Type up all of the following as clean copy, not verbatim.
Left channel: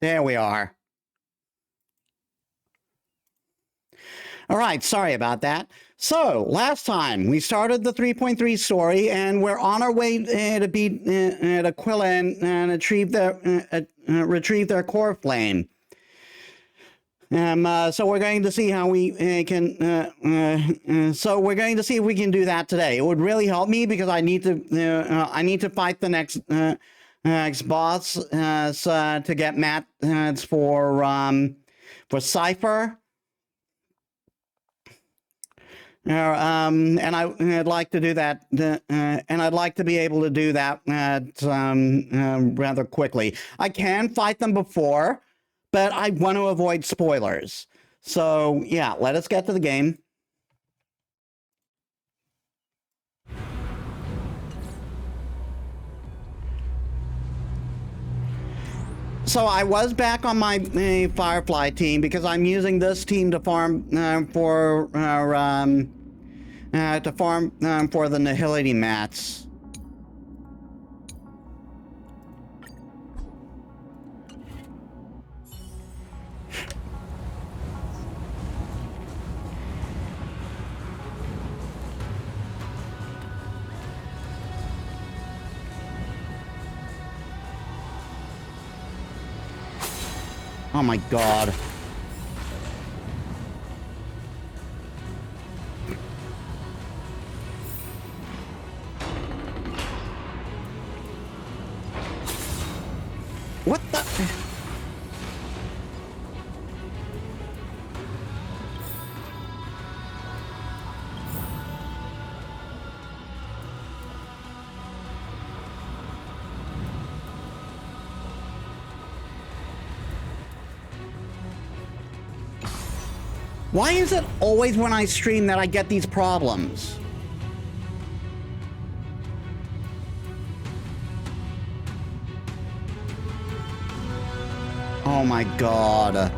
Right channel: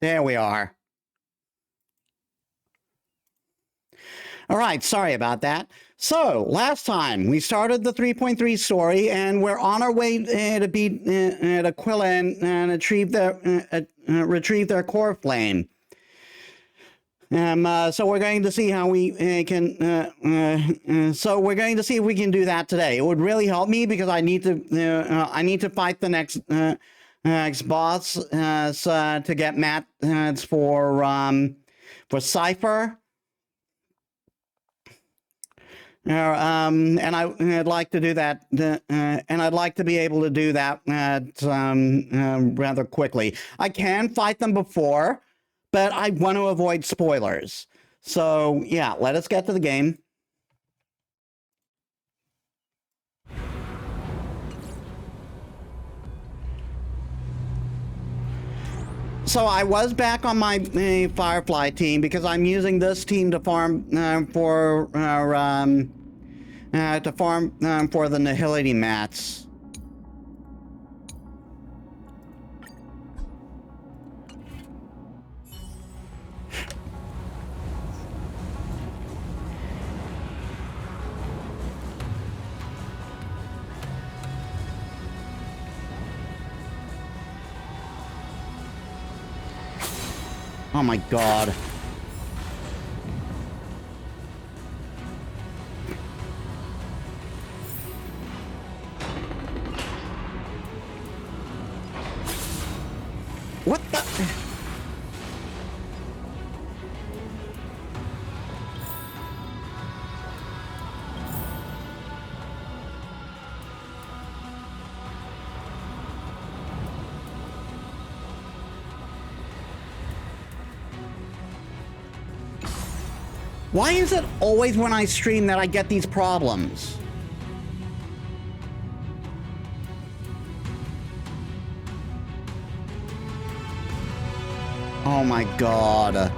There we are. All right, sorry about that. So, last time we started the 3.3 story, and we're on our way to beat Aquila and retrieve their core flame. So we're going to see how we can. So we're going to see if we can do that today. It would really help me because I need to fight the next boss to get mats for Sci-Fi. And I'd like to do that, and I'd like to be able to do that rather quickly. I can fight them before, but I want to avoid spoilers. So yeah, let us get to the game. So I was back on my Firefly team because I'm using this team to farm for the Nihility mats. Oh my god. What the? Why is it always when I stream that I get these problems? Oh my god.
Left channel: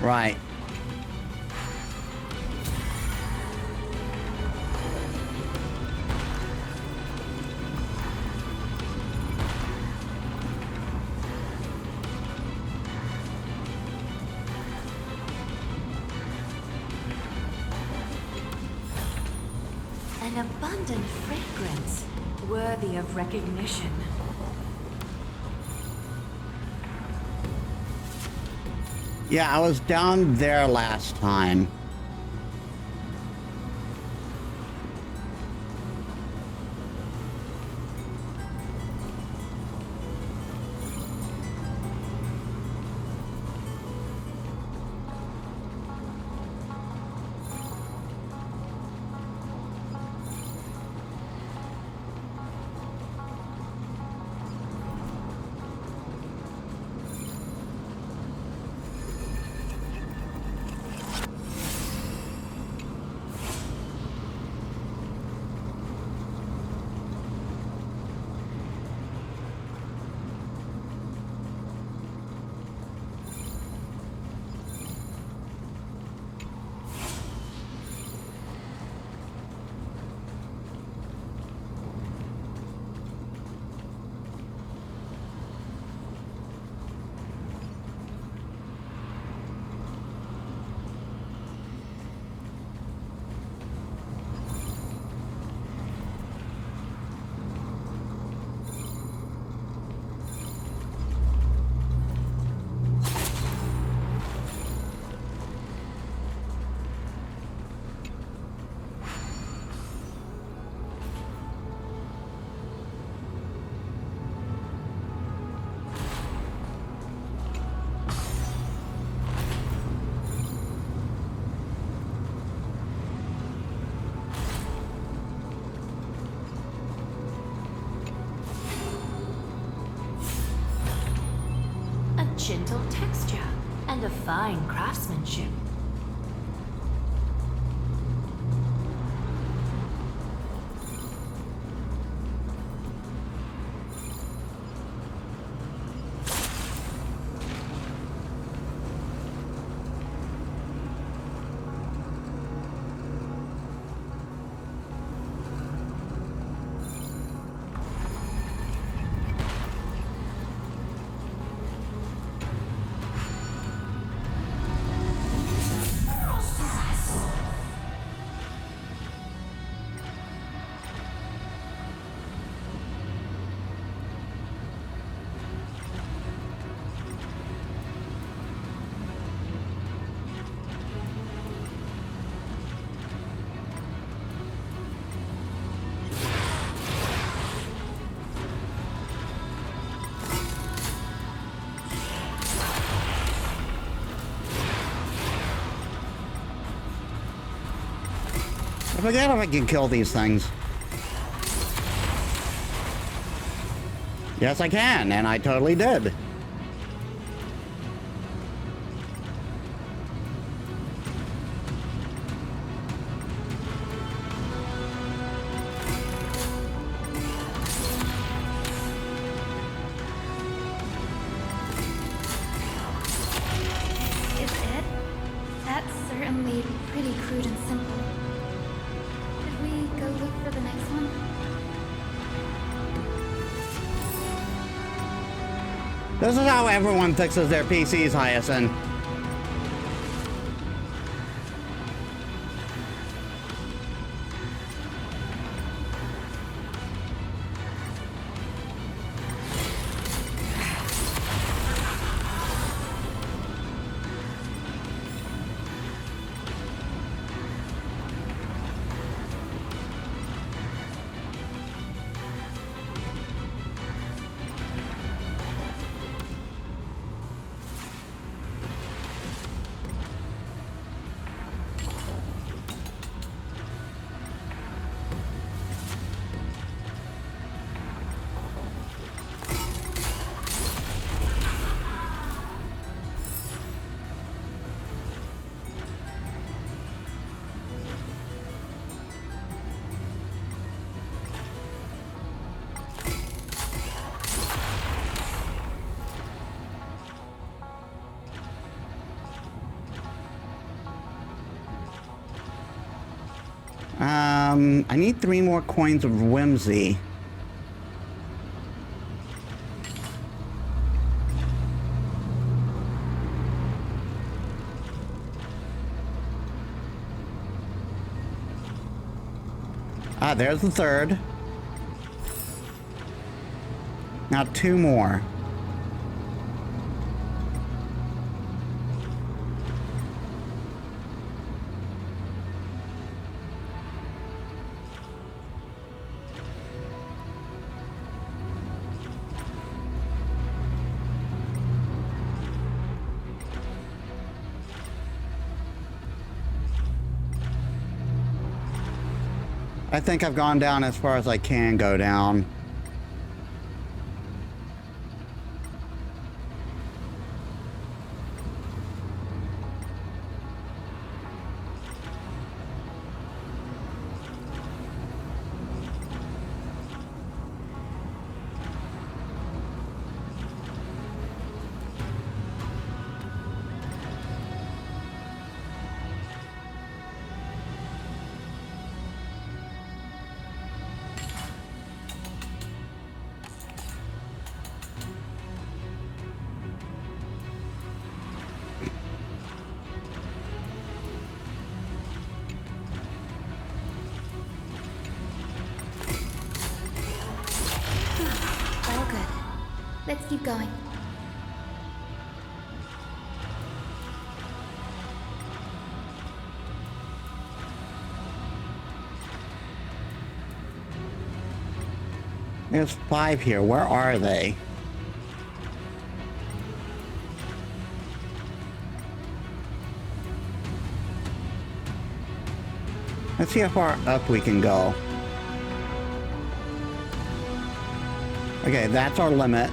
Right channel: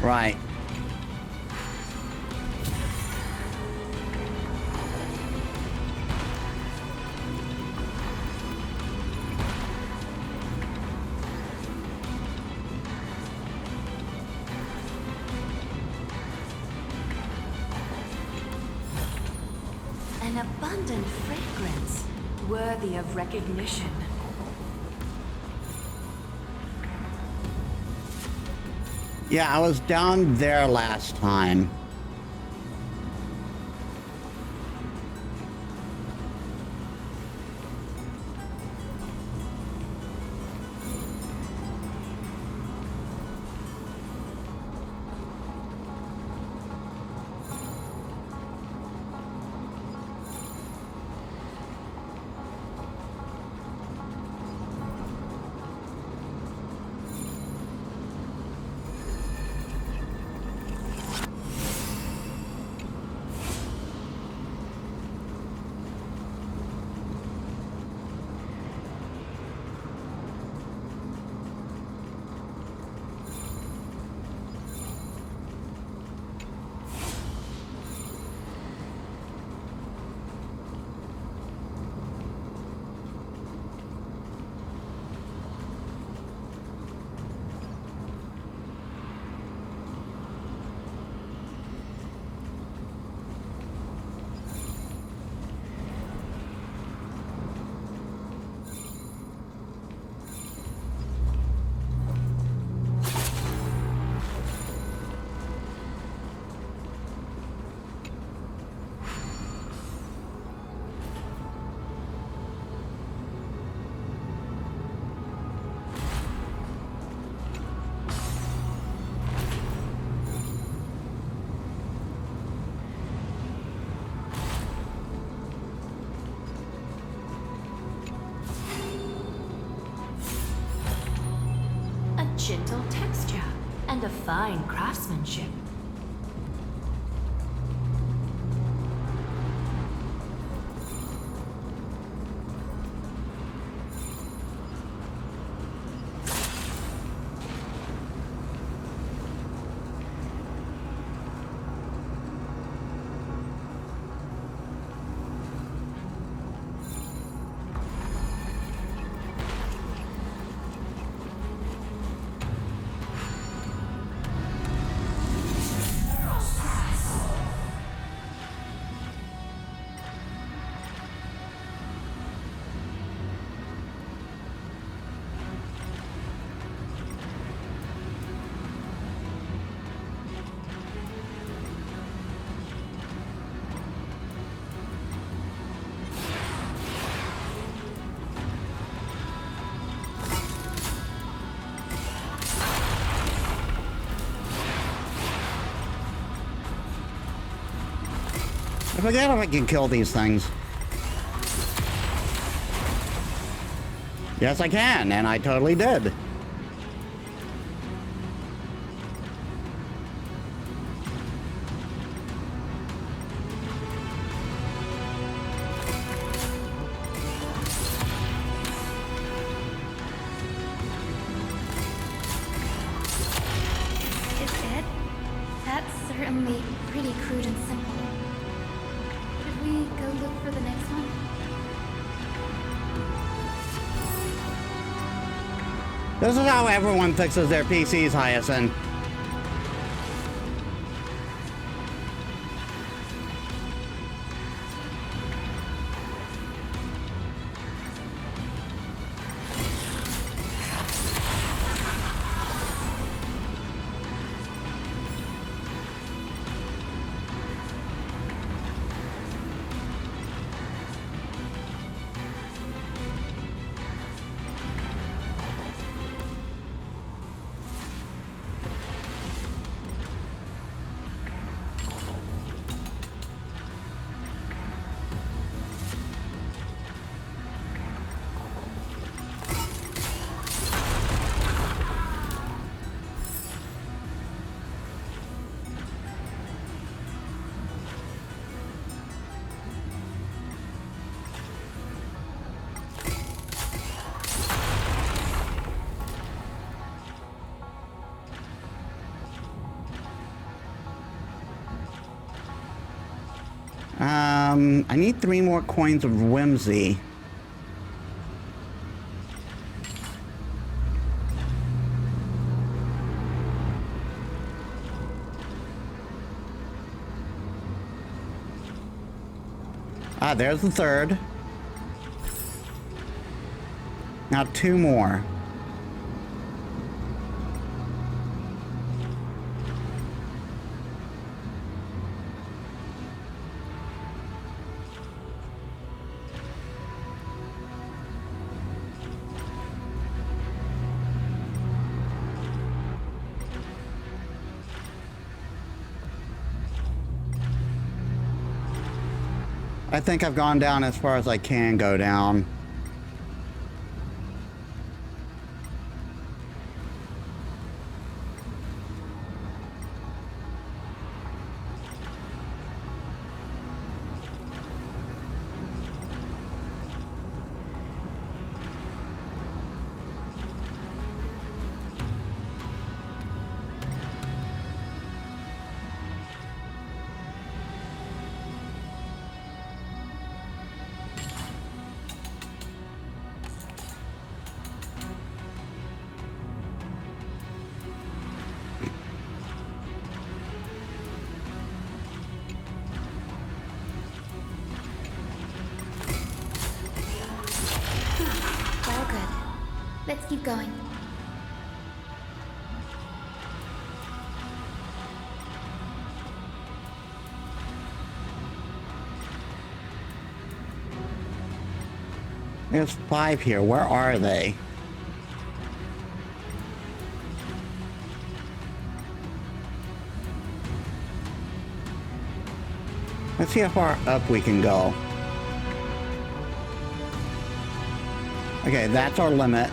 Right. An abundant fragrance, worthy of recognition. Yeah, I was down there last time. gentle texture and a fine craftsmanship. I forget if I can kill these things. Yes, I can, and I totally did. Is it? That's certainly pretty crude and simple. Should we go look for the next one? This is how everyone fixes their PCs, Hyacinth. I need 3 more coins of whimsy. Ah, there's the third. Now 2 more. I think I've gone down as far as I can go down. All good. Let's keep going. There's 5 here. Where are they? Let's see how far up we can go. Okay, that's our limit.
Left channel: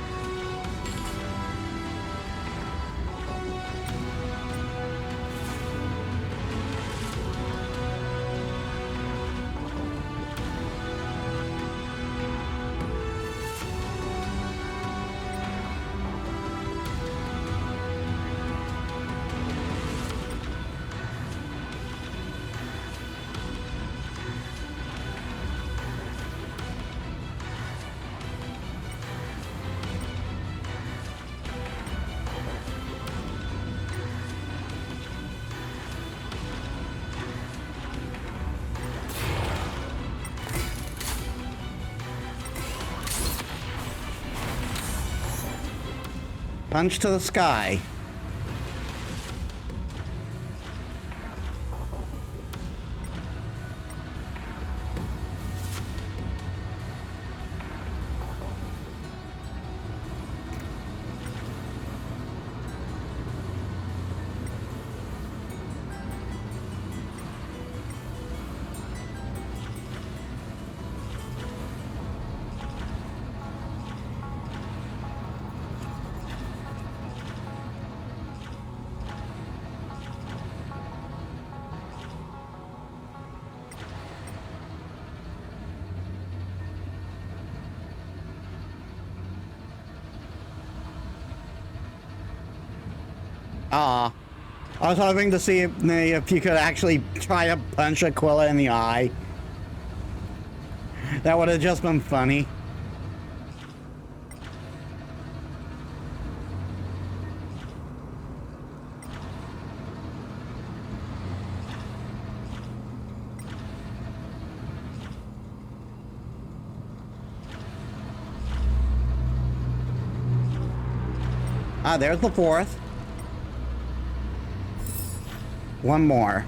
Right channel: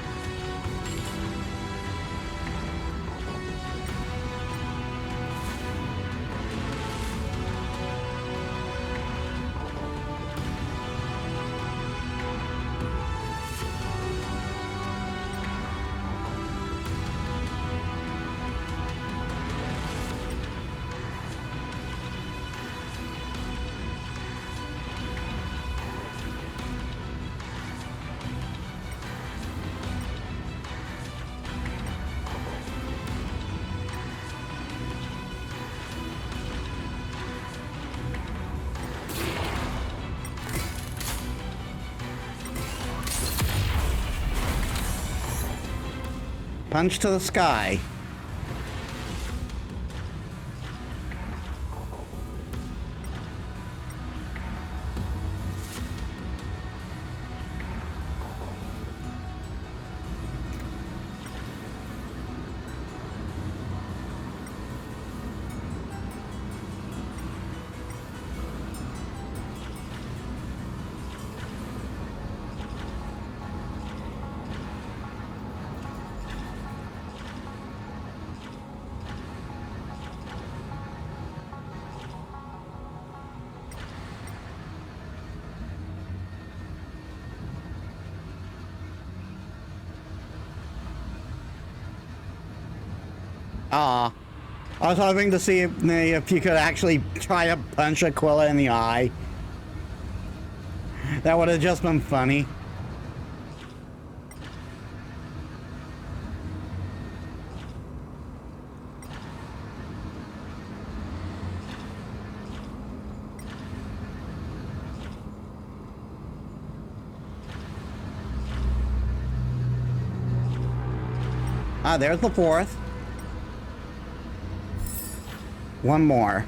Punch to the sky. I was hoping to see if you could actually try to punch Aquila in the eye. That would have just been funny. There's the fourth. One more.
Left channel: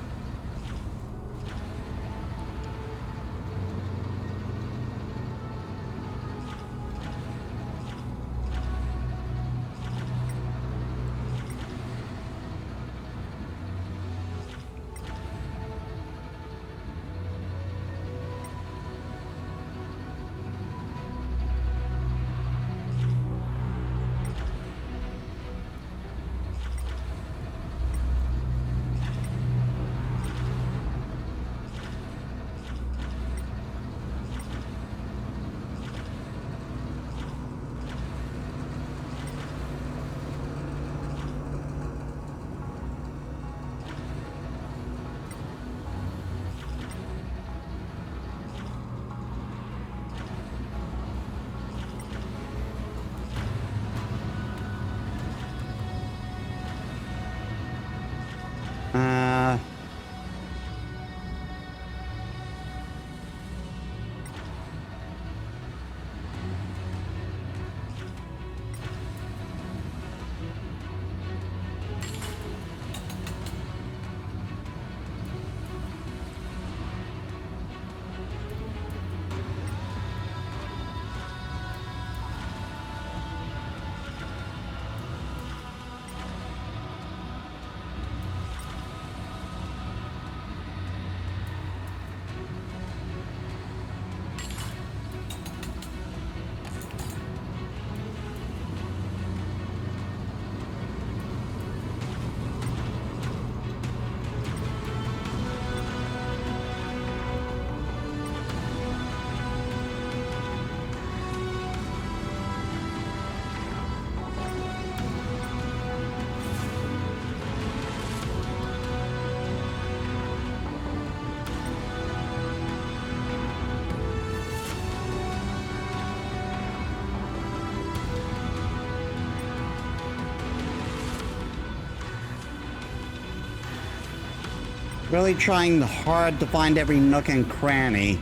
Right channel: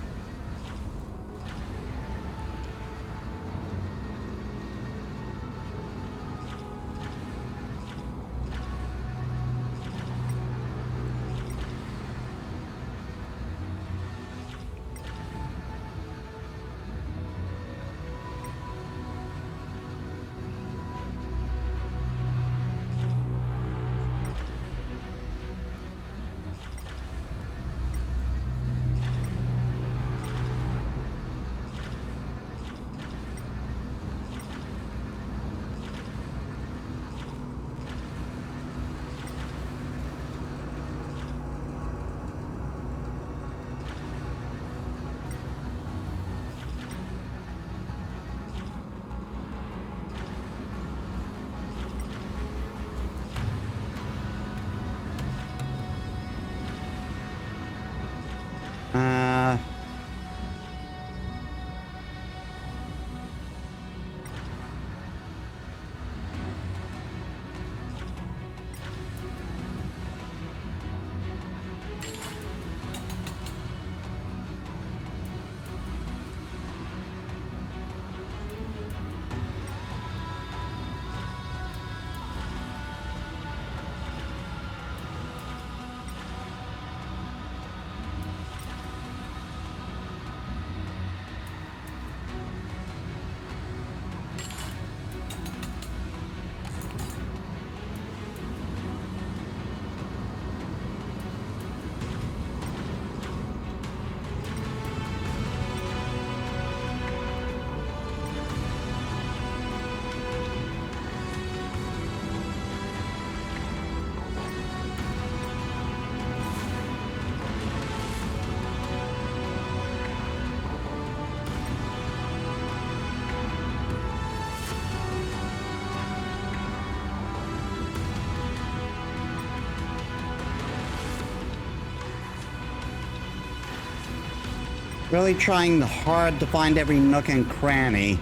Really trying hard to find every nook and cranny.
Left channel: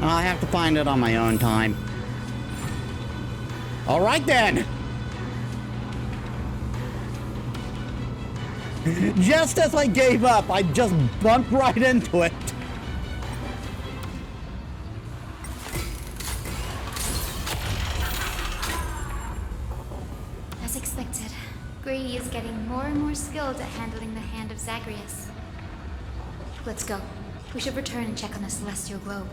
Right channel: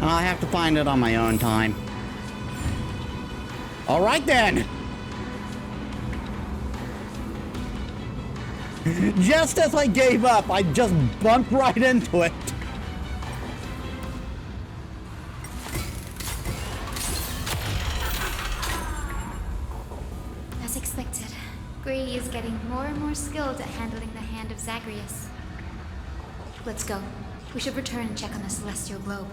I'll have to find it on my own time. All right then. Just as I gave up, I just bumped right into it. As expected, Grady is getting more and more skilled at handling the hand of Zagreus. Let's go. We should return and check on the celestial globe.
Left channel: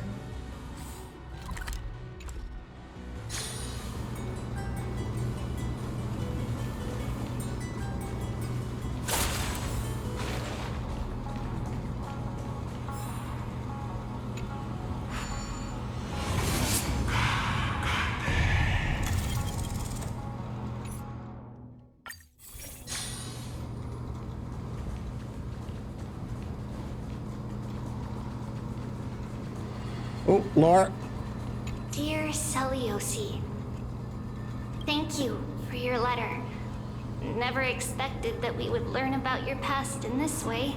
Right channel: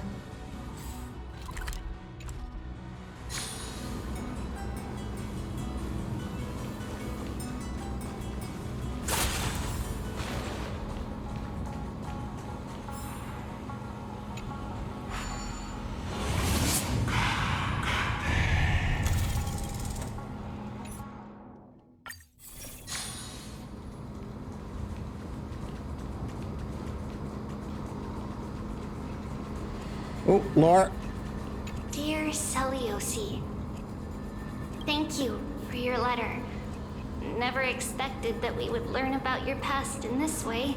Oh, Laura. Dear Celiosi, thank you for your letter. Never expected that we would learn about your past in this way.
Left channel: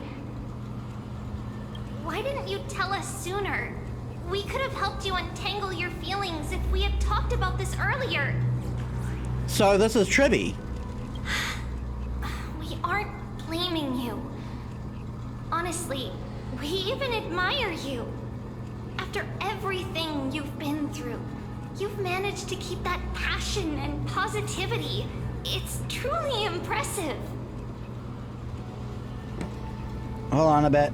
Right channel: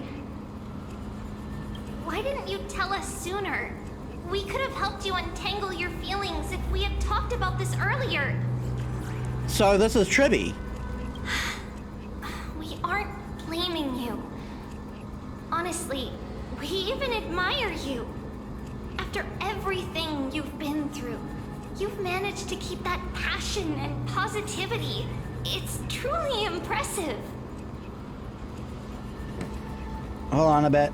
Why didn't you tell us sooner? We could have helped you untangle your feelings if we had talked about this earlier. So this is Tribby. We aren't blaming you. Honestly, we even admire you. After everything you've been through, you've managed to keep that passion and positivity. It's truly impressive. Hold on a bit.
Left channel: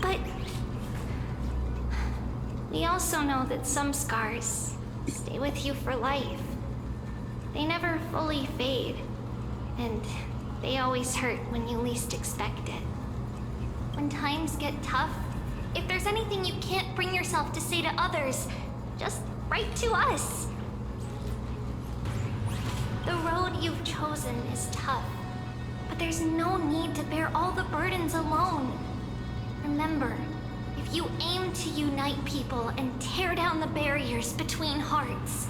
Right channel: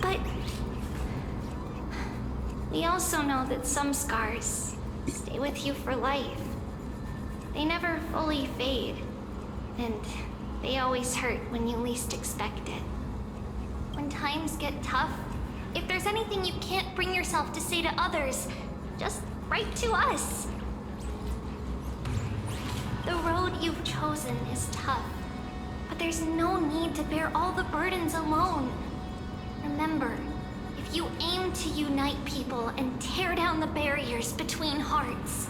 But we also know that some scars stay with you for life. They never fully fade, and they always hurt when you least expect it. When times get tough, if there's anything you can't bring yourself to say to others, just write to us. The road you've chosen is tough, but there's no need to bear all the burdens alone. Remember, if you aim to unite people and tear down the barriers between hearts,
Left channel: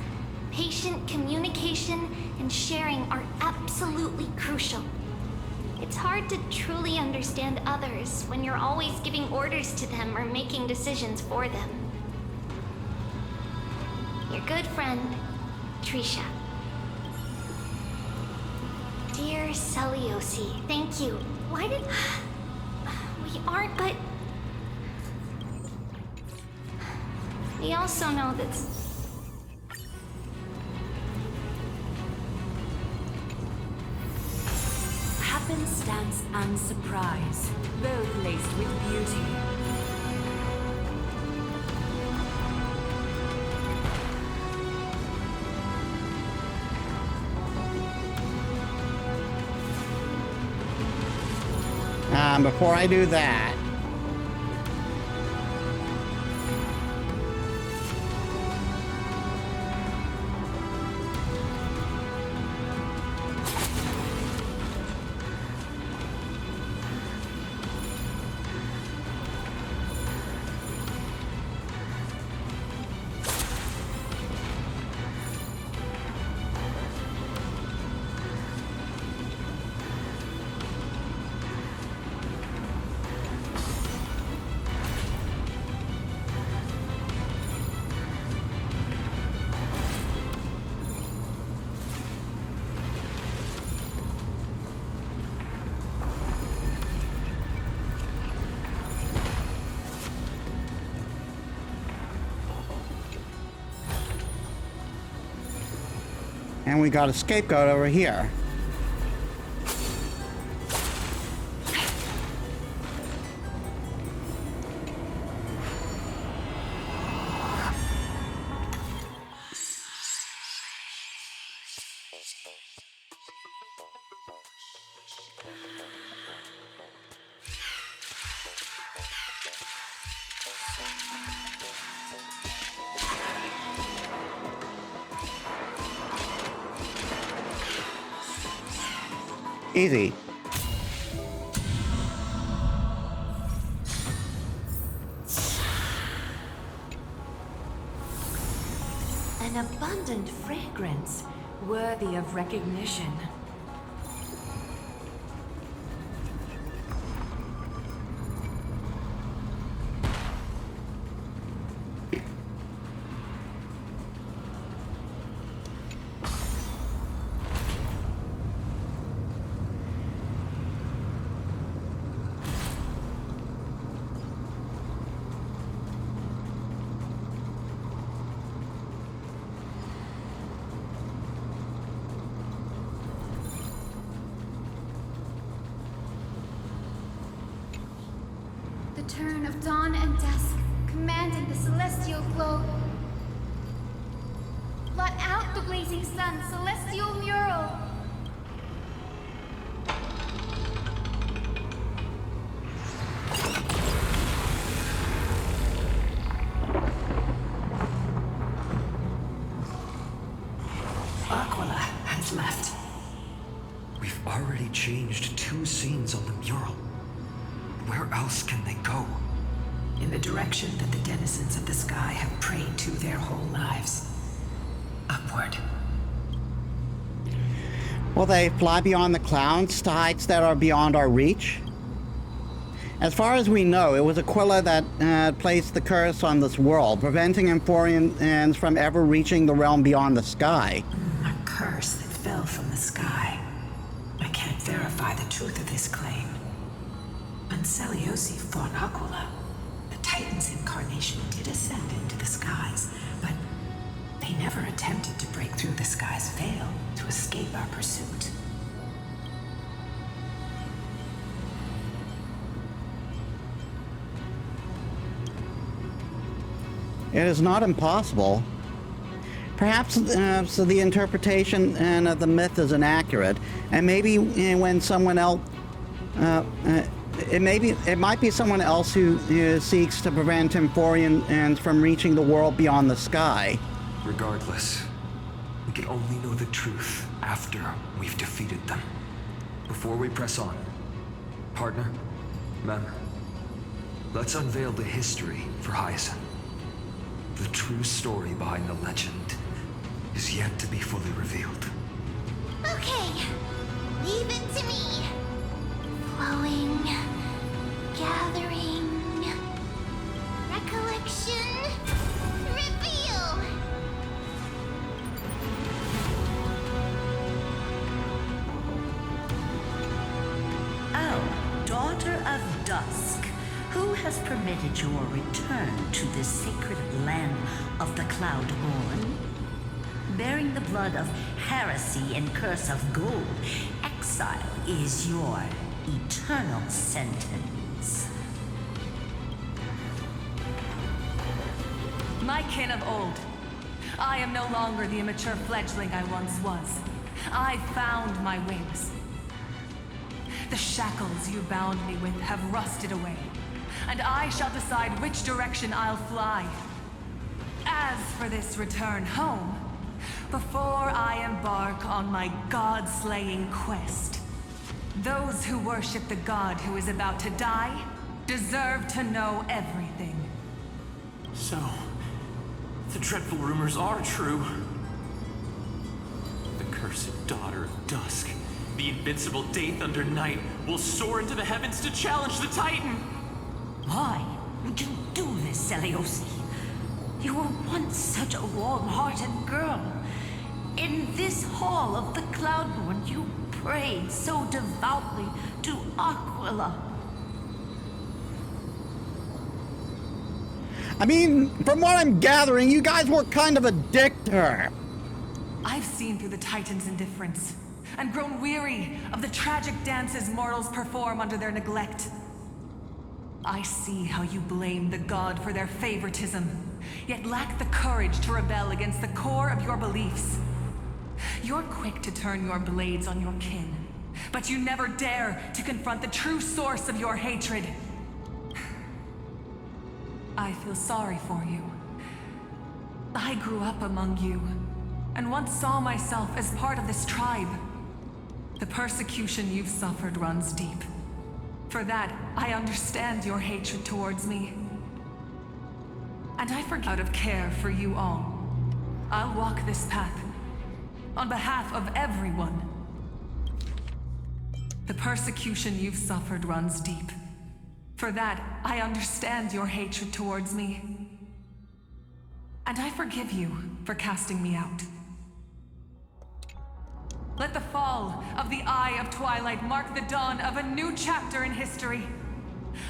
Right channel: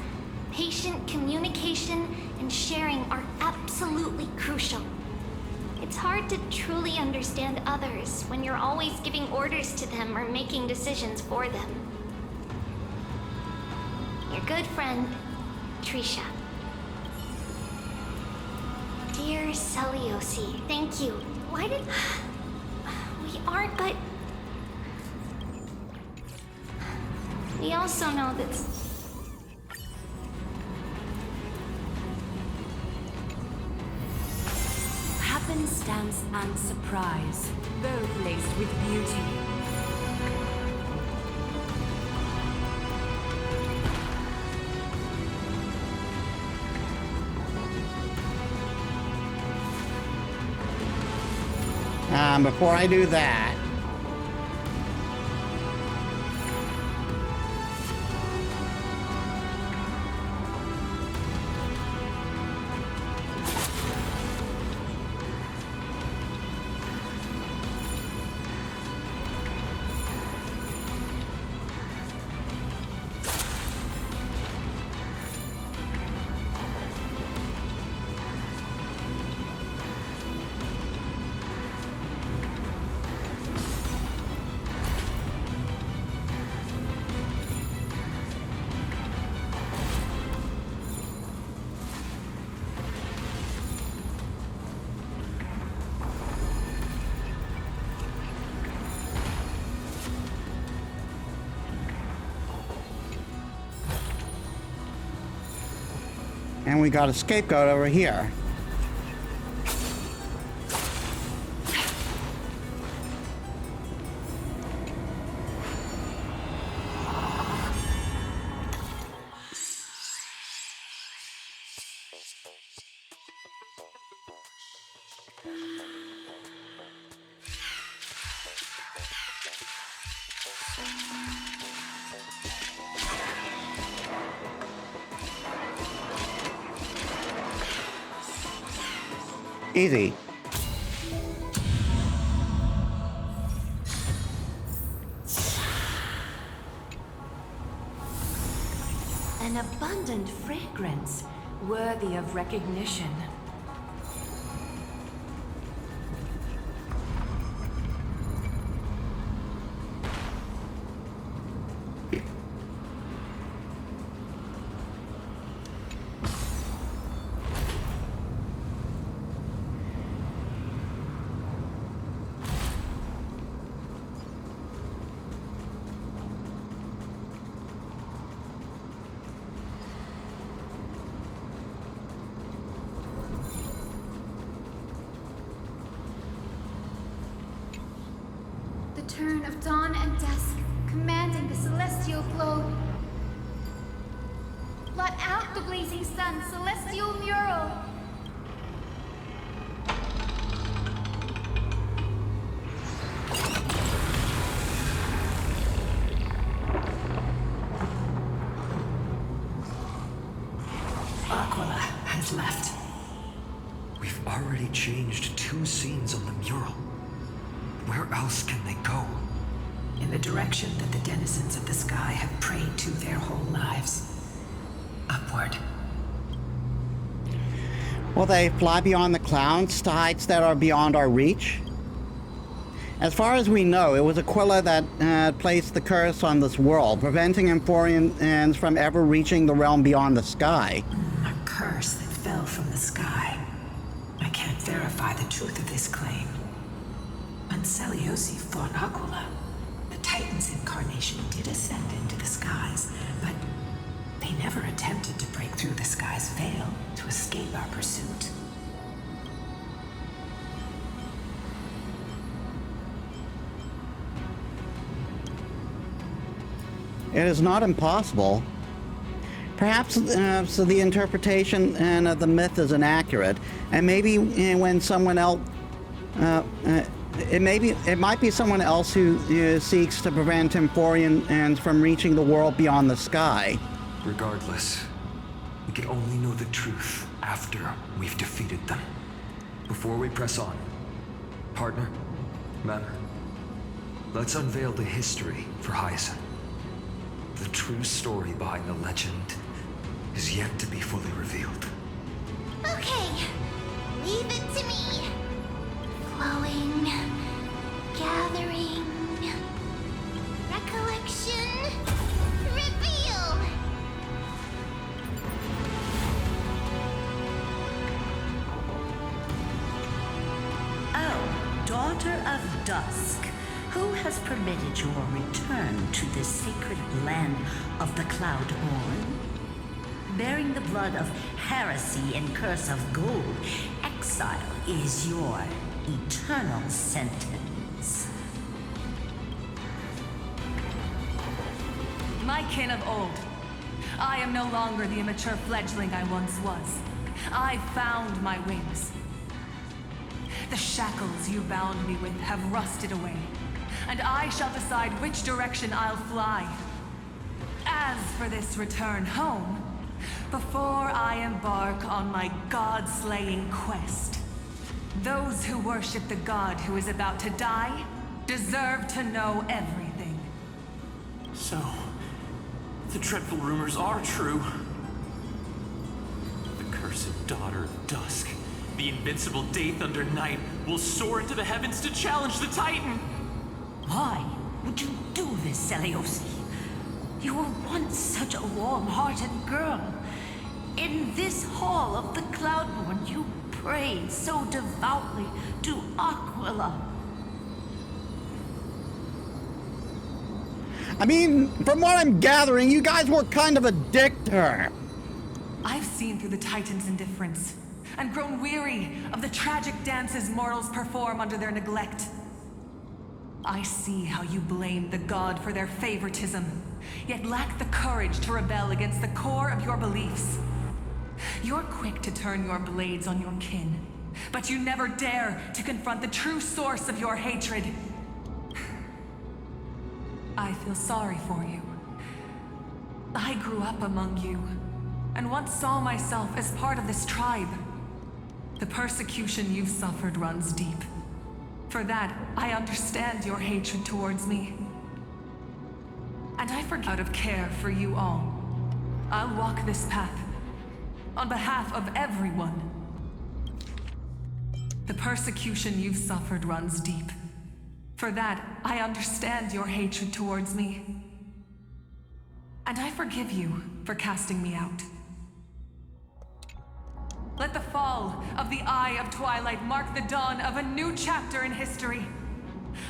patient communication and sharing are absolutely crucial. It's hard to truly understand others when you're always giving orders to them or making decisions for them. Your good friend, Trisha. Dear Celiosi, thank you. Why did... We aren't, but... We also know that... Happenstance and surprise, both laced with beauty. Before I do that, and we got a scapegoat over here. Easy. An abundant fragrance, worthy of recognition. The turn of dawn and dusk, commanding the celestial globe. Blot out the blazing sun, celestial mural. Aquila has left. We've already changed 2 scenes on the mural. Where else can they go? in the direction that the denizens of the sky have prayed to their whole lives. Upward. Will they fly beyond the clouds to heights that are beyond our reach? As far as we know, it was Aquila that placed the curse on this world, preventing Emporians from ever reaching the realm beyond the sky. A curse that fell from the sky. I can't verify the truth of this claim. When Seliosi fought Aquila, the Titan's incarnation did ascend into the skies, but they never attempted to break through the sky's veil to escape our pursuit. It is not impossible. Perhaps so the interpretation of the myth is inaccurate, and maybe when someone else, it might be someone else who seeks to prevent Emporians from reaching the world beyond the sky. Regardless, we can only know the truth after we've defeated them. Before we press on, partner, Mem, let's unveil the history for Hyacinth. The true story behind the legend is yet to be fully revealed. Okay, leave it to me. Flowing, gathering, recollection, reveal. Oh, daughter of dusk. Who has permitted your return to this sacred land of the Cloudborn? Bearing the blood of heresy and curse of gold, exile is your eternal sentence. My kin of old, I am no longer the immature fledgling I once was. I found my wings. The shackles you bound me with have rusted away, and I shall decide which direction I'll fly. As for this return home, before I embark on my god-slaying quest, those who worship the god who is about to die deserve to know everything. So, the dreadful rumors are true. The cursed daughter of dusk, the invincible Day Thunder Knight, will soar into the heavens to challenge the Titan! Why would you do this, Seliosi? You were once such a warm-hearted girl. In this hall of the Cloudborn, you prayed so devoutly to Aquila. I mean, from what I'm gathering, you guys were kind of a dick to her. I've seen through the Titan's indifference, and grown weary of the tragic dances mortals perform under their neglect. I see how you blame the god for their favoritism, yet lack the courage to rebel against the core of your beliefs. You're quick to turn your blades on your kin, but you never dare to confront the true source of your hatred. I feel sorry for you. I grew up among you, and once saw myself as part of this tribe. The persecution you've suffered runs deep. For that, I understand your hatred towards me. And I forget out of care for you all. I'll walk this path, on behalf of everyone. The persecution you've suffered runs deep. For that, I understand your hatred towards me. And I forgive you for casting me out. Let the fall of the Eye of Twilight mark the dawn of a new chapter in history.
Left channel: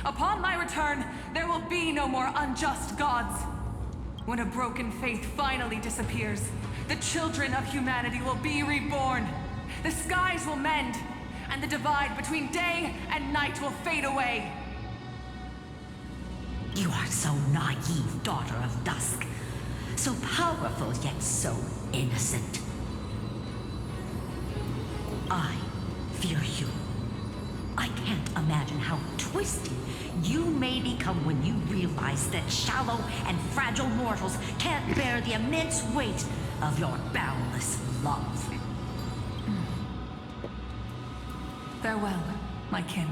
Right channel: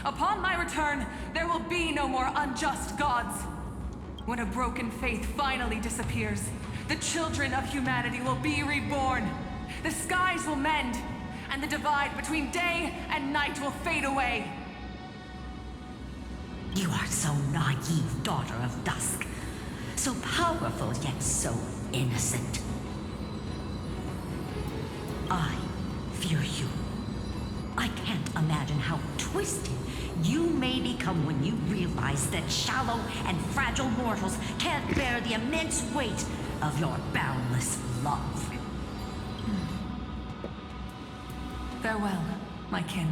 Upon my return, there will be no more unjust gods. When a broken faith finally disappears, the children of humanity will be reborn. The skies will mend, and the divide between day and night will fade away. You are so naive, daughter of dusk. So powerful, yet so innocent. I fear you. I can't imagine how twisted you may become when you realize that shallow and fragile mortals can't bear the immense weight of your boundless love. Farewell, my kin.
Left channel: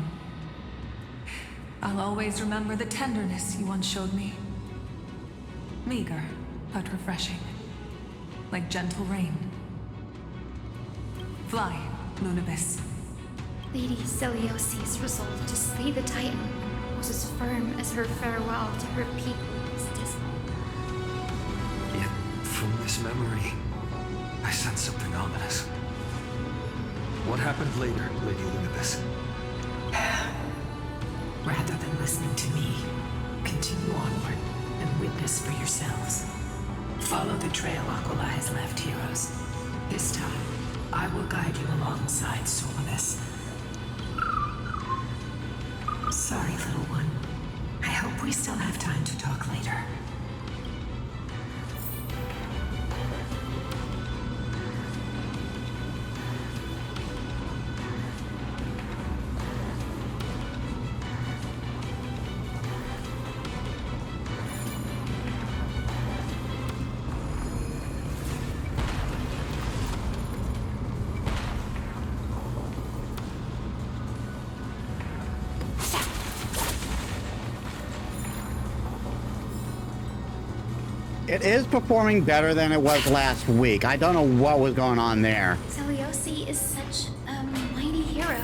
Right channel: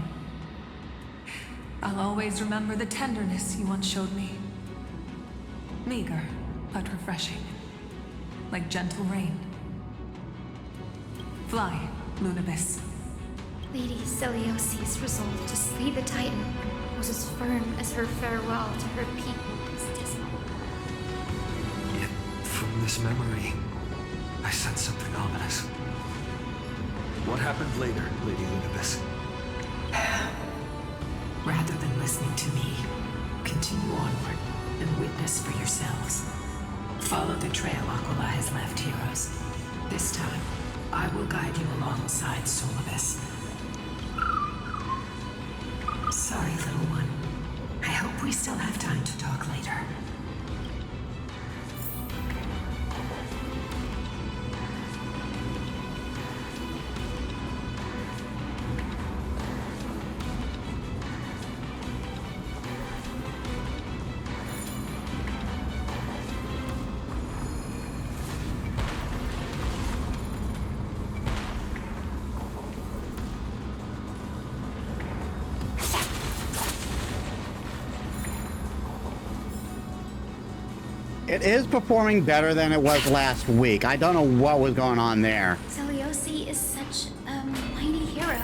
I'll always remember the tenderness you once showed me. Meager, but refreshing. Like gentle rain. Fly, Lunibus. Lady Celiosi's resolve to slay the Titan was as firm as her farewell to her people was dismal. Yet, from this memory, I sense something ominous. What happened later, Lady Lunibus? Rather than listening to me, continue onward and witness for yourselves. Follow the trail Aquila has left, heroes. This time, I will guide you alongside Solibus. Sorry, little one. I hope we still have time to talk later. It is performing better than it was last week. I don't know what was going on there. Celiosi is such a mighty hero.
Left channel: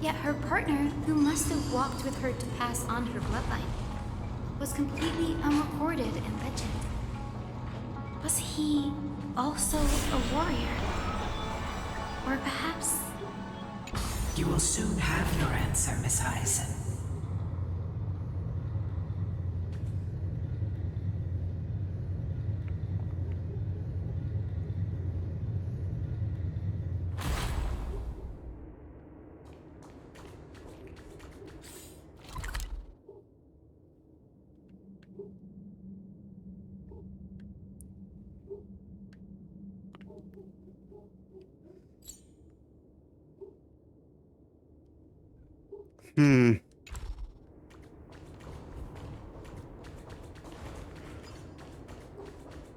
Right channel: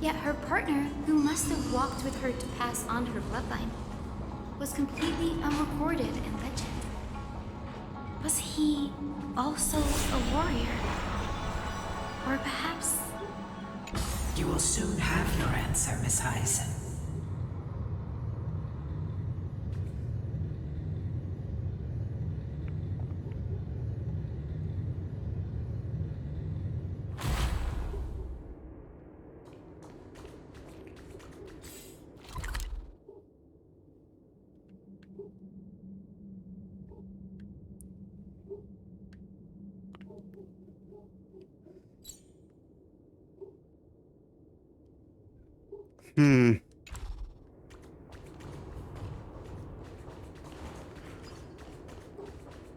Yet her partner, who must have walked with her to pass on her bloodline, was completely unrecorded in legend. Was he also a warrior? Or perhaps... You will soon have your answer, Miss Hyacinth.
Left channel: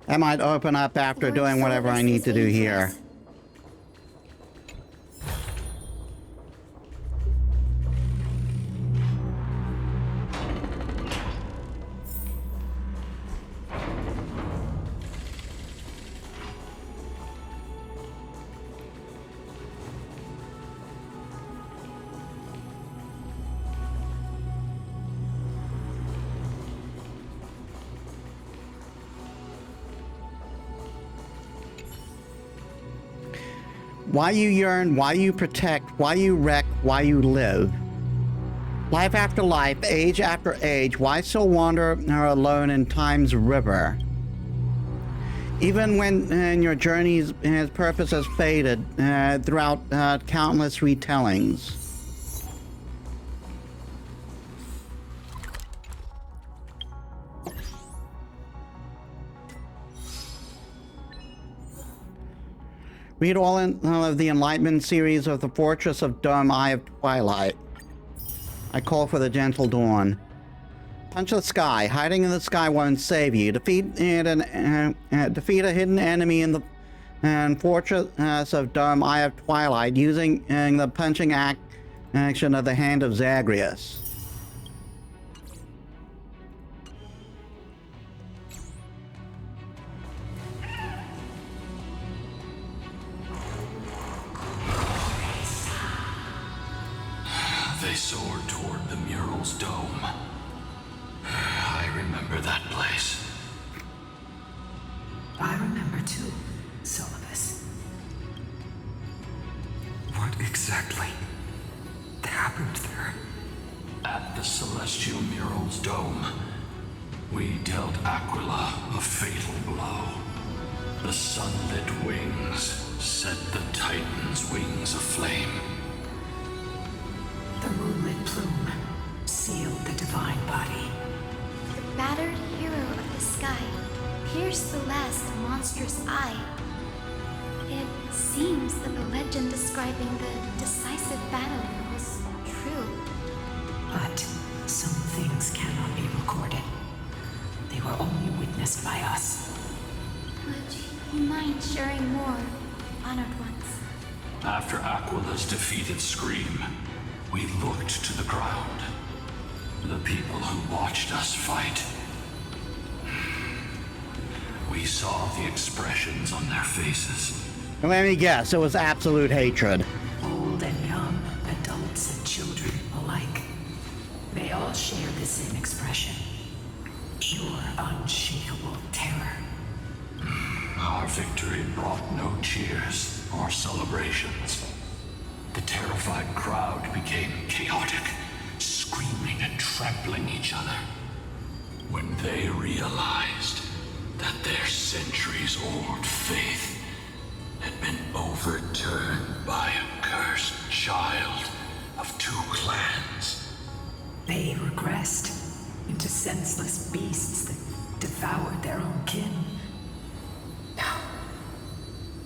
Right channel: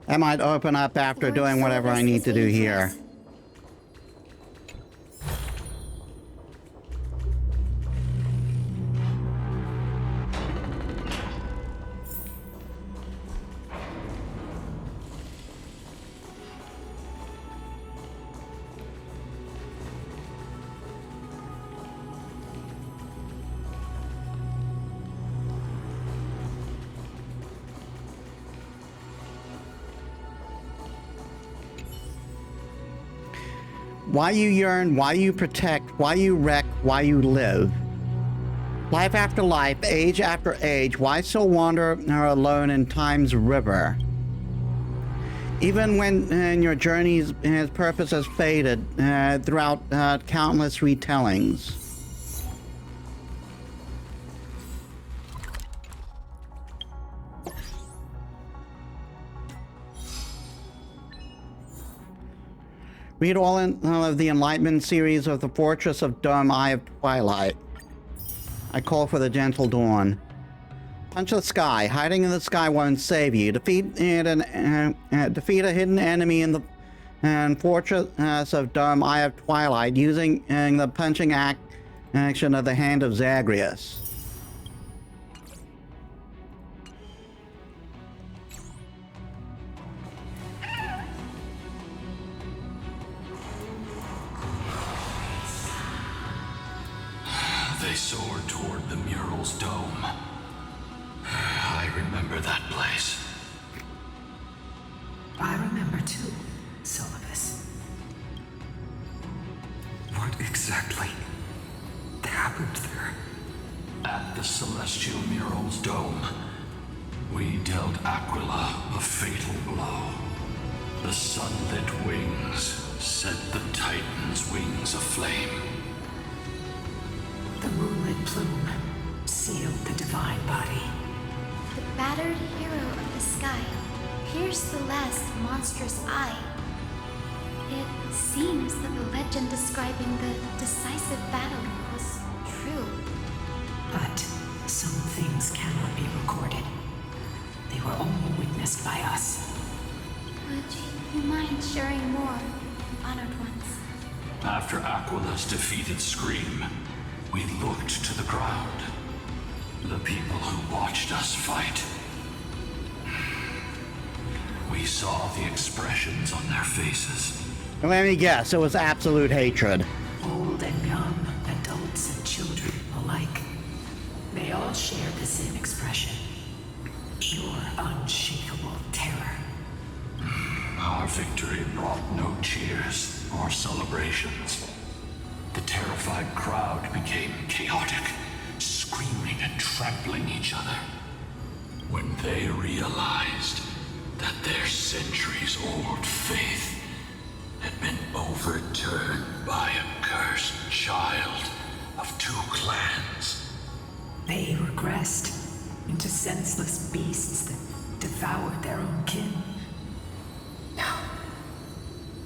That might open up after Lord doing whatever I Solibus need is to do waiting for here. us. Why you yearn, why you protect, why you wreck, why you live. Life after life, age after age, why so wander alone in time's river? Even when your journey's purpose has faded throughout countless retellings. Read all of the Enlightenment series of the Fortress of Dome Eye of Twilight. I call for the gentle dawn. Punch the sky. Hiding in the sky won't save you. Defeat a hidden enemy in the Fortress of Dome Eye of Twilight using the punching action of the Hand of Zagreus. They soared toward the mural's dome. I remember that place. I remember too, Solibus. What exactly happened there? At the celestial mural's dome, we dealt Aquila a fatal blow. The sunlit wings set the Titan's wings aflame. The moonlit plume sealed the divine body. The battered hero of the sky pierced the last monstrous eye. It seems that the legend describing the decisive battle was true. But some things cannot be recorded. They were only witnessed by us. Would you mind sharing more, honored ones? After Aquila's defeated scream, we looked to the ground. The people who watched us fight. We saw the expressions on their faces. Let me guess, it was absolute hatred. Old and young, adults and children alike. They all shared the same expression. Pure, unshakable terror. Our victory brought no cheers or celebrations. The terrified crowd became chaotic, screaming and trampling each other. When they realized that their centuries-old faith had been overturned by a cursed child of two clans. They regressed into senseless beasts that devoured their own kin. No,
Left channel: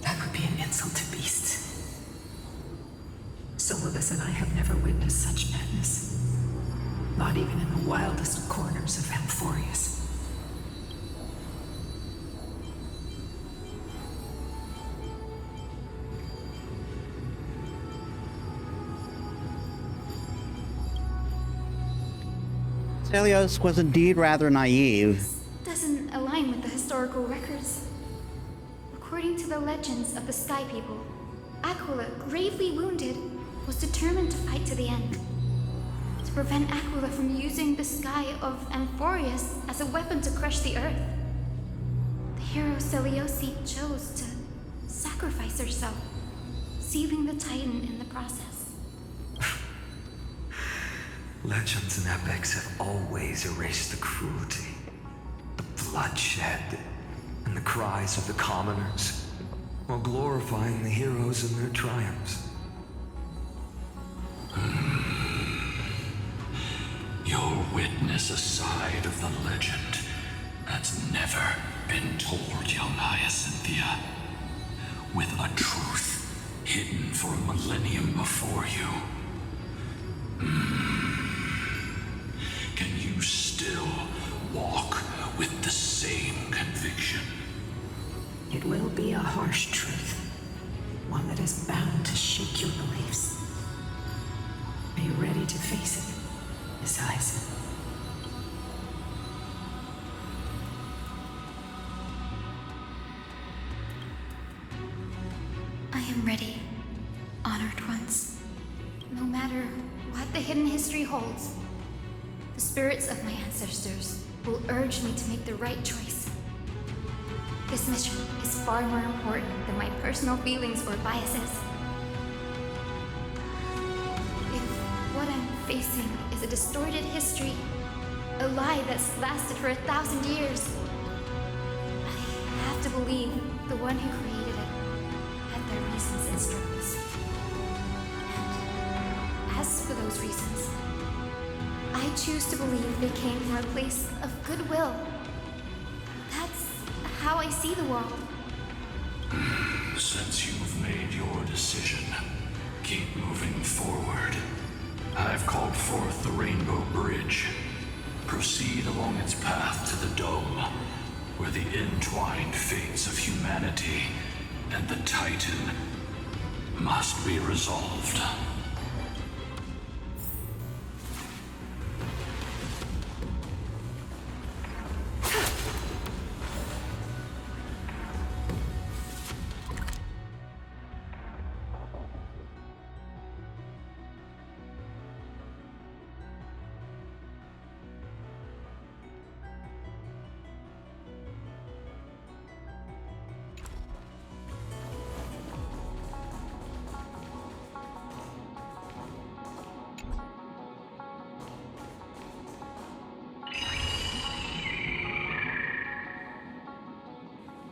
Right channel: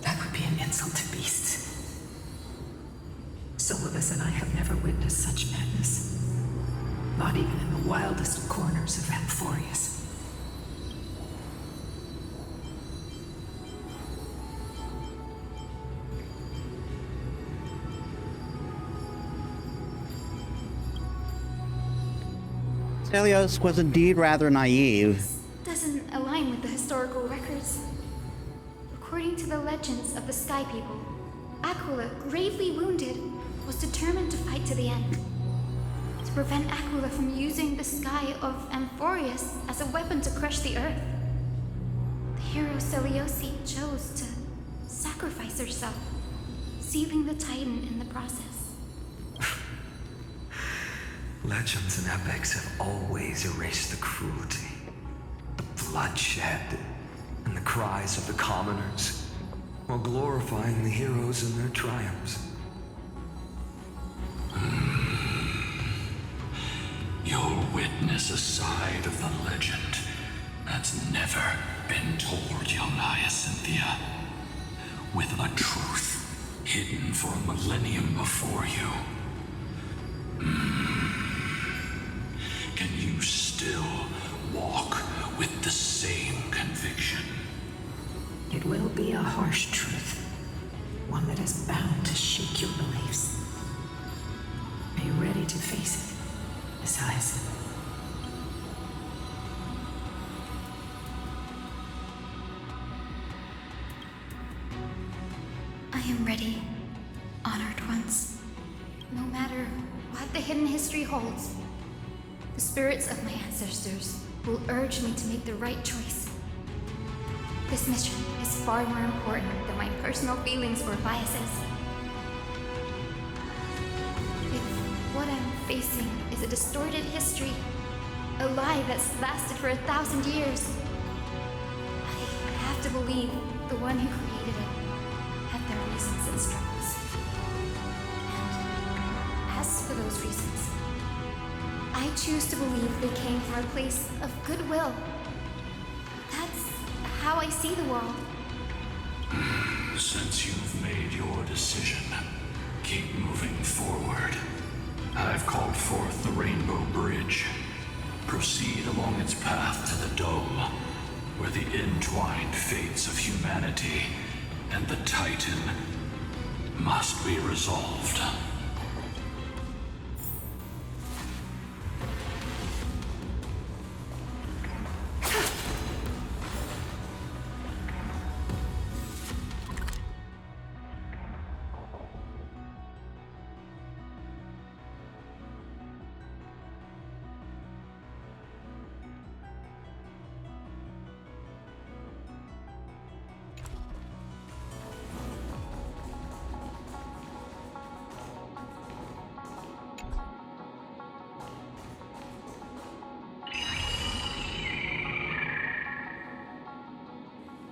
that would be an insult to beasts. Solus and I have never witnessed such madness. Not even in the wildest corners of Amphorius. Celios was indeed rather naive. Doesn't align with the historical records. According to the legends of the Sky People, Aquila, gravely wounded, was determined to fight to the end. To prevent Aquila from using the sky of Amphorius as a weapon to crush the earth. The hero Celiosi chose to sacrifice herself, sealing the Titan in the process. Legends and epics have always erased the cruelty, the bloodshed, and the cries of the commoners, while glorifying the heroes and their triumphs. You'll witness a side of the legend that's never been told, young Hyacinthia. With a truth hidden for a millennium before you. Can you still walk with the same conviction? It will be a harsh truth. One that is bound to shake your beliefs. Are you ready to face it, Miss Hyacinth? I am ready, honored ones. No matter what the hidden history holds, the spirits of my ancestors will urge me to make the right choice. This mission is far more important than my personal feelings or biases. If what I'm facing is a distorted history, a lie that's lasted for 1,000 years, I have to believe the one who created it had their reasons and struggles. And as for those reasons, I choose to believe they came from a place of goodwill. That's how I see the world. Since you've made your decision, keep moving forward. I've called forth the Rainbow Bridge. Proceed along its path to the Dome, where the entwined fates of humanity and the Titan must be resolved.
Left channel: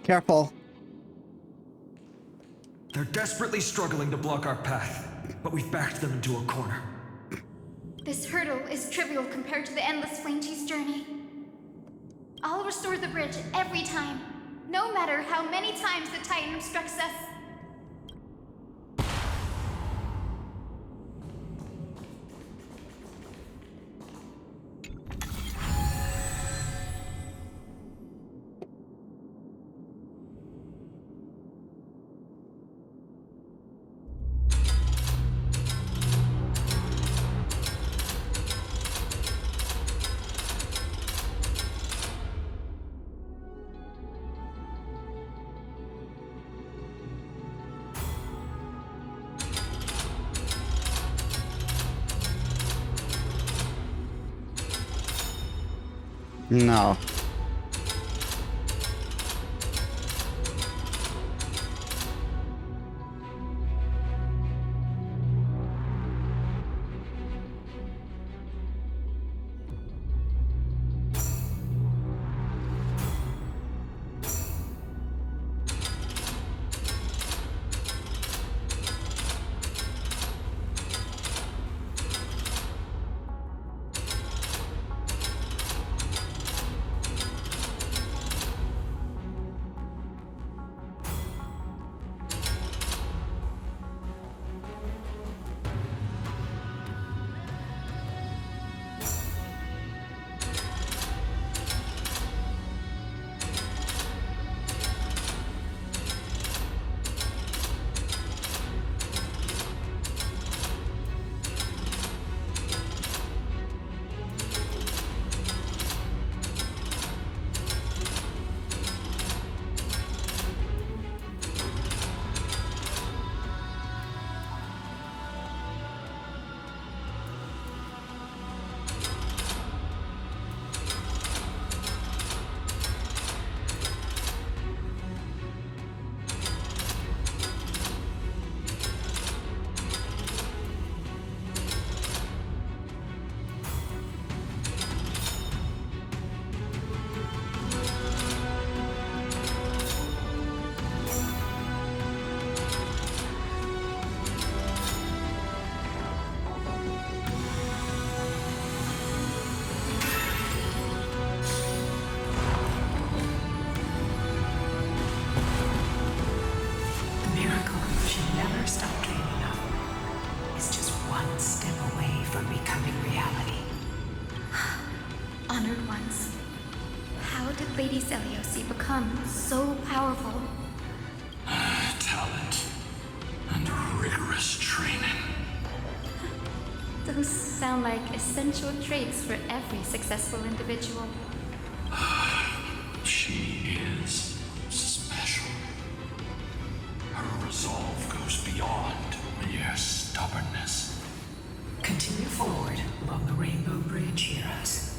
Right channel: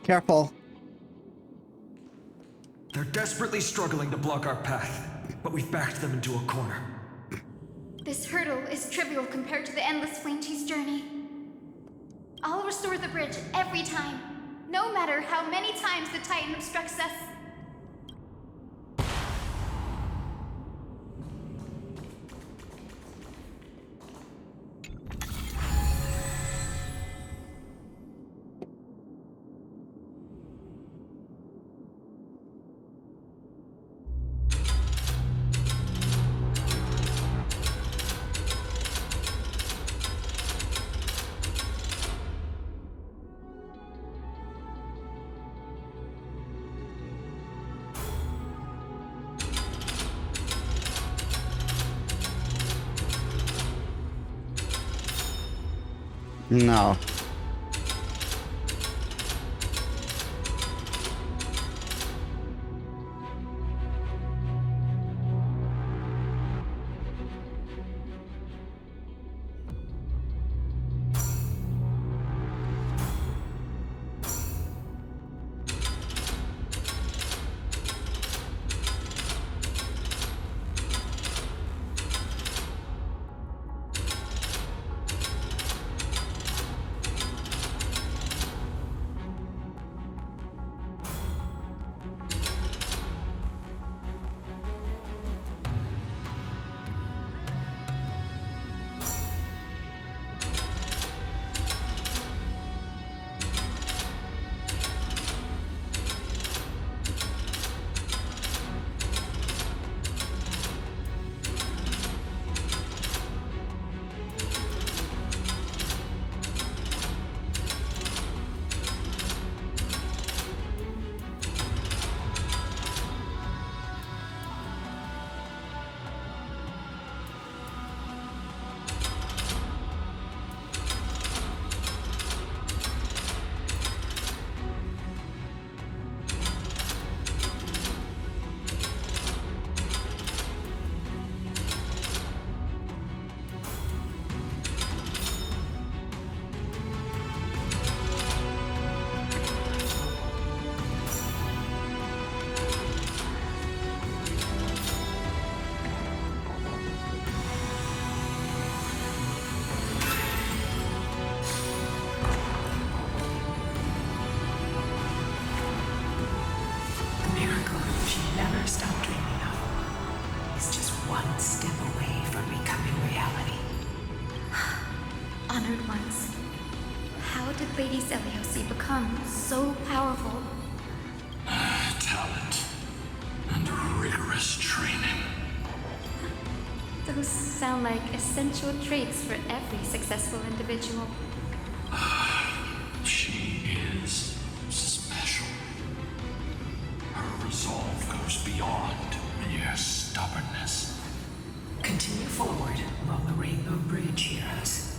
Careful. They're desperately struggling to block our path, but we've backed them into a corner. This hurdle is trivial compared to the endless flame chase journey. I'll restore the bridge every time, no matter how many times the Titan obstructs us. No. She never stopped dreaming of is just one step away from becoming reality. Honored ones. How did Lady Seliosi become so powerful? Talent and rigorous training. Those sound like essential traits for every successful individual. She is special. Her resolve goes beyond mere stubbornness. Continue forward along the Rainbow Bridge, heroes.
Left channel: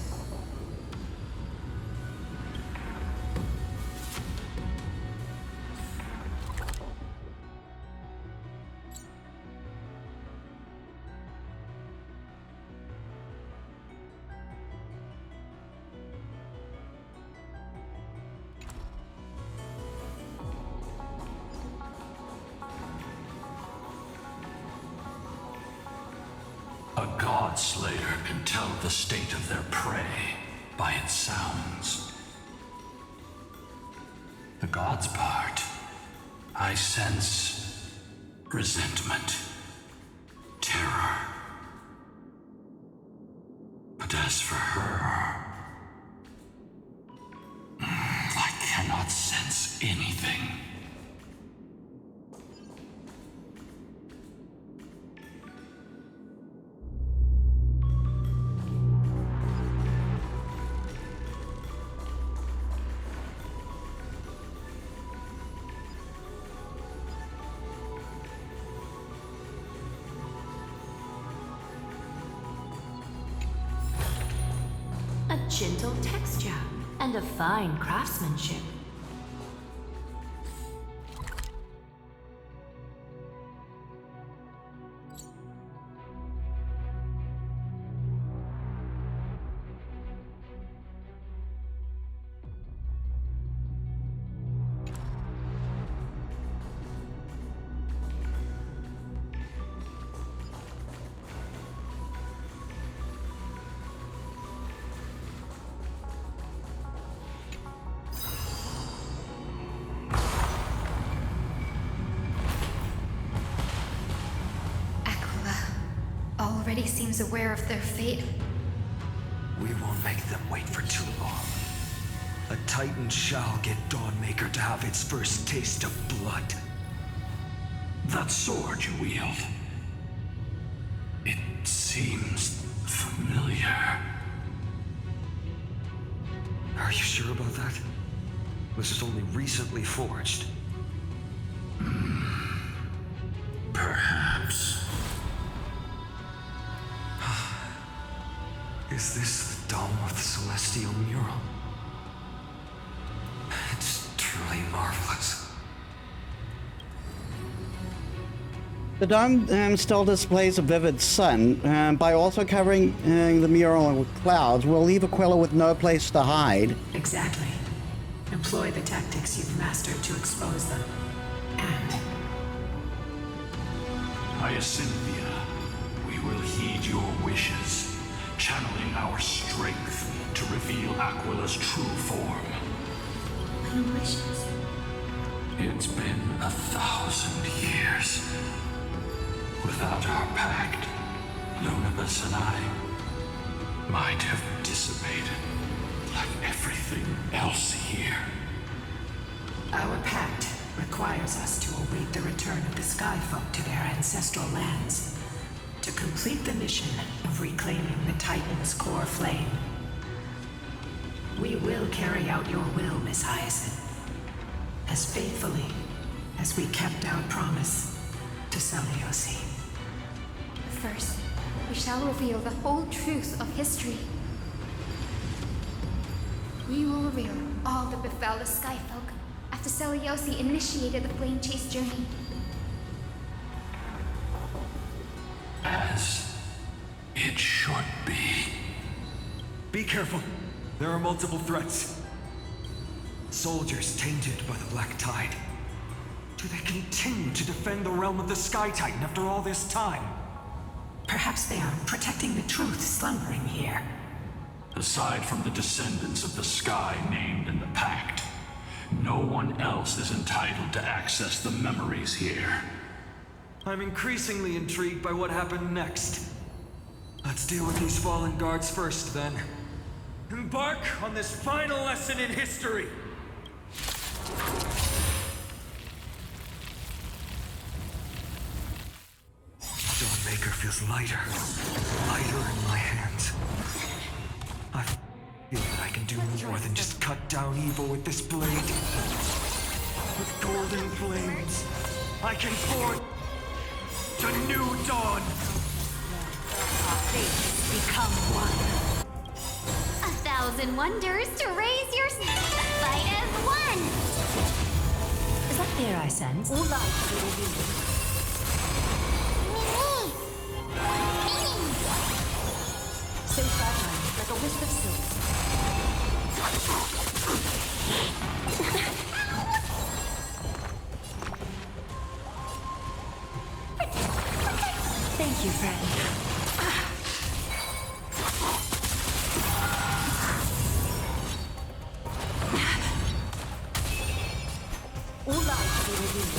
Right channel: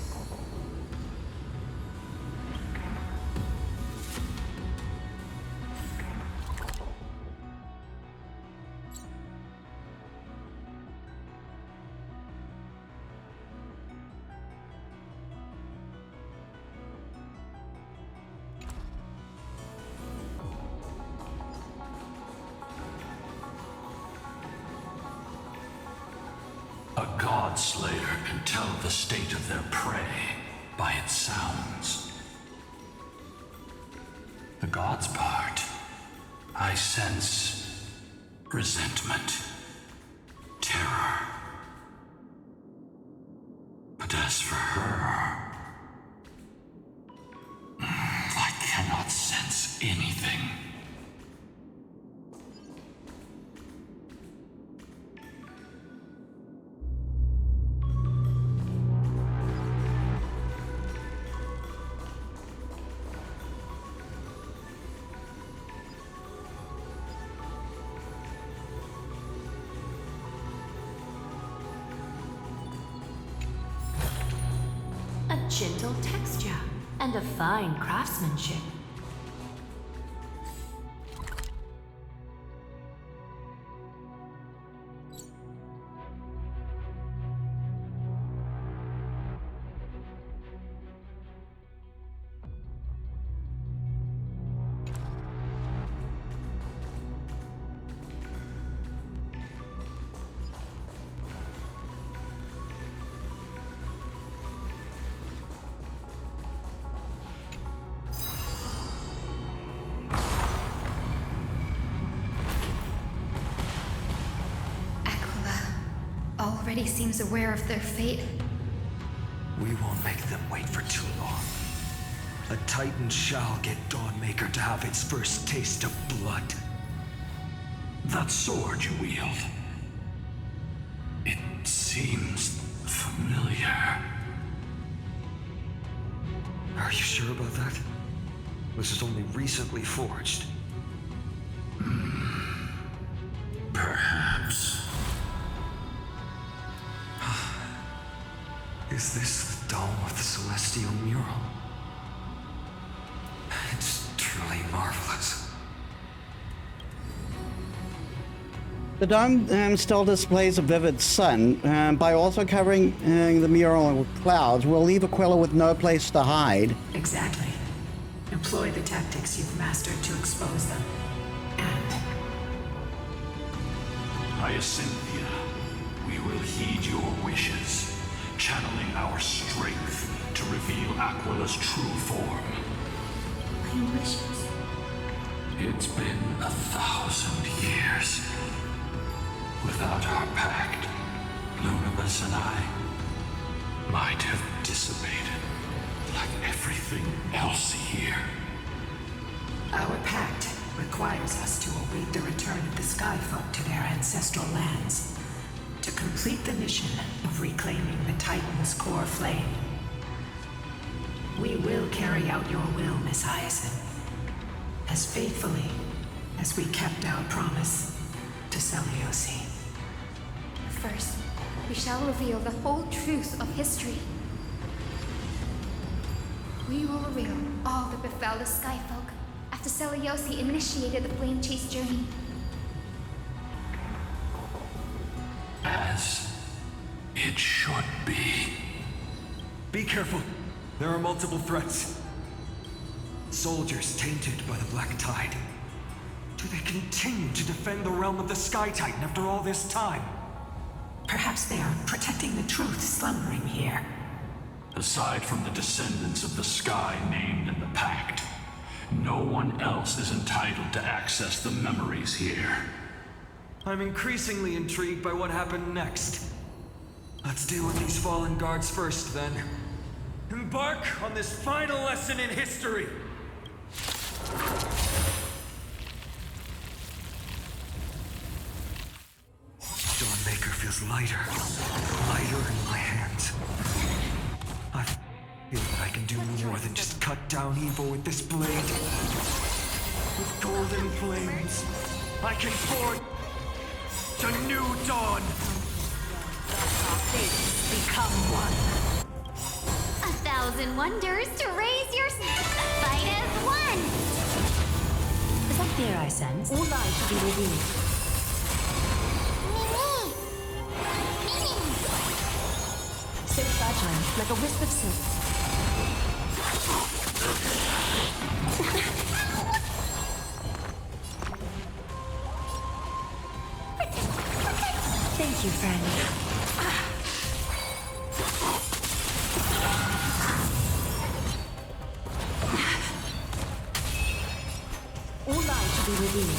A god slayer can tell the state of their prey by its sounds. The god's part, I sense resentment, terror. But as for her, I cannot sense anything. A gentle texture and a fine craftsmanship. Already seems aware of their fate. We won't make them wait for too long. A Titan shall get Dawnmaker to have its first taste of blood. That sword you wield, it seems familiar. Are you sure about that? This is only recently forged. Perhaps. Is this the dome of the celestial mural? It's truly marvelous. The dome still displays a vivid sun. By also covering the mural with clouds, we'll leave Aquila with no place to hide. Exactly. Employ the tactics you've mastered to expose them. And Hyacinthia, we will heed your wishes, channeling our strength to reveal Aquila's true form. My wishes. It's been 1,000 years. Without our pact, Lunabus and I might have dissipated like everything else here. our pact requires us to await the return of the Sky Folk to their ancestral lands, to complete the mission of reclaiming the Titan's core flame. We will carry out your will, Miss Hyacinth, as faithfully as we kept our promise to Seliosi. But first, we shall reveal the whole truth of history. We will reveal all that befell the Skyfolk after Seliosi initiated the Flame Chase journey. As it should be. Be careful. There are multiple threats. Soldiers tainted by the Black Tide. Do they continue to defend the realm of the Sky Titan after all this time? Perhaps they are protecting the truth slumbering here. Aside from the descendants of the sky named in the pact, no one else is entitled to access the memories here. I'm increasingly intrigued by what happened next. Let's deal with these fallen guards first, then. Embark on this final lesson in history! Dawnmaker feels lighter. Lighter in my hands. I feel that I can do more than just cut down evil with this blade. With golden flames, I can forge a new dawn! Our fates become one. 1,000 wonders to raise your fight as one! Is that fear I sense? All lies shall be revealed. Mimi! Mimi! So fragile, like a wisp of silk. Thank you, friend. All lies shall be revealed.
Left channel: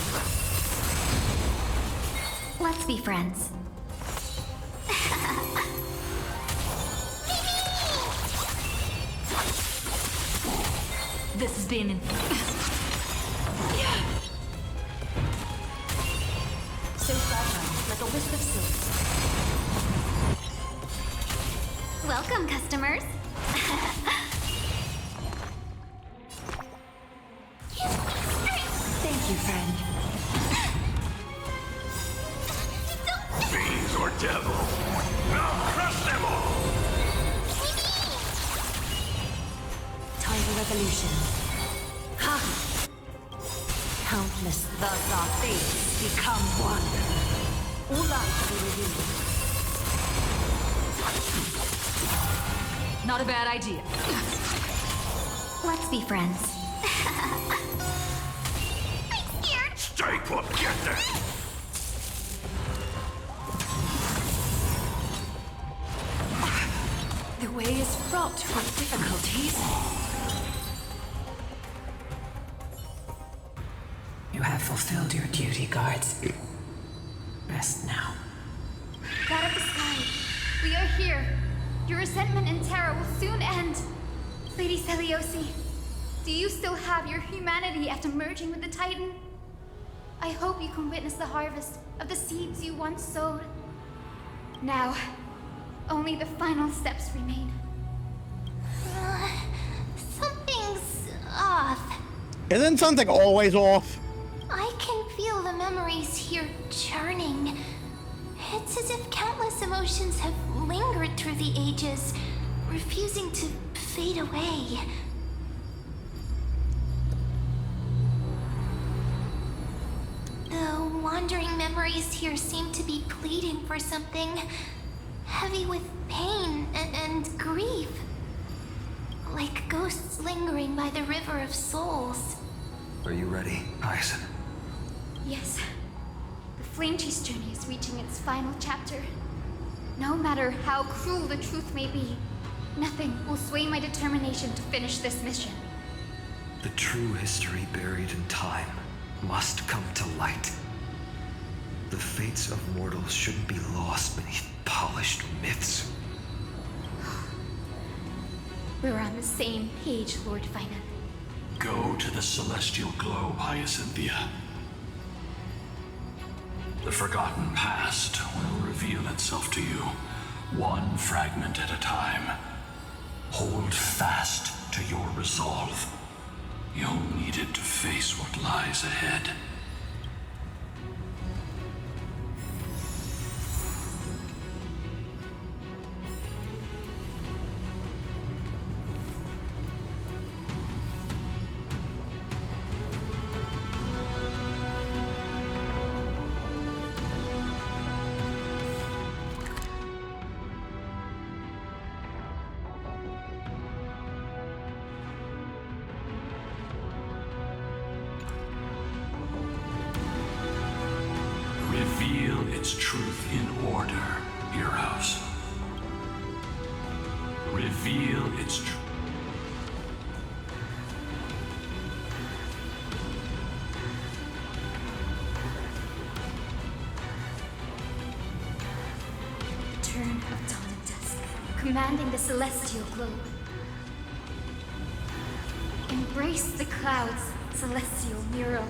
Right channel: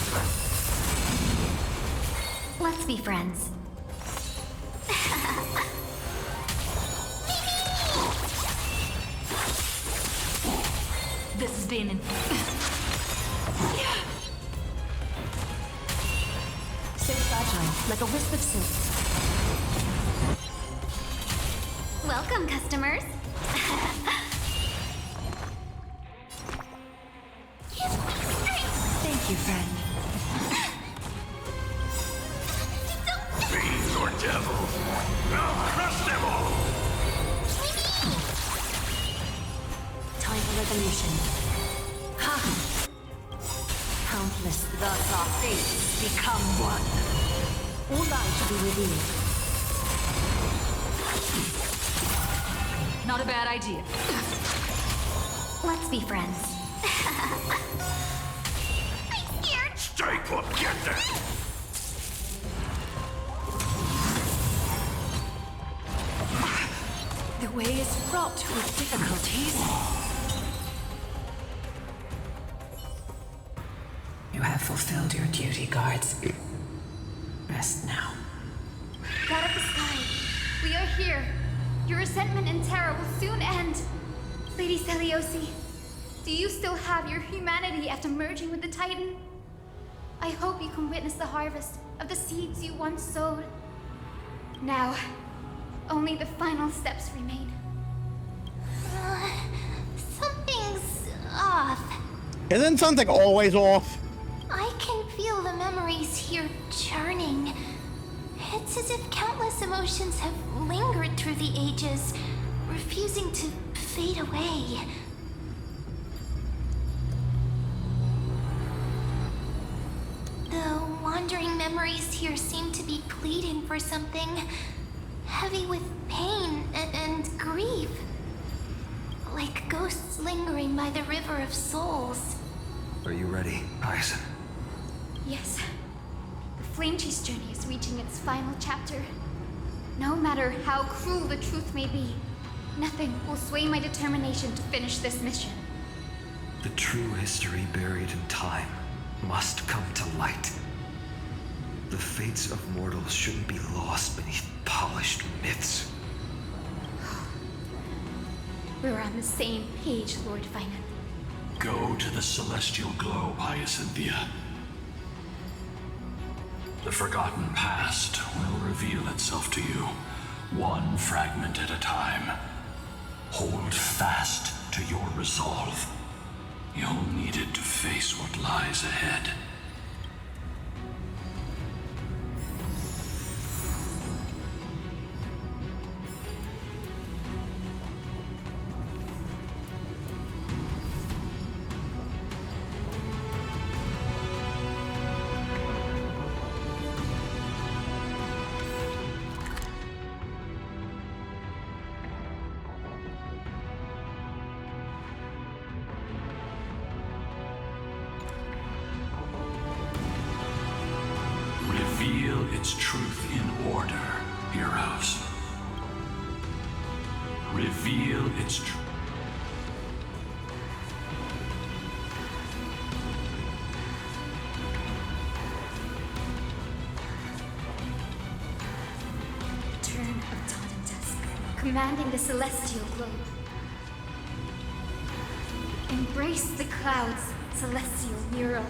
Let's be friends. This has been So fragile, like a wisp of silk. Welcome, customers. Give me strength! Thank you, friend. Fiends or devils, I'll crush them all! Time for resolution. Ha! Countless, thus our fates become one. All lies shall be revealed. not a bad idea. Let's be friends. I'm scared! Stay put, get there! The way is fraught with difficulties. You have fulfilled your duty, guards. Rest now. God of the sky, we are here. Your resentment and terror will soon end. Lady Seliosi, do you still have your humanity after merging with the Titan? I hope you can witness the harvest of the seeds you once sowed. Now, only the final steps remain. Something's off. Isn't something always off? I can feel the memories here churning. It's as if countless emotions have lingered through the ages, refusing to fade away. The wandering memories here seem to be pleading for something heavy with pain and grief. Like ghosts lingering by the river of souls. Are you ready, Hyacinth? Yes. The Flame Chase journey is reaching its final chapter. No matter how cruel the truth may be, nothing will sway my determination to finish this mission. The true history buried in time must come to light. The fates of mortals shouldn't be lost beneath polished myths. We're on the same page, Lord Finan. Go to the celestial globe, Hyacinthia. The forgotten past will reveal itself to you, one fragment at a time. Hold fast to your resolve. You'll need it to face what lies ahead. Reveal its truth in order, heroes. Reveal its truth. The turn of dawn and dusk, commanding the celestial globe. Embrace the clouds, celestial mural.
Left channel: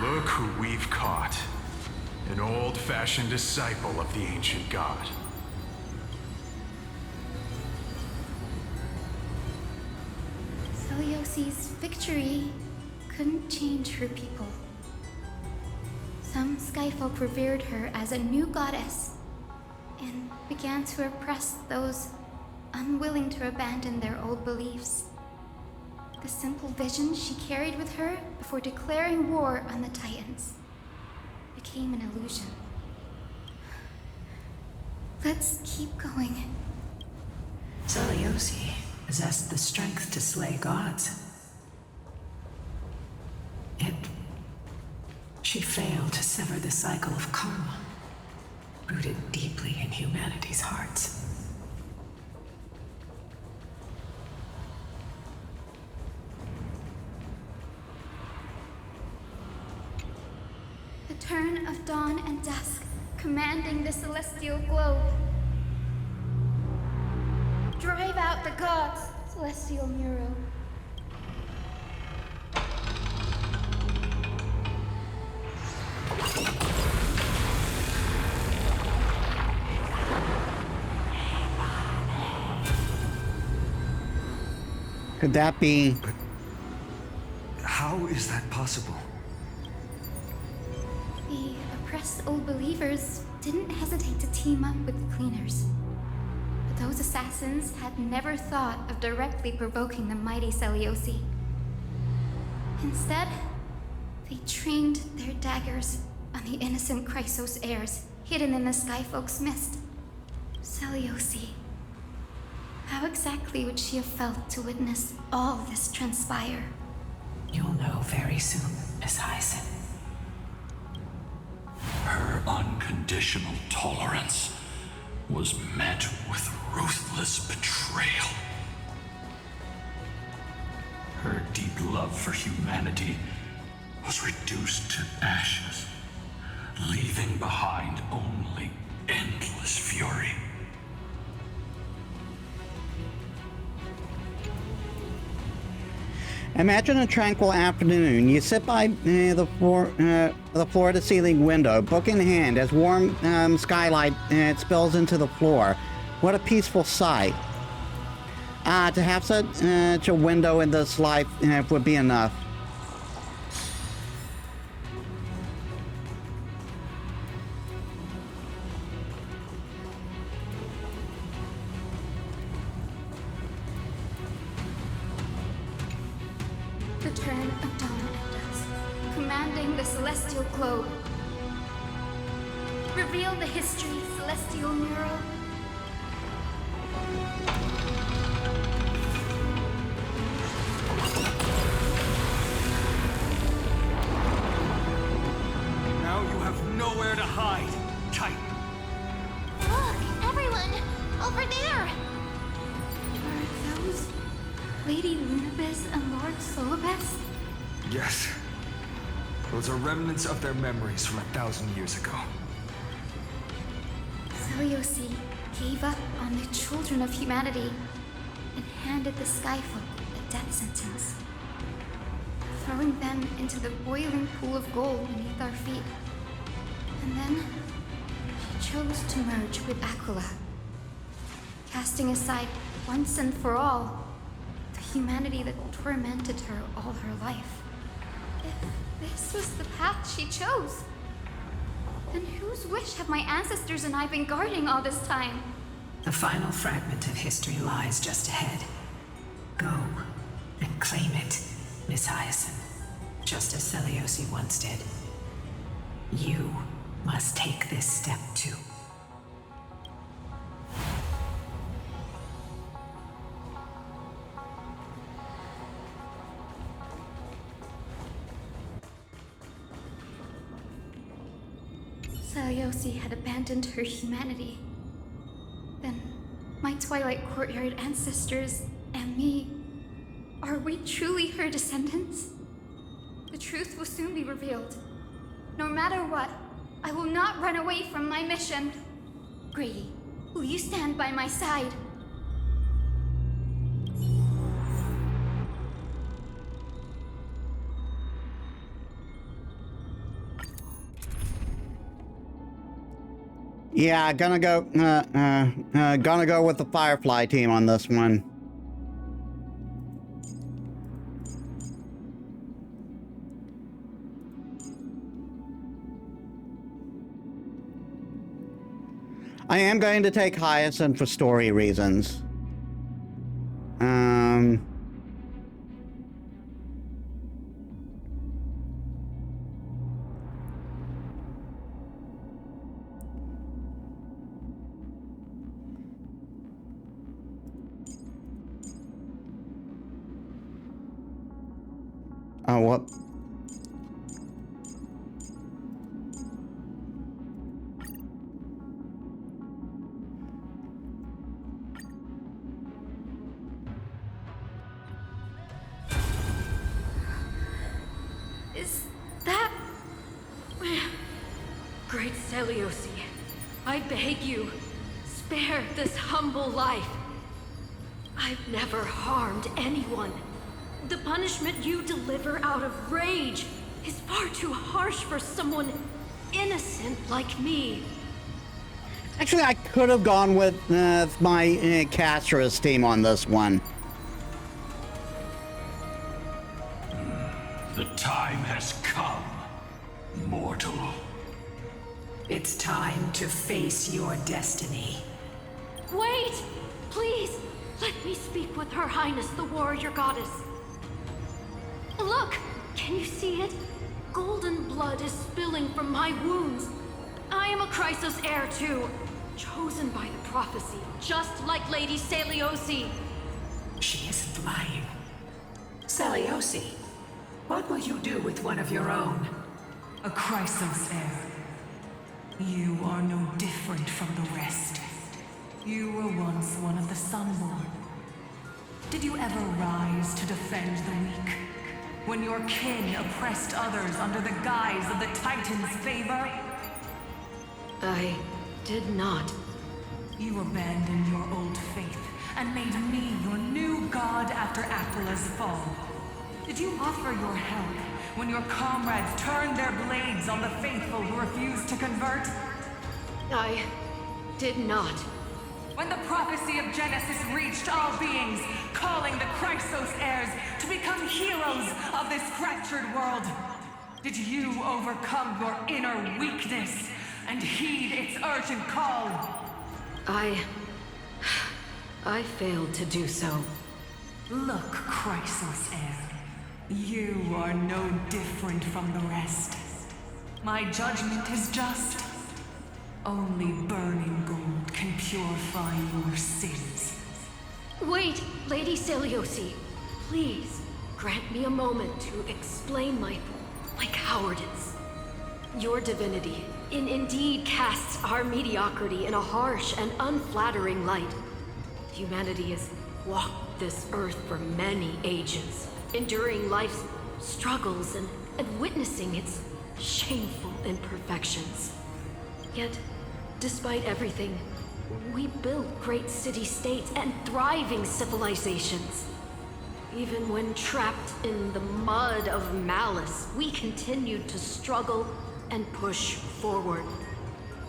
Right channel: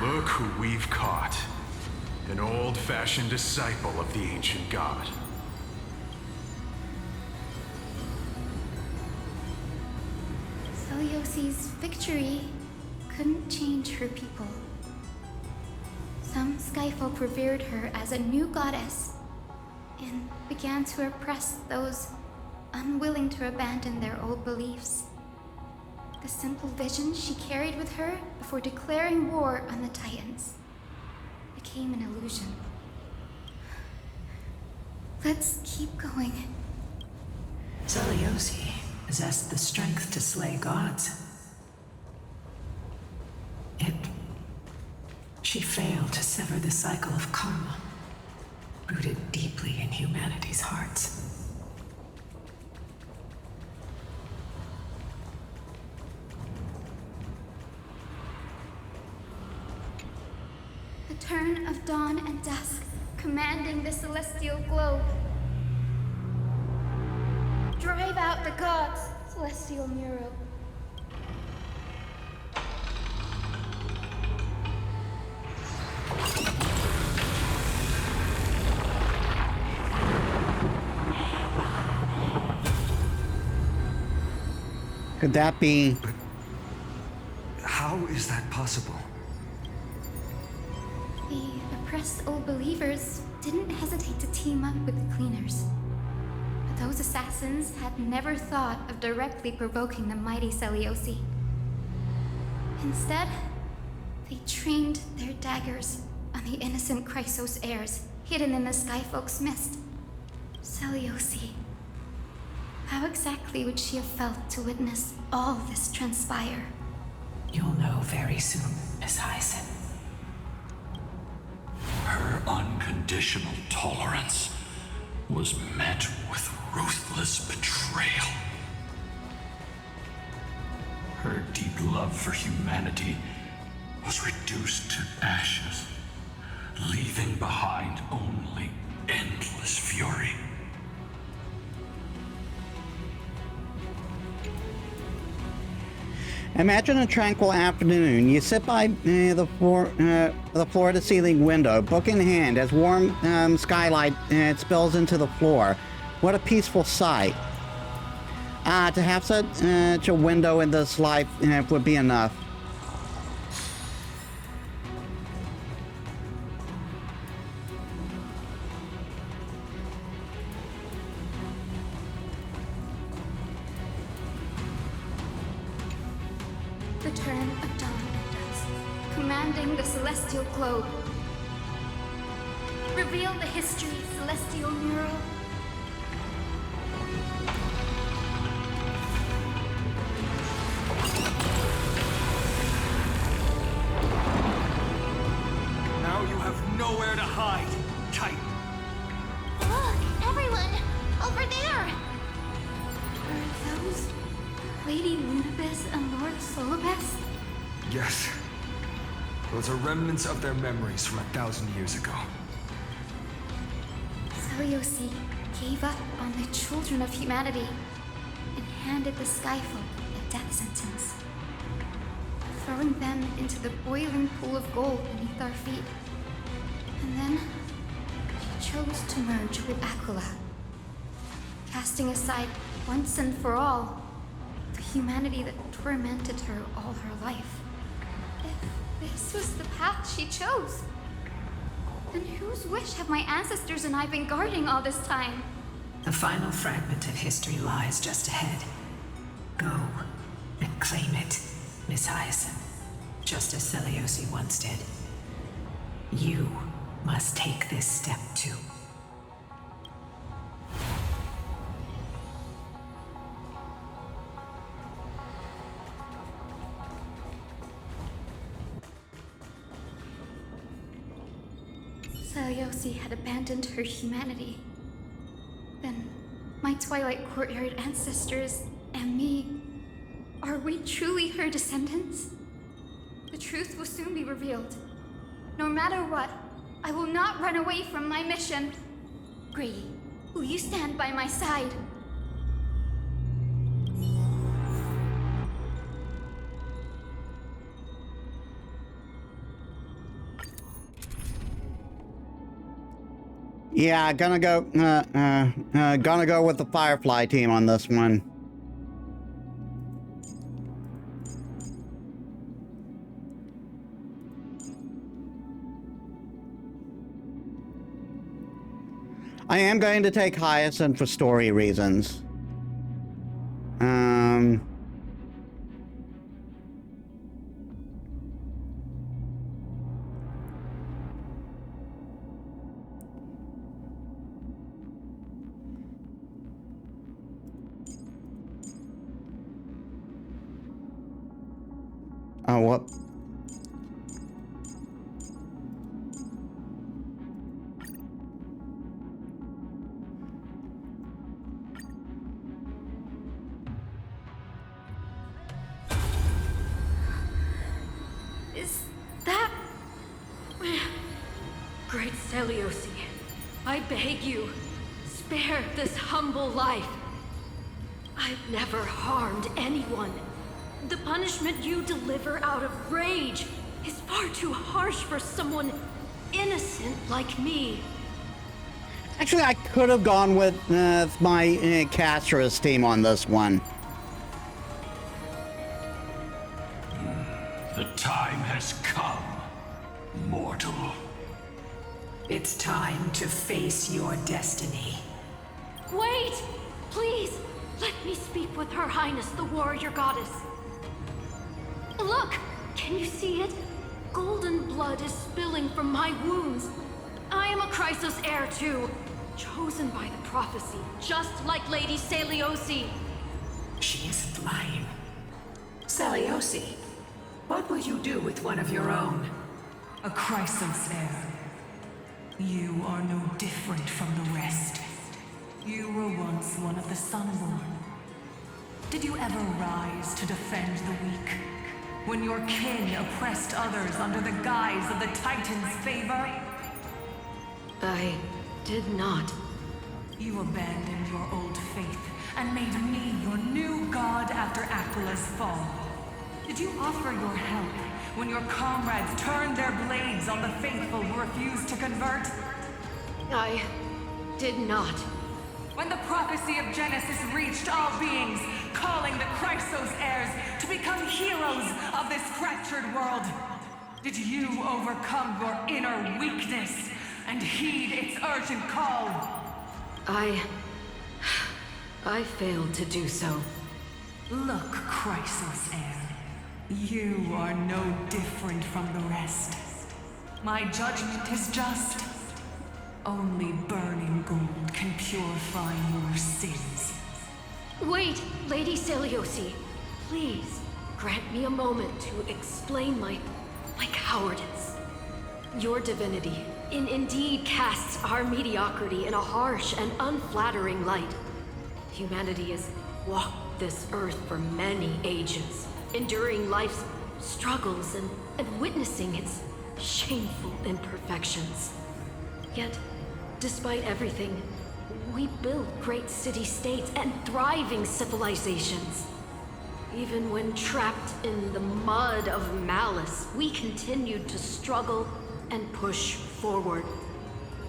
Look who we've caught. An old-fashioned disciple of the ancient god. Selyosi's victory couldn't change her people. Some skyfolk revered her as a new goddess and began to oppress those unwilling to abandon their old beliefs. The simple vision she carried with her before declaring war on the Titans became an illusion. Let's keep going. Selyosi possessed the strength to slay gods. Yet, she failed to sever the cycle of karma, rooted deeply in humanity's hearts. The turn of dawn and dusk, commanding the celestial globe. Drive out the gods, celestial mural. Could that be? But how is that possible? The oppressed old believers didn't hesitate to team up with the cleaners. But those assassins had never thought of directly provoking the mighty Selyosi. Instead, they trained their daggers on the innocent Chrysos heirs hidden in the Skyfolk's mist. Selyosi. How exactly would she have felt to witness all this transpire? You'll know very soon, Miss Hyacinth. Her unconditional tolerance was met with ruthless betrayal. Her deep love for humanity was reduced to ashes, leaving behind only endless fury. Imagine a tranquil afternoon. You sit by the floor-to-ceiling window, book in hand, as warm skylight spills into the floor. What a peaceful sight. To have such a window in this life would be enough. Return of dawn and dusk, commanding the celestial globe. Reveal the history, celestial mural. Now you have nowhere to hide, Titan. Look, everyone! Over there! Are those Lady Lunabis and Lord Solibus? Yes. Those are remnants of their memories from 1,000 years ago. Seliosi gave up on the children of humanity and handed the Skyfolk a death sentence, throwing them into the boiling pool of gold beneath our feet. And then she chose to merge with Aquila, casting aside once and for all the humanity that tormented her all her life. If this was the path she chose, then whose wish have my ancestors and I been guarding all this time? The final fragment of history lies just ahead. Go and claim it, Miss Hyacinth, just as Seliosi once did. You must take this step too. Seliosi had abandoned her humanity. Then, my Twilight Courtyard ancestors and me, are we truly her descendants? The truth will soon be revealed. No matter what, I will not run away from my mission. Grady, will you stand by my side? Yeah, gonna go with the Firefly team on this one. I am going to take Hyacinth for story reasons. Oh, what? Is that... Great Seliosi, I beg you, spare this humble life. I've never harmed anyone. The punishment you deliver out of rage is far too harsh for someone innocent like me. Actually, I could have gone with my Caster's team on this one. The time has come, mortal. It's time to face your destiny. Wait! Please, let me speak with Her Highness, the warrior goddess. Look! Can you see it? Golden blood is spilling from my wounds. I am a Chrysos heir too, chosen by the prophecy, just like Lady Seliosi. She isn't lying. Seliosi, what will you do with one of your own? A Chrysos heir. You are no different from the rest. You were once one of the Sunborn. Did you ever rise to defend the weak? When your kin oppressed others under the guise of the Titan's favor? I did not. You abandoned your old faith and made me your new god after Aquila's fall. Did you offer your help when your comrades turned their blades on the faithful who refused to convert? I did not. When the prophecy of Genesis reached all beings, calling the Chrysos heirs to become heroes of this fractured world, did you overcome your inner weakness and heed its urgent call? I failed to do so. Look, Chrysos heir, you are no different from the rest. My judgment is just. Only burning gold can purify your sins. Wait, Lady Celiosi. Please, grant me a moment to explain my cowardice. Your divinity indeed casts our mediocrity in a harsh and unflattering light. Humanity has walked this earth for many ages, enduring life's struggles and witnessing its shameful imperfections. Yet, despite everything, we built great city-states and thriving civilizations. Even when trapped in the mud of malice, we continued to struggle and push forward.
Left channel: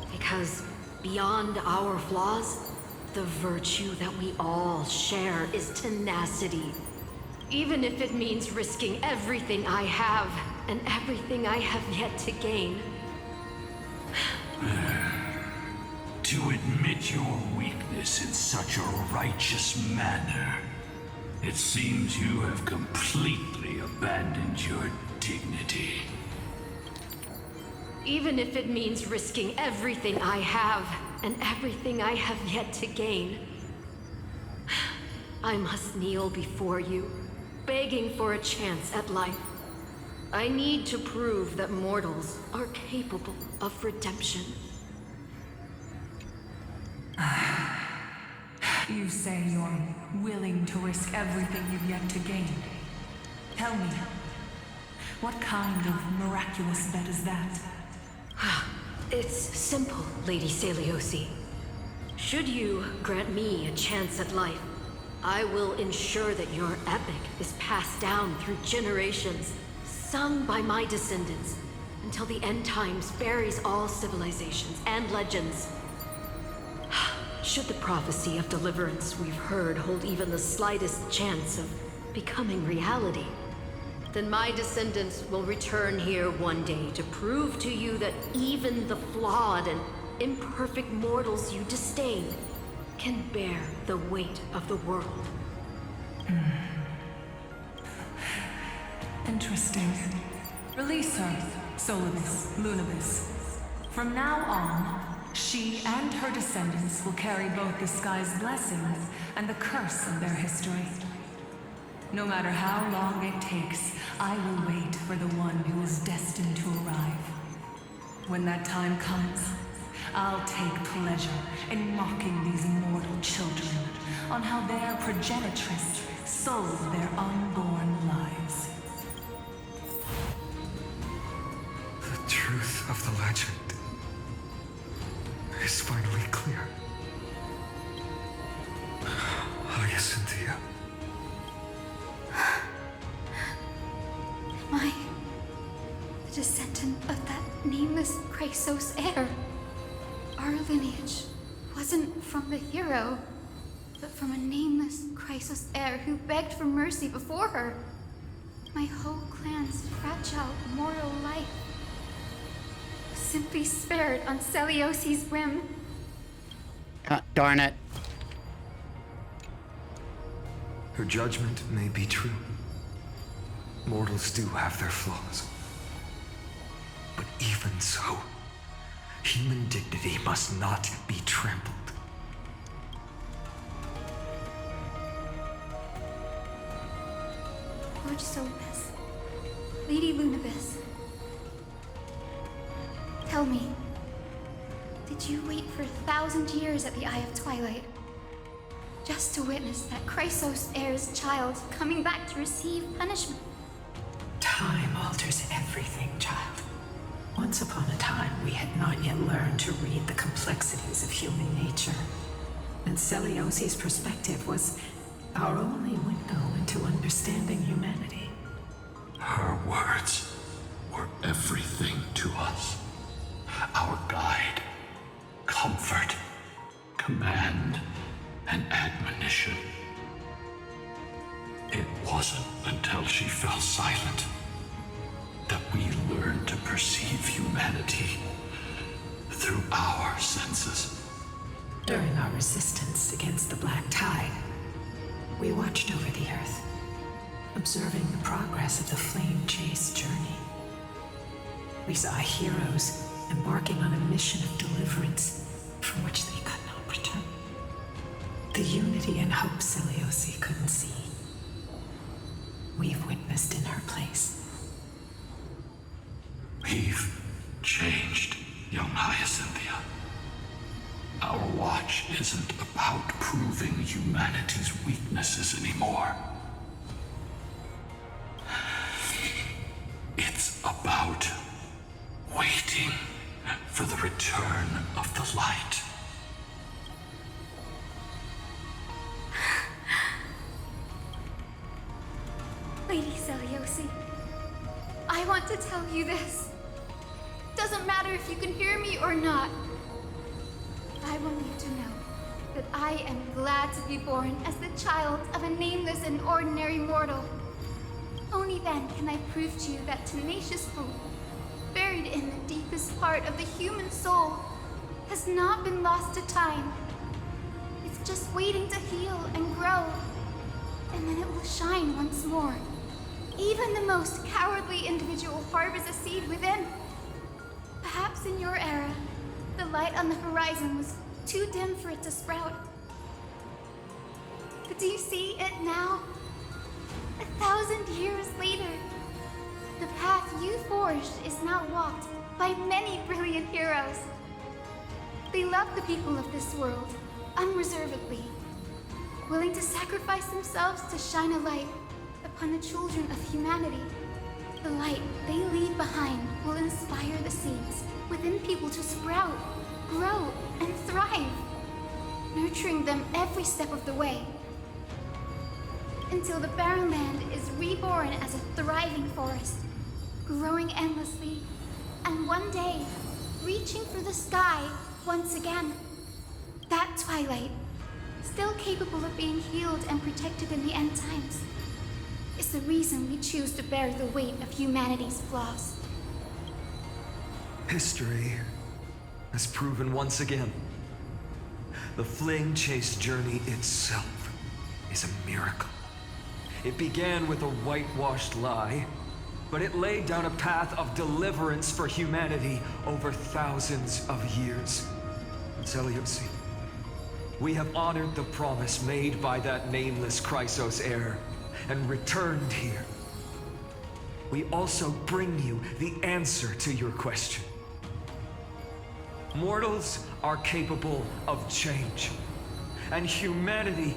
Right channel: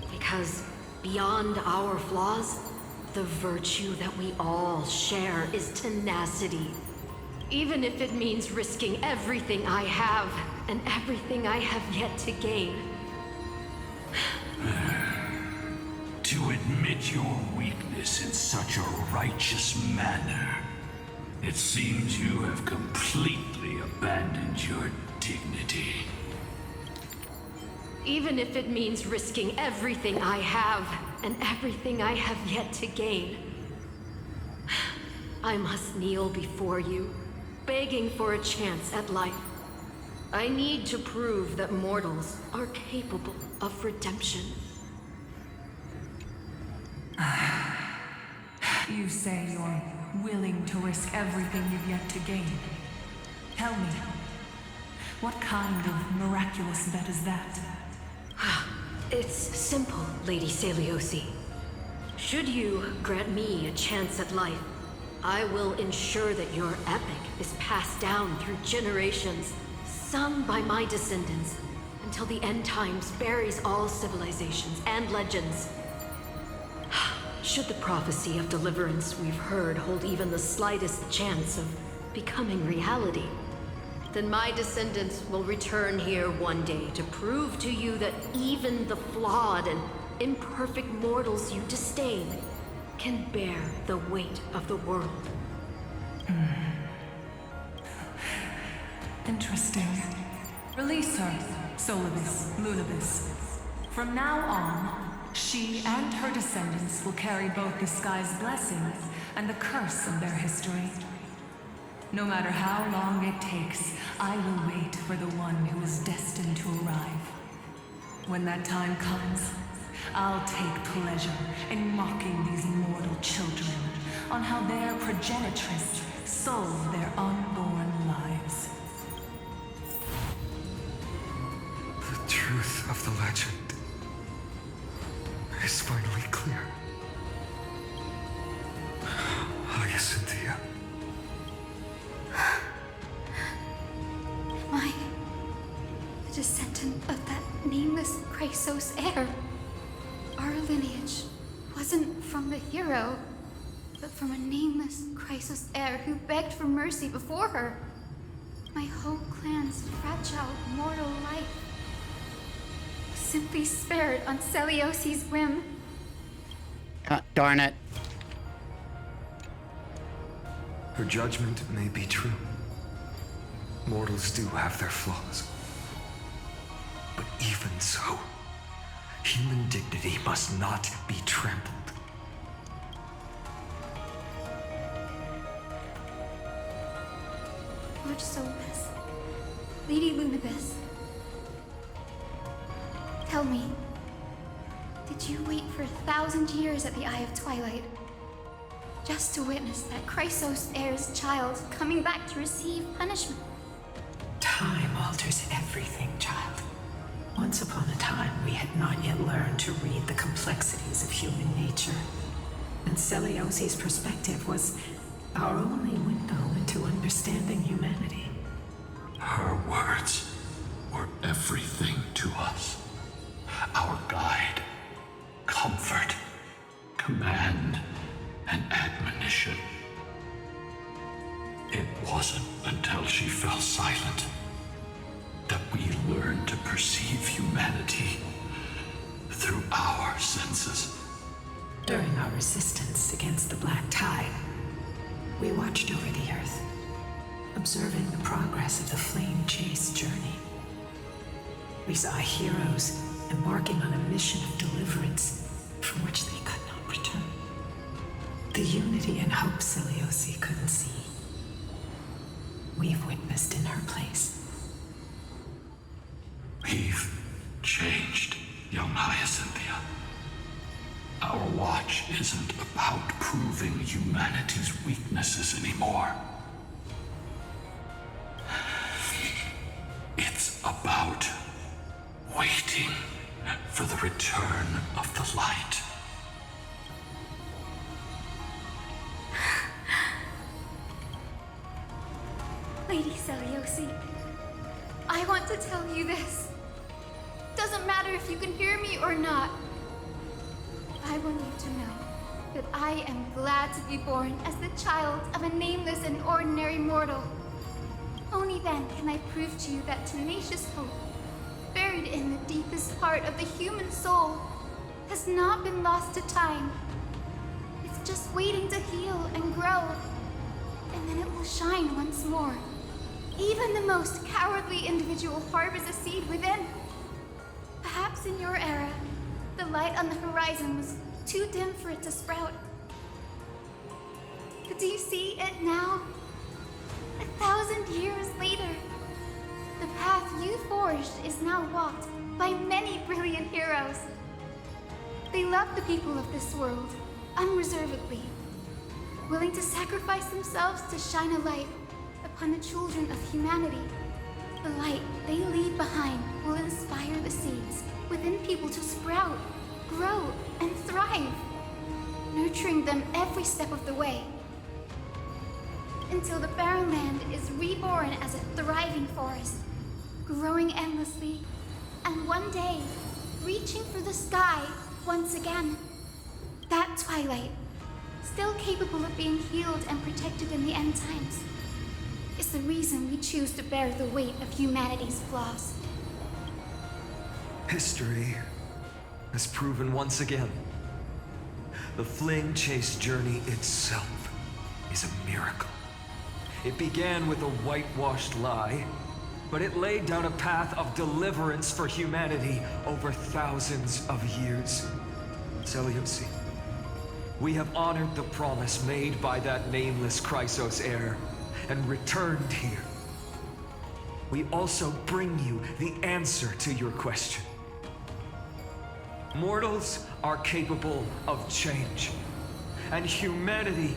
Because beyond our flaws, the virtue that we all share is tenacity. Even if it means risking everything I have and everything I have yet to gain. To admit your weakness in such a righteous manner, it seems you have completely abandoned your dignity. Even if it means risking everything I have and everything I have yet to gain. I must kneel before you, begging for a chance at life. I need to prove that mortals are capable of redemption. You say you're willing to risk everything you've yet to gain. Tell me, what kind of miraculous bet is that? It's simple, Lady Celiosi. Should you grant me a chance at life, I will ensure that your epic is passed down through generations, sung by my descendants, until the end times buries all civilizations and legends. Should the prophecy of deliverance we've heard hold even the slightest chance of becoming reality, then my descendants will return here one day to prove to you that even the flawed and imperfect mortals you disdain can bear the weight of the world. Interesting. Release her, Solibus, Lunibus. From now on, she and her descendants will carry both the sky's blessings and the curse of their history. No matter how long it takes, I will wait for the one who is destined to arrive. When that time comes, I'll take pleasure in mocking these mortal children on how their progenitress sold their unborn lives. The truth of the legend is finally clear. Hyacinthia. Am I the descendant of that nameless Chrysos heir? Our lineage wasn't from the hero, but from a nameless Chrysos heir who begged for mercy before her. My whole clan's fragile mortal life was simply spared on Celiosi's whim. God darn it. Her judgment may be true. Mortals do have their flaws. But even so, human dignity must not be trampled. Lord Solibus, Lady Lunibus, tell me, did you wait for 1,000 years at the Eye of Twilight just to witness that Chrysos heir's child coming back to receive punishment? Time alters everything, child. Once upon a time, we had not yet learned to read the complexities of human nature. And Celiosi's perspective was our only window into understanding humanity. Her words were everything to us. Our guide, comfort, command. and admonition. It wasn't until she fell silent that we learned to perceive humanity through our senses. During our resistance against the Black Tide, we watched over the Earth, observing the progress of the Flame Chase journey. We saw heroes embarking on a mission of deliverance from which they could not return. The unity and hope Seliosi couldn't see, we've witnessed in her place. We've changed, young Hyacinthia. Our watch isn't about proving humanity's weaknesses anymore. It's about waiting for the return of the light. Lady Seliosi, I want to tell you this. Doesn't matter if you can hear me or not. I want you to know that I am glad to be born as the child of a nameless and ordinary mortal. Only then can I prove to you that tenacious hope, buried in the deepest part of the human soul, has not been lost to time. It's just waiting to heal and grow, and then it will shine once more. Even the most cowardly individual harbors a seed within. Perhaps in your era, the light on the horizon was too dim for it to sprout. But do you see it now? 1,000 years later, the path you forged is now walked by many brilliant heroes. They love the people of this world, unreservedly, willing to sacrifice themselves to shine a light upon the children of humanity. The light they leave behind will inspire the seeds within people to sprout, grow, and thrive, nurturing them every step of the way, until the barren land is reborn as a thriving forest, growing endlessly, and one day, reaching for the sky once again. That twilight, still capable of being healed and protected in the end times, is the reason we choose to bear the weight of humanity's flaws. History has proven once again, the Flame Chase journey itself is a miracle. It began with a whitewashed lie, but it laid down a path of deliverance for humanity over thousands of years. Seliosi, we have honored the promise made by that nameless Chrysos heir and returned here. We also bring you the answer to your question. Mortals are capable of change, and humanity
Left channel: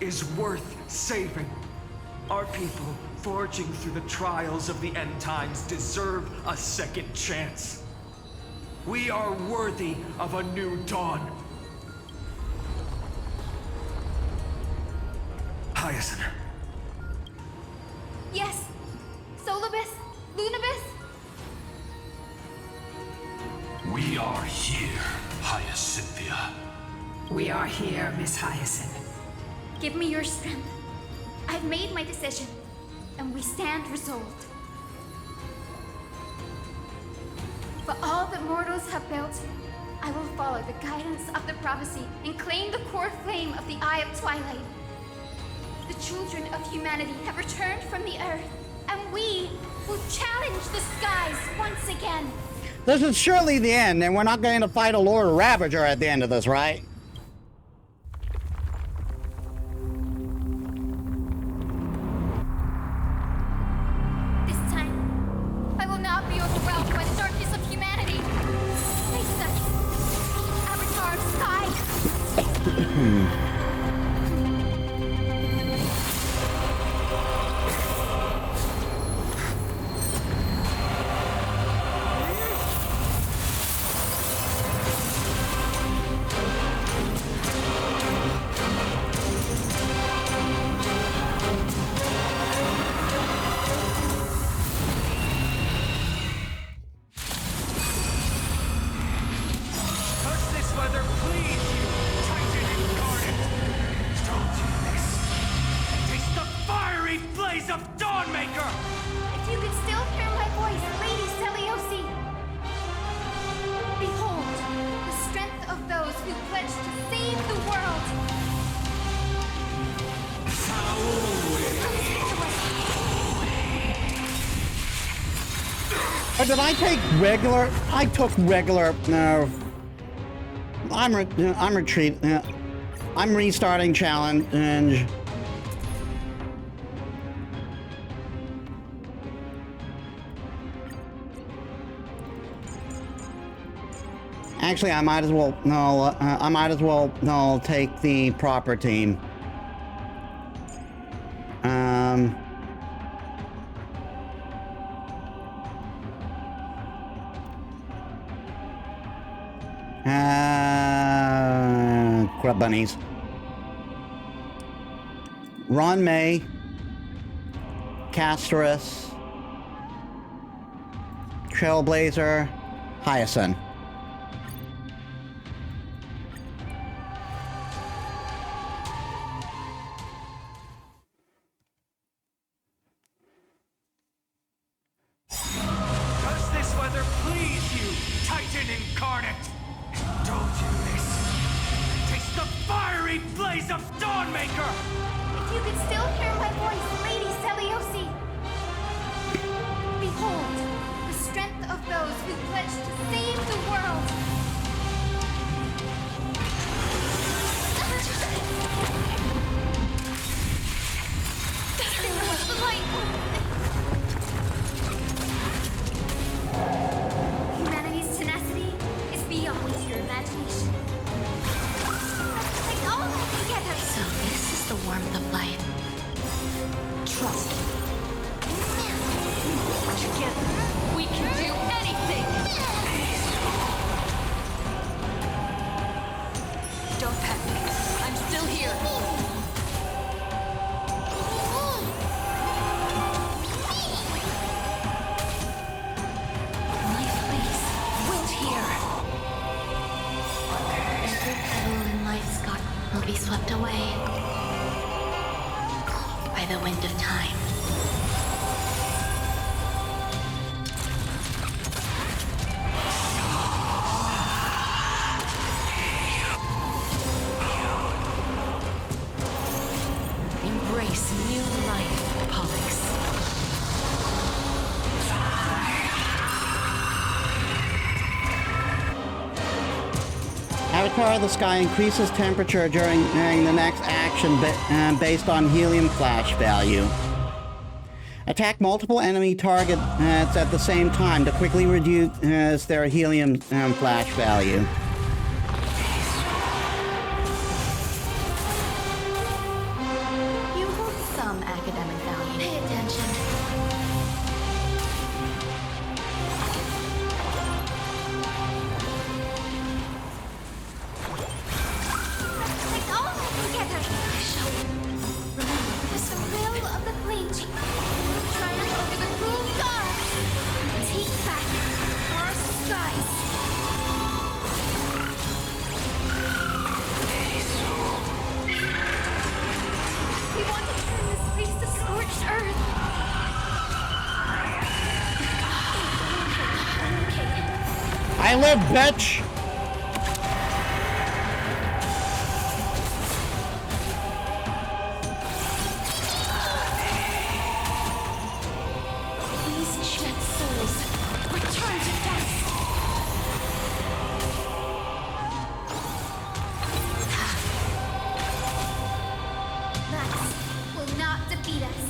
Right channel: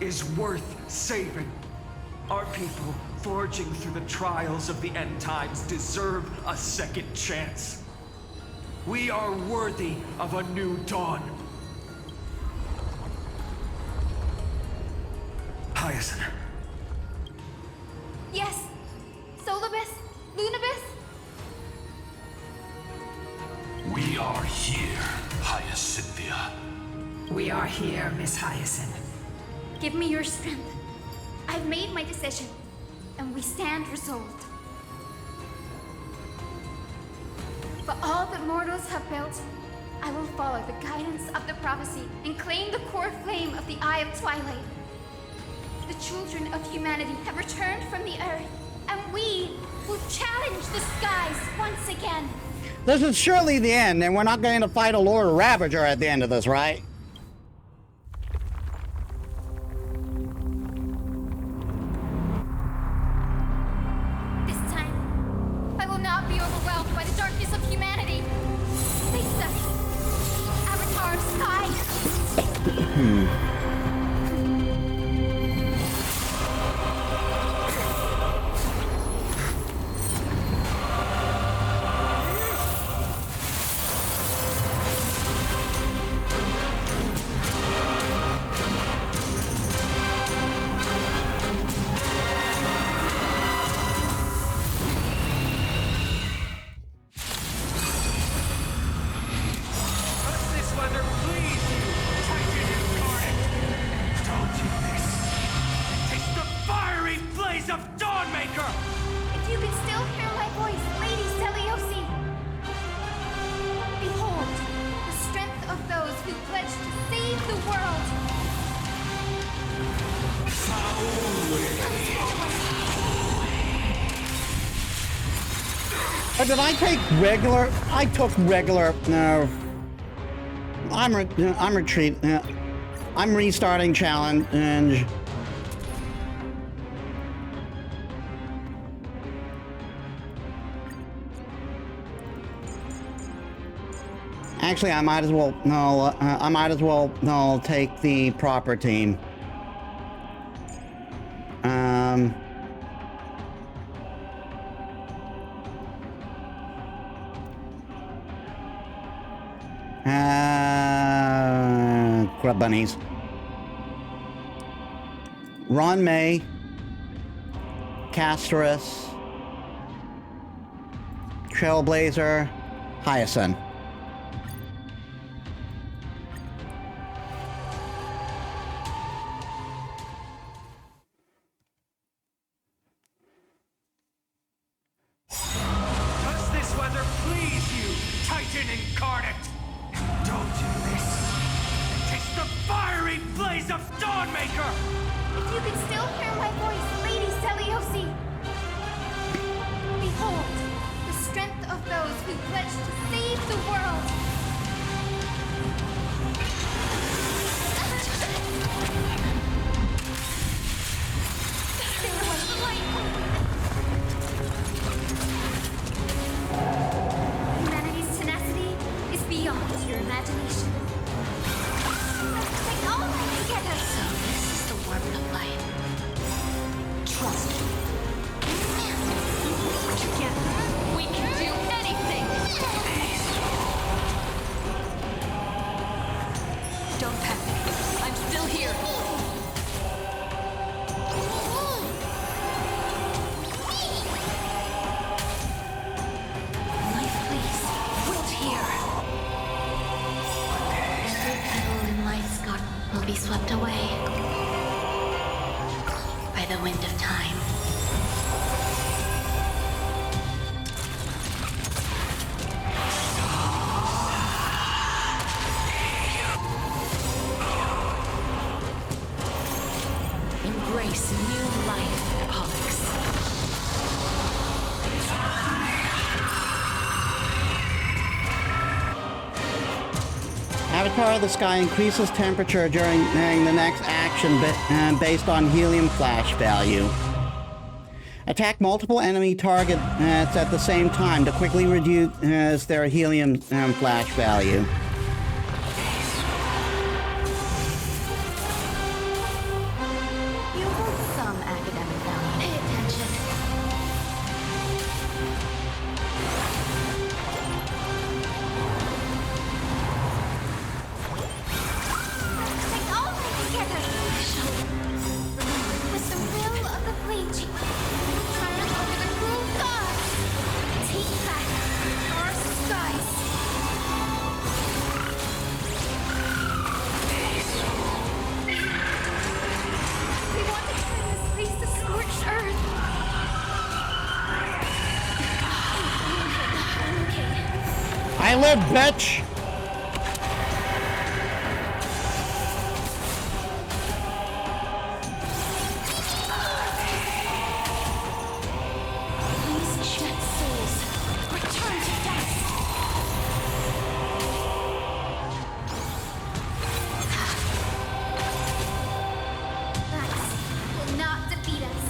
is worth saving. Our people, forging through the trials of the end times, deserve a second chance. We are worthy of a new dawn. Hyacinth. Yes, Solibus, Lunibus. We are here, Hyacinthia. We are here, Miss Hyacinth. Give me your strength. I've made my decision, and we stand resolved. For all that mortals have built, I will follow the guidance of the prophecy and claim the core flame of the Eye of Twilight. The children of humanity have returned from the earth, and we will challenge the skies once again. This is surely the end, and we're not going to fight a Lord Ravager at the end of this, right? This time, I will not be overwhelmed by the darkness of humanity. Face us, Avatar of Sky. Whether please you, Titan incarnate! Indulge in this, and taste the fiery blaze of Dawnmaker! If you could still hear my voice, Lady Seliosi! Behold, the strength of those who pledge to save the world! Get away! Or did I take regular? I took regular. No. I'm retreat. I'm restarting challenge. Actually, I might as well. No, I might as well. No, take the proper team. Grub bunnies. Ron May, Castorus, Trailblazer, Hyacinth. Does this weather please you, Titan Incarnate? Indulge in this, and taste the fiery blaze of Dawnmaker! If you could still hear my voice, Lady Seliosi! Behold, the strength of those who pledge to save the world! Stay away. The light. Humanity's tenacity is beyond your imagination. Let's protect all life together! So this is the warmth of life. Trust me. Together, we can do anything! Don't panic. I'm still here. Life, please. Wilt here. Every petal in life's garden will be swept away by the wind of time. Embrace new life, Pollux. Avatar of the Sky increases temperature during the next action based on helium flash value. Attack multiple enemy targets at the same time to quickly reduce their helium flash value. You hold some academic value. Pay attention. Let's protect all life together! I shall remember With this the moment. will of the flame, we will triumph over the cruel gods and take back our skies. We want to turn this place to scorched earth. I'm okay. I live, bitch! Please, dead souls, return to dust. Max will not defeat us.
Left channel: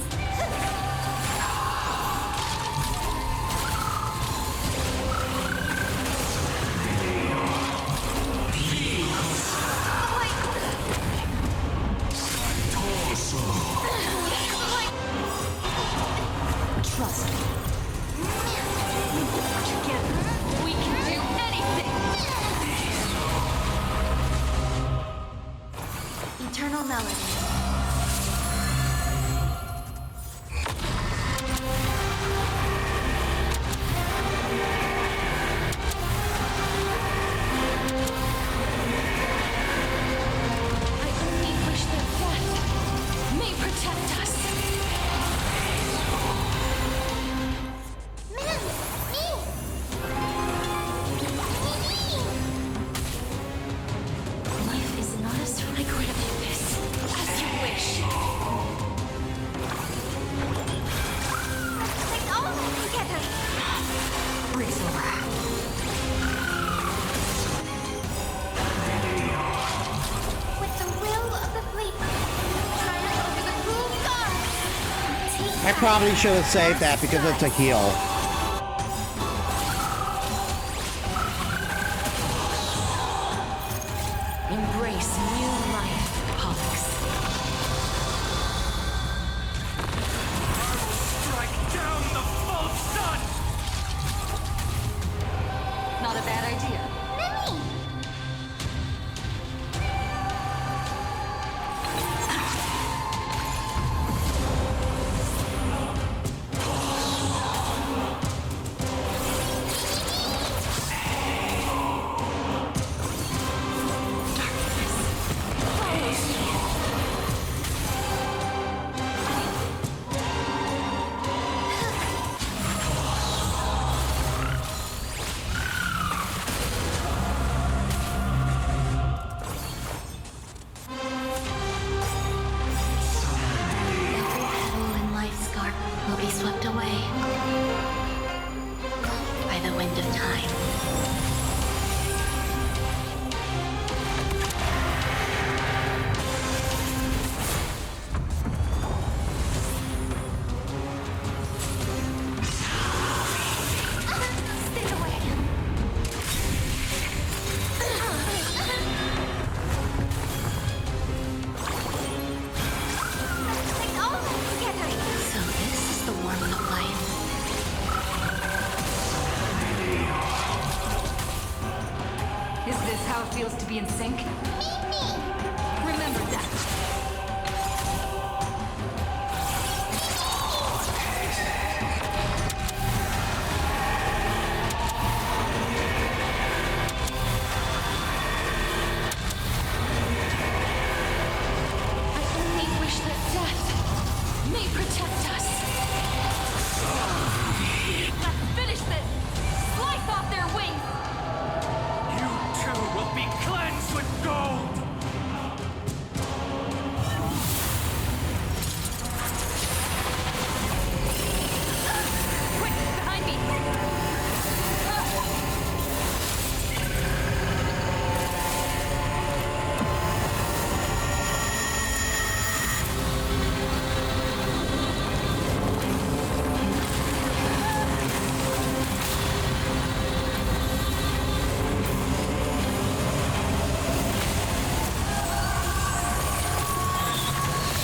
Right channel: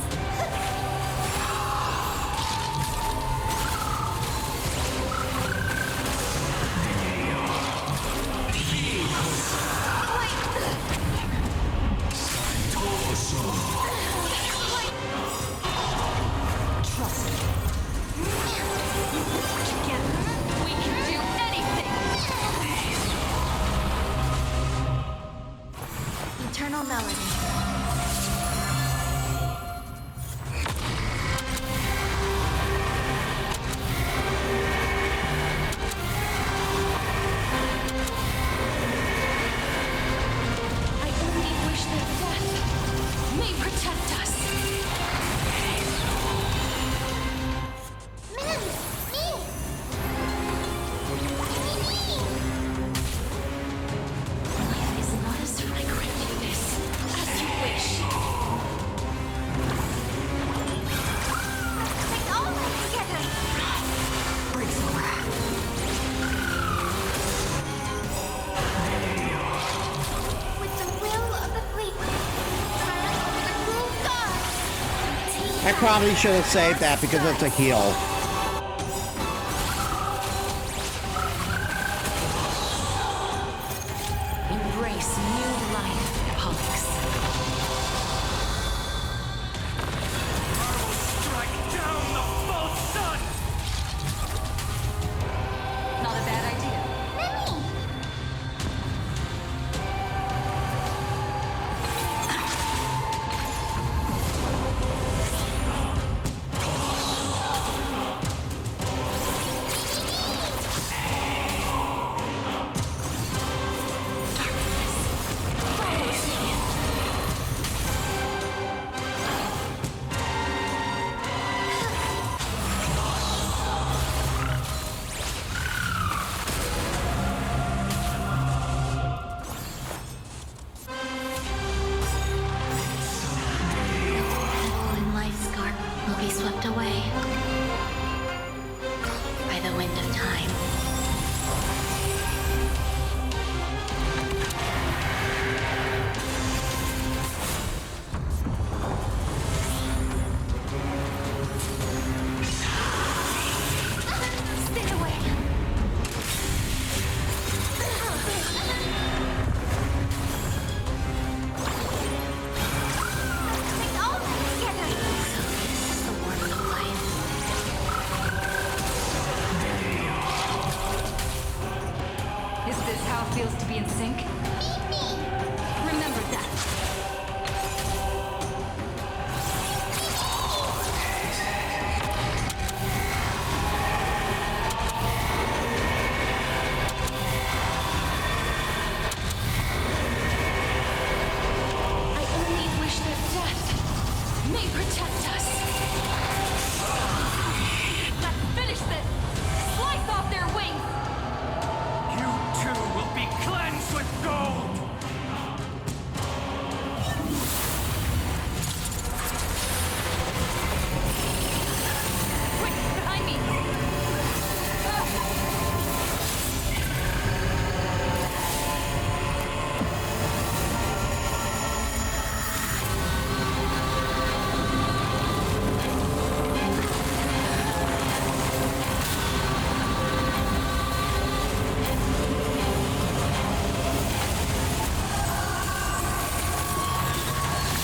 The light. The light. Trust me. Together, we can do anything! Eternal melody. I only wish wish that death may protect us. Ma'am, me! Life is not as I grant you this, as you wish. Let's protect all life together! Breaks over. With the will of the fleet, we will triumph over the cruel gods! And take I back probably should have saved our that because it's a skies. heal. Embrace new life, Pollux. I will strike down the false sun! Not a bad idea. Mimi! Darkness follows me. Every petal in life's garden will be swept away by the wind of time. Stay away! Let's protect all life together! So this is the warmth of life. Is this how it feels to be in sync? Mimi! Remember that. I only wish that death may protect us. Let's finish this! Slice off their wings! You too will be cleansed with gold! Quick, behind me!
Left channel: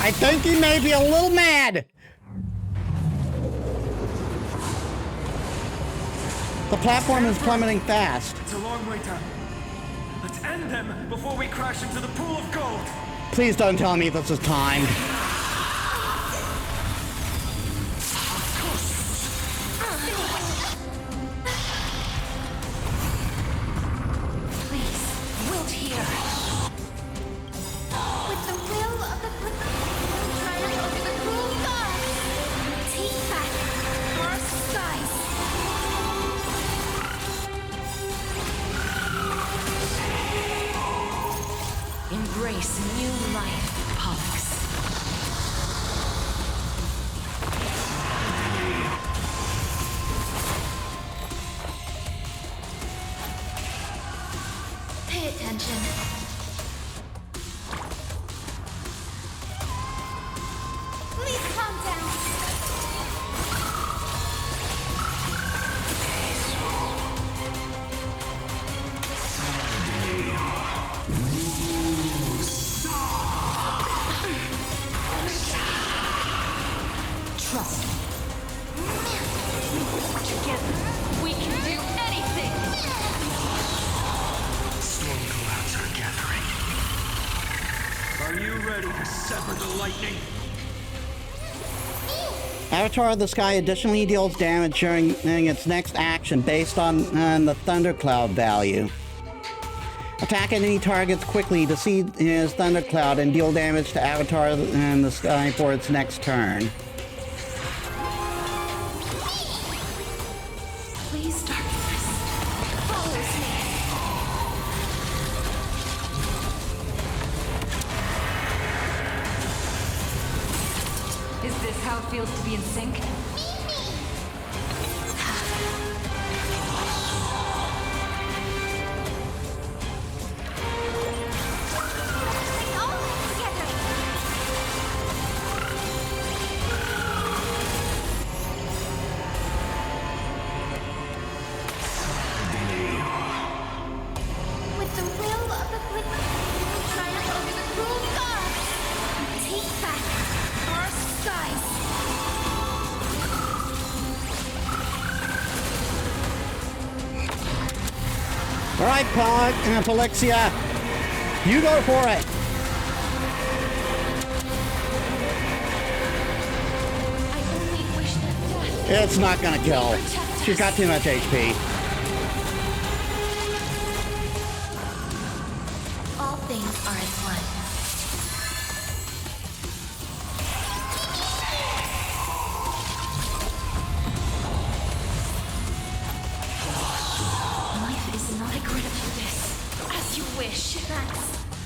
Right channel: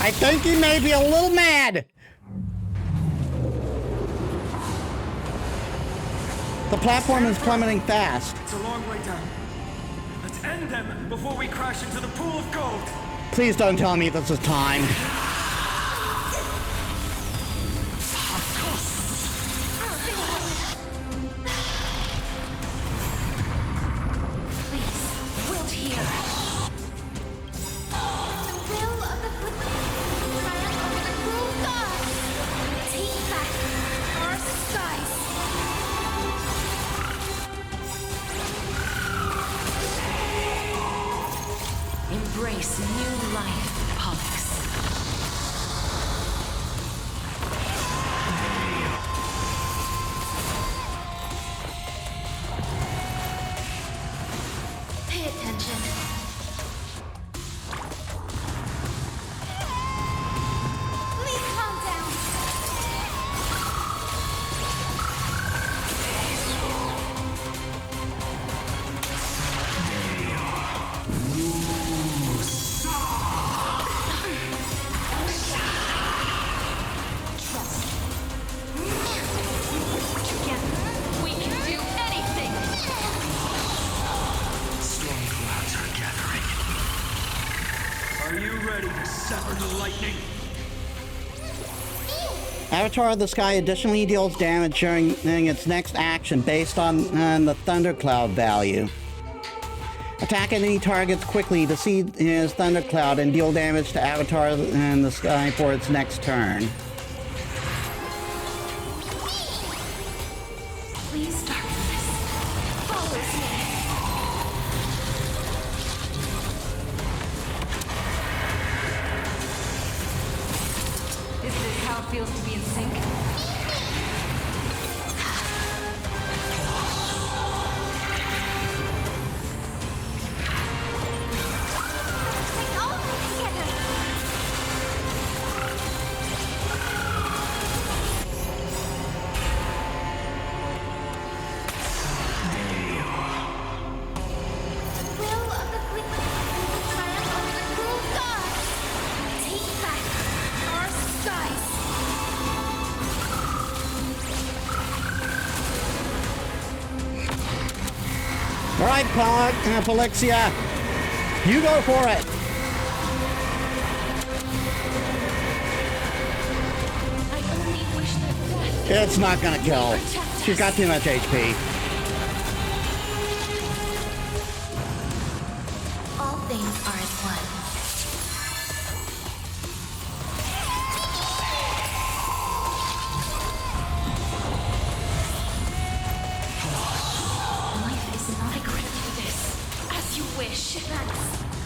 I think he may be a little mad. The platform is plummeting fast. It's a long way down. Let's end them before we crash into the pool of gold! Please don't tell me this is timed. Please, wilt here. With the will of the fleet, we will triumph over the cruel gods! And take back our skies! Embrace new life, Pollux. Pay attention. Please calm down. Trust me. Together, we can do anything! Storm clouds are gathering. Are you ready to sever the lightning? Avatar of the Sky additionally deals damage during its next action based on the thundercloud value. Attack enemy targets quickly to see his thundercloud and deal damage to Avatar in the sky for its next turn. Please, darkness, follows me. Is this how it feels to be in sync? Let's all work together. With the will of the Flick, we will triumph over the cruel gods and take back our skies. All right, Polixia, you go for it. I only wish that death It's not gonna kill. protect She's got too much HP. All things are as one. life is not. I grant you this, as you wish. Thanks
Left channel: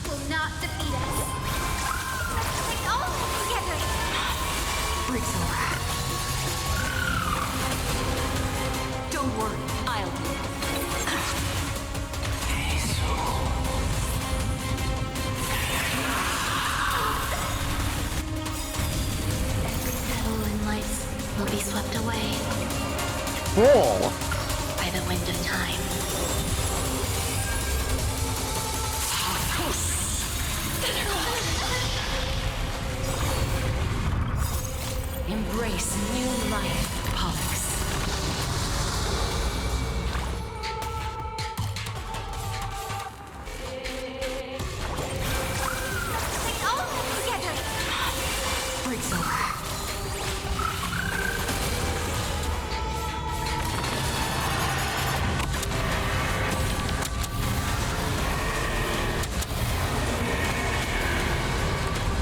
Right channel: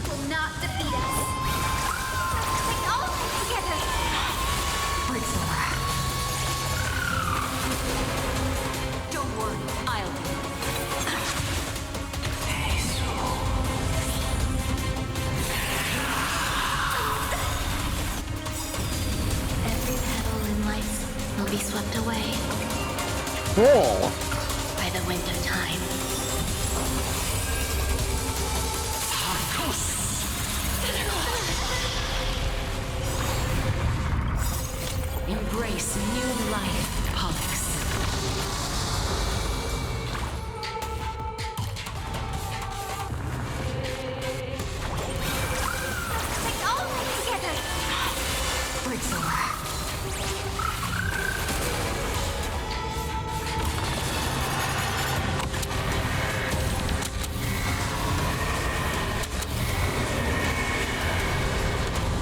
will not defeat us. Let's all work together. Break's over. Don't worry, I'll do. Every petal in life will be swept away Cool. by the wind of time. Embrace new life, Pollux. Let's all work together. Break's over.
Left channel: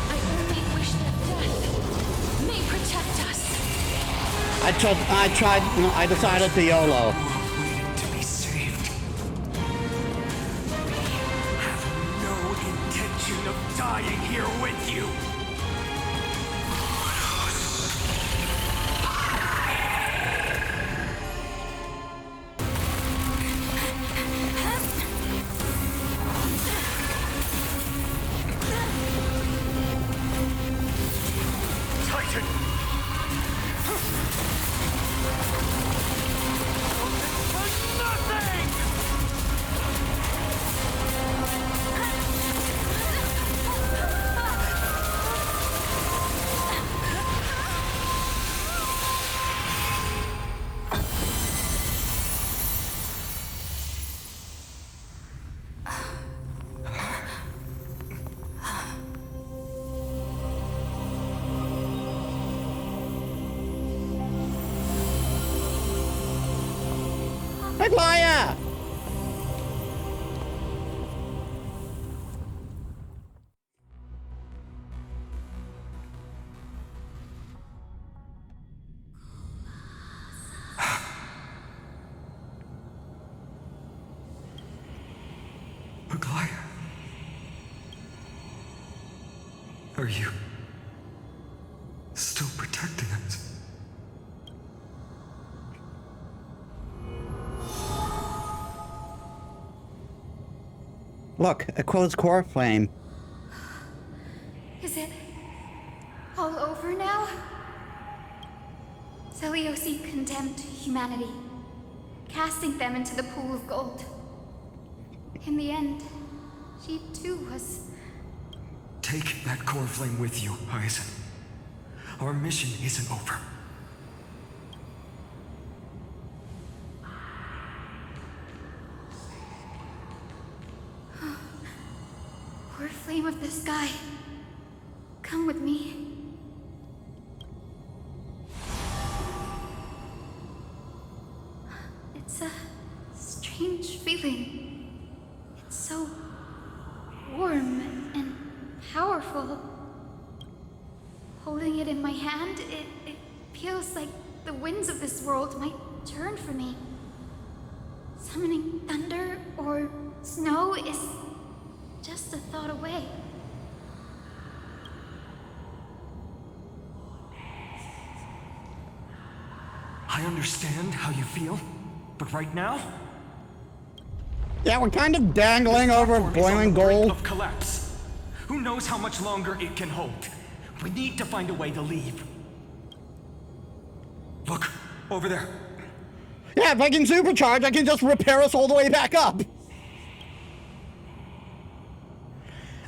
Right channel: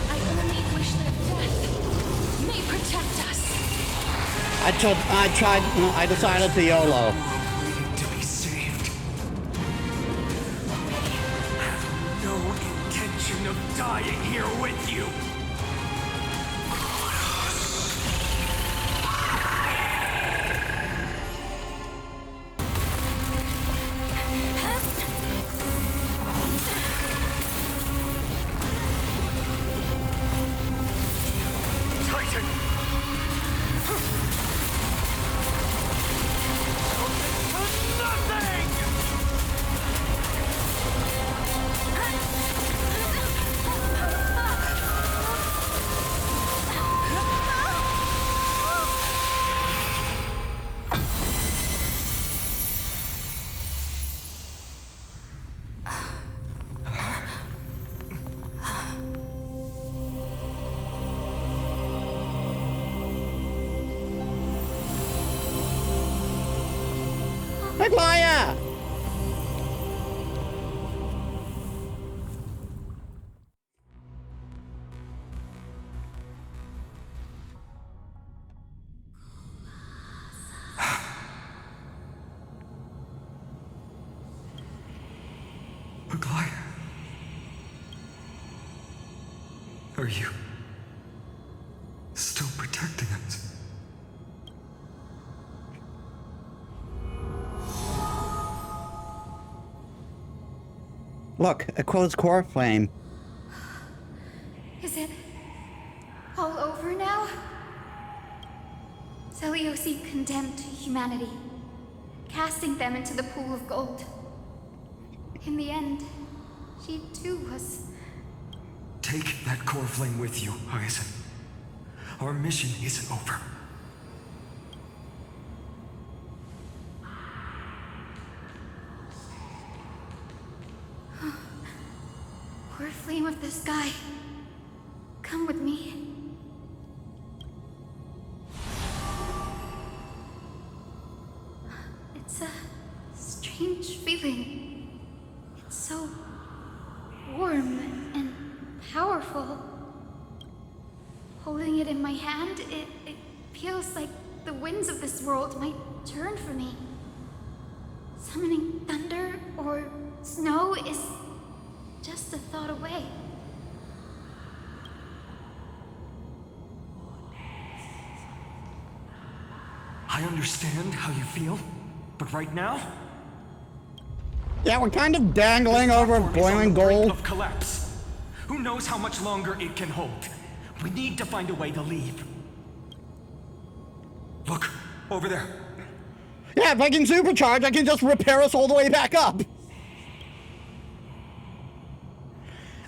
I only wish that death may protect us. I decided to YOLO. World waiting to be saved. We have no intention of dying here with you. Titan! Melted to nothing! Aglaya! Aglaya. Are you still protecting us? Look, a closed core flame. Is it all over now? Seliosi condemned humanity, casting them into the pool of gold. In the end, she too was... Take that core flame with you, Hyacinth. Our mission isn't over. Core flame of the sky. Come with me. It's a strange feeling. so warm and powerful. Holding it in my hand, it feels like the winds of this world might turn for me. Summoning thunder or snow is just a thought away. I understand how you feel, but right now, Yeah, we're kind of dangling over platform is on boiling the brink gold. of collapse. Who knows how much longer it can hold? We need to find a way to leave. Look, over there. Yeah, if I can supercharge, I can just repair us all the way back up.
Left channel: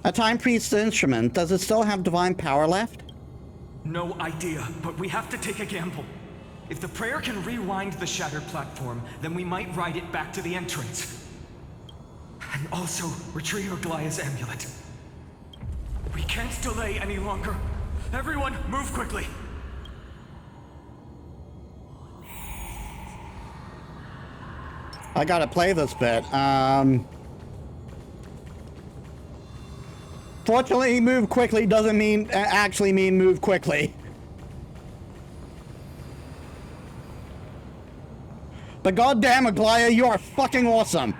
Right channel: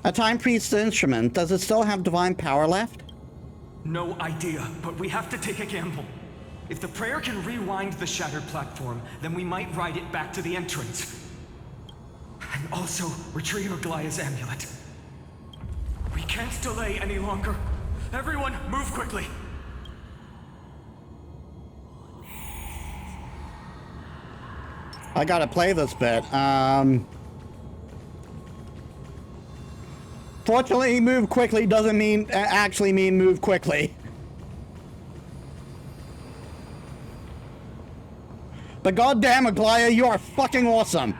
A time priest's instrument. Does it still have divine power left? No idea, but we have to take a gamble. If the prayer can rewind the shattered platform, then we might ride it back to the entrance. And also retrieve Aglaya's amulet. We can't delay any longer. Everyone, move quickly. I gotta play this bit. Fortunately, move quickly doesn't mean actually mean move quickly. But goddamn, Aglaya, you are fucking awesome.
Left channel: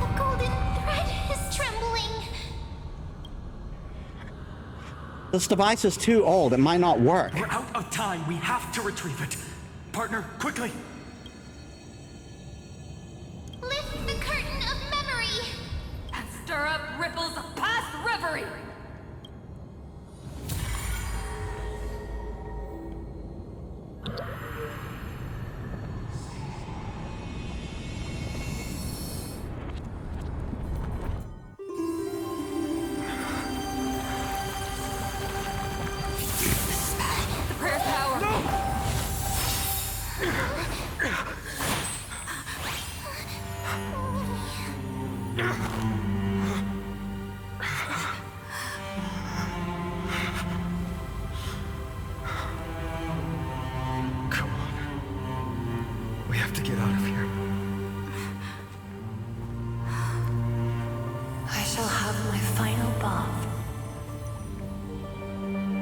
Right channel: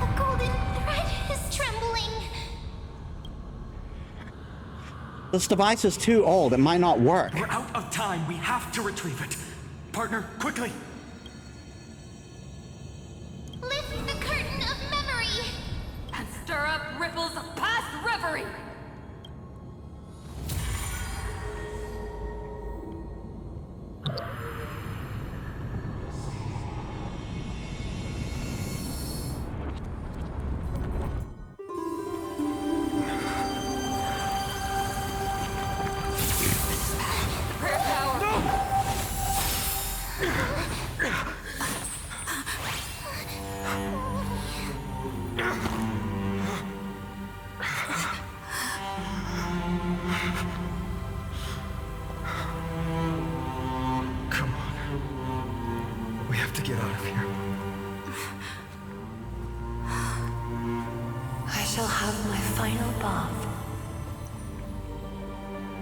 The golden thread is trembling. This device is too old. It might not work. We're out of time. We have to retrieve it. Partner, quickly. Lift the curtain of memory. And stir up ripples of past reverie! The prayer's power! No! Come on. We have to get out of here. I shall have my final bath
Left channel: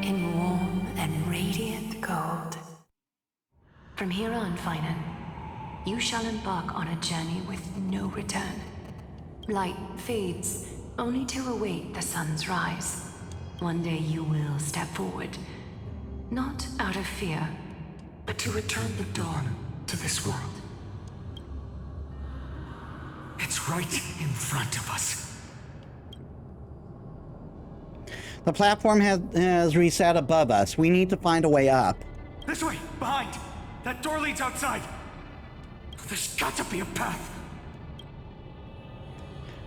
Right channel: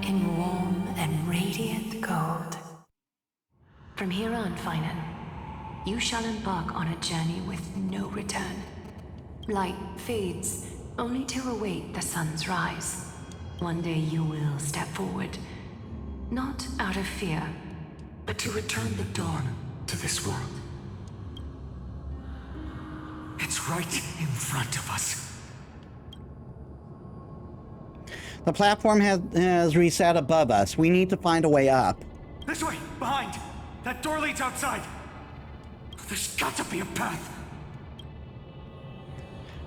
in warm and radiant gold. From here on, Finan, you shall embark on a journey with no return. Light fades, only to await the sun's rise. One day you will step forward, not out of fear, but to return the dawn to this world. It's right in front of us. The platform has reset above us. We need to find a way up. This way, behind. That door leads outside. There's got to be a path.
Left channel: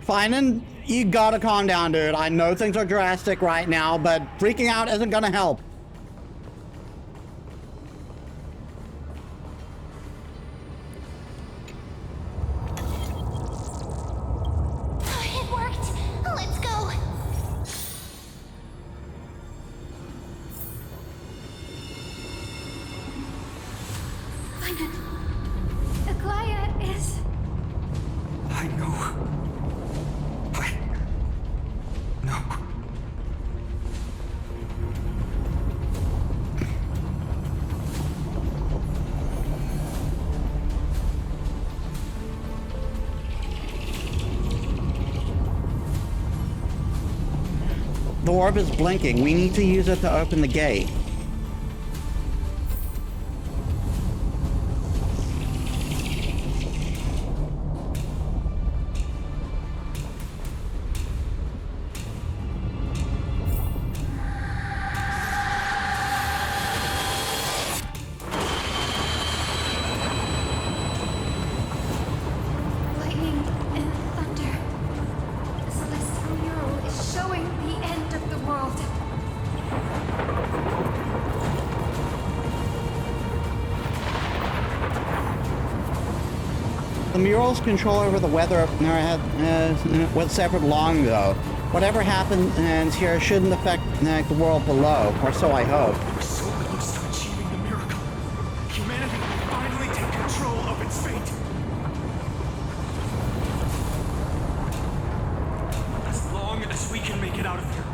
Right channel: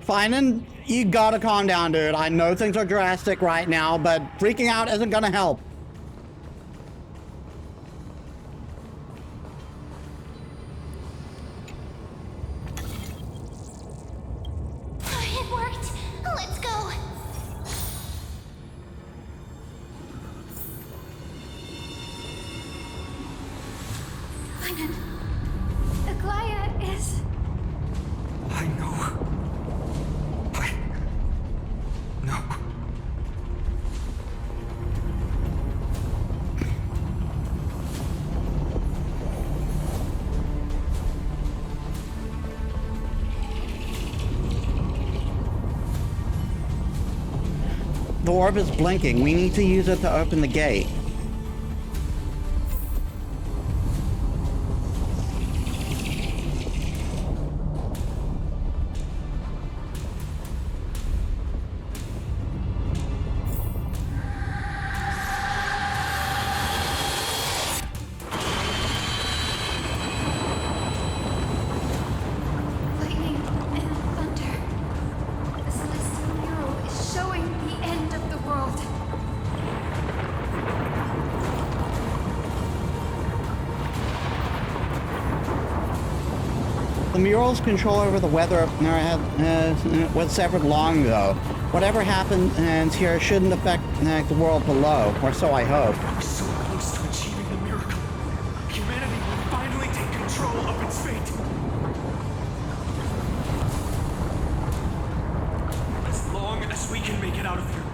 Finan, you gotta calm down, dude. I know things are drastic right now, but freaking out isn't gonna help. It worked. Let's go. Finan, Aglaya is... I know. No. The orb is blinking. We need to use it to open the gate. lightning and thunder. The celestial mural is showing the end of the world. The mural's control over the weather was severed long ago. Whatever happens here shouldn't affect the world below, or so I hope. We're so close to achieving the miracle. Humanity will finally take control of its fate. As long as we can make it out of here.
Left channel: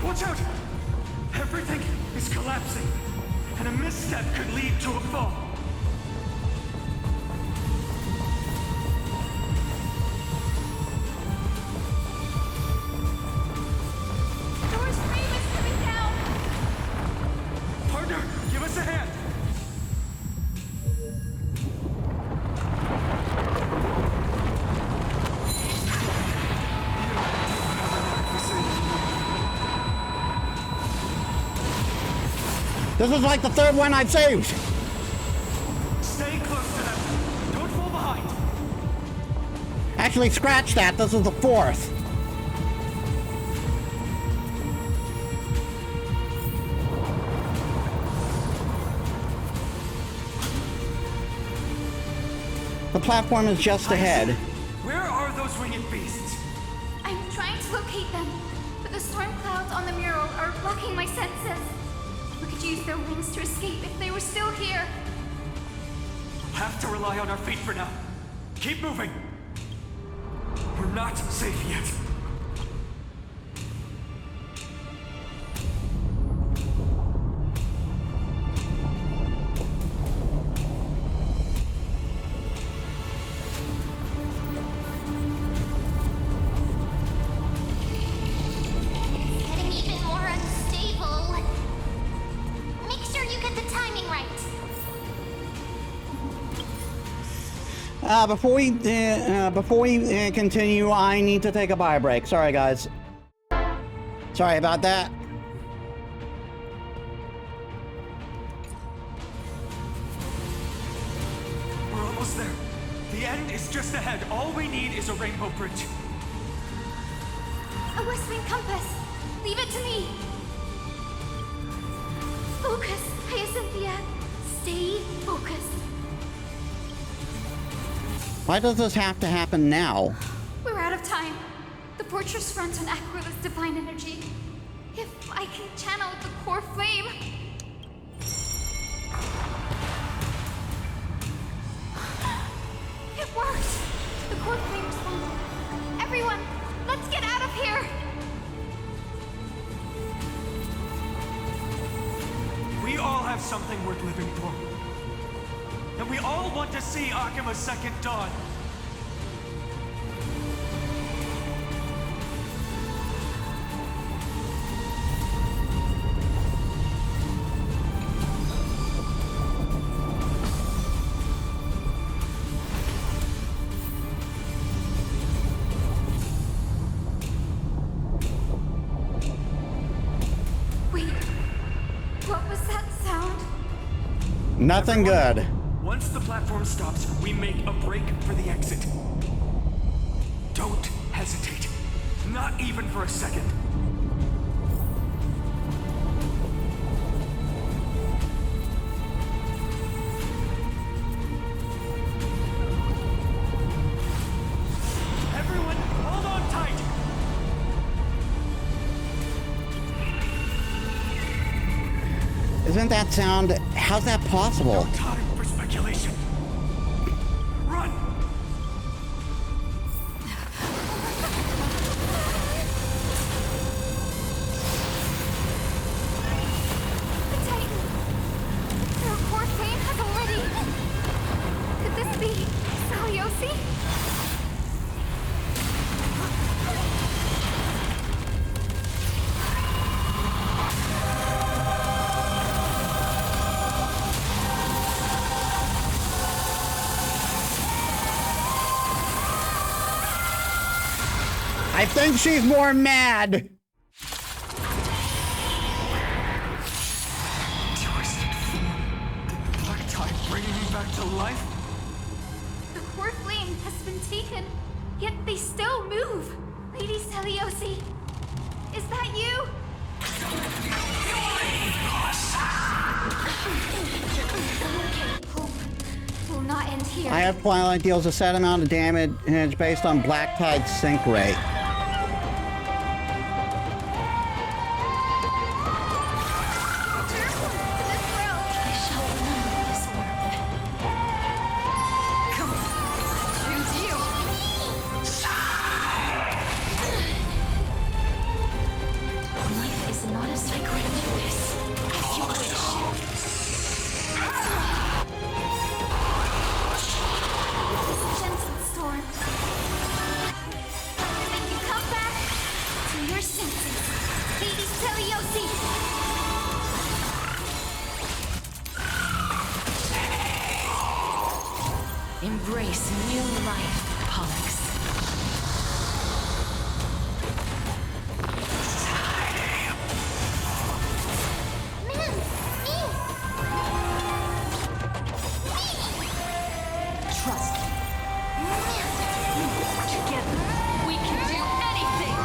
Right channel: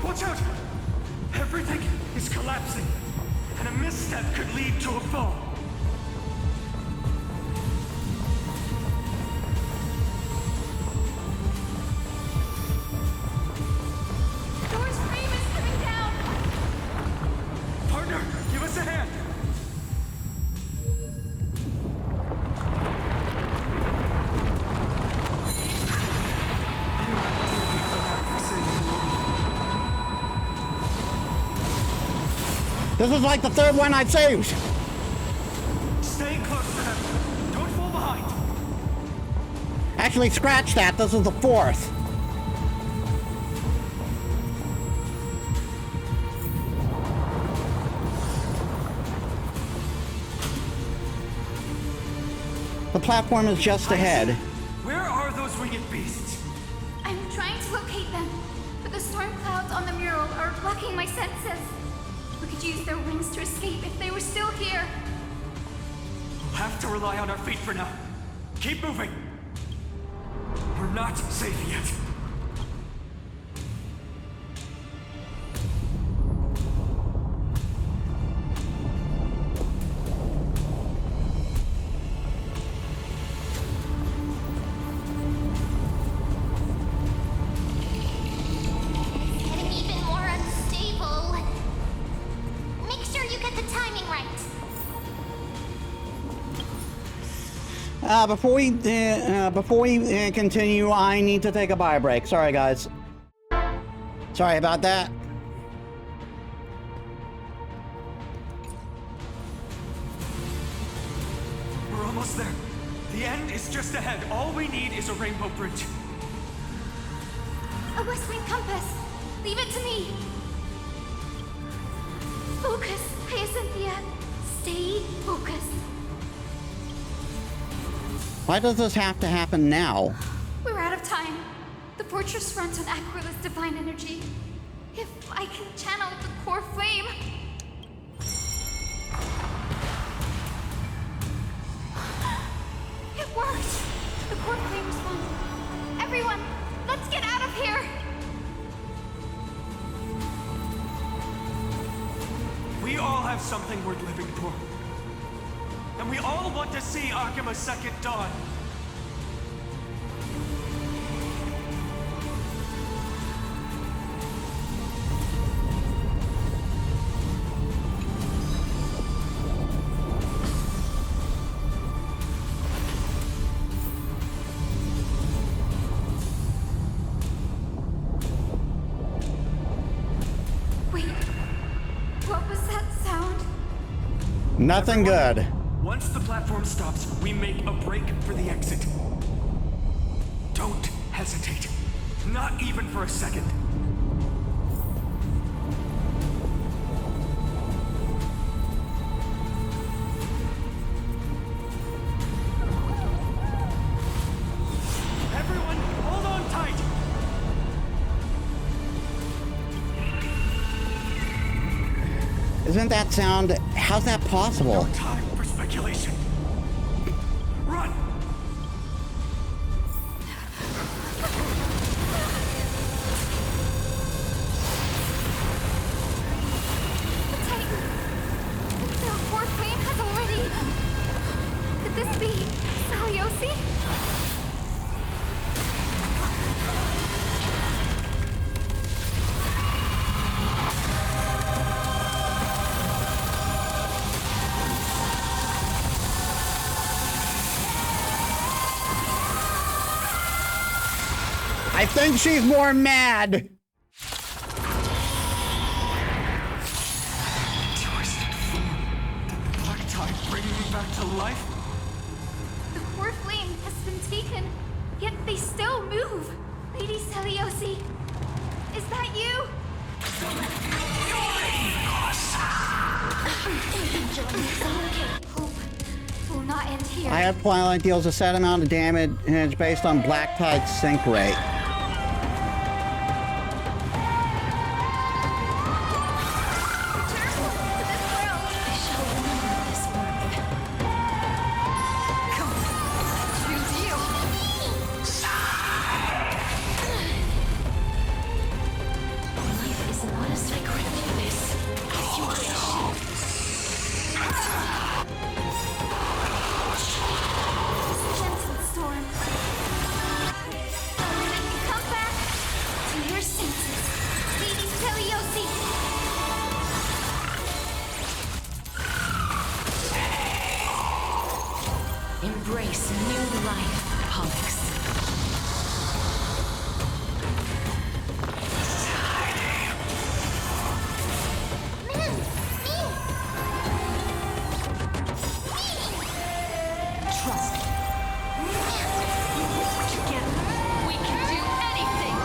Watch out! Everything is collapsing, and a misstep could lead to a fall. Door's frame is coming down! Partner, give us a hand! You do have an knack for saving the world. This is like the third one I've saved. Stay close to them. Don't fall behind. Actually, scratch that. This is the fourth. The platform is just ahead. Where are those winged beasts? I'm trying to locate them, but the storm clouds on the mural are blocking my senses. We could use their wings to escape if they were still here. We'll have to rely on our feet for now. Keep moving. We're not safe yet. It's getting even more unstable. Make sure you get the timing right. Before we continue, I need to take a bio break. Sorry, guys. Sorry about that. We're almost there. The end is just ahead. All we need is a rainbow bridge. A West Wing compass. Leave it to me. Focus, Hyacinthia. Stay focused. Why does this have to happen now? We're out of time. The fortress runs on Aquila's divine energy. If I can channel the core flame... It worked! The core flame responded. Everyone, let's get out of here! We all have something worth living for. And we all want to see Akima's second dawn. Wait, what was that sound? Nothing good. Once the platform stops, we make a break for the exit. Don't hesitate. Not even for a second. Everyone, hold on tight! Isn't that sound... How's that possible? No time for speculation. Run! The Titan! Their core flame has already... Could this be Saliosi? I think she's more mad. form. Did the black tide bring him back to life? The core flame has been taken, yet they still move. Lady Seliosi, is that you? Hope will not end here. I have Twilight deals a set amount of damage based on Black Tide's sink rate. Return to this world. I shall remember this warmth. Come on, I choose you. Life is not as I grant you this, as you wish. This gentle storm. I will make you come back to your senses, Lady Seliosi. Embrace new life, Pollux. Man, me! Trust me. Together, we can do anything!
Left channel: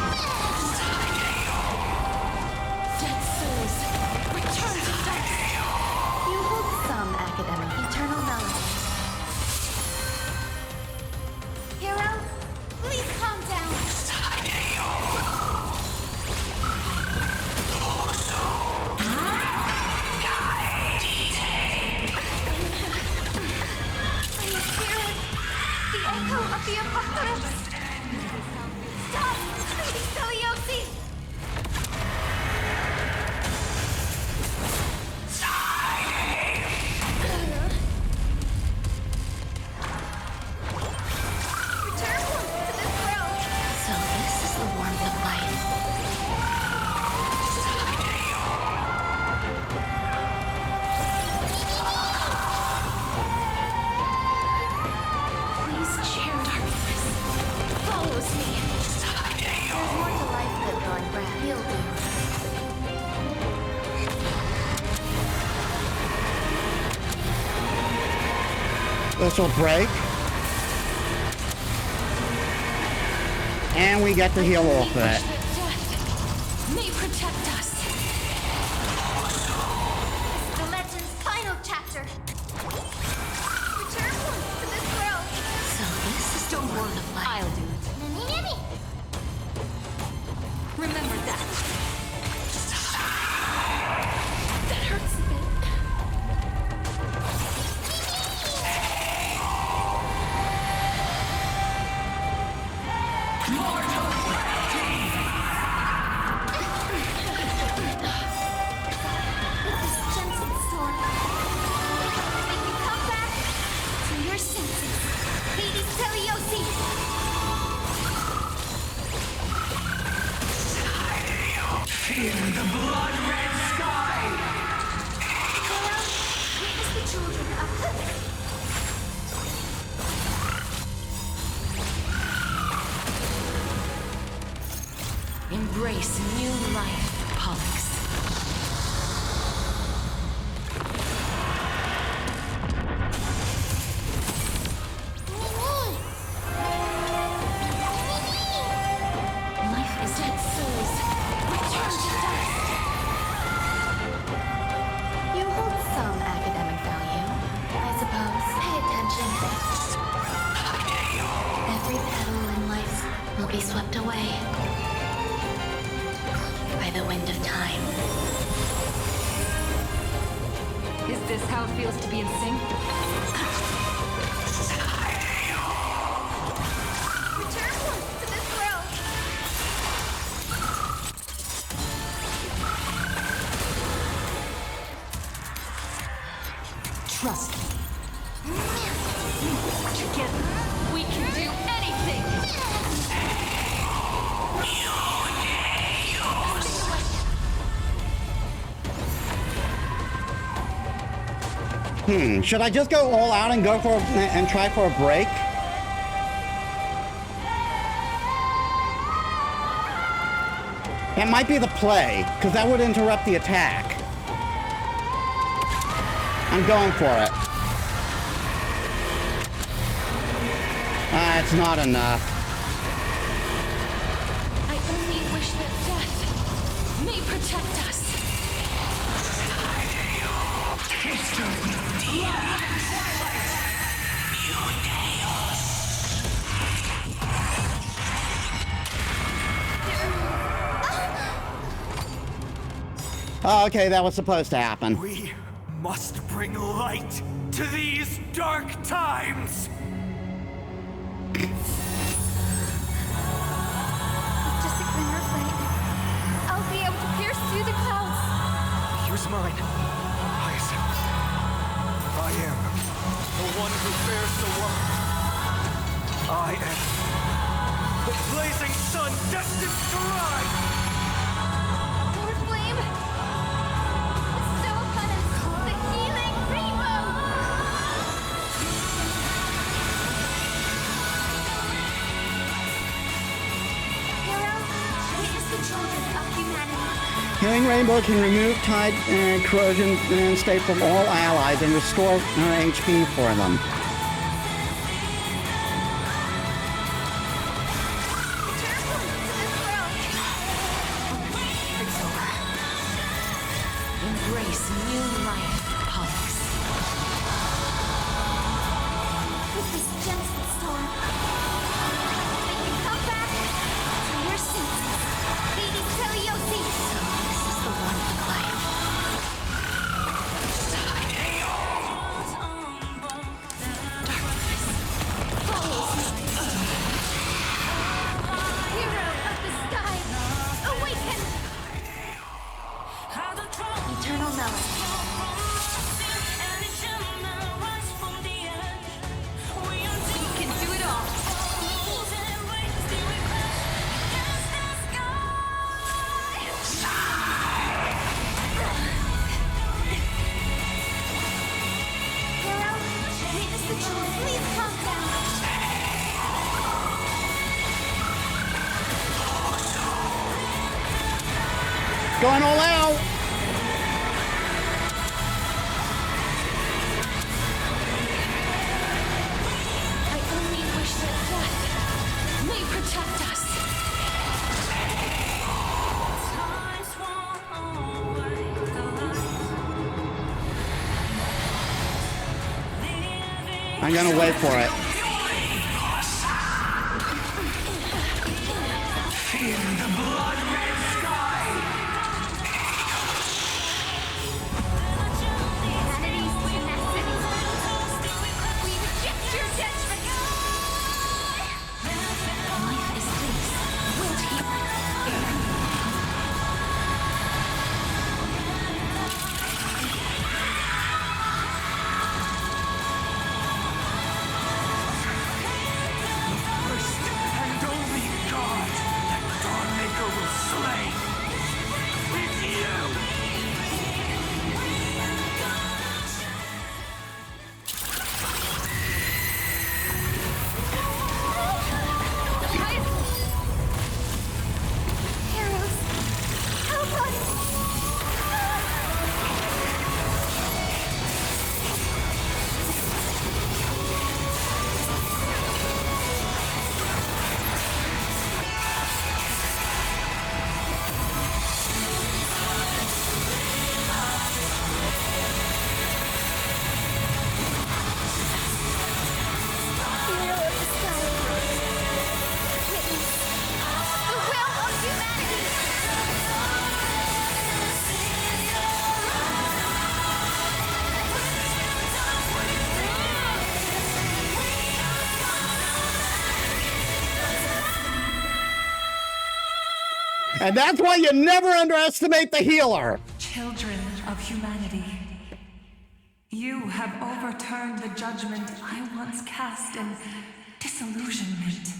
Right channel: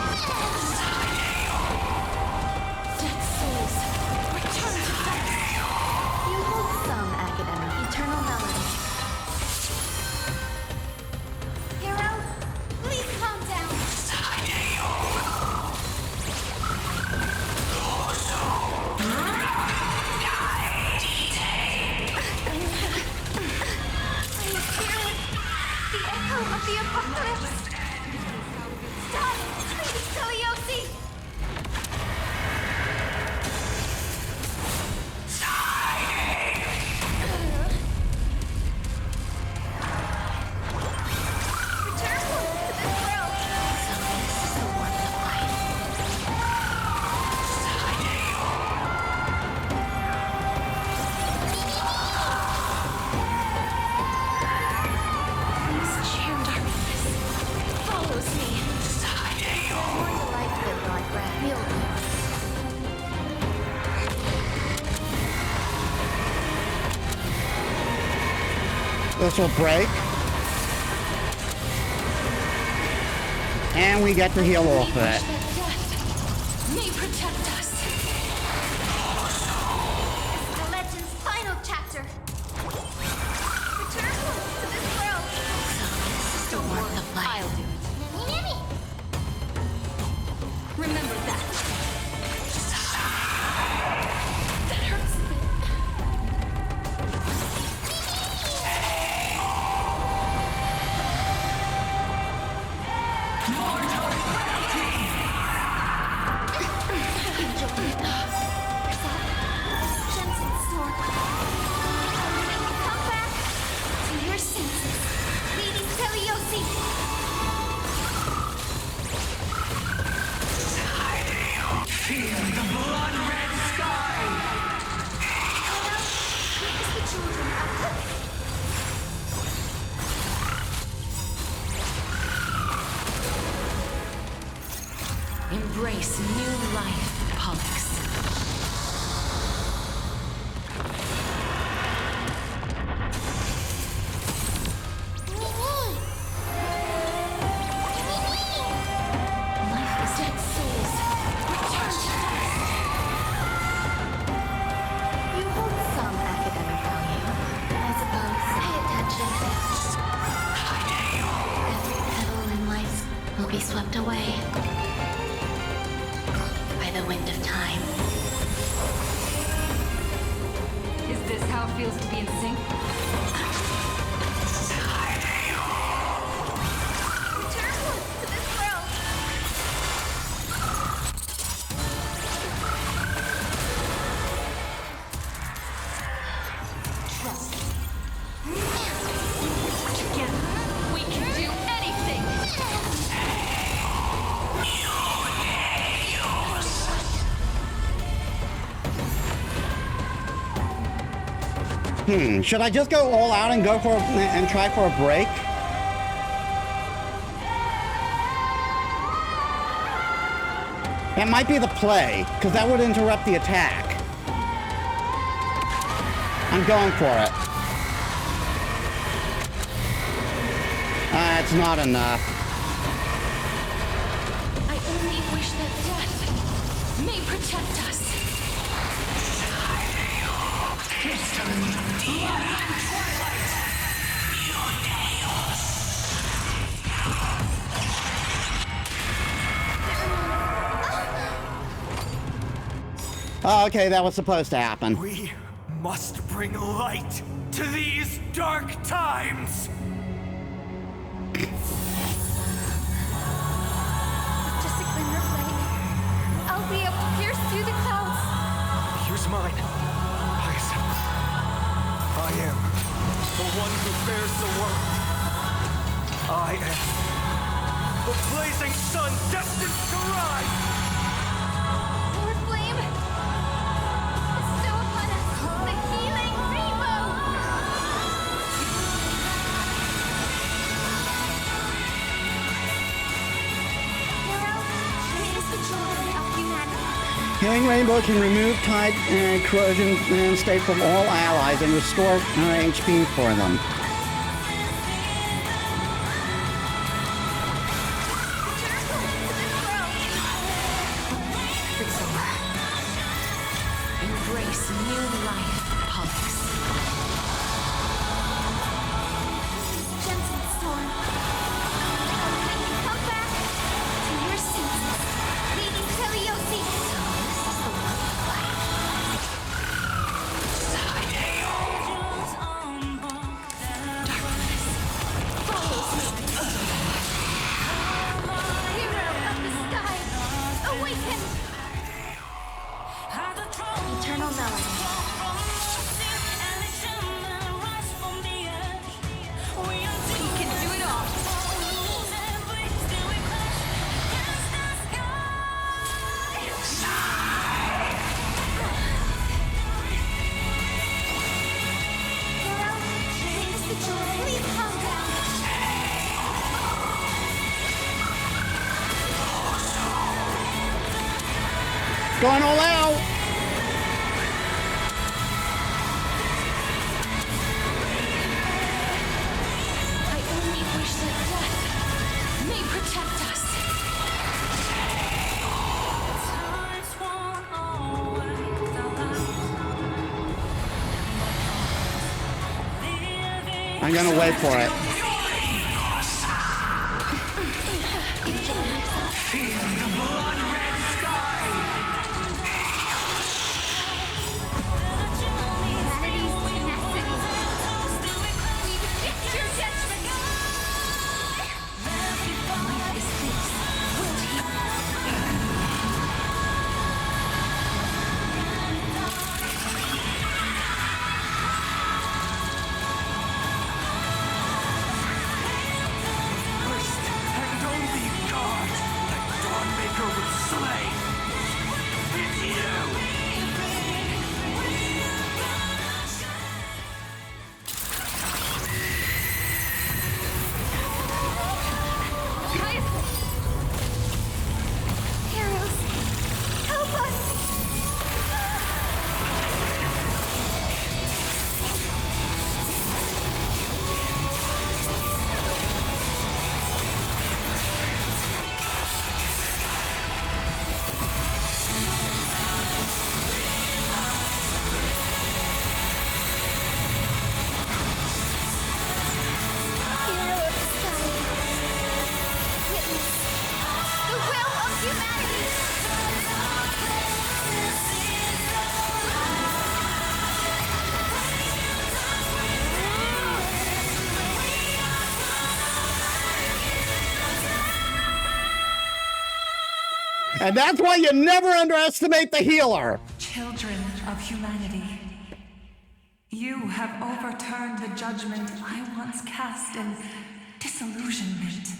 Dead souls, return to dust! You hold some academic eternal melody. Hero, please calm down. I hear the echo of the apocalypse. Stop, Lady Seliosi! Return to this world. So this is the warmth of life. Please share darkness. Follows me. There's more to life than drawing breath. You'll do. This will break. And we get to heal off of Wish it. that death may protect us. This is the legend's final chapter. Return to this world. So this is the Don't worry, warmth of life. I'll do it. Mimmy, Mimmy! Remember that. That hurts a bit. With this gentle storm, I will make you come back to your senses, Lady Seliosi. Feel the blood-red sky! Hero, witness the children of Embrace new life, Pollux. Mimi! Life is dead souls. Return to dust. You hold some academic value, I suppose. Pay attention. Every petal in life will be swept away by the wind of time. Is this how it feels to be in sync? return to this world. Trust me. Together, we can do anything! Should I just go all out and go for and try for a break? That might be the play, because that would interrupt the attack. I'm going for it. It's not enough. I only wish that death may protect us. History, blood and twilight. Oh, okay, that was supposed to happen. We must bring light to these dark times. With just a glimmer of light, I'll be able to pierce through the clouds. Use mine, Hyacinth. I am the one who bears the world. I am the blazing sun destined to rise. More flame! Bestow upon us the healing rainbow! Hero, witness the children of humanity. Healing Rainbow can remove tide corrosion and state from all allies and restore HP for them. Return to this world! Freak's over. Embrace new life, Pollux. With this gentle storm, I will make you come back to your senses. Metis Balaska! So this is the warmth of life. Darkness follows me. Hero of the sky, awaken! Eternal melody. We can do it all. Hero, witness the truth. Please calm down. Going all out! I only wish that death may protect us. I'm gonna wait for it. Humanity's tenacity. We reject your judgment. Life is this. Wilt here. The first and only god that Dawnmaker will slay is you! Heroes, help us! Hero of the sky, witness the will of humanity! And that's why you never underestimate the healer! Children of humanity, you have overturned the judgment I once cast in disillusionment.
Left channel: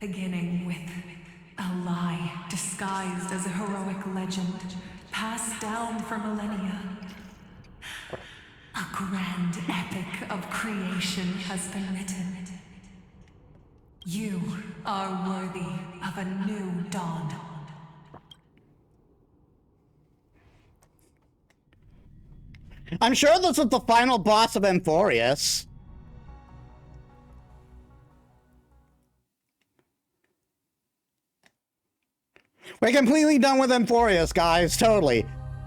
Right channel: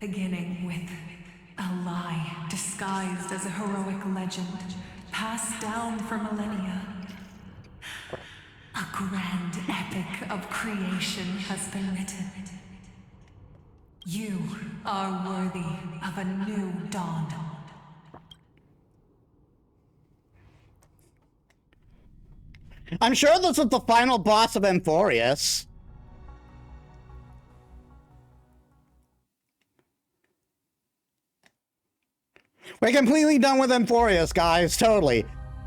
Beginning with a lie disguised as a heroic legend, passed down for millennia. A grand epic of creation has been written. You are worthy of a new dawn. I'm sure this is the final boss of Amphorius. We're completely done with Amphorius, guys. Totally.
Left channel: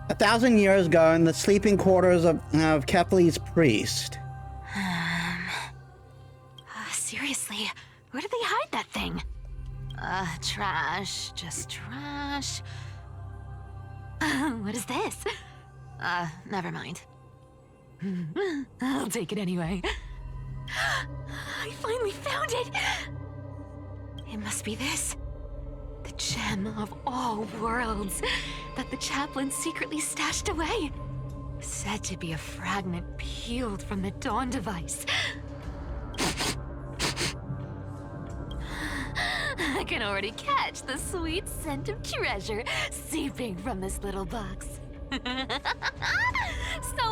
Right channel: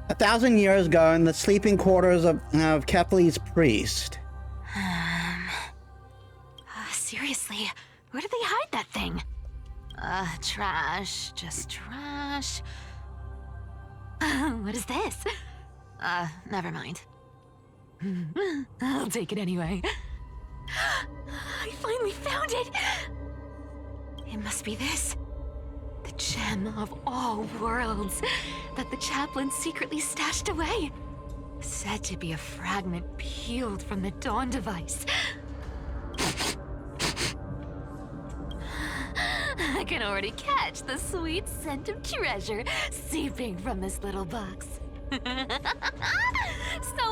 1,000 years ago in the sleeping quarters of Kepler's priest. Seriously, where did they hide that thing? Trash. Just trash. What is this? Never mind. I'll take it anyway. I finally found it! It must be this. The gem of all worlds that the chaplain secretly stashed away. Said to be a fragment peeled from the Dawn device. I can already catch the sweet scent of treasure seeping from this little box. So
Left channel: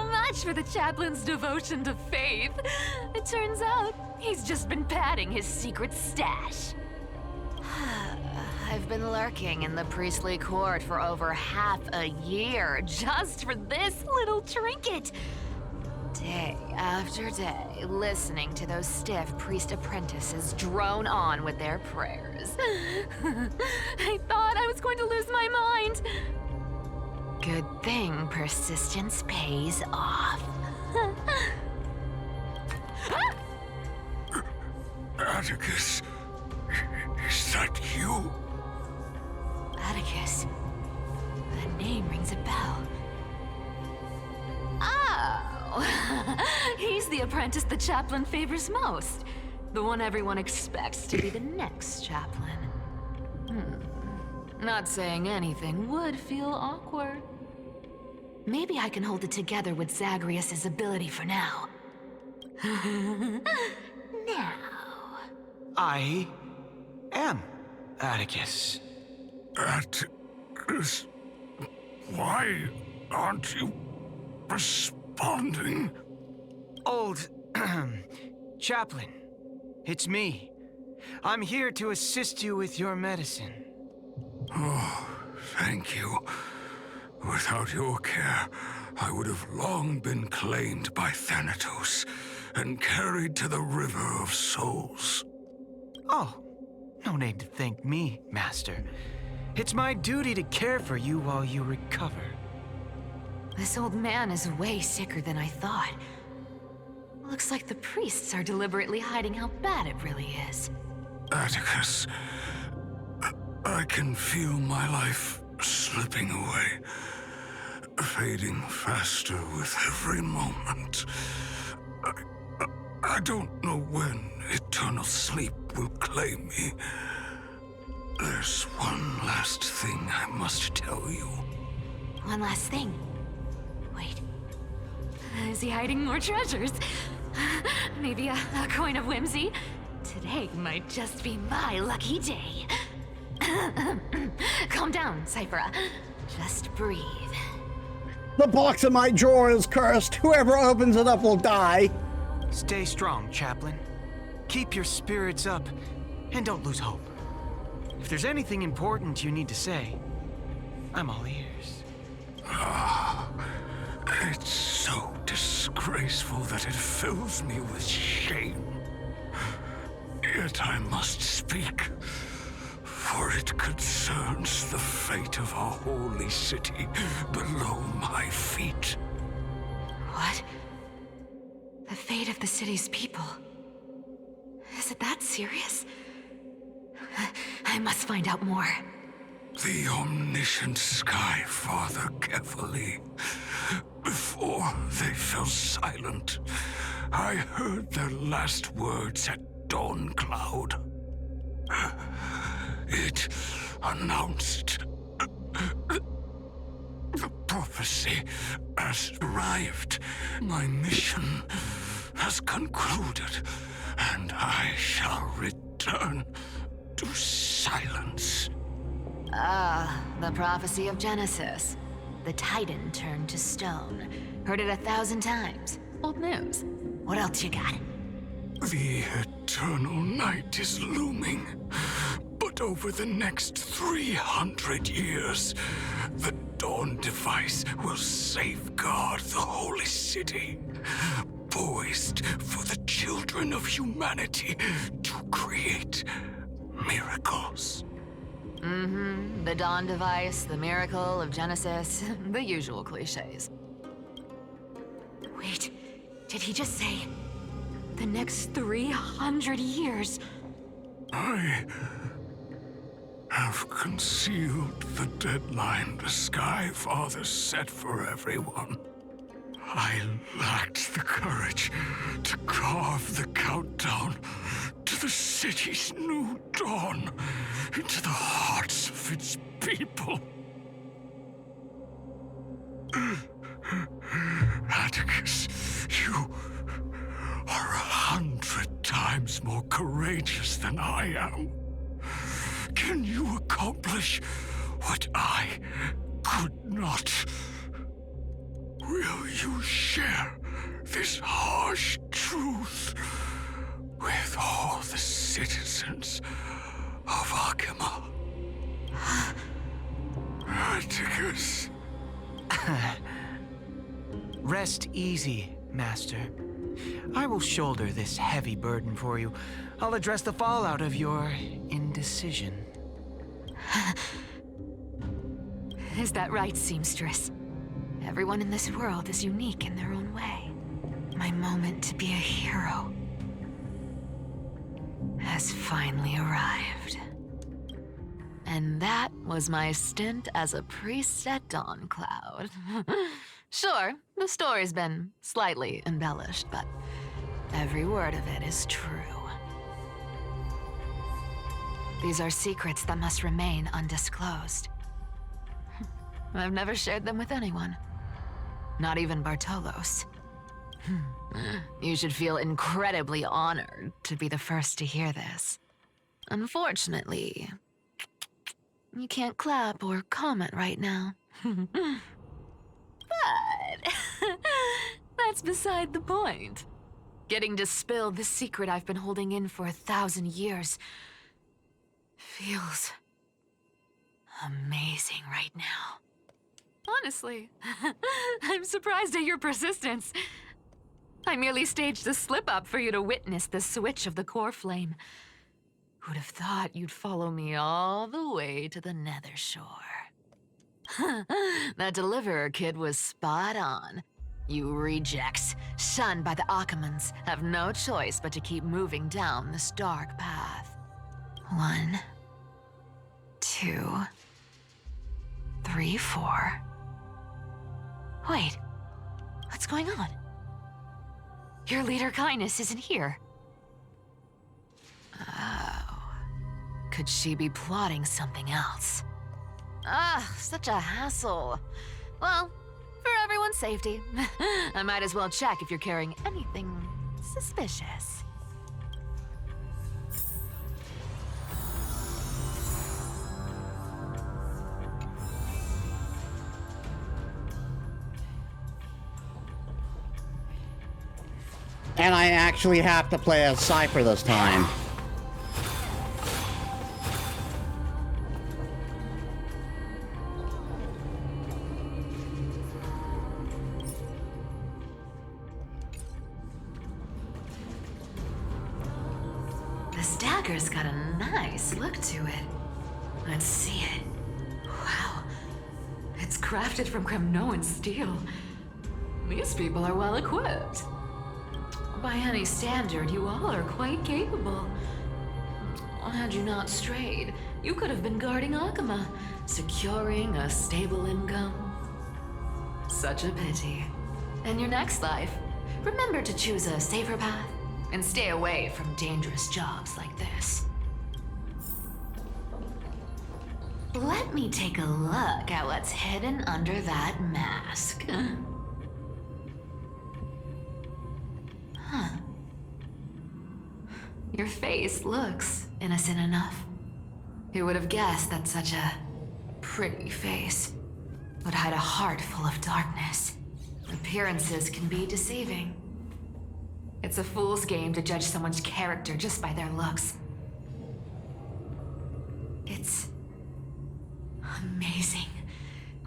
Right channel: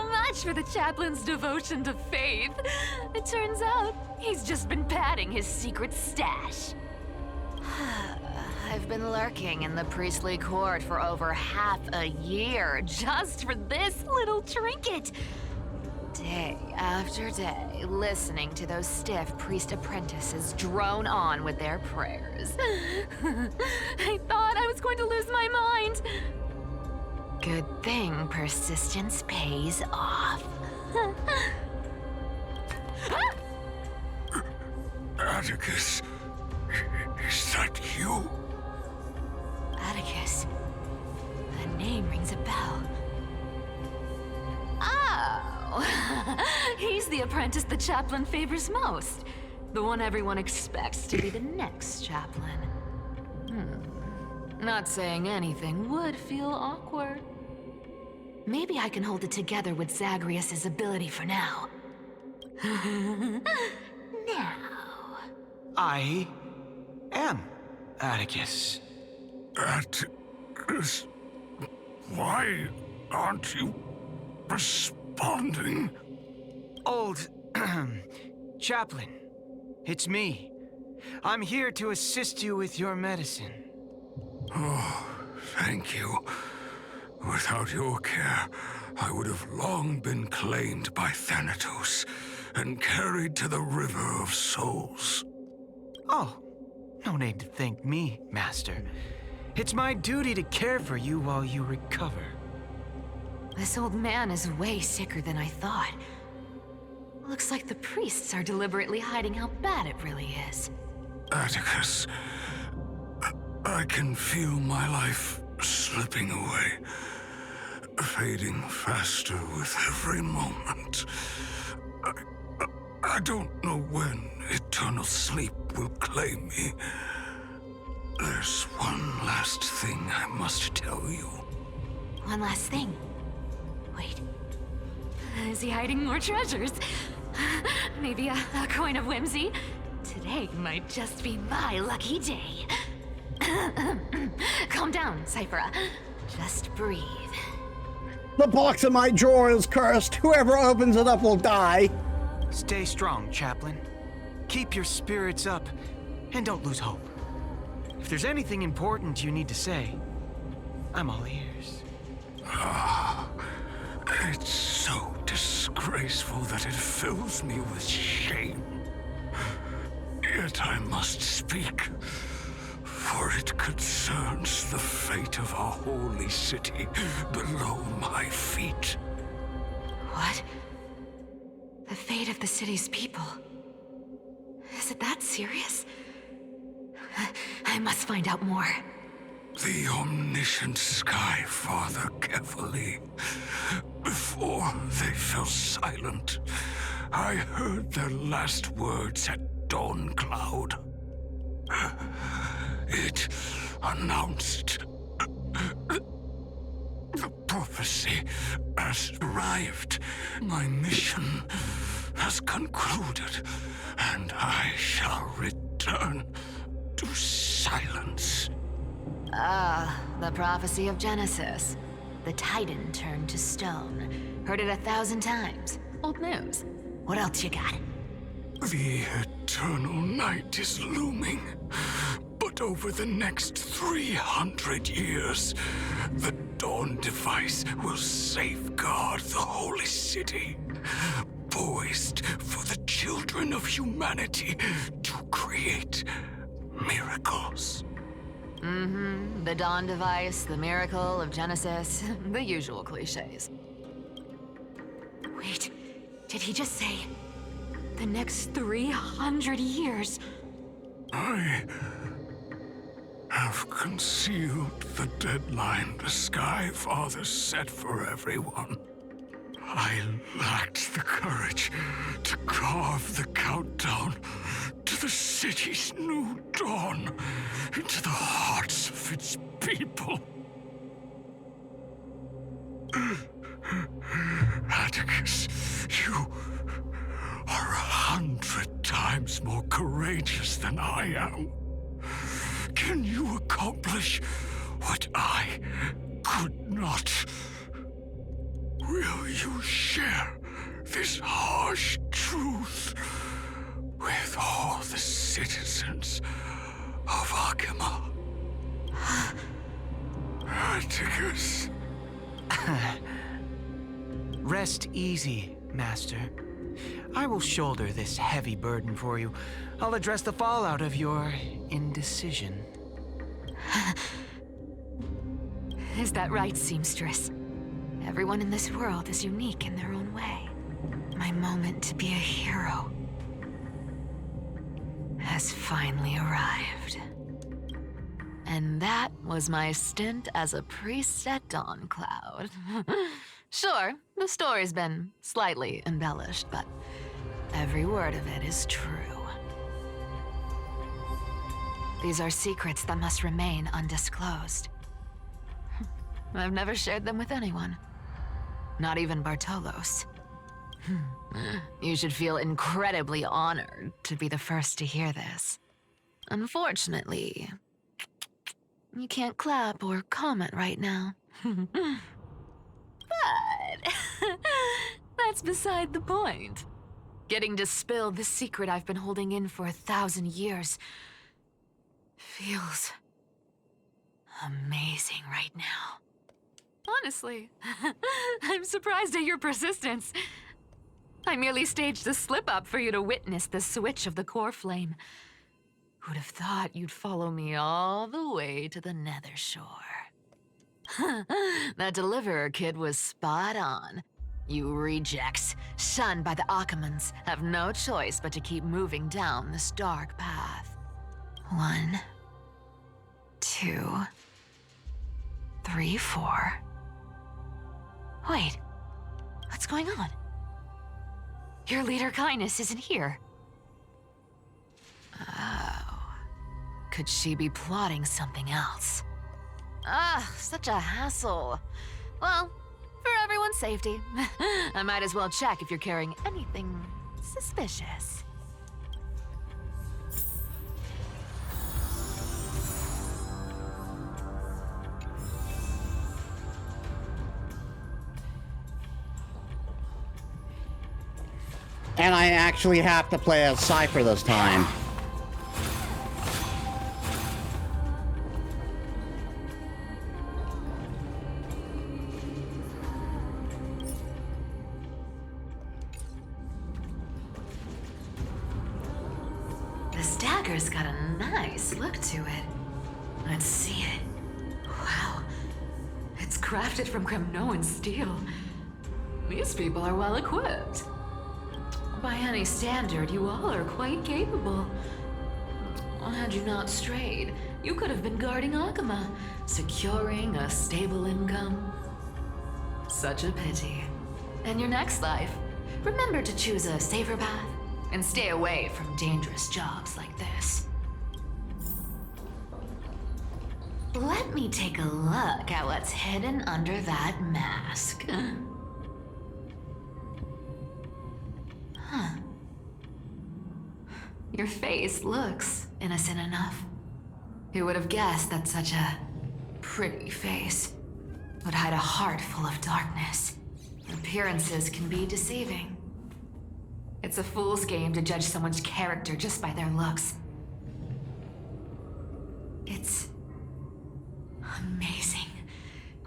much for the chaplain's devotion to faith. It turns out he's just been padding his secret stash. I've been lurking in the priestly court for over half a year just for this little trinket. Day after day, listening to those stiff priest apprentices drone on with their prayers. I thought I was going to lose my mind. Good thing persistence pays off. Atticus, is that you? Atticus. The name rings a bell. Oh, he's the apprentice the chaplain favors most. The one everyone expects to be the next chaplain. Not saying anything would feel awkward. Maybe I can hold it together with Zagreus's ability for now. Now. I am Atticus. Atticus, why aren't you responding? Old chaplain, it's me. I'm here to assist you with your medicine. Oh, thank you. Without your care, I would have long been claimed by Thanatos and carried to the River of Souls. Oh, no need to thank me, Master. It's my duty to care for you while you recover. This old man is way sicker than I thought. Looks like the priests are deliberately hiding how bad it really is. Atticus, I can feel my life slipping away, fading faster with every moment. I don't know when eternal sleep will claim me. There's one last thing I must tell you. One last thing. Wait. Is he hiding more treasures? Maybe a coin of whimsy? Today might just be my lucky day. Calm down, Cyphera. Just breathe. The box in my drawer is cursed. Whoever opens it up will die. Stay strong, Chaplain. Keep your spirits up, and don't lose hope. If there's anything important you need to say, I'm all ears. It's so disgraceful that it fills me with shame. Yet I must speak, for it concerns the fate of our holy city below my feet. What? The fate of the city's people? Is it that serious? I must find out more. The omniscient Sky Father carefully. Before they fell silent, I heard their last words at Dawn Cloud. It announced the prophecy has arrived. My mission has concluded, and I shall return to silence. The prophecy of Genesis. The Titan turned to stone. Heard it 1,000 times. Old news. What else you got? The eternal night is looming. But over the next 300 years, the Dawn device will safeguard the holy city, poised for the children of humanity to create miracles. Mm-hmm. The Dawn device, the miracle of Genesis, the usual cliches. Wait, did he just say the next 300 years? I have concealed the deadline the Sky Father set for everyone. I lacked the courage to carve the countdown to the city's new dawn into the hearts of its people. Atticus, you are 100 times more courageous than I am. Can you accomplish what I could not? Will you share this harsh truth with all the citizens of Akima? Atticus. Rest easy, Master. I will shoulder this heavy burden for you. I'll address the fallout of your indecision. Is that right, seamstress? Everyone in this world is unique in their own way. My moment to be a hero has finally arrived. And that was my stint as a priest at Dawncloud. Sure, the story's been slightly embellished, but every word of it is true. These are secrets that must remain undisclosed. I've never shared them with anyone. Not even Bartolos. You should feel incredibly honored to be the first to hear this. Unfortunately, you can't clap or comment right now. But that's beside the point. Getting to spill the secret I've been holding in for 1,000 years feels amazing right now. Honestly, I'm surprised at your persistence. I merely staged the slip-up for you to witness the switch of the core flame. Who'd have thought you'd follow me all the way to the Nether Shore? That Deliverer kid was spot on. You rejects, shunned by the Akamans, have no choice but to keep moving down this dark path. 1, 2, 3, 4. Wait, what's going on? Your leader Kindness isn't here. Oh, could she be plotting something else? Such a hassle. Well, for everyone's safety, I might as well check if you're carrying anything suspicious. And I actually have to play as Cypher this time. This dagger's got a nice look to it. Let's see it. Wow. It's crafted from Kremnoan steel. These people are well equipped. By any standard, you all are quite capable. Had you not strayed, you could have been guarding Akima, securing a stable income. Such a pity. In your next life, remember to choose a safer path and stay away from dangerous jobs like this. Let me take a look at what's hidden under that mask. Huh. Your face looks innocent enough. Who would have guessed that such a pretty face would hide a heart full of darkness? Appearances can be deceiving. It's a fool's game to judge someone's character just by their looks. It's amazing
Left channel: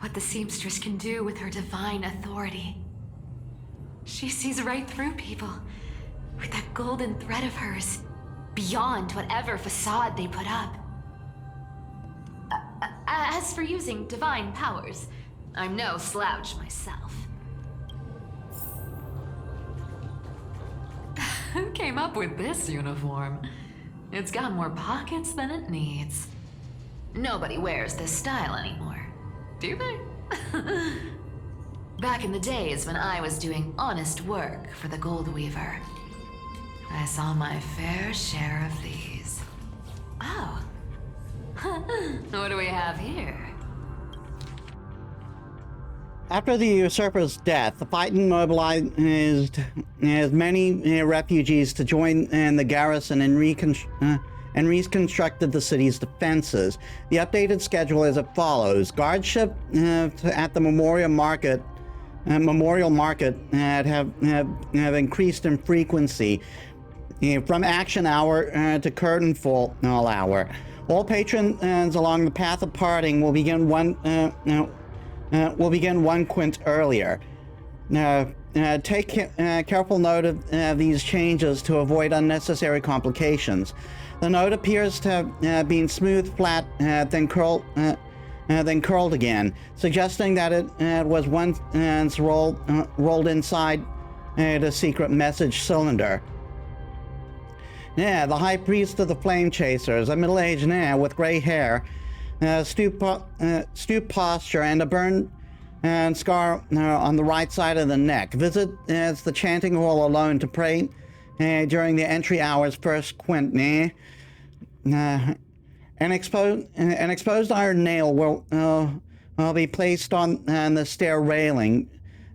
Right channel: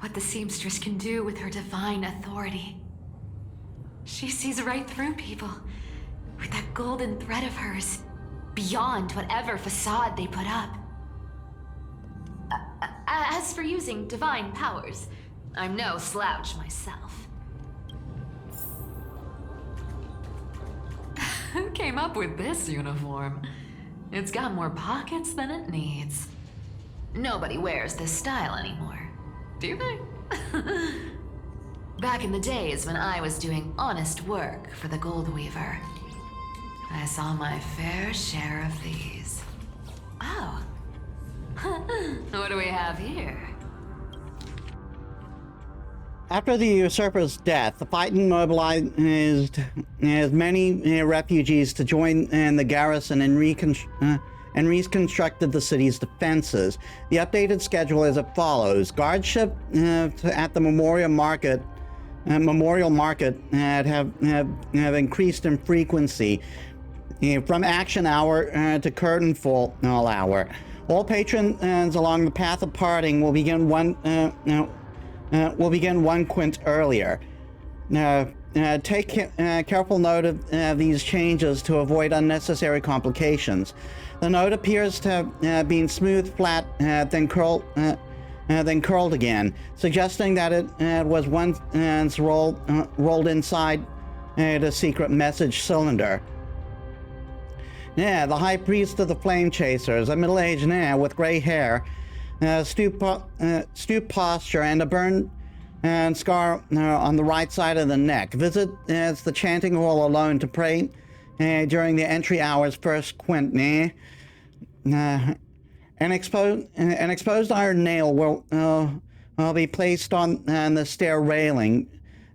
what the seamstress can do with her divine authority. She sees right through people with that golden thread of hers, beyond whatever facade they put up. As for using divine powers, I'm no slouch myself. Who came up with this uniform? It's got more pockets than it needs. Nobody wears this style anymore, do they? Back in the days when I was doing honest work for the Gold Weaver, I saw my fair share of these. Oh. What do we have here? After the usurper's death, the Titan mobilized as many refugees to join in the garrison and reconstructed the city's defenses. The updated schedule is as follows: guardship at the Memorial Market have increased in frequency from action hour to curtain fall hour. All patrons along the path of parting will begin one quint earlier. Take careful note of these changes to avoid unnecessary complications. The note appears to have been smooth, flat, then curled again, suggesting that it was once rolled inside the secret message cylinder. The High Priest of the Flame Chasers, a middle-aged man with gray hair, stooped posture, and a burn and scar on the right side of the neck. Visit the chanting hall alone to pray during the entry hour's first quint. An exposed iron nail will be placed on the stair railing,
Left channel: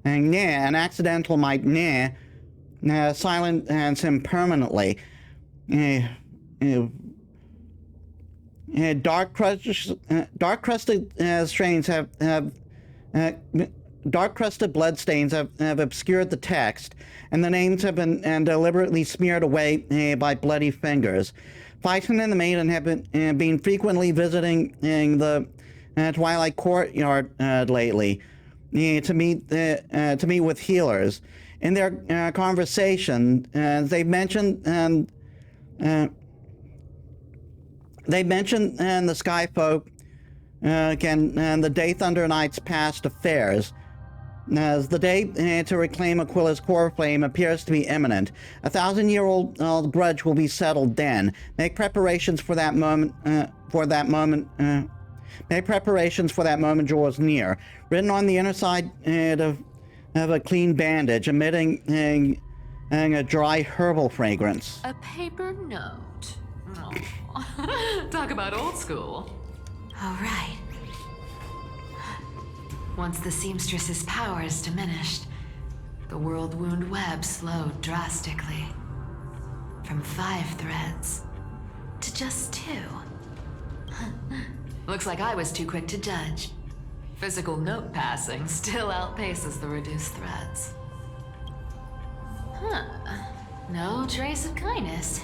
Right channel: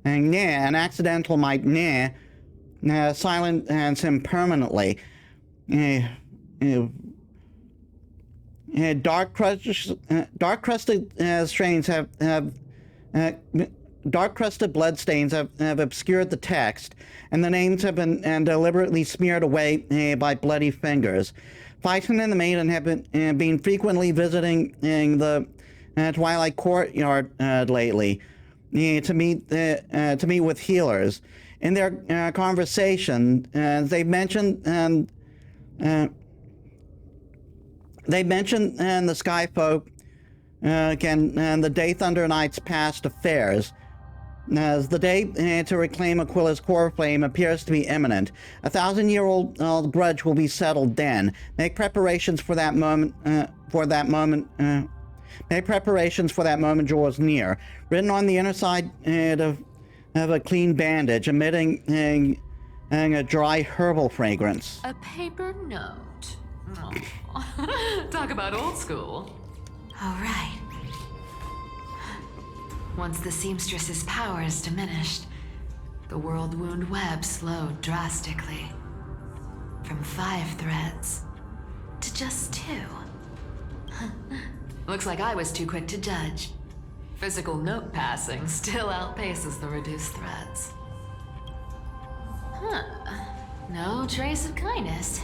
and an accidental might silence him permanently. Dark crusted stains dark crusted bloodstains have obscured the text, and the names have been deliberately smeared away by bloody fingers. Phyton and the Maiden have been frequently visiting the Twilight Courtyard lately to meet with healers. In their conversation, they mentioned the Sky Folk and the Day Thunder Knight's past affairs. As the day to reclaim Aquila's core flame appears to be imminent, a 1,000-year-old grudge will be settled then. Make preparations for that moment. Make preparations for that moment draws near. Written on the inner side of a clean bandage, emitting a dry herbal fragrance. A paper note. Oh. Talk about old school. All right. Once the seamstress's powers diminished, the world wound web slowed drastically. From 5 threads to just 2. Looks like I was too quick to judge. Physical note passing still outpaces the reduced threads. No trace of kindness.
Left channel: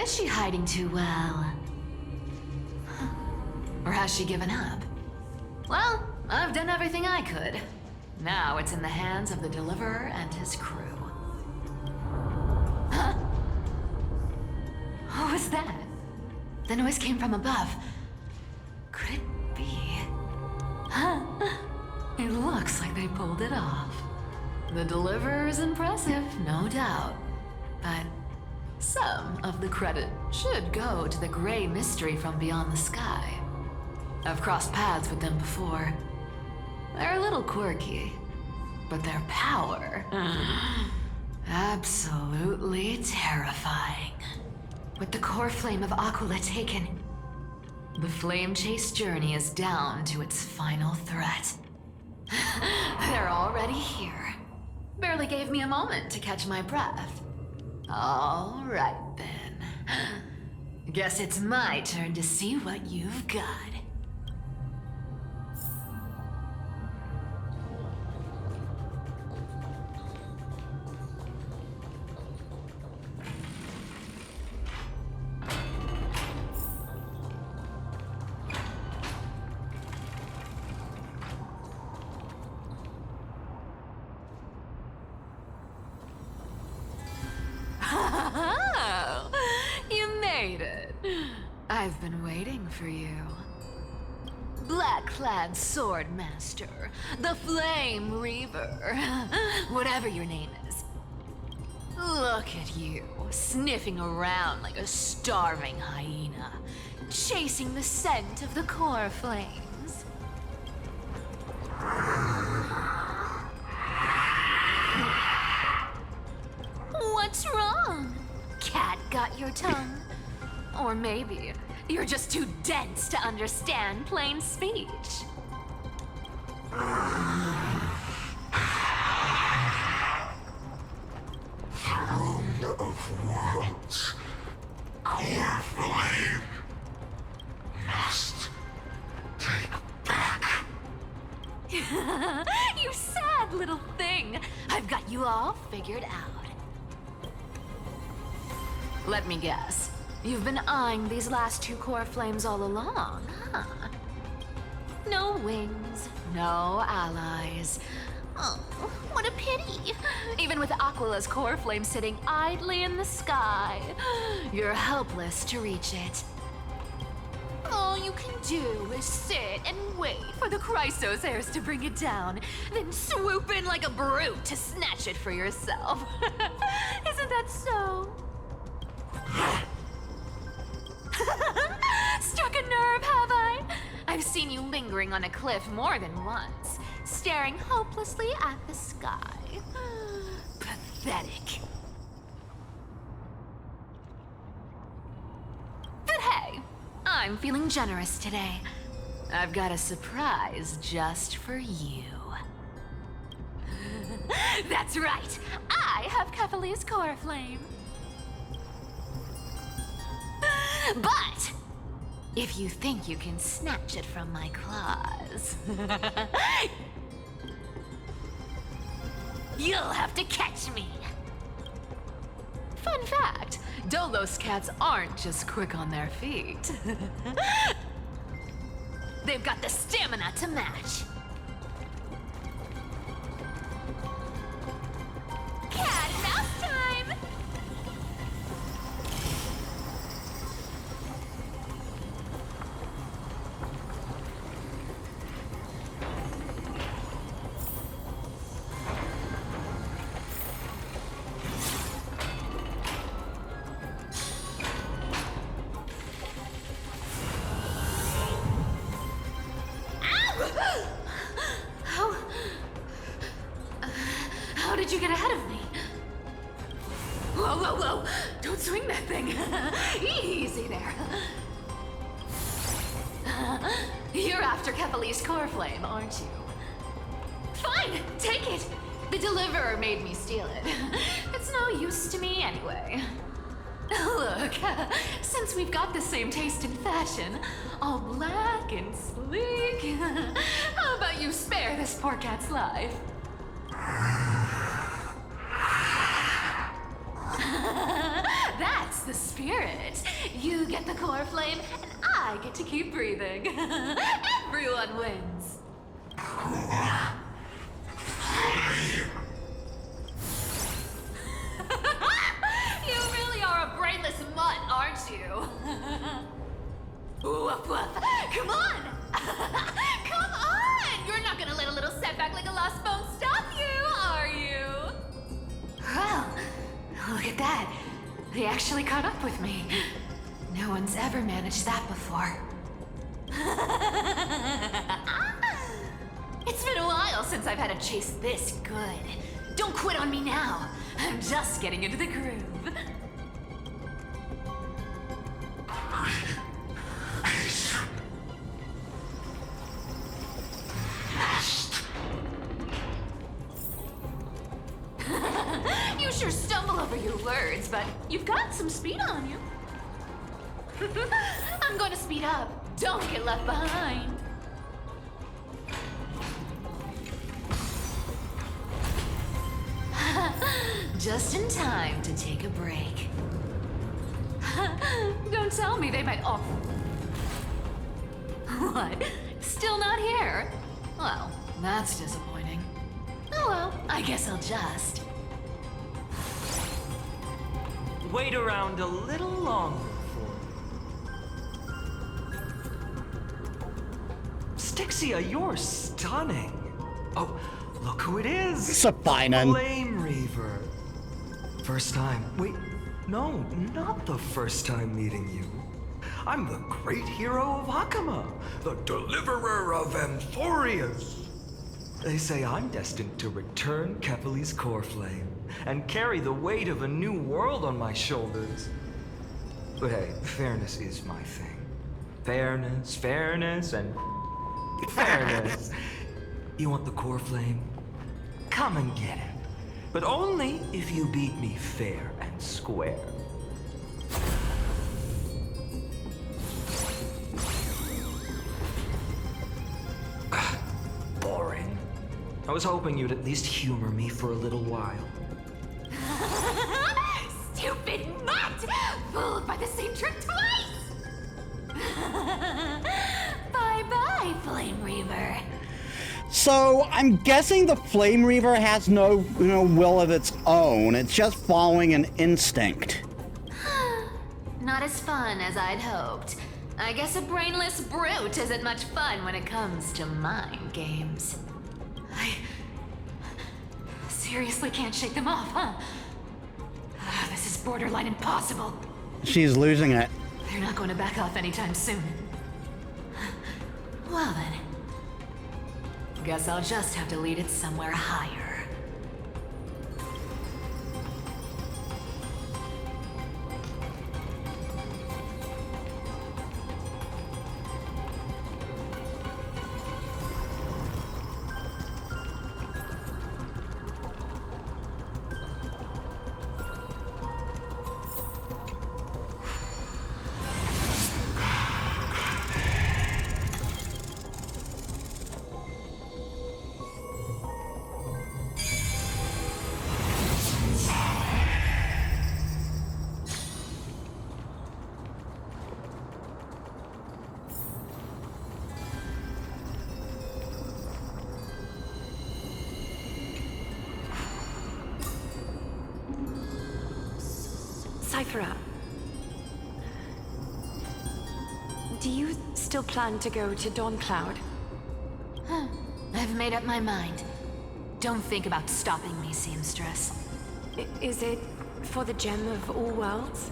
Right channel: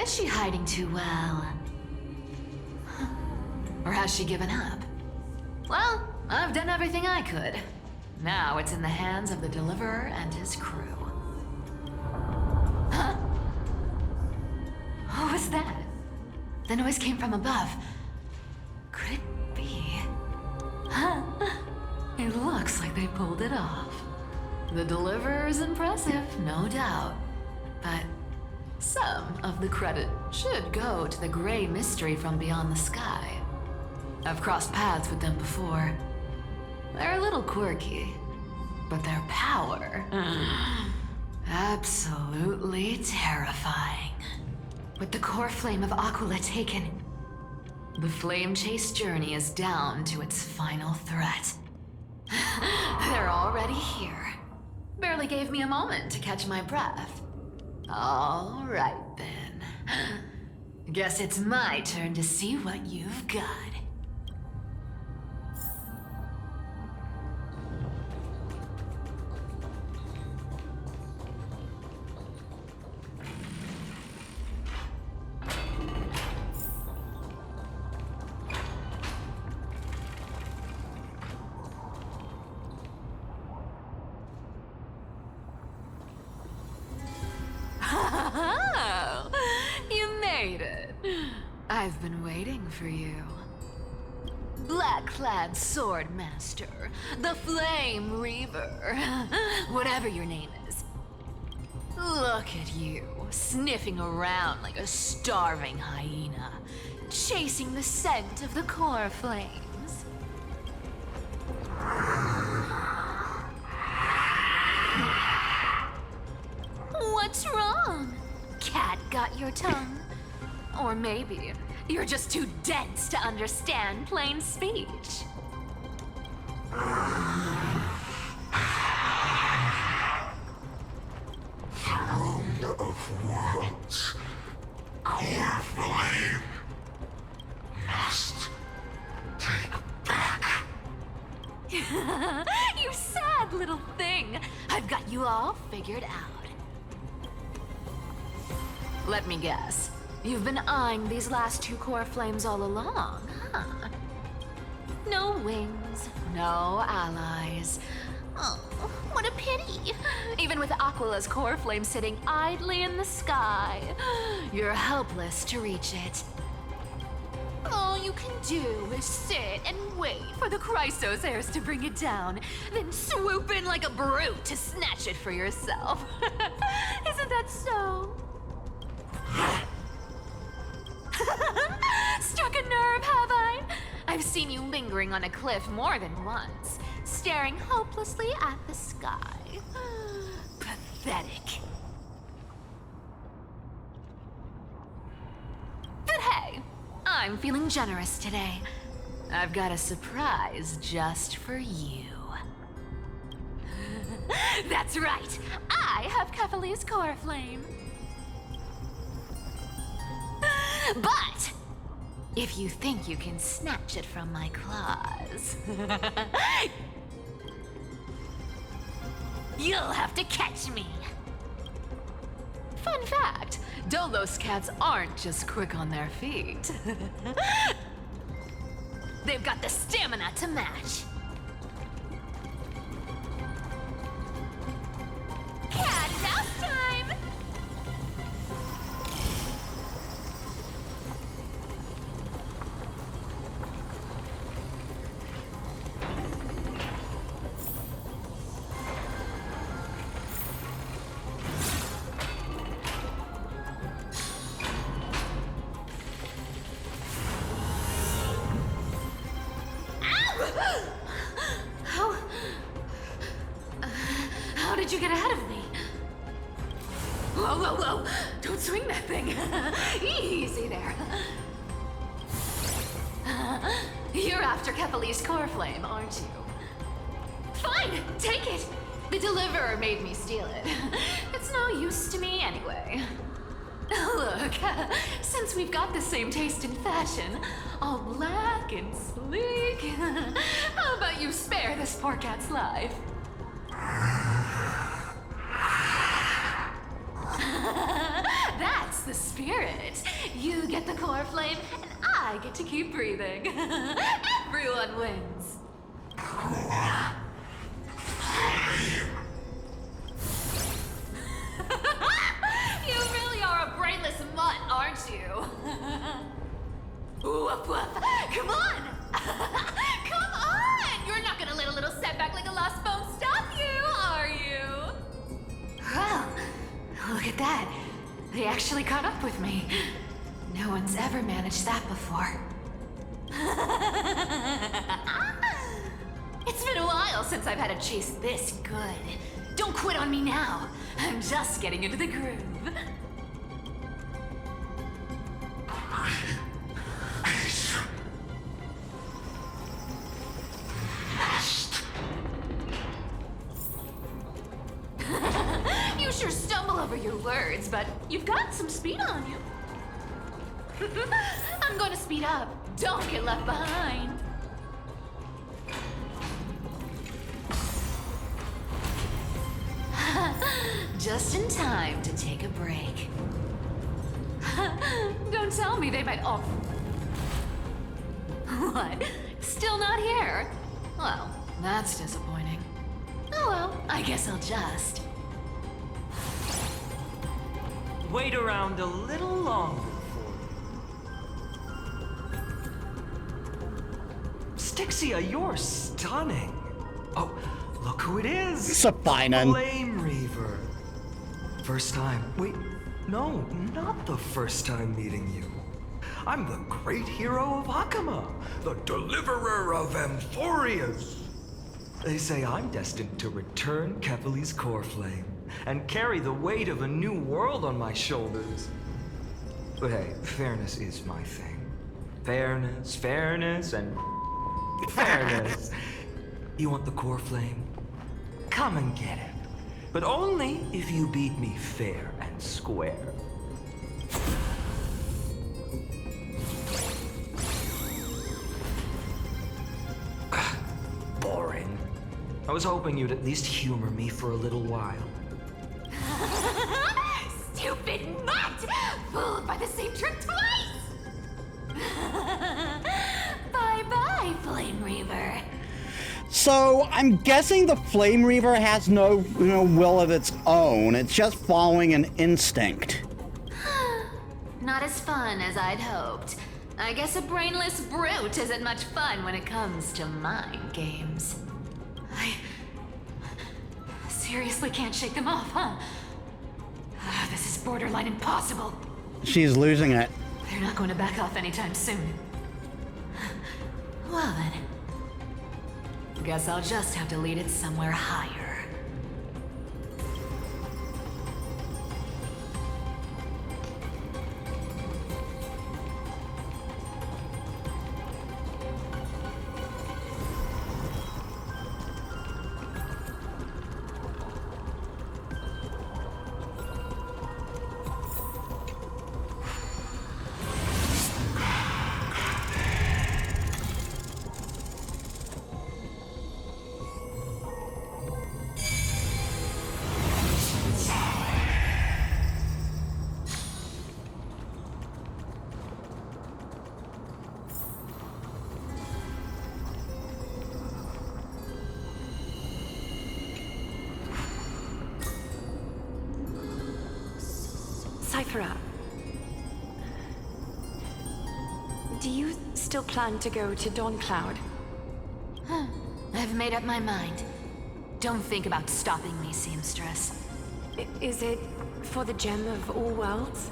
Is she hiding too well? Or has she given up? Well, I've done everything I could. Now it's in the hands of the Deliverer and his crew. Huh? What was that? The noise came from above. Could it be? Huh? It looks like they pulled it off. The Deliverer is impressive, no doubt. But some of the credit should go to the gray mystery from beyond the sky. I've crossed paths with them before. They're a little quirky, but their power... absolutely terrifying. With the core flame of Aquila taken, the flame chase journey is down to its final threat. They're already here. Barely gave me a moment to catch my breath. All right, then. Guess it's my turn to see what you've got. Oh, you made it. I've been waiting for you. Black-clad sword master, the Flame Reaver, whatever your name is. Look at you, sniffing around like a starving hyena, chasing the scent of the core flames. What's wrong? Cat got your tongue? Or maybe you're just too dense to understand plain speech. Throne of worlds, core flame, must take back. You sad little thing. I've got you all figured out. Let me guess. You've been eyeing these last two core flames all along, huh? No wings, no allies. Oh, what a pity. Even with Aquila's core flame sitting idly in the sky, you're helpless to reach it. All you can do is sit and wait for the Chrysos heirs to bring it down, then swoop in like a brute to snatch it for yourself. Isn't that so? Struck a nerve, have I? I've seen you lingering on a cliff more than once, staring hopelessly at the sky. Pathetic. But hey, I'm feeling generous today. I've got a surprise just for you. That's right, I have Kefali's core flame. But if you think you can snatch it from my claws, you'll have to catch me. Fun fact, Dolos cats aren't just quick on their feet. They've got the stamina to match. Cat and mouse time! How did you get ahead of me? Whoa, whoa, whoa! Don't swing that thing! Easy there. You're after Kefali's core flame, aren't you? Fine, take it! The deliverer made me steal it. It's no use to me anyway. Look, since we've got the same taste in fashion, all black and sleek, how about you spare this poor cat's life? That's the spirit. You get the core flame, and I get to keep breathing. Everyone wins. You really are a brainless mutt, aren't you? Woof woof. Come on! Come on! You're not gonna let a little setback like a lost bone stop you, are you? Well, look at that. They actually caught up with me. No one's ever managed that before. It's been a while since I've had a chase this good. Don't quit on me now. I'm just getting into the groove. You sure stumble over your words, but you've got some speed on you. I'm going to speed up. Don't get left behind. Just in time to take a break. Don't tell me they might all... What? Still not here? Well, that's disappointing. Oh well, I guess I'll just... wait around a little longer for you. Stixia, you're stunning. Oh, look who it is. Sapinen. Flame Reaver. First time. Wait, no, not the first time meeting you. I'm the great hero of Hakama, the deliverer of Amphorius. They say I'm destined to return Kefali's core flame and carry the weight of a new world on my shoulders. But hey, fairness is my thing. Fairness, and fairness. You want the core flame? Come and get it. But only if you beat me fair and square. Boring. I was hoping you'd at least humor me for a little while. Stupid mutt! Fooled by the same trick twice! Bye-bye, Flame Reaver. So I'm guessing the Flame Reaver has no, will of its own. It's just following an instinct. Not as fun as I'd hoped. I guess a brainless brute isn't much fun when it comes to mind games. I seriously can't shake them off, huh? This is borderline impossible. She's losing it. They're not going to back off anytime soon. Well then. Guess I'll just have to lead it somewhere higher. Sci-Fi, do you still plan to go to Dawncloud? I've made up my mind. Don't think about stopping me, seamstress. Is it for the gem of all worlds?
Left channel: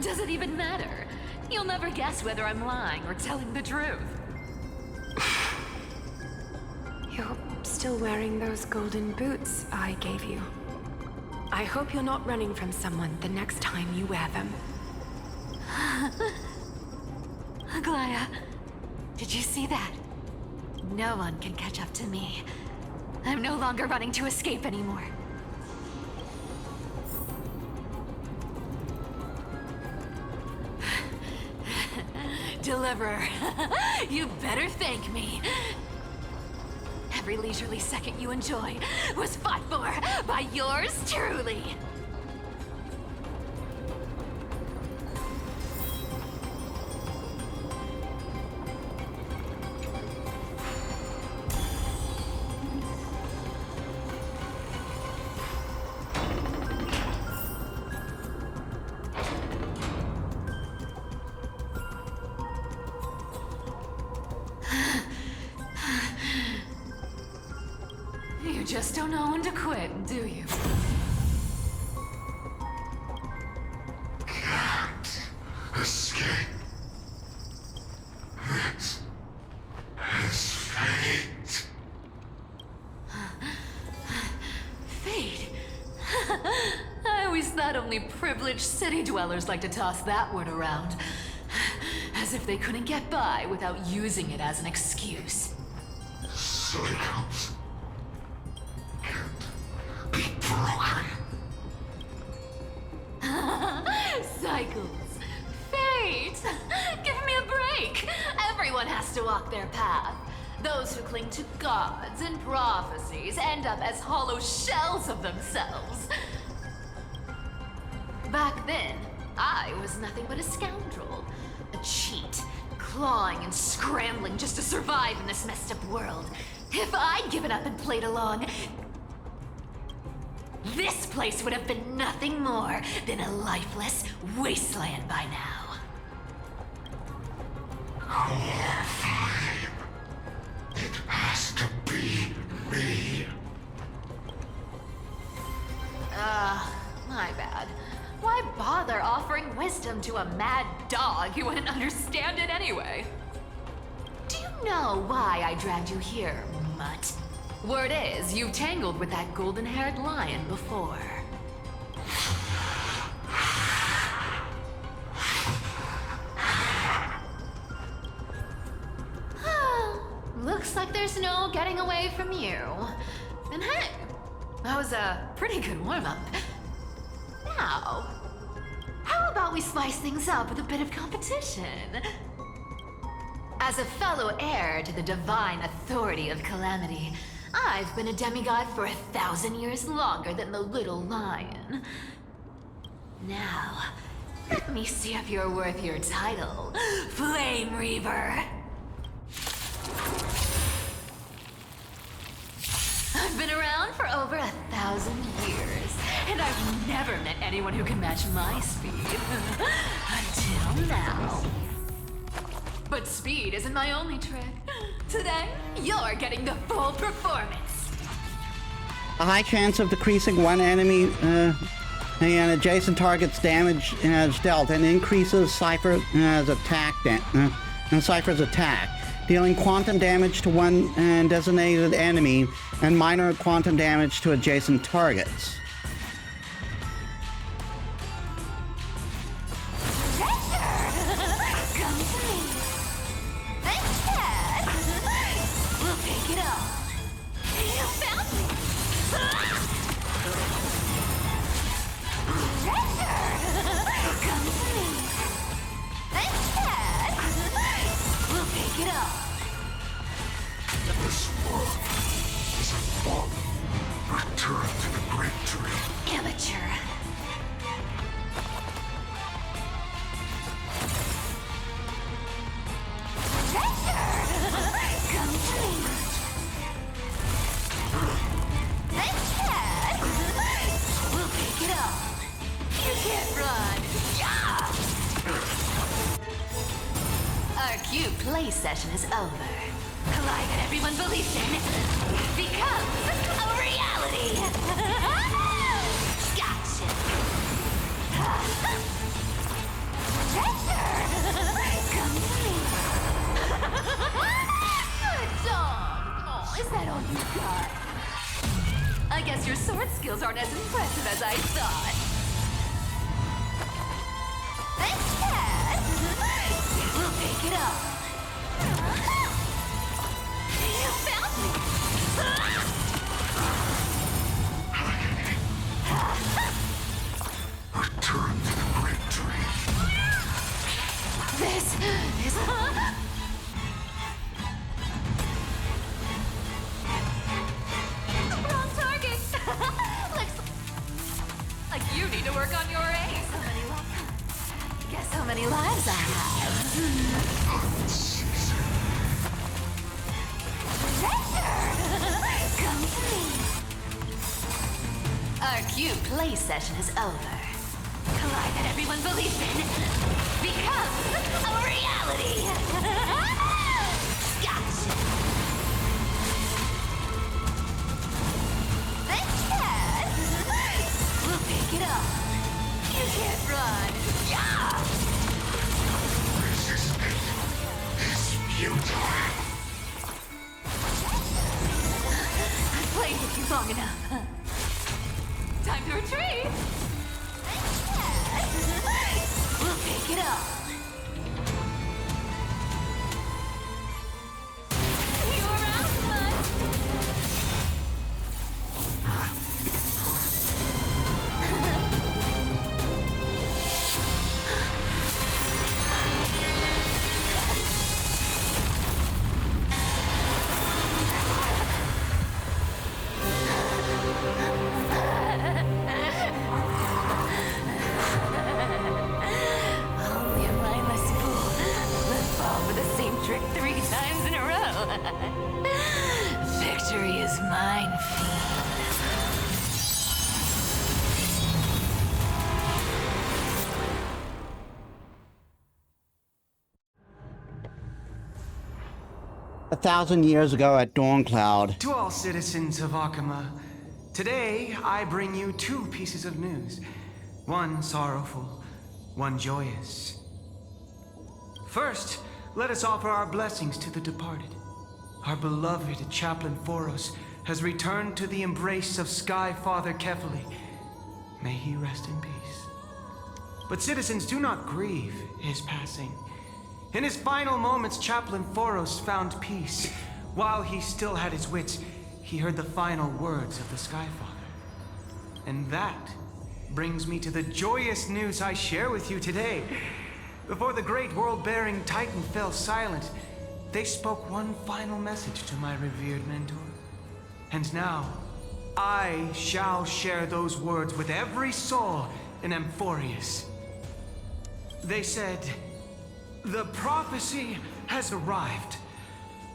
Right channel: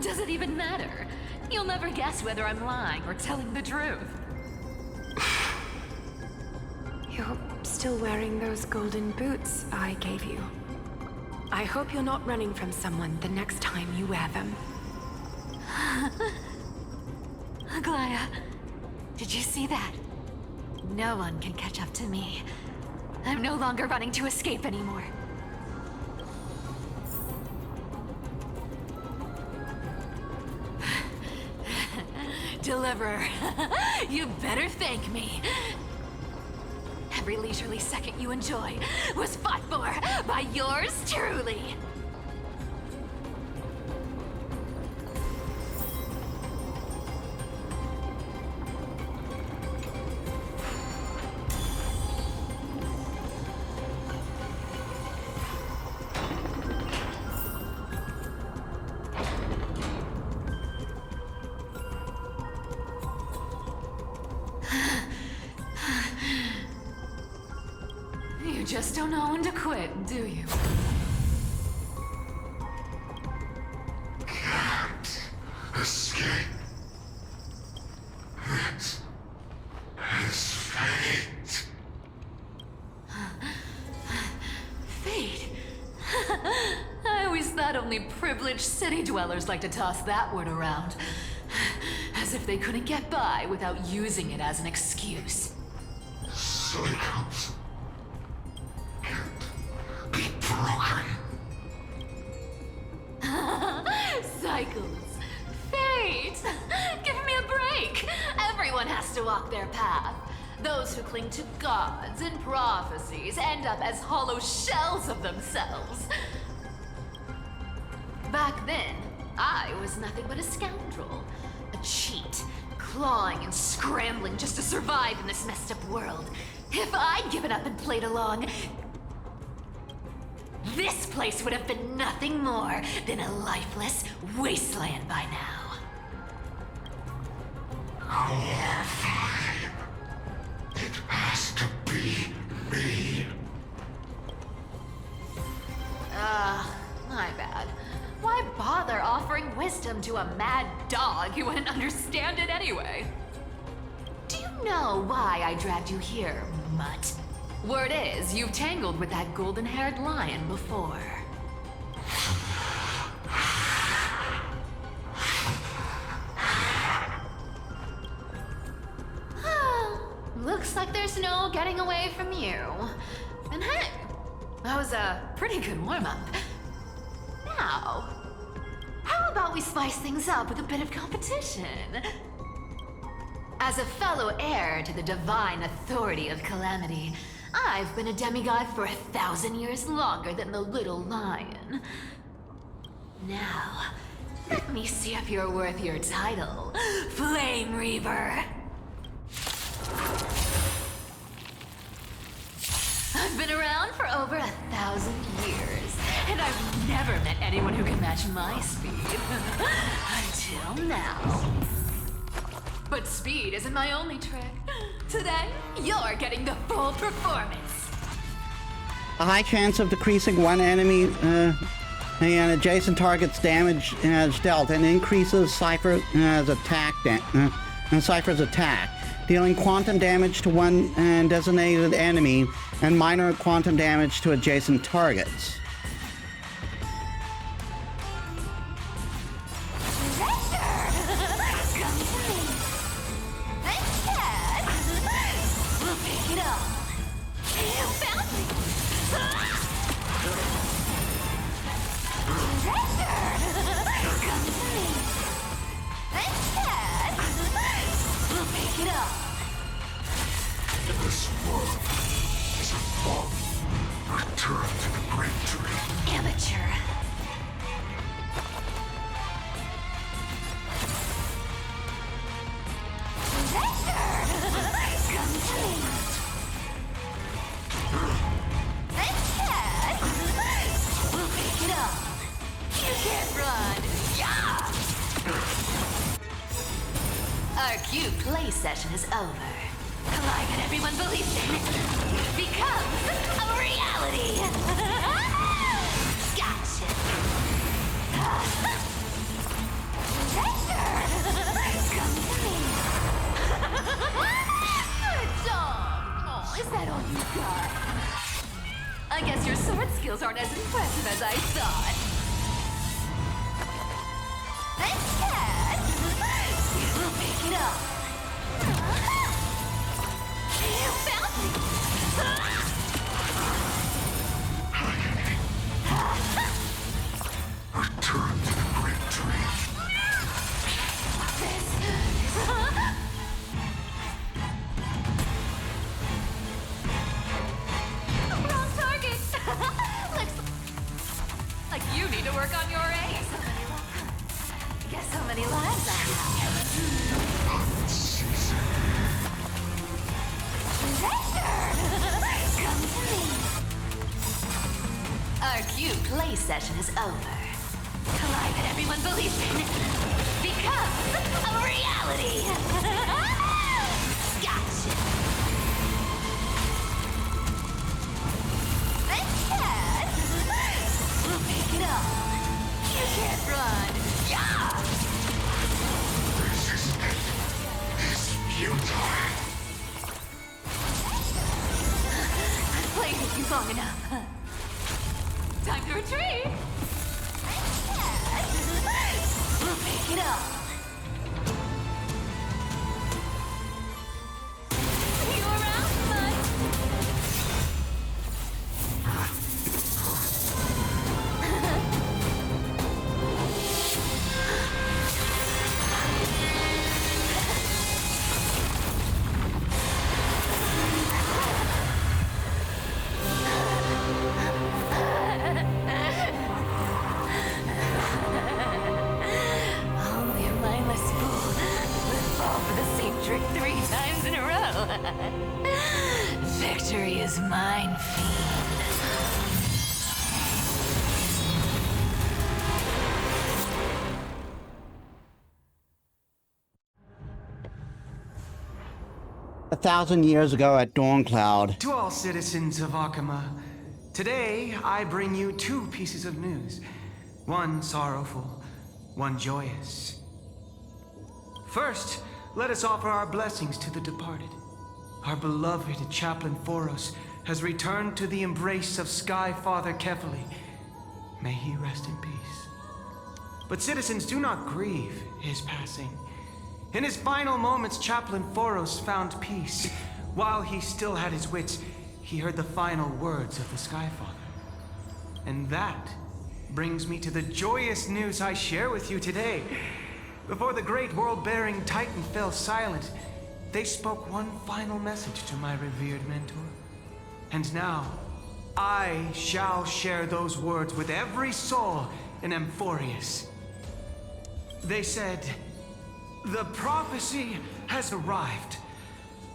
Does it even matter? You'll never guess whether I'm lying or telling the truth. You're still wearing those golden boots I gave you. I hope you're not running from someone the next time you wear them. Aglaya, did you see that? No one can catch up to me. I'm no longer running to escape anymore. Deliverer, you better thank me. Every leisurely second you enjoy was fought for by yours truly. You just don't know when to quit, do you? Can't escape. This is fate. Fate? I always thought only privileged city dwellers like to toss that word around. As if they couldn't get by without using it as an excuse. Cycles can't be broken. Cycles. Fate! Give me a break! Everyone has to walk their path. Those who cling to gods and prophecies end up as hollow shells of themselves. Back then, I was nothing but a scoundrel. A cheat, clawing and scrambling just to survive in this messed up world. If I'd given up and played along, this place would have been nothing more than a lifeless wasteland by now. Fine. It has to be me. My bad. Why bother offering wisdom to a mad dog who wouldn't understand it anyway? Do you know why I dragged you here, mutt? Word is, you've tangled with that golden-haired lion before. Looks like there's no getting away from you. And hey, that was a pretty good warm-up. Now, how about we spice things up with a bit of competition? As a fellow heir to the divine authority of Calamity, I've been a demigod for 1,000 years longer than the little lion. Now, let me see if you're worth your title, Flame Reaver. I've been around for over 1,000 years, and I've never met anyone who can match my speed. Until now. But speed isn't my only trick. Today, you're getting the full performance. A high chance of decreasing one enemy and adjacent target's damage dealt, and increases Cypher's attack, dealing quantum damage to one designated enemy and minor quantum damage to adjacent targets. Treasure! Come to me. Thanks, Cat. We'll take it all. You found me. Treasure! Come to me. Thanks, Cat. We'll take it all. This world is a fall. Return to the great tree. Amateur. Treasure! Come to me. Thanks, Cat. We'll take it all. You can't run. Yeah! Our cute play session is over. A lie that everyone believes in becomes a reality. Gotcha. Treasure! Come to me. Good dog. Oh, is that all you got? I guess your sword skills aren't as impressive as I thought. Thanks, Cat. We'll take it all. You found me. Return to the great tree. This is... Wrong target. Looks like you need to work on your aim. Guess how many lives I have. Unceasing. Treasure! Come to me. Our cute play session is over. A lie that everyone believes in becomes a reality. Gotcha. Thanks, Cat. We'll take it all. You can't run. Yeah! Resistance is futile. I've played with you long enough. Time to retreat. Thanks, Cat. We'll take it all. See you around, bud. Only a mindless fool would fall for the same trick 3 times in a row. Victory is mine, fiend. 1,000 years ago at Dawncloud. To all citizens of Akama, today I bring you two pieces of news. One sorrowful, one joyous. First, let us offer our blessings to the departed. Our beloved Chaplain Foros has returned to the embrace of Sky Father Kefali. May he rest in peace. But citizens, do not grieve his passing. In his final moments, Chaplain Foros found peace. While he still had his wits, he heard the final words of the Sky Father. And that brings me to the joyous news I share with you today. Before the great world-bearing Titan fell silent, they spoke one final message to my revered mentor. And now, I shall share those words with every soul in Amphorius. They said, "The prophecy has arrived.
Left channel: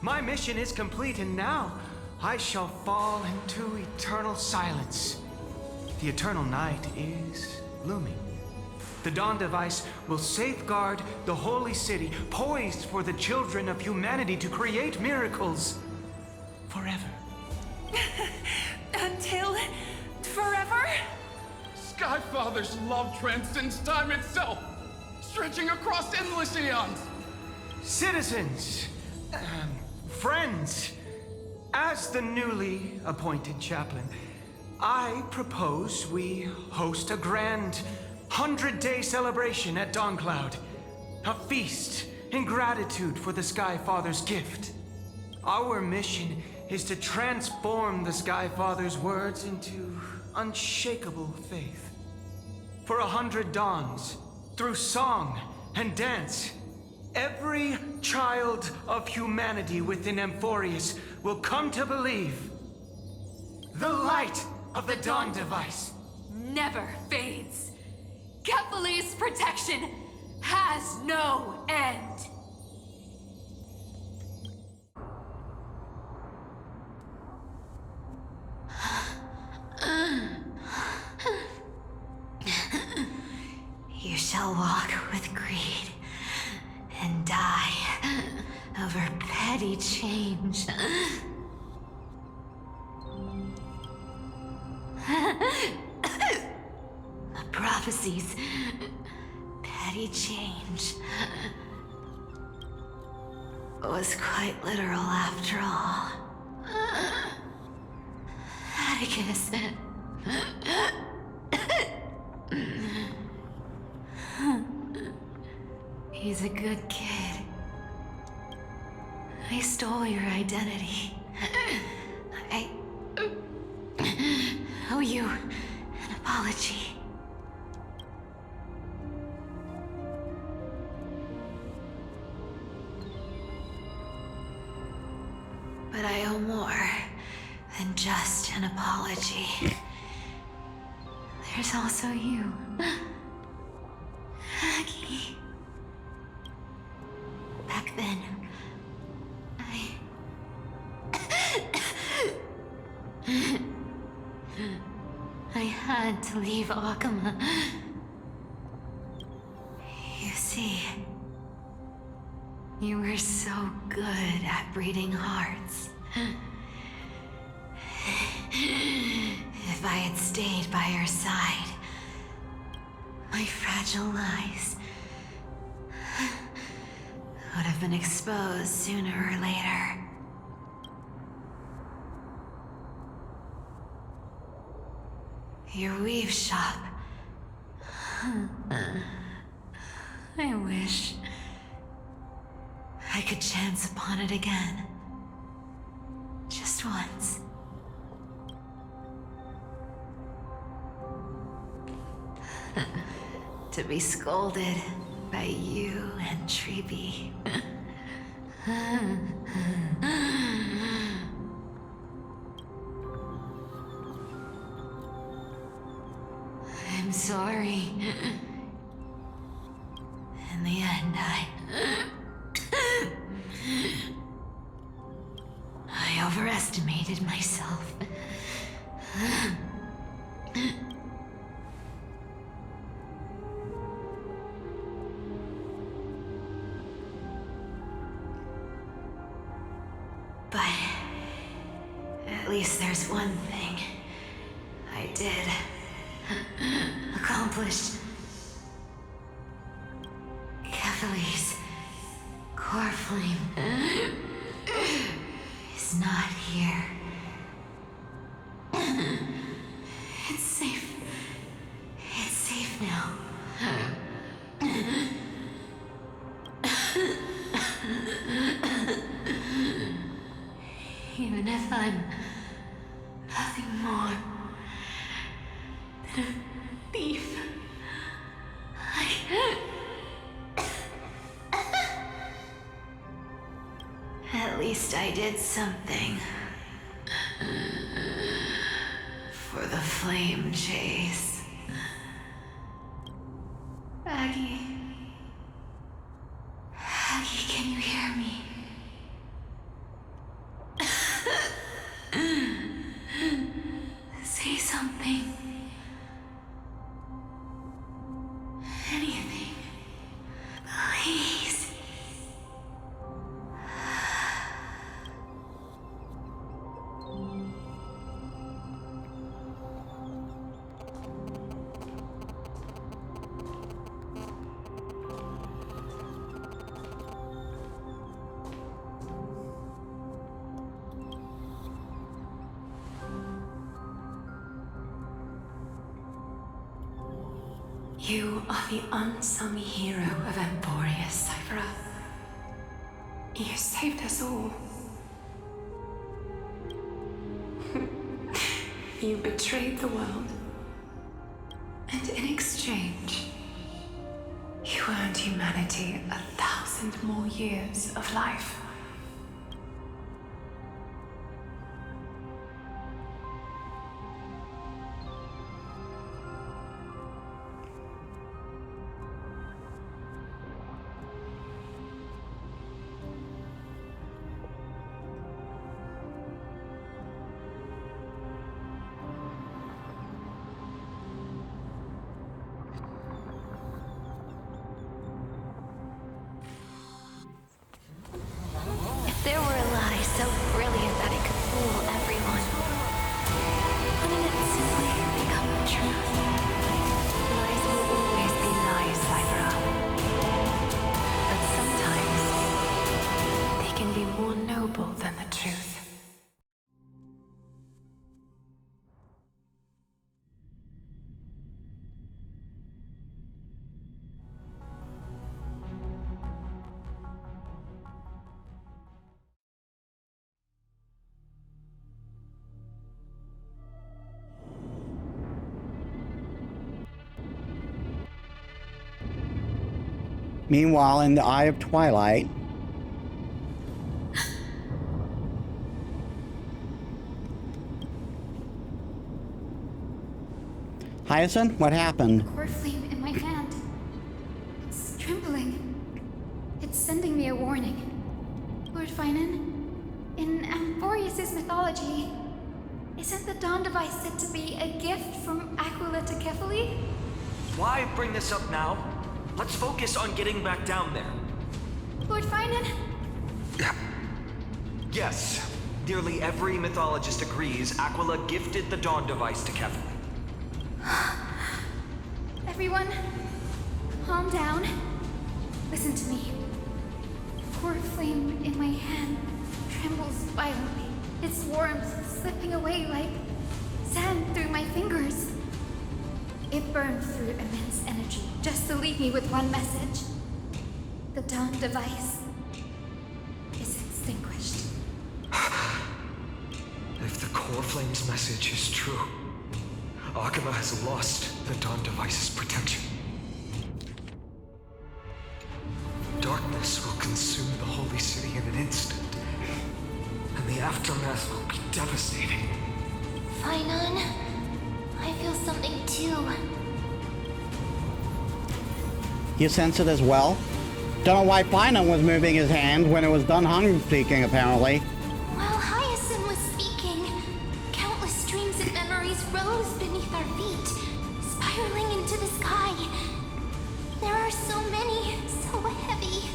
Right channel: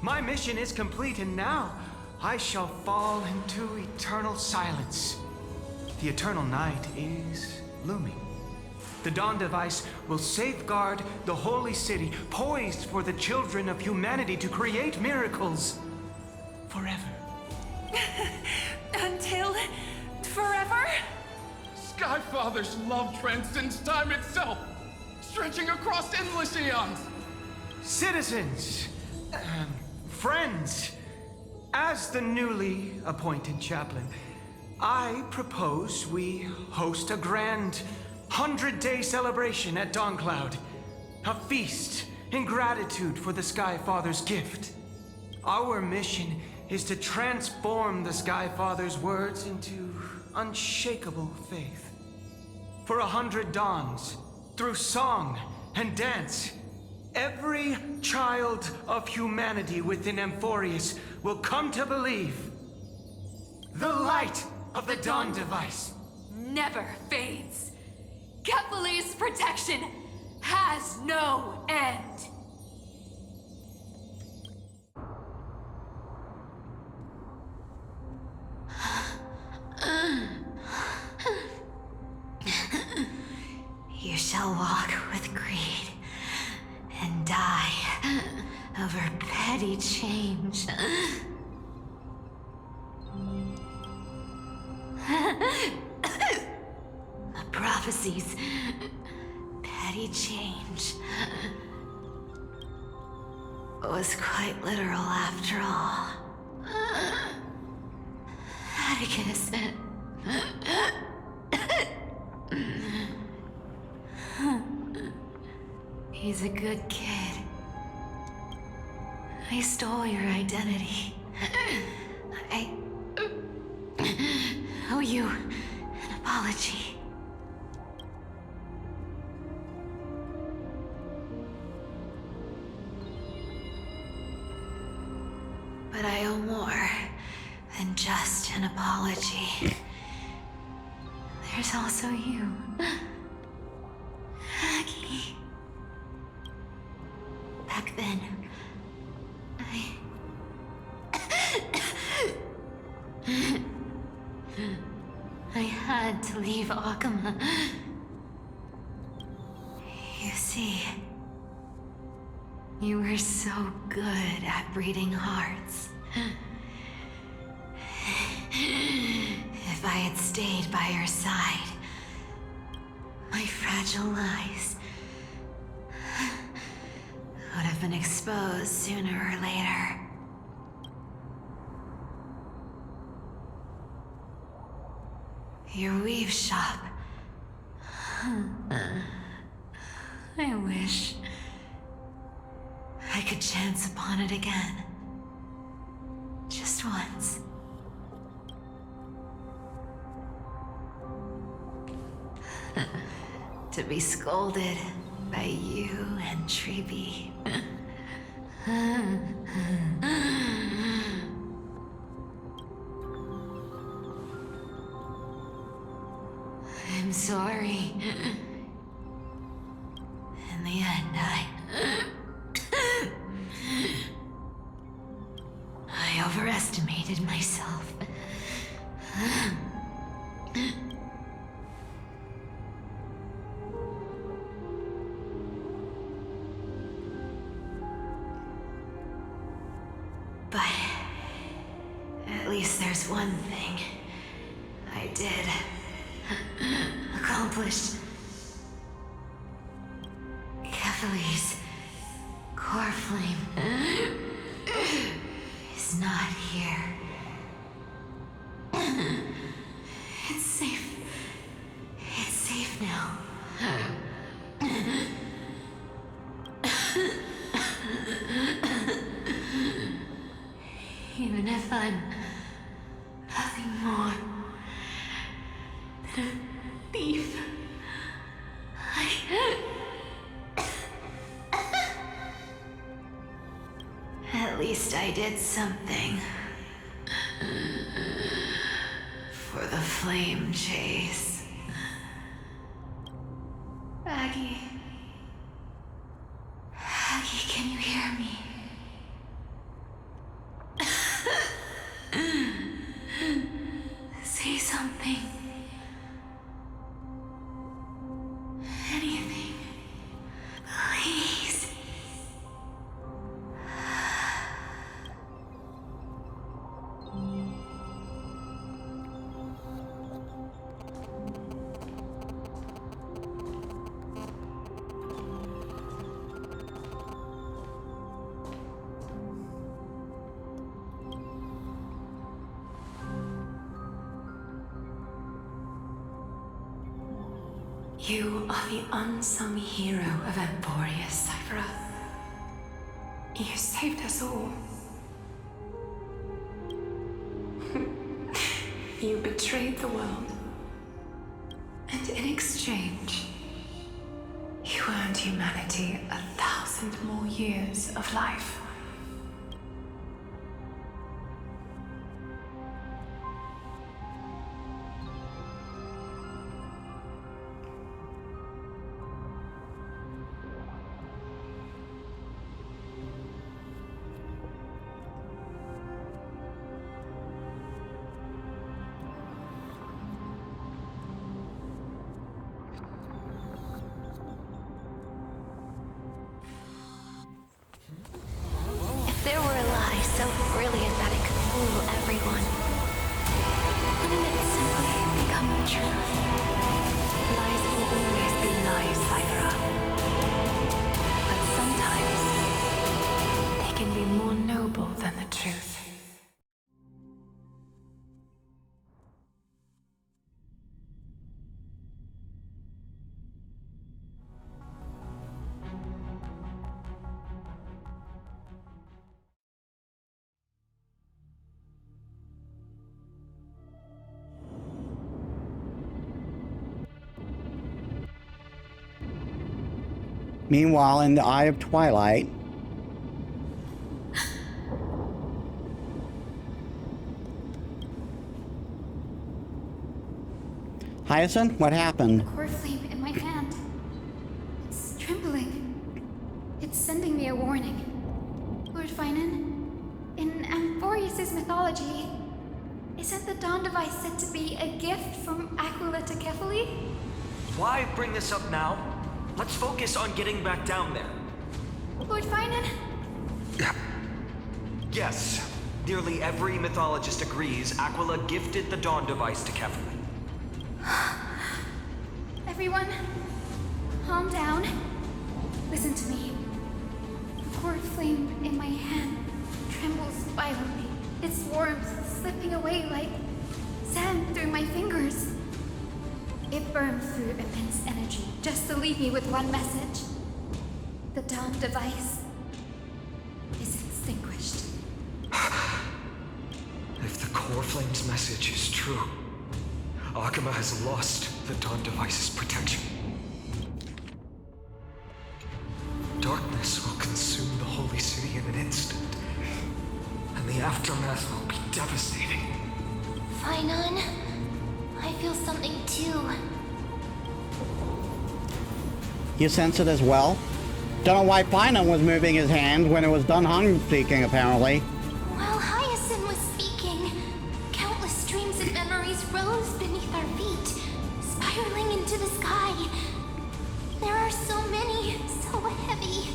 My mission is complete, and now I shall fall into eternal silence. The eternal night is looming. The Dawn Device will safeguard the holy city, poised for the children of humanity to create miracles forever." Until forever? Skyfather's love transcends time itself, stretching across endless eons. Citizens, friends, as the newly appointed chaplain, I propose we host a grand 100-day celebration at Dawncloud. A feast in gratitude for the Sky Father's gift. Our mission is to transform the Sky Father's words into unshakable faith. For 100 dawns, through song and dance, every child of humanity within Amphorius will come to believe the light of the Dawn Device never fades. Kefali's protection has no end. You shall walk with greed and die over petty change. The prophecies, petty change, was quite literal after all. Atticus. He's a good kid. I stole your identity. I owe you an apology. But I owe more than just an apology. There's also you, Aggie. Back then, I had to leave Akama. You see, you were so good at reading hearts. If I had stayed by your side, my fragile lies would have been exposed sooner or later. Your weave shop. I wish I could chance upon it again. Just once. To be scolded by you and Treeby. I'm sorry. In the end, I overestimated myself. least there's one thing I did accomplish. Kefali's core flame is not here. It's safe. It's safe now. Even if I'm nothing more than a thief, at least I did something for the flame chase. Aggie, can you hear me? Say something. Anything. Please. You are the unsung hero of Emporius, Sci-Fi. You saved us all. You betrayed the world. And in exchange, you earned humanity 1,000 more years of life. There were a lie so brilliant that it could fool everyone. Wouldn't it simply become the truth? Lies will always be lies, Sci-Fi. But sometimes, they can be more noble than the truth. Meanwhile, in the Eye of Twilight, Hyacinth, what happened? Core flame in my hand. It's trembling. It's sending me a warning. Lord Finan, in Amphorius' mythology, isn't the Dawn device said to be a gift from Aquila to Kefali? Why bring this up now? Let's focus on getting back down there. Lord Finan? Yes. Nearly every mythologist agrees Aquila gifted the Dawn device to Kefali. Everyone, calm down. Listen to me. The core flame in my hand trembles violently. Its warmth slipping away like sand through my fingers. It burns through immense energy just to leave me with one message. The Dawn device is extinguished. If the core flame's message is true, Akuma has lost the Dawn device's protection. Darkness will consume the holy city in an instant, and the aftermath will be devastating. Finan, I feel something too. You sense it as well? Don't know why Finan was moving his hand when it was Dunhung speaking, apparently. While Hyacinth was speaking, countless dreams and memories rose beneath our feet, spiraling into the sky. There are so many, so heavy.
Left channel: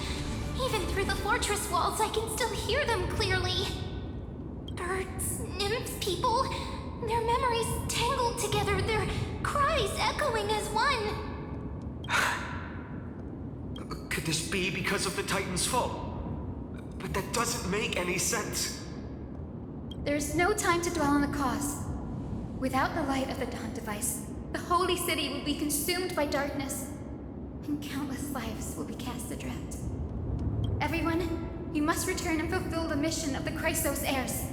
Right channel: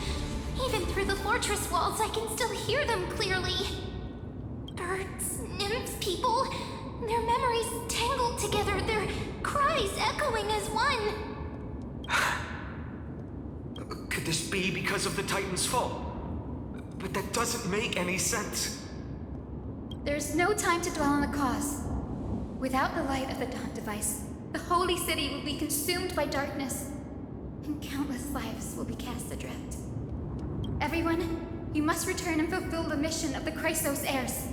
Even through the fortress walls, I can still hear them clearly. Birds, nymphs, people, their memories tangled together, their cries echoing as one. Could this be because of the Titan's fall? But that doesn't make any sense. There's no time to dwell on the cause. Without the light of the Dawn device, the holy city will be consumed by darkness, and countless lives will be cast adrift. Everyone, you must return and fulfill the mission of the Chrysos heirs.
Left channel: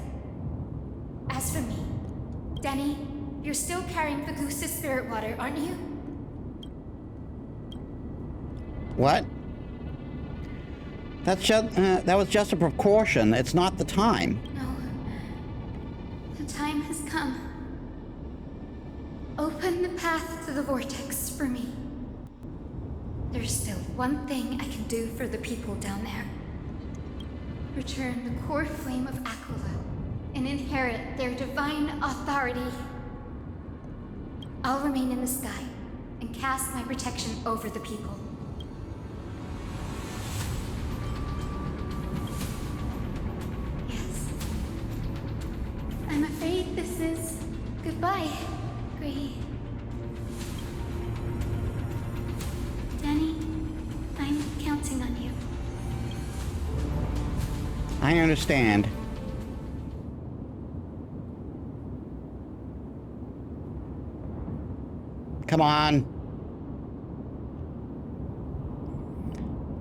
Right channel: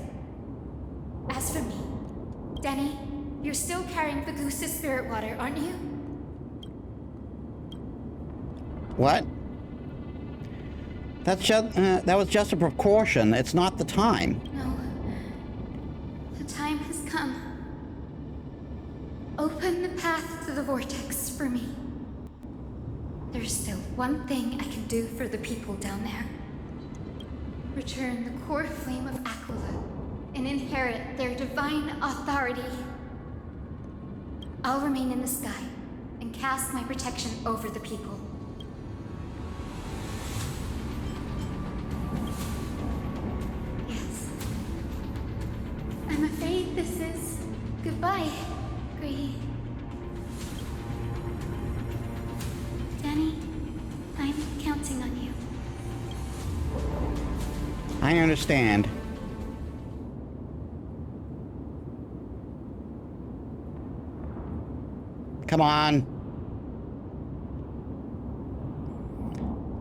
As for me, Denny, you're still carrying the goose's spirit water, aren't you? What? That was just a precaution. It's not the time. No. The time has come. Open the path to the vortex for me. There's still one thing I can do for the people down there. Return the core flame of Aquila and inherit their divine authority. I'll remain in the sky and cast my protection over the people. Yes. I'm afraid this is goodbye, Gray. Danny, I'm counting on you. I understand. Come on.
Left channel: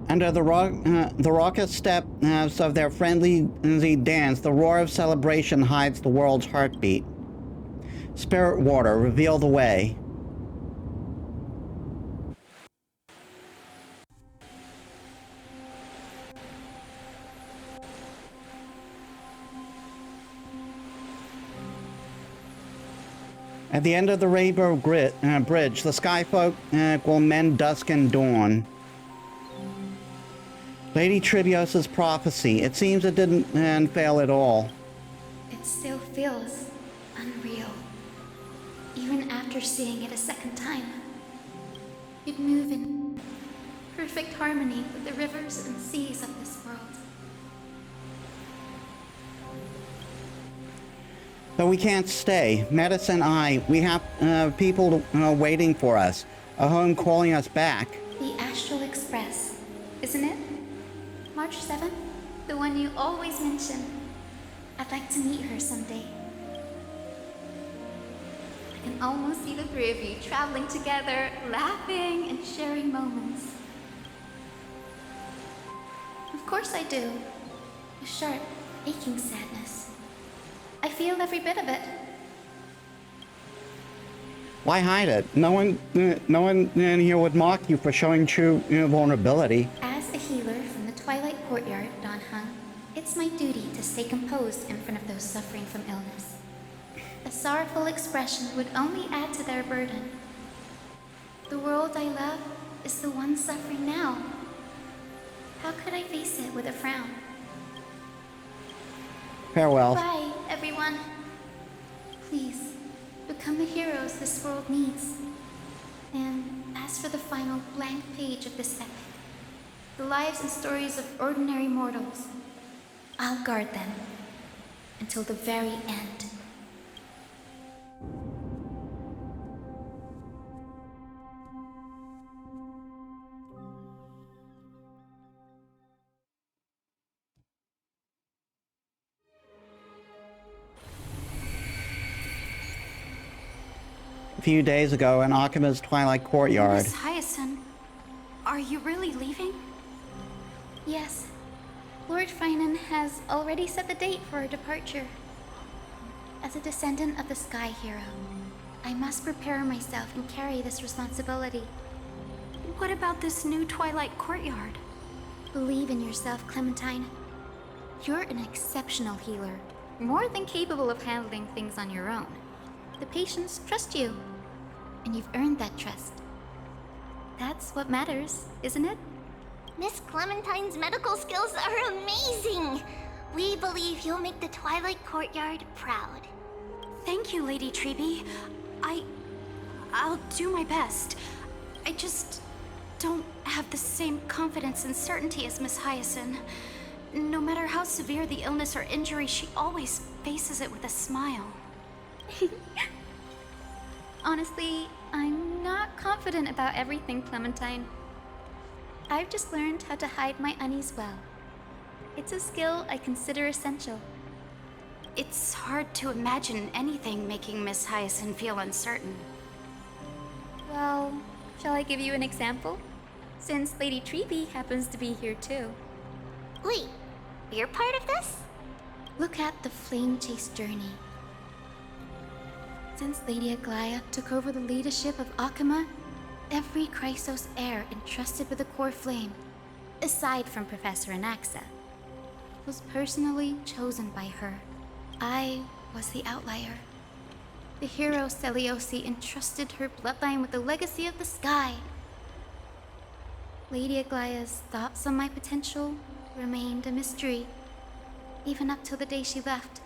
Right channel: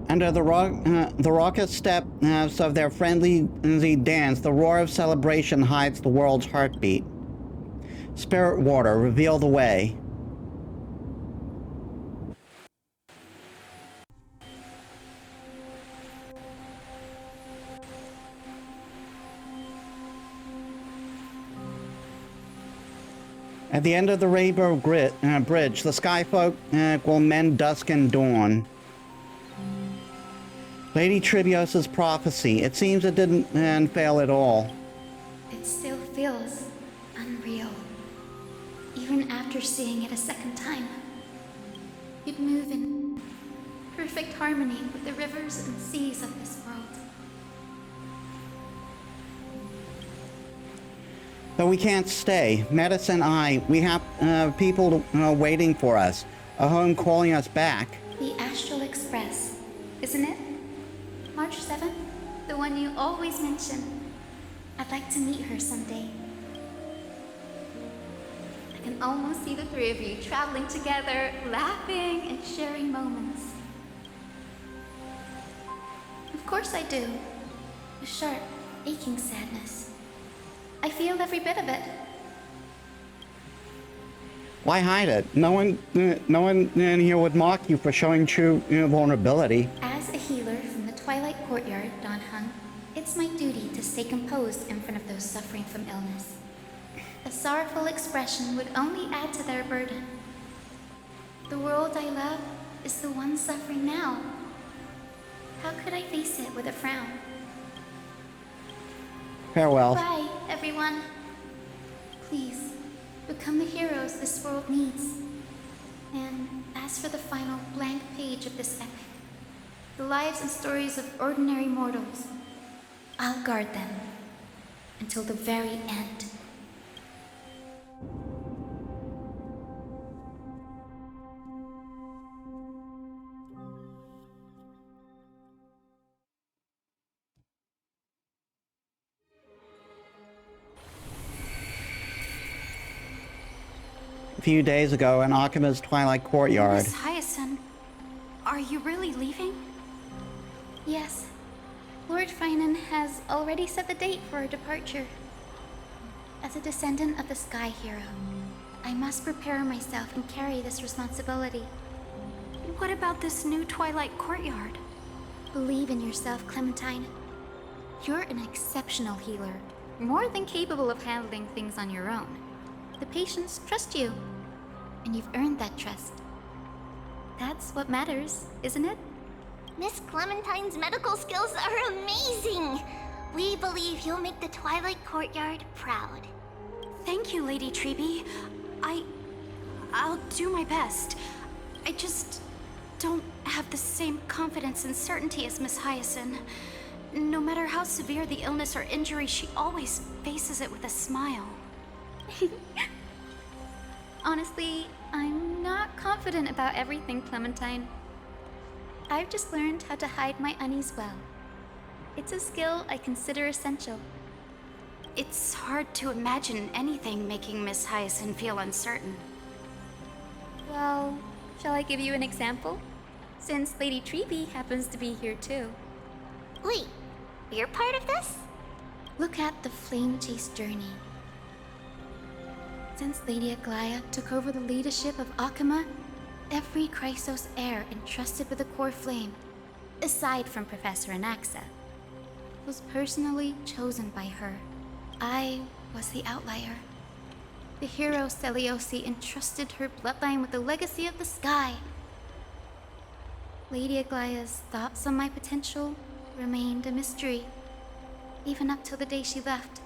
Under the raucous steps of their friendly dance, the roar of celebration hides the world's heartbeat. Spirit water, reveal the way. At the end of the Rainbow Bridge, the Skyfolk will mend dusk and dawn. Lady Tribios's prophecy. It seems it didn't fail at all. It still feels unreal. Even after seeing it a second time. You'd move in perfect harmony with the rivers and seas of this world. But we can't stay. Metis and I, we have people waiting for us. A home calling us back. The Astral Express, isn't it? March 7th? The one you always mention. I'd like to meet her someday. I can almost see the three of you traveling together, laughing and sharing moments. Of course I do. A sharp, aching sadness. I feel every bit of it. Why hide it? No one in here would mock you for showing true vulnerability. As a healer from the Twilight Courtyard, Don Hung, it's my duty to stay composed in front of those suffering from illness. A sorrowful expression would only add to their burden. The world I love is the one suffering now. How could I face it with a frown? Farewell. Bye, everyone. Please, become the heroes this world needs. And as for the final blank page of this epic, the lives and stories of ordinary mortals, I'll guard them until the very end. A few days ago in Akima's Twilight Courtyard. Miss Hyacinth, are you really leaving? Yes. Lord Finan has already set the date for our departure. As a descendant of the Sky Hero, I must prepare myself and carry this responsibility. What about this new Twilight Courtyard? Believe in yourself, Clementine. You're an exceptional healer, more than capable of handling things on your own. The patients trust you, and you've earned that trust. That's what matters, isn't it? Miss Clementine's medical skills are amazing! We believe you'll make the Twilight Courtyard proud. Thank you, Lady Treby. I'll do my best. I just don't have the same confidence and certainty as Miss Hyacinth. No matter how severe the illness or injury, she always faces it with a smile. Honestly, I'm not confident about everything, Clementine. I've just learned how to hide my unease well. It's a skill I consider essential. It's hard to imagine anything making Miss Hyacinth feel uncertain. Well, shall I give you an example? Since Lady Treeby happens to be here too. Wait, you're part of this? Look at the Flame Chase journey. Since Lady Aglaya took over the leadership of Akama, every Chrysos heir entrusted with the core flame, aside from Professor Anaxa, was personally chosen by her. I was the outlier. The hero Celiosi entrusted her bloodline with the legacy of the sky. Lady Aglaya's thoughts on my potential remained a mystery, even up till the day she left.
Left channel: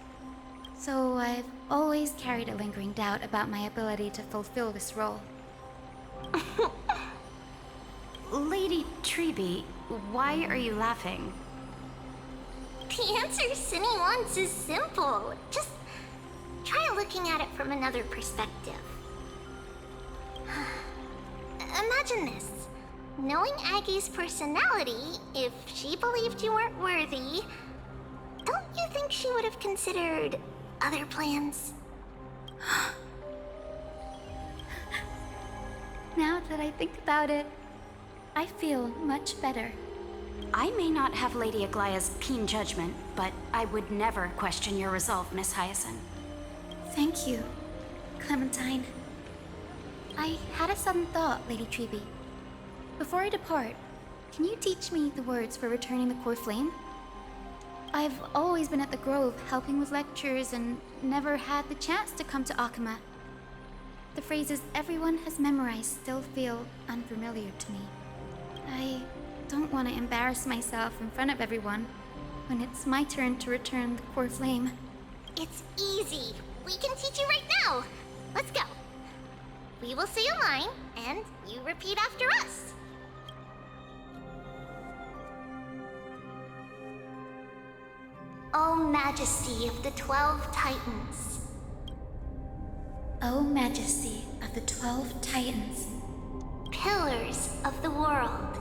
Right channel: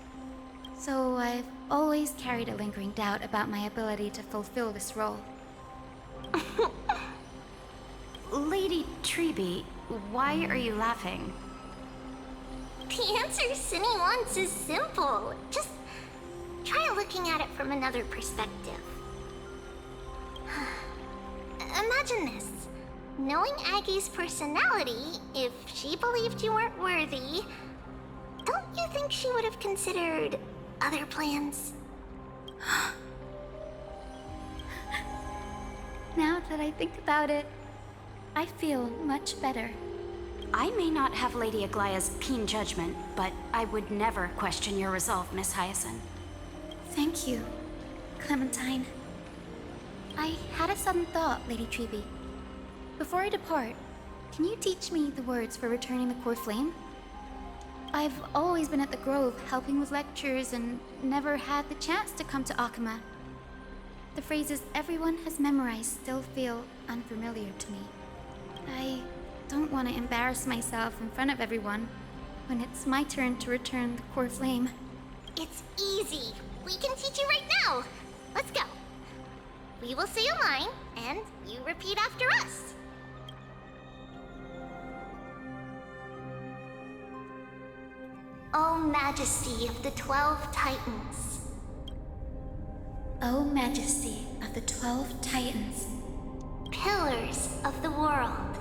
So I've always carried a lingering doubt about my ability to fulfill this role. Lady Treeby, why are you laughing? The answer Cindy wants is simple. Just try looking at it from another perspective. Imagine this. Knowing Aggie's personality, if she believed you weren't worthy, don't you think she would have considered other plans? Now that I think about it, I feel much better. I may not have Lady Aglaya's keen judgment, but I would never question your resolve, Miss Hyacinth. Thank you, Clementine. I had a sudden thought, Lady Treeby. Before I depart, can you teach me the words for returning the core flame? I've always been at the Grove helping with lectures and never had the chance to come to Akama. The phrases everyone has memorized still feel unfamiliar to me. I don't want to embarrass myself in front of everyone when it's my turn to return the core flame. It's easy. We can teach you right now. Let's go. We will say a line, and you repeat after us. O Majesty of the 12 Titans. O Majesty of the 12 Titans. Pillars of the world.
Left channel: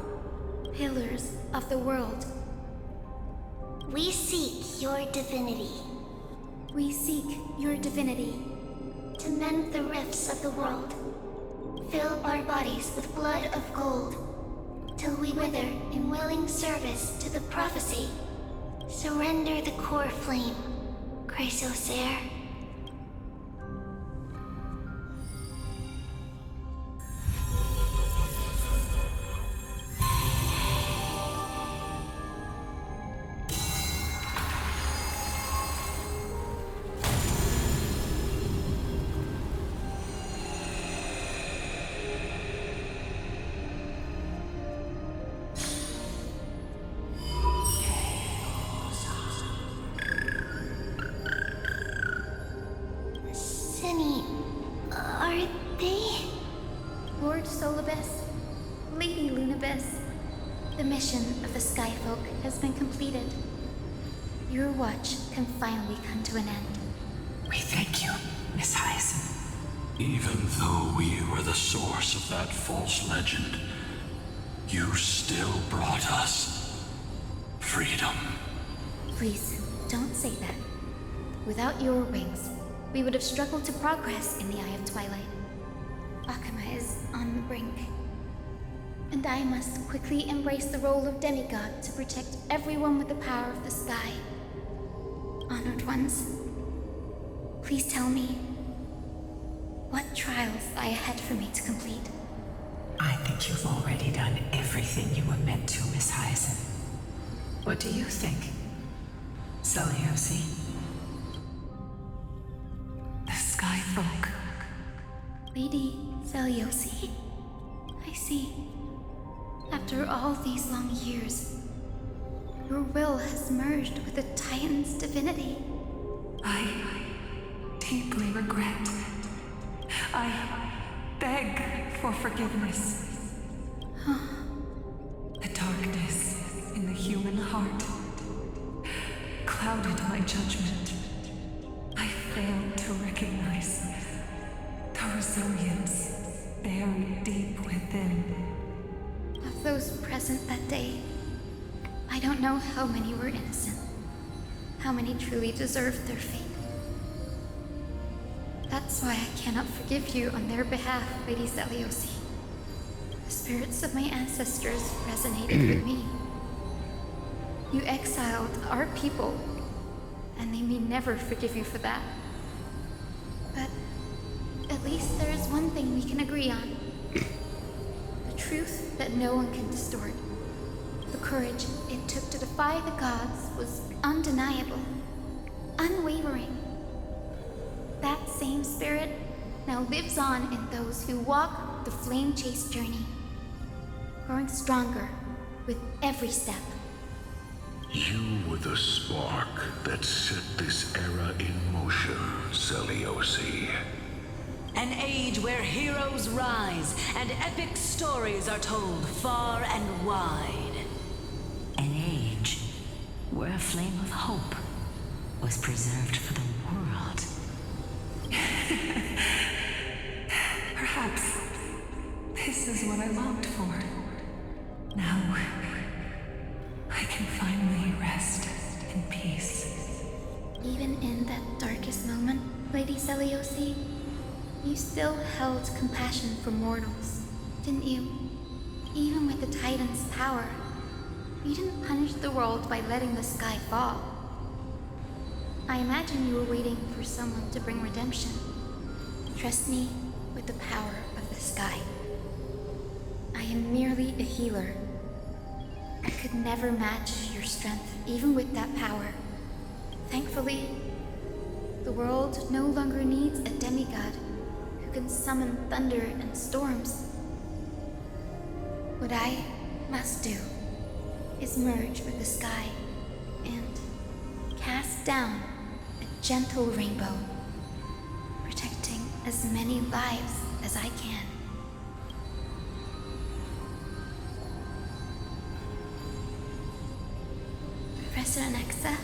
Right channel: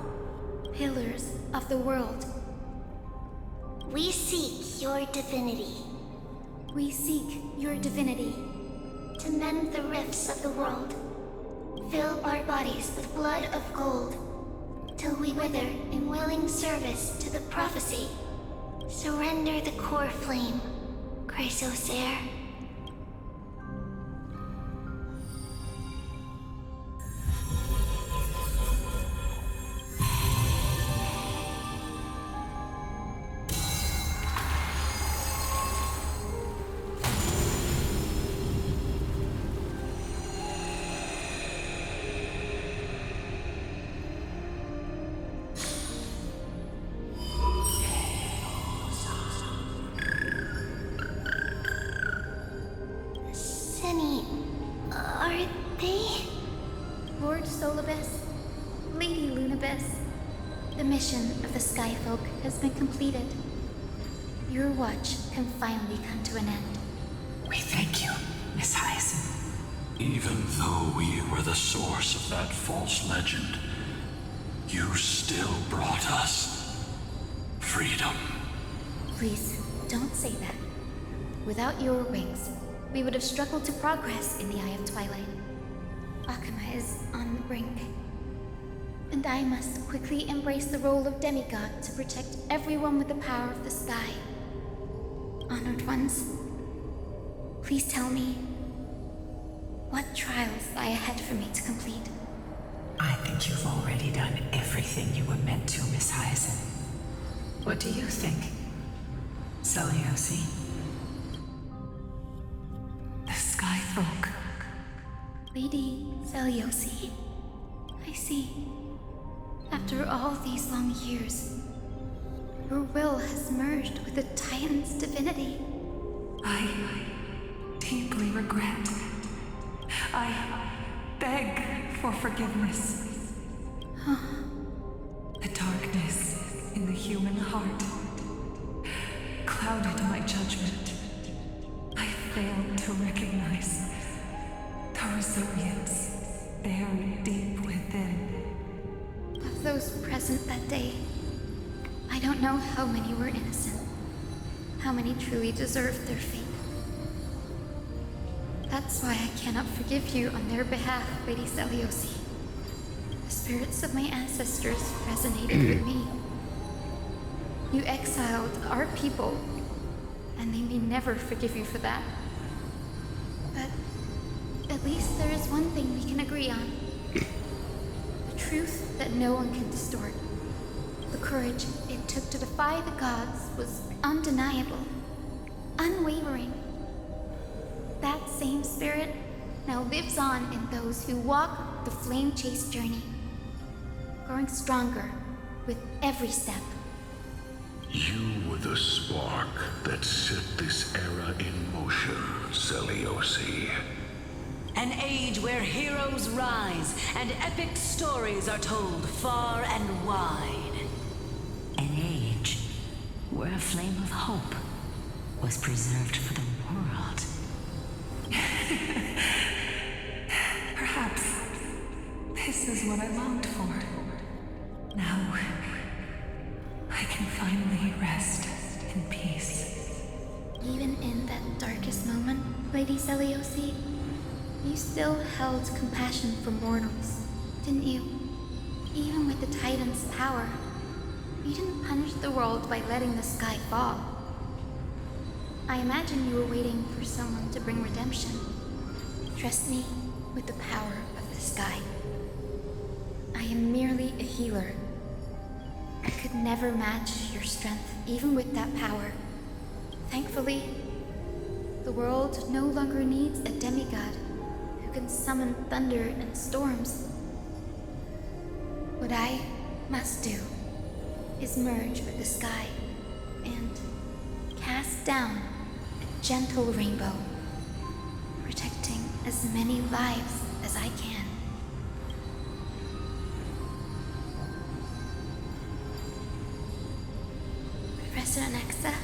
Pillars of the world. We seek your divinity. We seek your divinity. To mend the rifts of the world. Fill our bodies with blood of gold. Till we wither in willing service to the prophecy. Surrender the core flame, Chrysos heir. Cindy, are they? Lord Solibus, Lady Lunabis, the mission of the Skyfolk has been completed. Your watch can finally come to an end. We thank you, Miss Hyacinth. Even though we were the source of that false legend, you still brought us freedom. Please, don't say that. Without your wings, we would have struggled to progress in the Eye of Twilight. Akama is on the brink. And I must quickly embrace the role of demigod to protect everyone with the power of the sky. Honored ones, please tell me, what trials lie ahead for me to complete? I think you've already done everything you were meant to, Miss Hyacinth. What do you think, Celiosi? The Skyfolk. Lady Celiosi? I see. After all these long years, your will has merged with the Titan's divinity. I deeply regret. I beg for forgiveness. The darkness in the human heart clouded my judgment. I failed to recognize the resilience buried deep within. Of those present that day, I don't know how many were innocent, how many truly deserved their fate. That's why I cannot forgive you on their behalf, Lady Seliosi. The spirits of my ancestors resonated with me. You exiled our people, and they may never forgive you for that. But at least there is one thing we can agree on. The truth that no one can distort. The courage it took to defy the gods was undeniable, unwavering. That same spirit now lives on in those who walk the flame-chased journey, growing stronger with every step. You were the spark that set this era in motion, Seliosi. An age where heroes rise and epic stories are told far and wide. An age where a flame of hope was preserved for the world. Perhaps this is what I longed for. Now, I can finally rest in peace. Even in that darkest moment, Lady Seliosi, you still held compassion for mortals, didn't you? Even with the Titan's power, you didn't punish the world by letting the sky fall. I imagine you were waiting for someone to bring redemption. Trust me with the power of the sky. I am merely a healer. I could never match your strength, even with that power. Thankfully, the world no longer needs a demigod who can summon thunder and storms. What I must do is merge with the sky and cast down a gentle rainbow, protecting as many lives as I can. Professor Anaxa,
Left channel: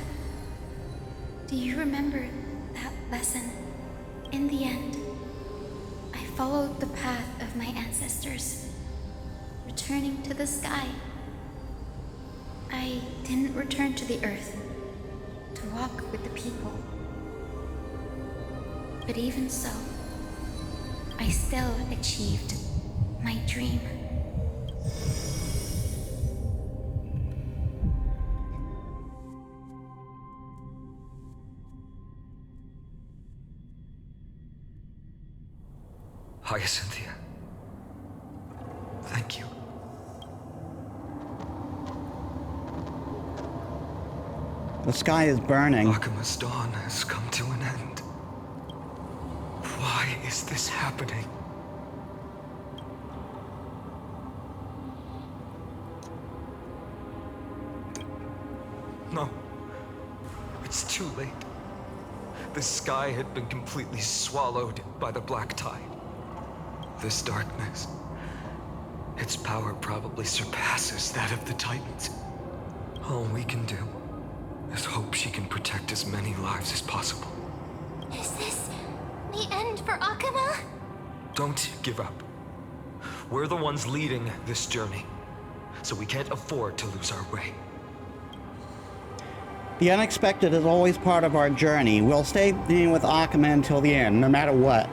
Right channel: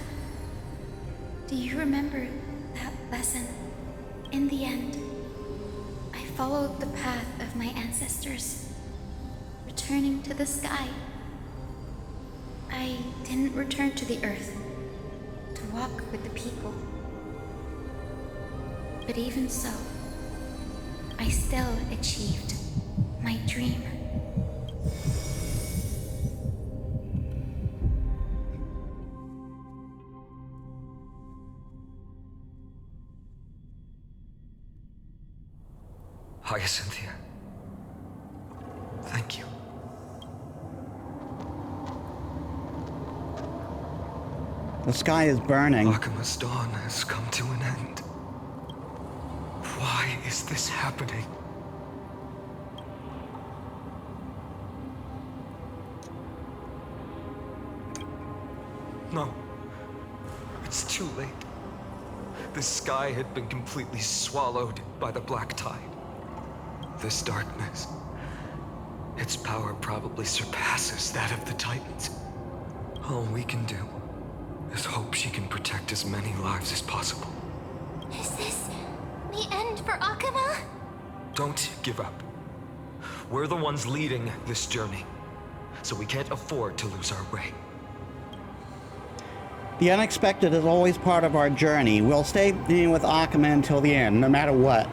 do you remember that lesson? In the end, I followed the path of my ancestors, returning to the sky. I didn't return to the earth to walk with the people. But even so, I still achieved my dream. Hyacinthia. Thank you. The sky is burning. Akima's dawn has come to an end. Why is this happening? No. It's too late. The sky had been completely swallowed by the black tide. This darkness, its power probably surpasses that of the Titans. All we can do is hope she can protect as many lives as possible. Is this the end for Akuma? Don't give up. We're the ones leading this journey, so we can't afford to lose our way. The unexpected is always part of our journey. We'll stay with Akuma until the end, no matter what.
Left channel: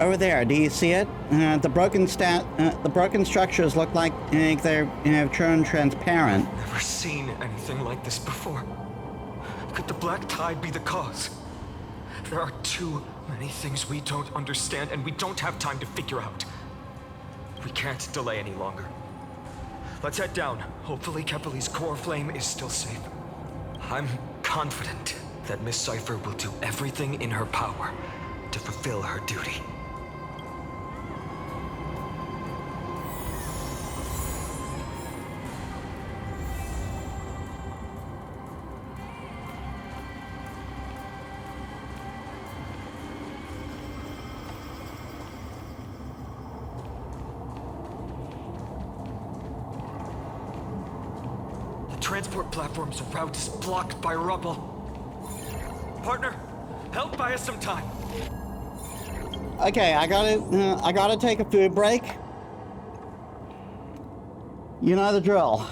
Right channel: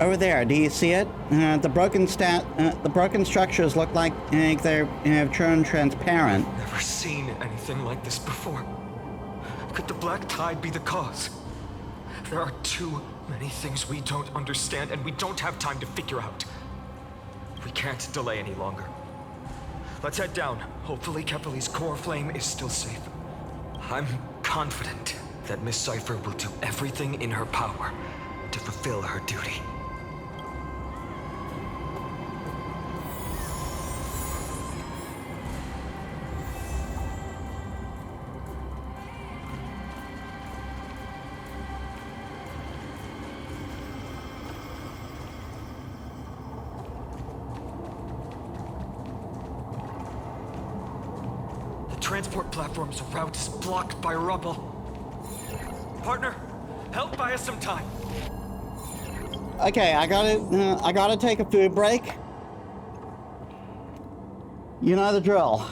Over there, do you see it? The broken structures look like they've turned transparent. Never seen anything like this before. Could the black tide be the cause? There are too many things we don't understand, and we don't have time to figure out. We can't delay any longer. Let's head down. Hopefully Kefali's core flame is still safe. I'm confident that Miss Sci-Fi will do everything in her power to fulfill her duty. Transport platform's route is blocked by rubble. Partner, help buy us some time. Okay, I gotta take a food break. You know the drill.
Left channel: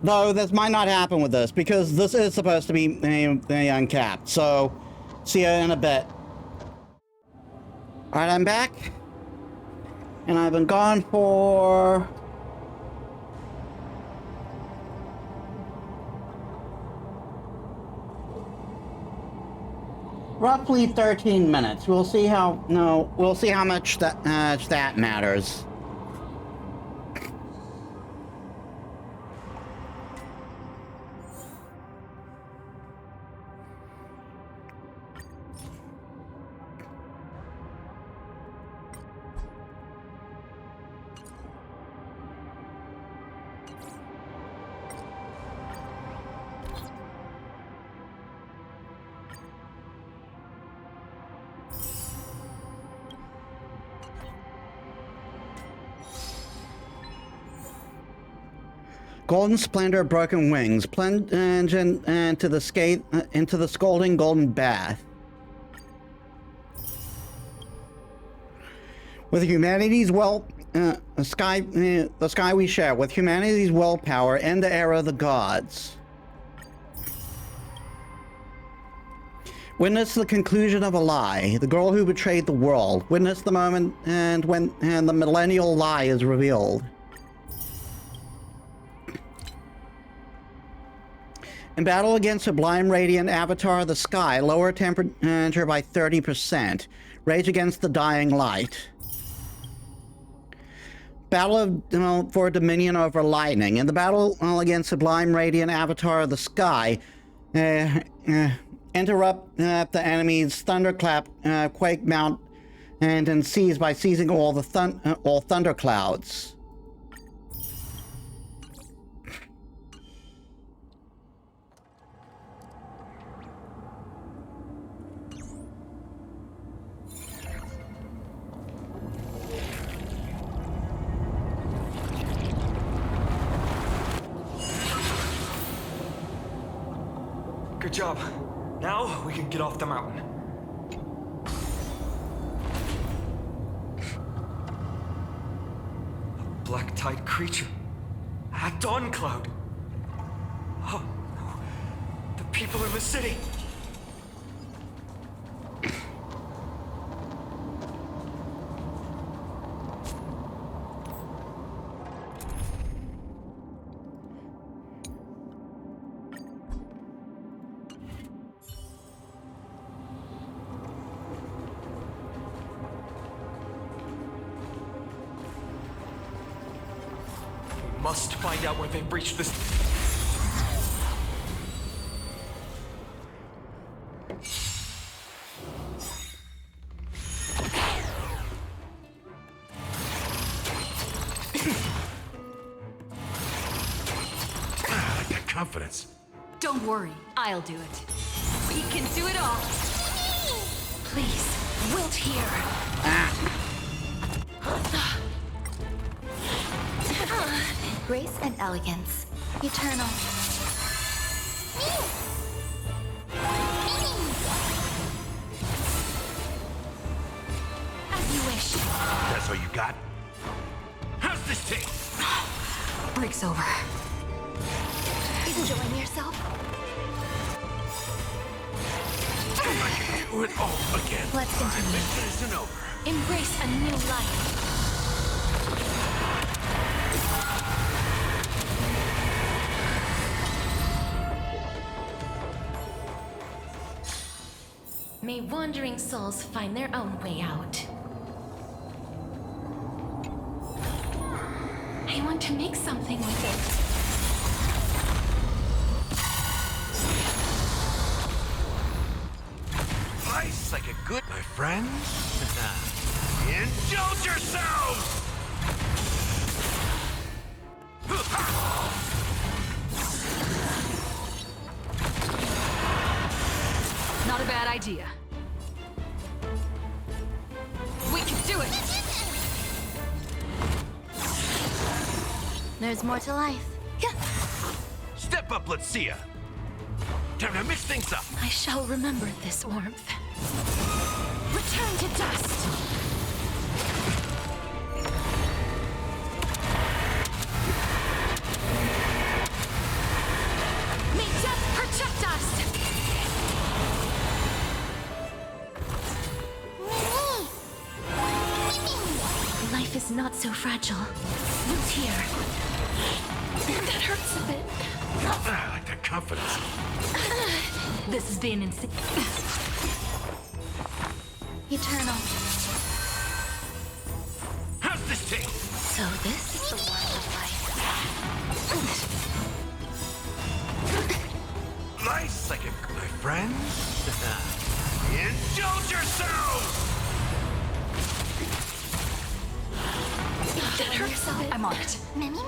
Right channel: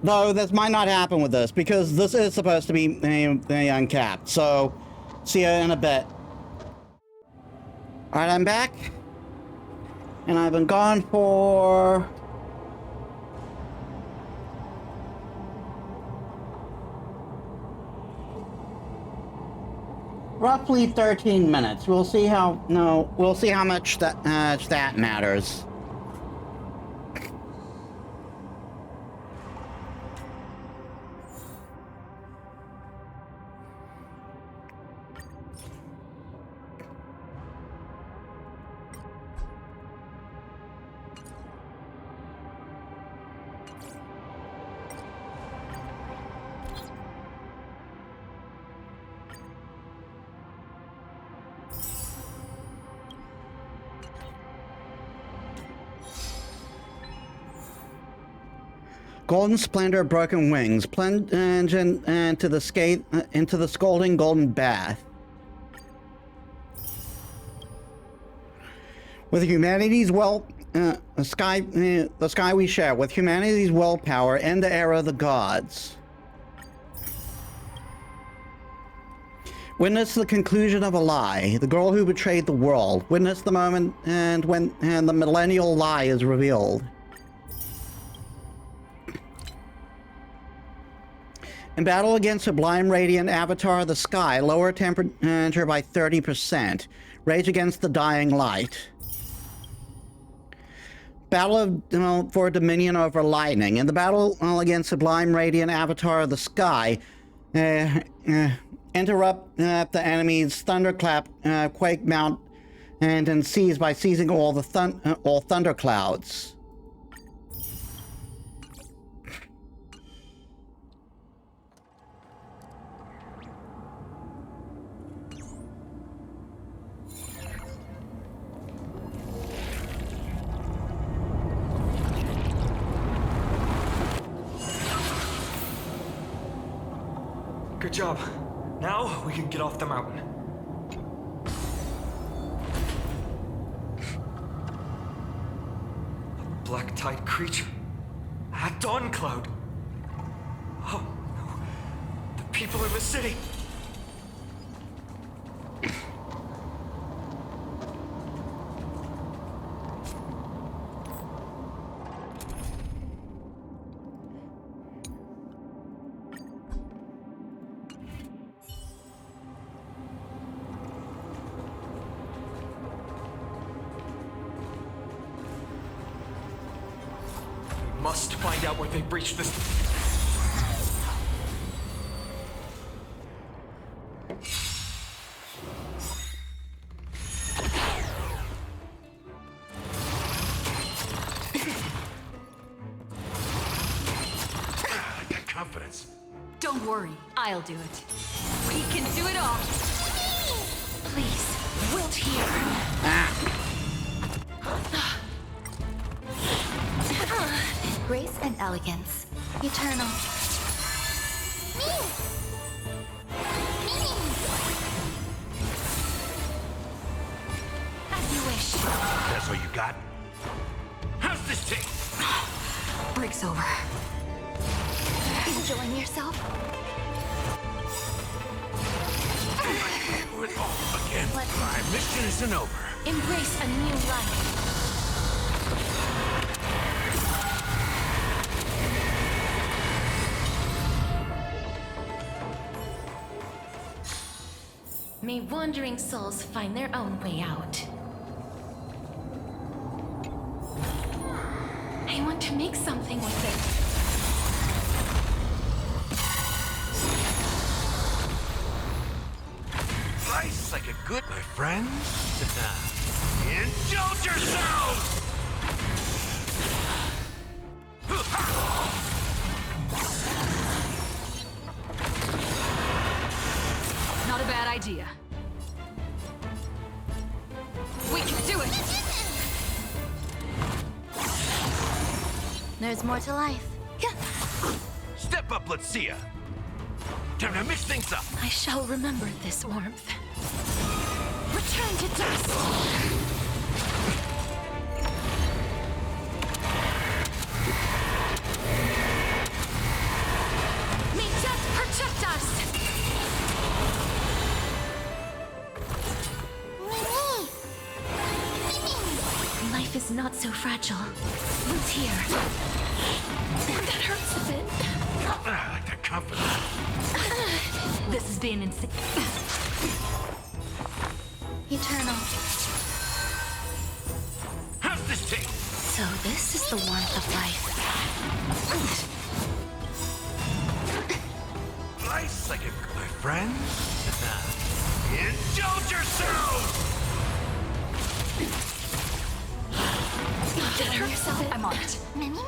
Though this might not happen with this, because this is supposed to be uncapped. So, see you in a bit. Alright, I'm back. And I've been gone for... roughly 13 minutes. We'll see how much that matters. Golden splendor, broken wings, plunge into the scalding golden bath. With humanity's the sky we share, with humanity's willpower and the era of the gods. Witness the conclusion of a lie, the girl who betrayed the world. Witness the moment when the millennial lie is revealed. In battle against Sublime Radiant Avatar of the Sky, lower temperature by 30%. Rage against the dying light. Battle for dominion over lightning. In the battle against Sublime Radiant Avatar of the Sky, interrupt the enemy's thunderclap, quake mount, and seize by seizing all thunderclouds. Good job. Now we can get off the mountain. A black-tide creature. At dawn cloud. Oh no. The people in the city. Must find out where they breached this. I got confidence. Don't worry, I'll do it. We can do it all. Please, wilt here. Grace and elegance. Eternal. As you wish. That's all you got? How's this taste? Break's over. Enjoying yourself? Do it all again. Let's continue. My mission isn't over. Embrace a new life. May wandering souls find their own way out. I want to make something with it. Nice like a good... My friends? Indulge yourselves! Not a bad idea. We can do it! There's more to life. Step up, let's see ya. Time to mix things up. I shall remember this warmth. Return to dust! May death protect us! Mimi! Life is not so fragile. Root here. That hurts a bit. I like that confidence. This has been insane. Eternal. How's this taste? So this is the warmth of life. Nice, like my friends. Indulge yourselves! That hurts a bit. I'm on it. Mimi?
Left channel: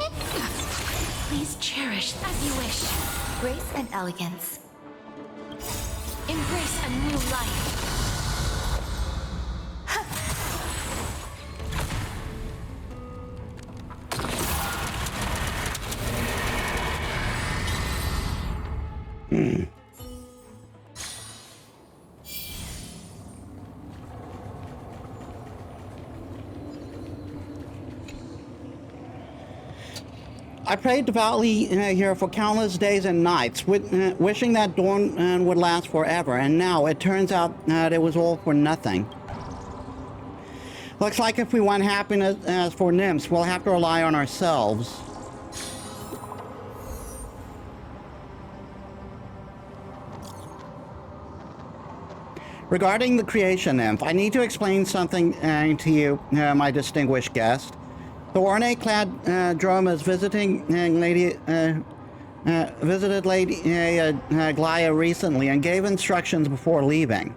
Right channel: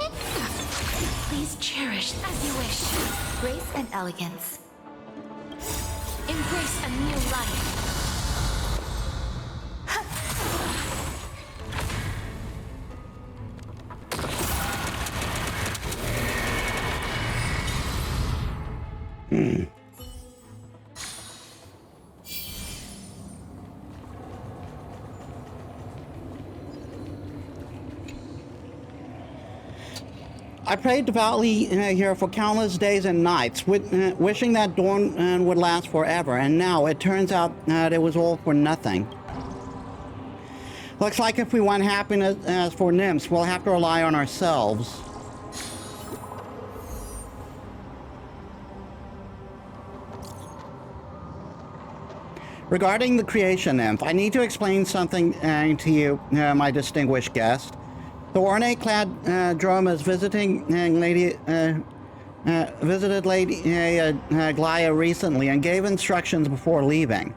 Please cherish as you wish. Grace and elegance. Embrace a new life. I prayed devoutly here for countless days and nights, wishing that dawn would last forever, and now it turns out that it was all for nothing. Looks like if we want happiness for nymphs, we'll have to rely on ourselves. Regarding the creation nymph, I need to explain something to you, my distinguished guest. The ornate-clad Dromas visited Lady Glaya recently and gave instructions before leaving.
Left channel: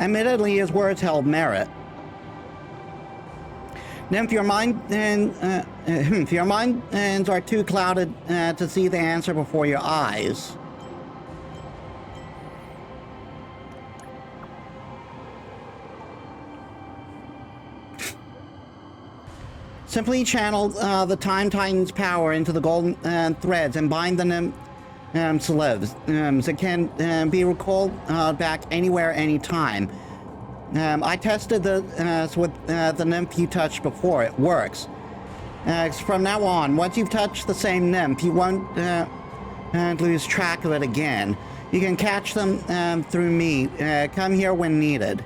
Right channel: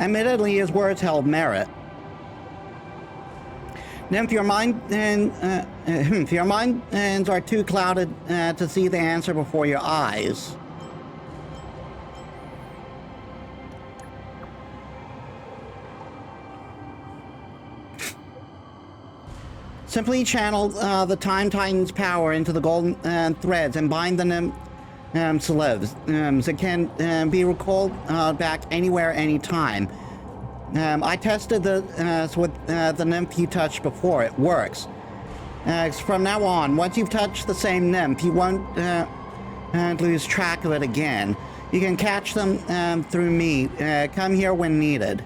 Admittedly, his words held merit. Nymph, your minds are too clouded to see the answer before your eyes. Simply channel the Time Titan's power into the golden threads and bind the nymph to live. It can be recalled back anywhere, anytime. I tested this with the nymph you touched before. It works. From now on, once you've touched the same nymph, you won't lose track of it again. You can catch them through me. Come here when needed.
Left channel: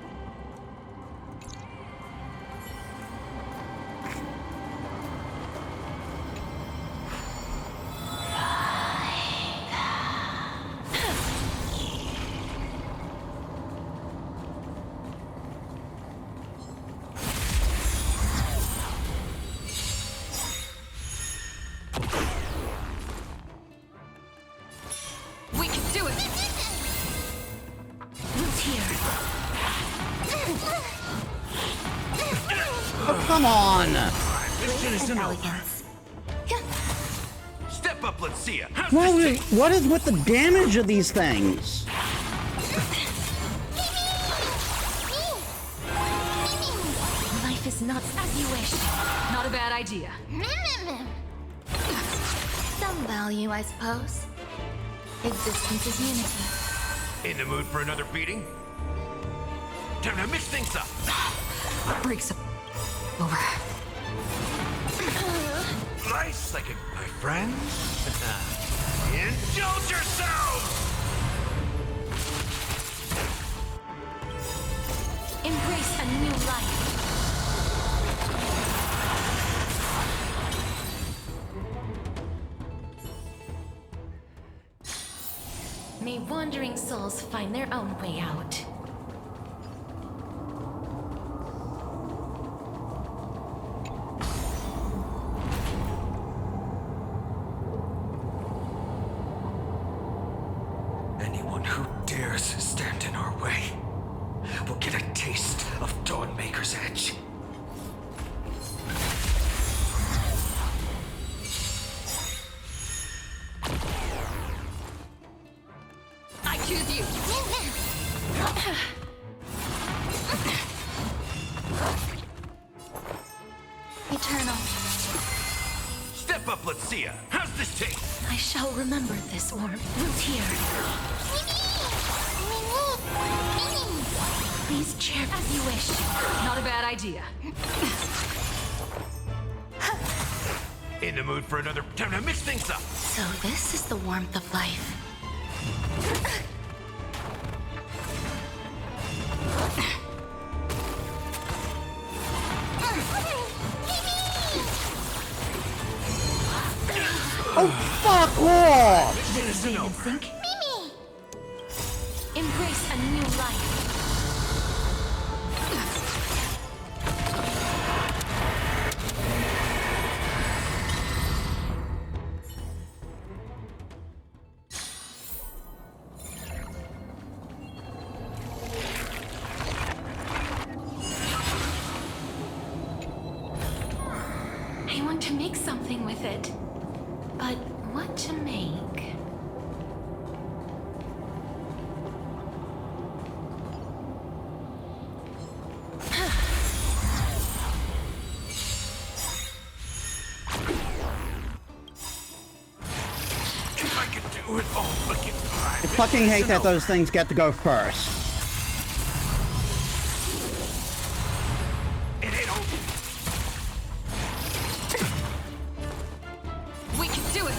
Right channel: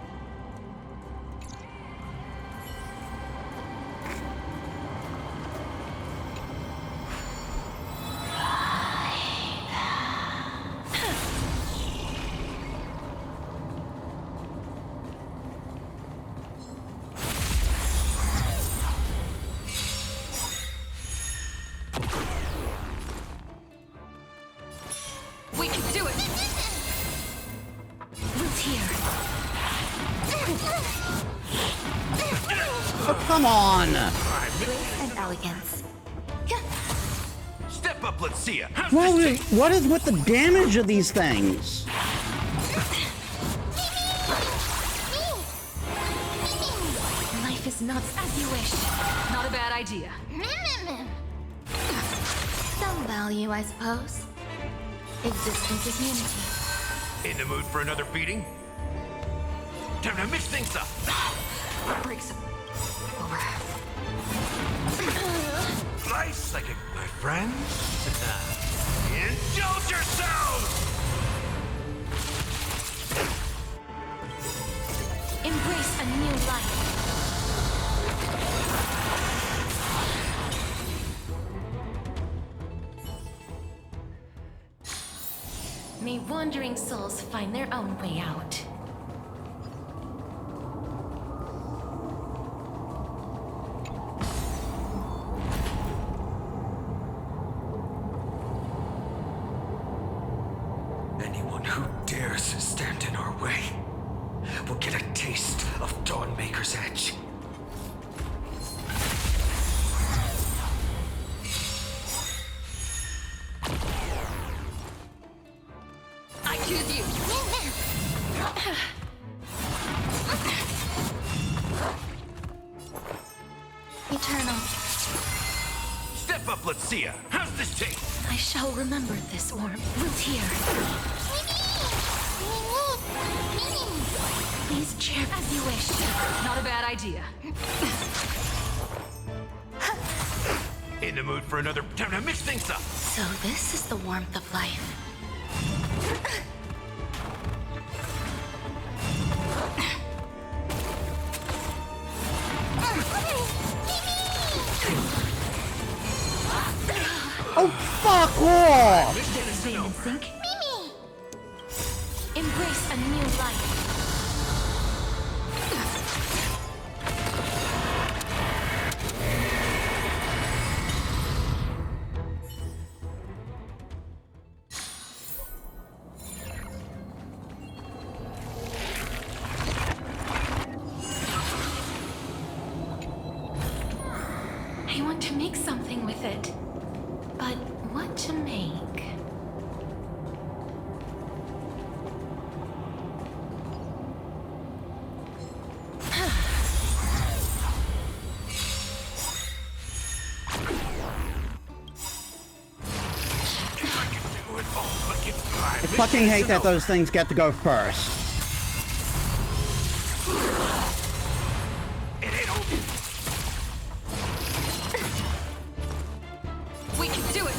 We can do it! Root here. Oh, come on! Grace and elegance. Step up, let's see ya. How's What is with the damage of these things? Life is not as you wish. Not a bad idea. Some value, I suppose. Existence is unity. In the mood for another beating? Time to mix things up. Breaks over. Nice, like my friends. Indulge yourselves! Embrace a new life. May wandering souls find their own way out. Anyone who dares stand in our way will get a taste of Dawnmaker's edge. I choose you. eternal. Step up, let's see ya. How's this taste? I shall remember this warmth. Wilt hear. Please chair as you wish. Not a bad idea. In the mood for another time to mix things up. So this is the warmth of life. Oh, fuck off! Vein and sink. Mimi! Embrace a new life. I want to make something with it. But what to make? I fucking hate that those things get to go first. We can do it!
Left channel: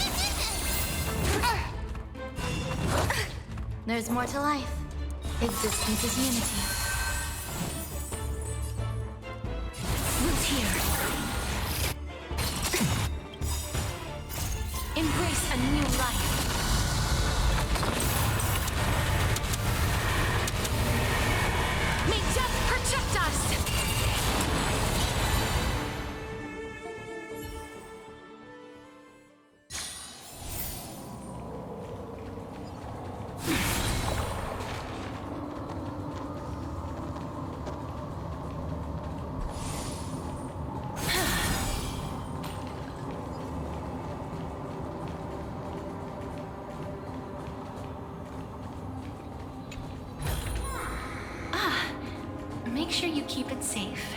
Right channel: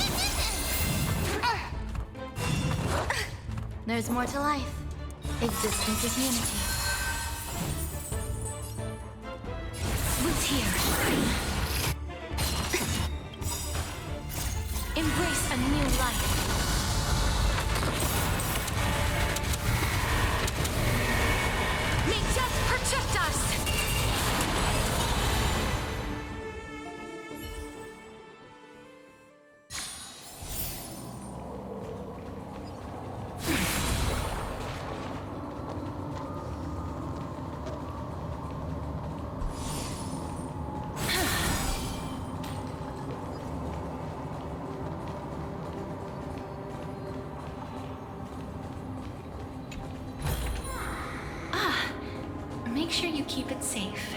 There's more to life. Existence is unity. Wilt hear. Embrace a new life. May death protect us! Make sure you keep it safe.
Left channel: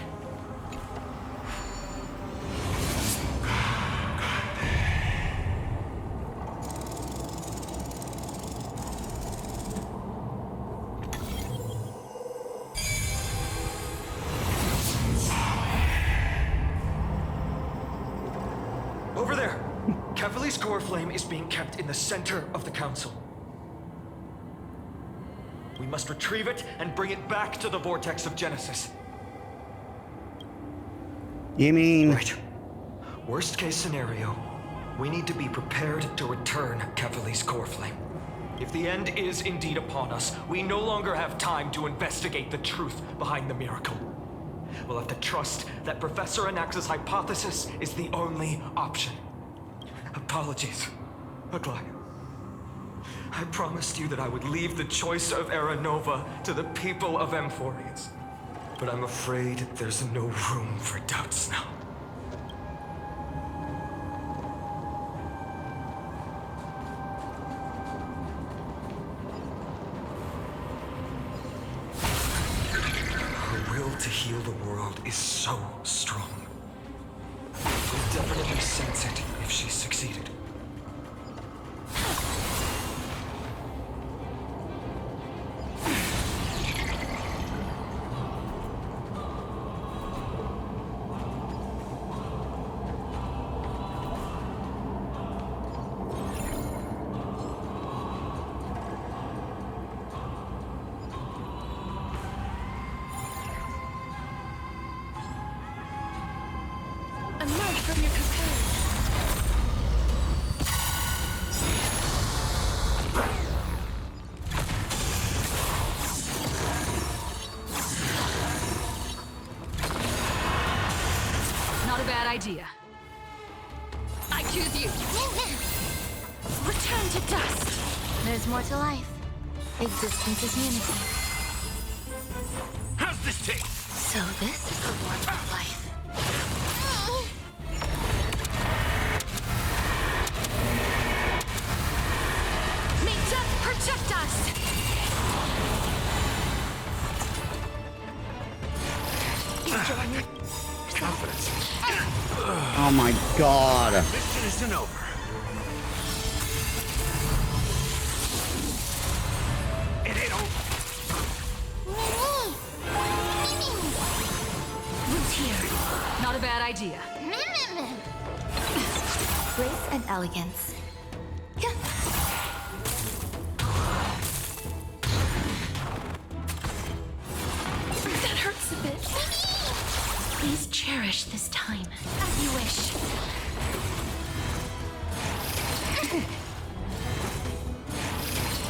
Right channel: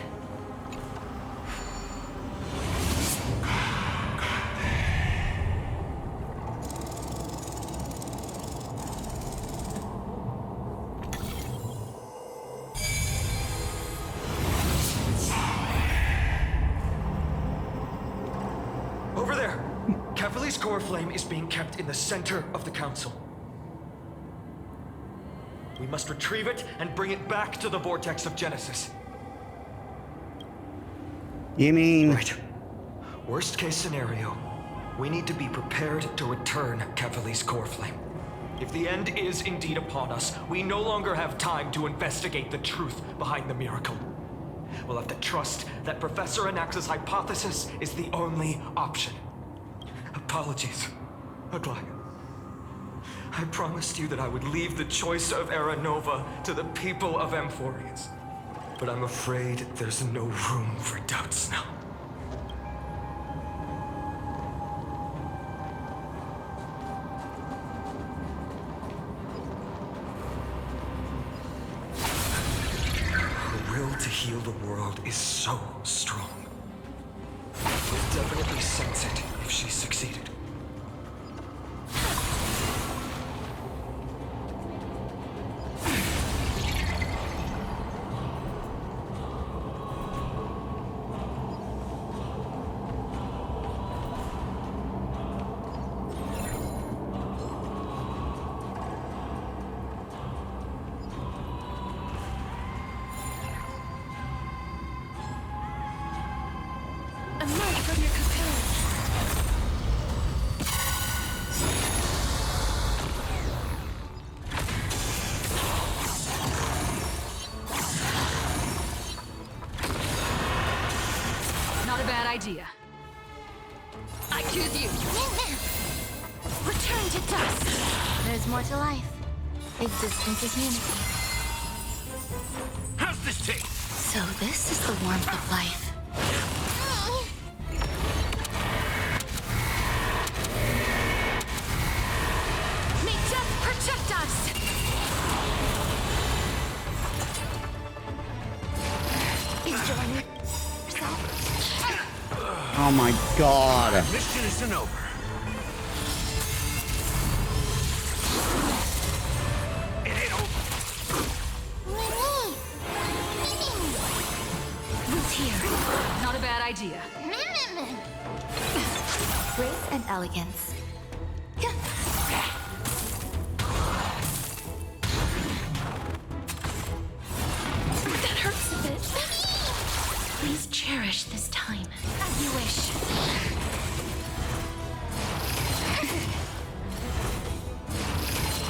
Over there! Kefali's core flame is being kept in the center of the council. We must retrieve it and bring it back to the vortex of Genesis. You mean... Right. Worst case scenario, we need to be prepared to return Kefali's core flame. If the end is indeed upon us, we no longer have time to investigate the truth behind the miracle. We'll have to trust that Professor Anax's hypothesis is the only option. Apologies, Aglaya. I promised you that I would leave the choice of Era Nova to the people of Amphorians. But I'm afraid there's no room for doubts now. Her will to heal the world is so strong. We'll definitely sense it if she succeeded. Emerge from your cocoon. Not a bad idea. I choose you. Return to dust. There's more to life. Existence is unity. How's this taste? So this is the warmth of life. May death protect us! Enjoying yourself? Confidence. Oh my god. Our mission isn't over. It ain't over. Root here. Not a bad idea. Grace and elegance. That hurts a bit. Please cherish this time. As you wish.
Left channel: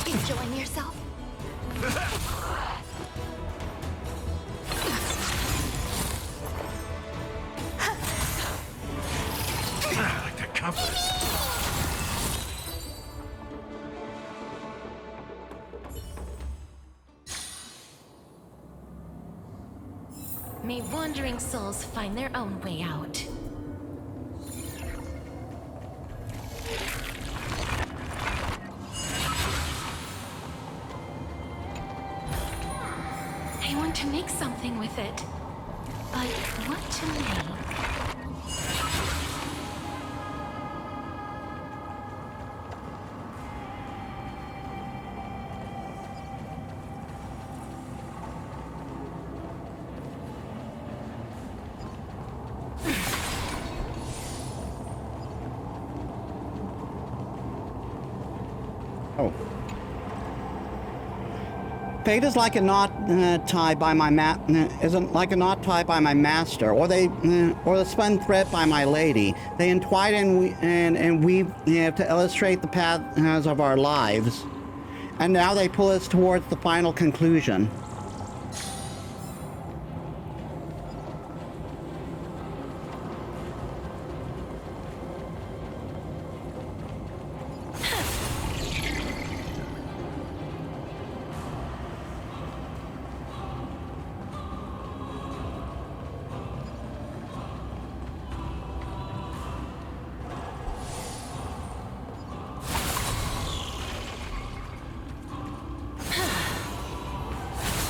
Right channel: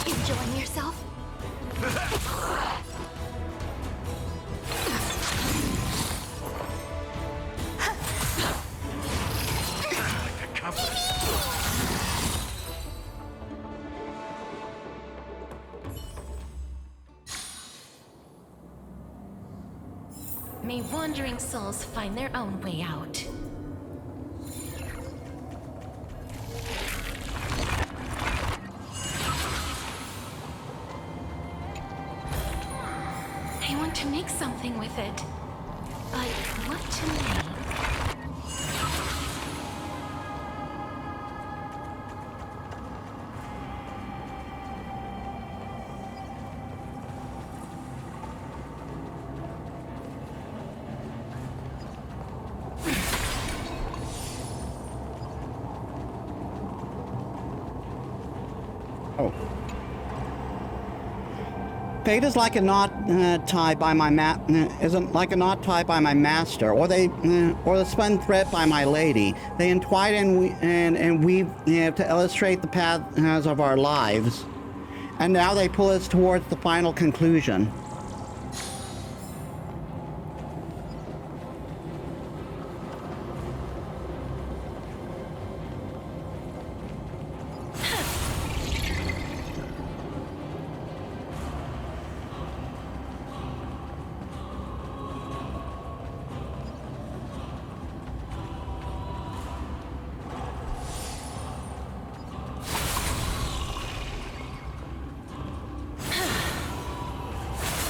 Enjoying yourself? I like that confidence. May wandering souls find their own way out. I want to make something with it. But what to make? Oh. Fate is like a knot tied by my isn't like a knot tied by my master, or the spun thread by my lady. They entwine and weave to illustrate the paths of our lives, and now they pull us towards the final conclusion.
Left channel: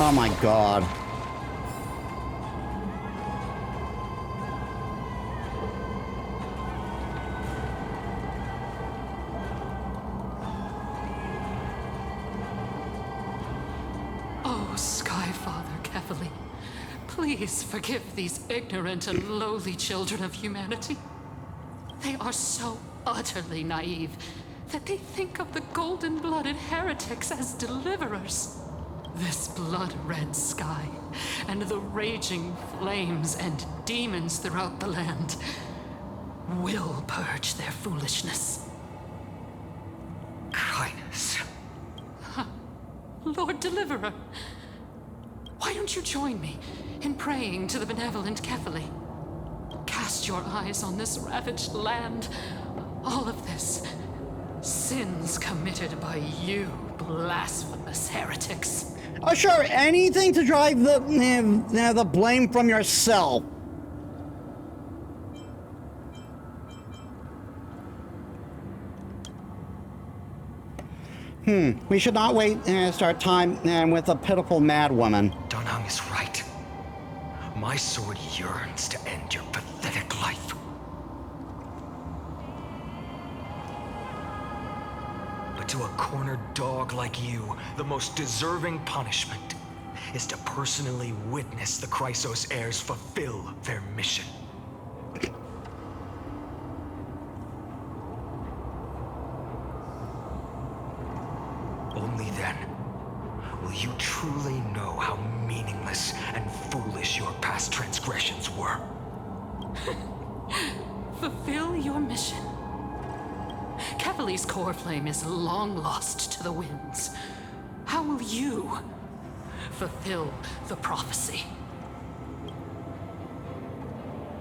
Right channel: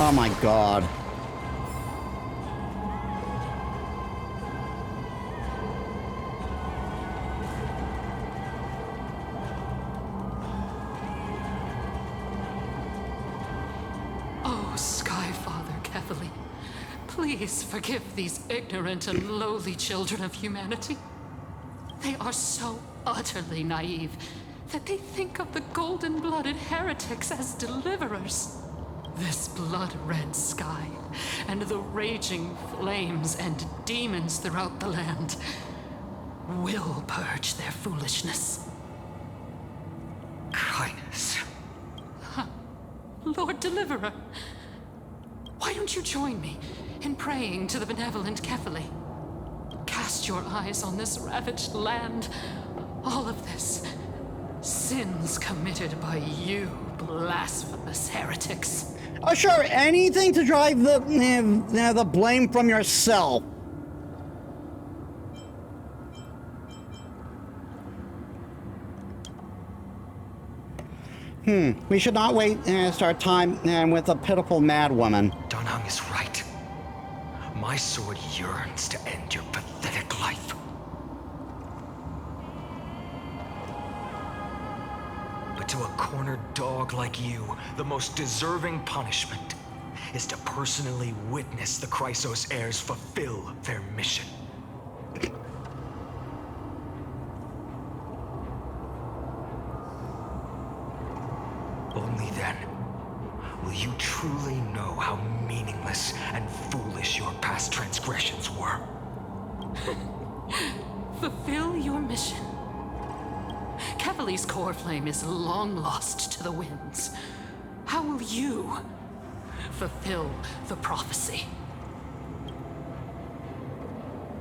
Oh my god. Oh, Sky-Father Kefali, please forgive these ignorant and lowly children of humanity. They are so utterly naive that they think of the golden-blooded heretics as deliverers. This blood-red sky, and the raging flames and demons throughout the land will purge their foolishness. Kindness. Lord Deliverer, why don't you join me in praying to the benevolent Kefali? Cast your eyes on this ravaged land. All of this, sins committed by you, blasphemous heretics. Oh, sure, anything to drive the blame from yourself. We should not waste our time with a pitiful madwoman. Dunham is right. My sword yearns to end your pathetic life. But to a cornered dog like you, the most deserving punishment is to personally witness the Chrysos heirs fulfill their mission. Only then will you truly know how meaningless and foolish your past transgressions were. Fulfill your mission. Kefali's core flame is long lost to the winds. How will you fulfill the prophecy?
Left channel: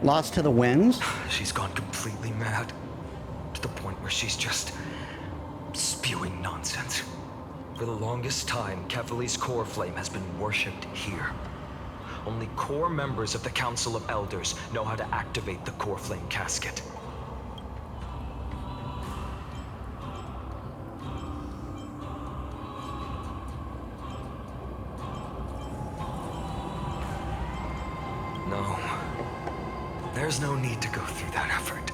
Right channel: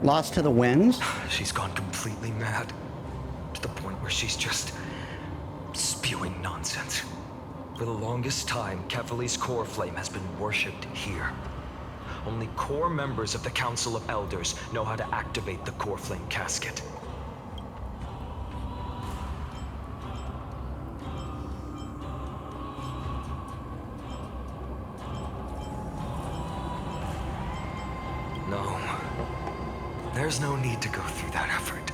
Lost to the winds? She's gone completely mad. To the point where she's just spewing nonsense. For the longest time, Kefali's core flame has been worshipped here. Only core members of the Council of Elders know how to activate the core flame casket. No. There's no need to go through that effort.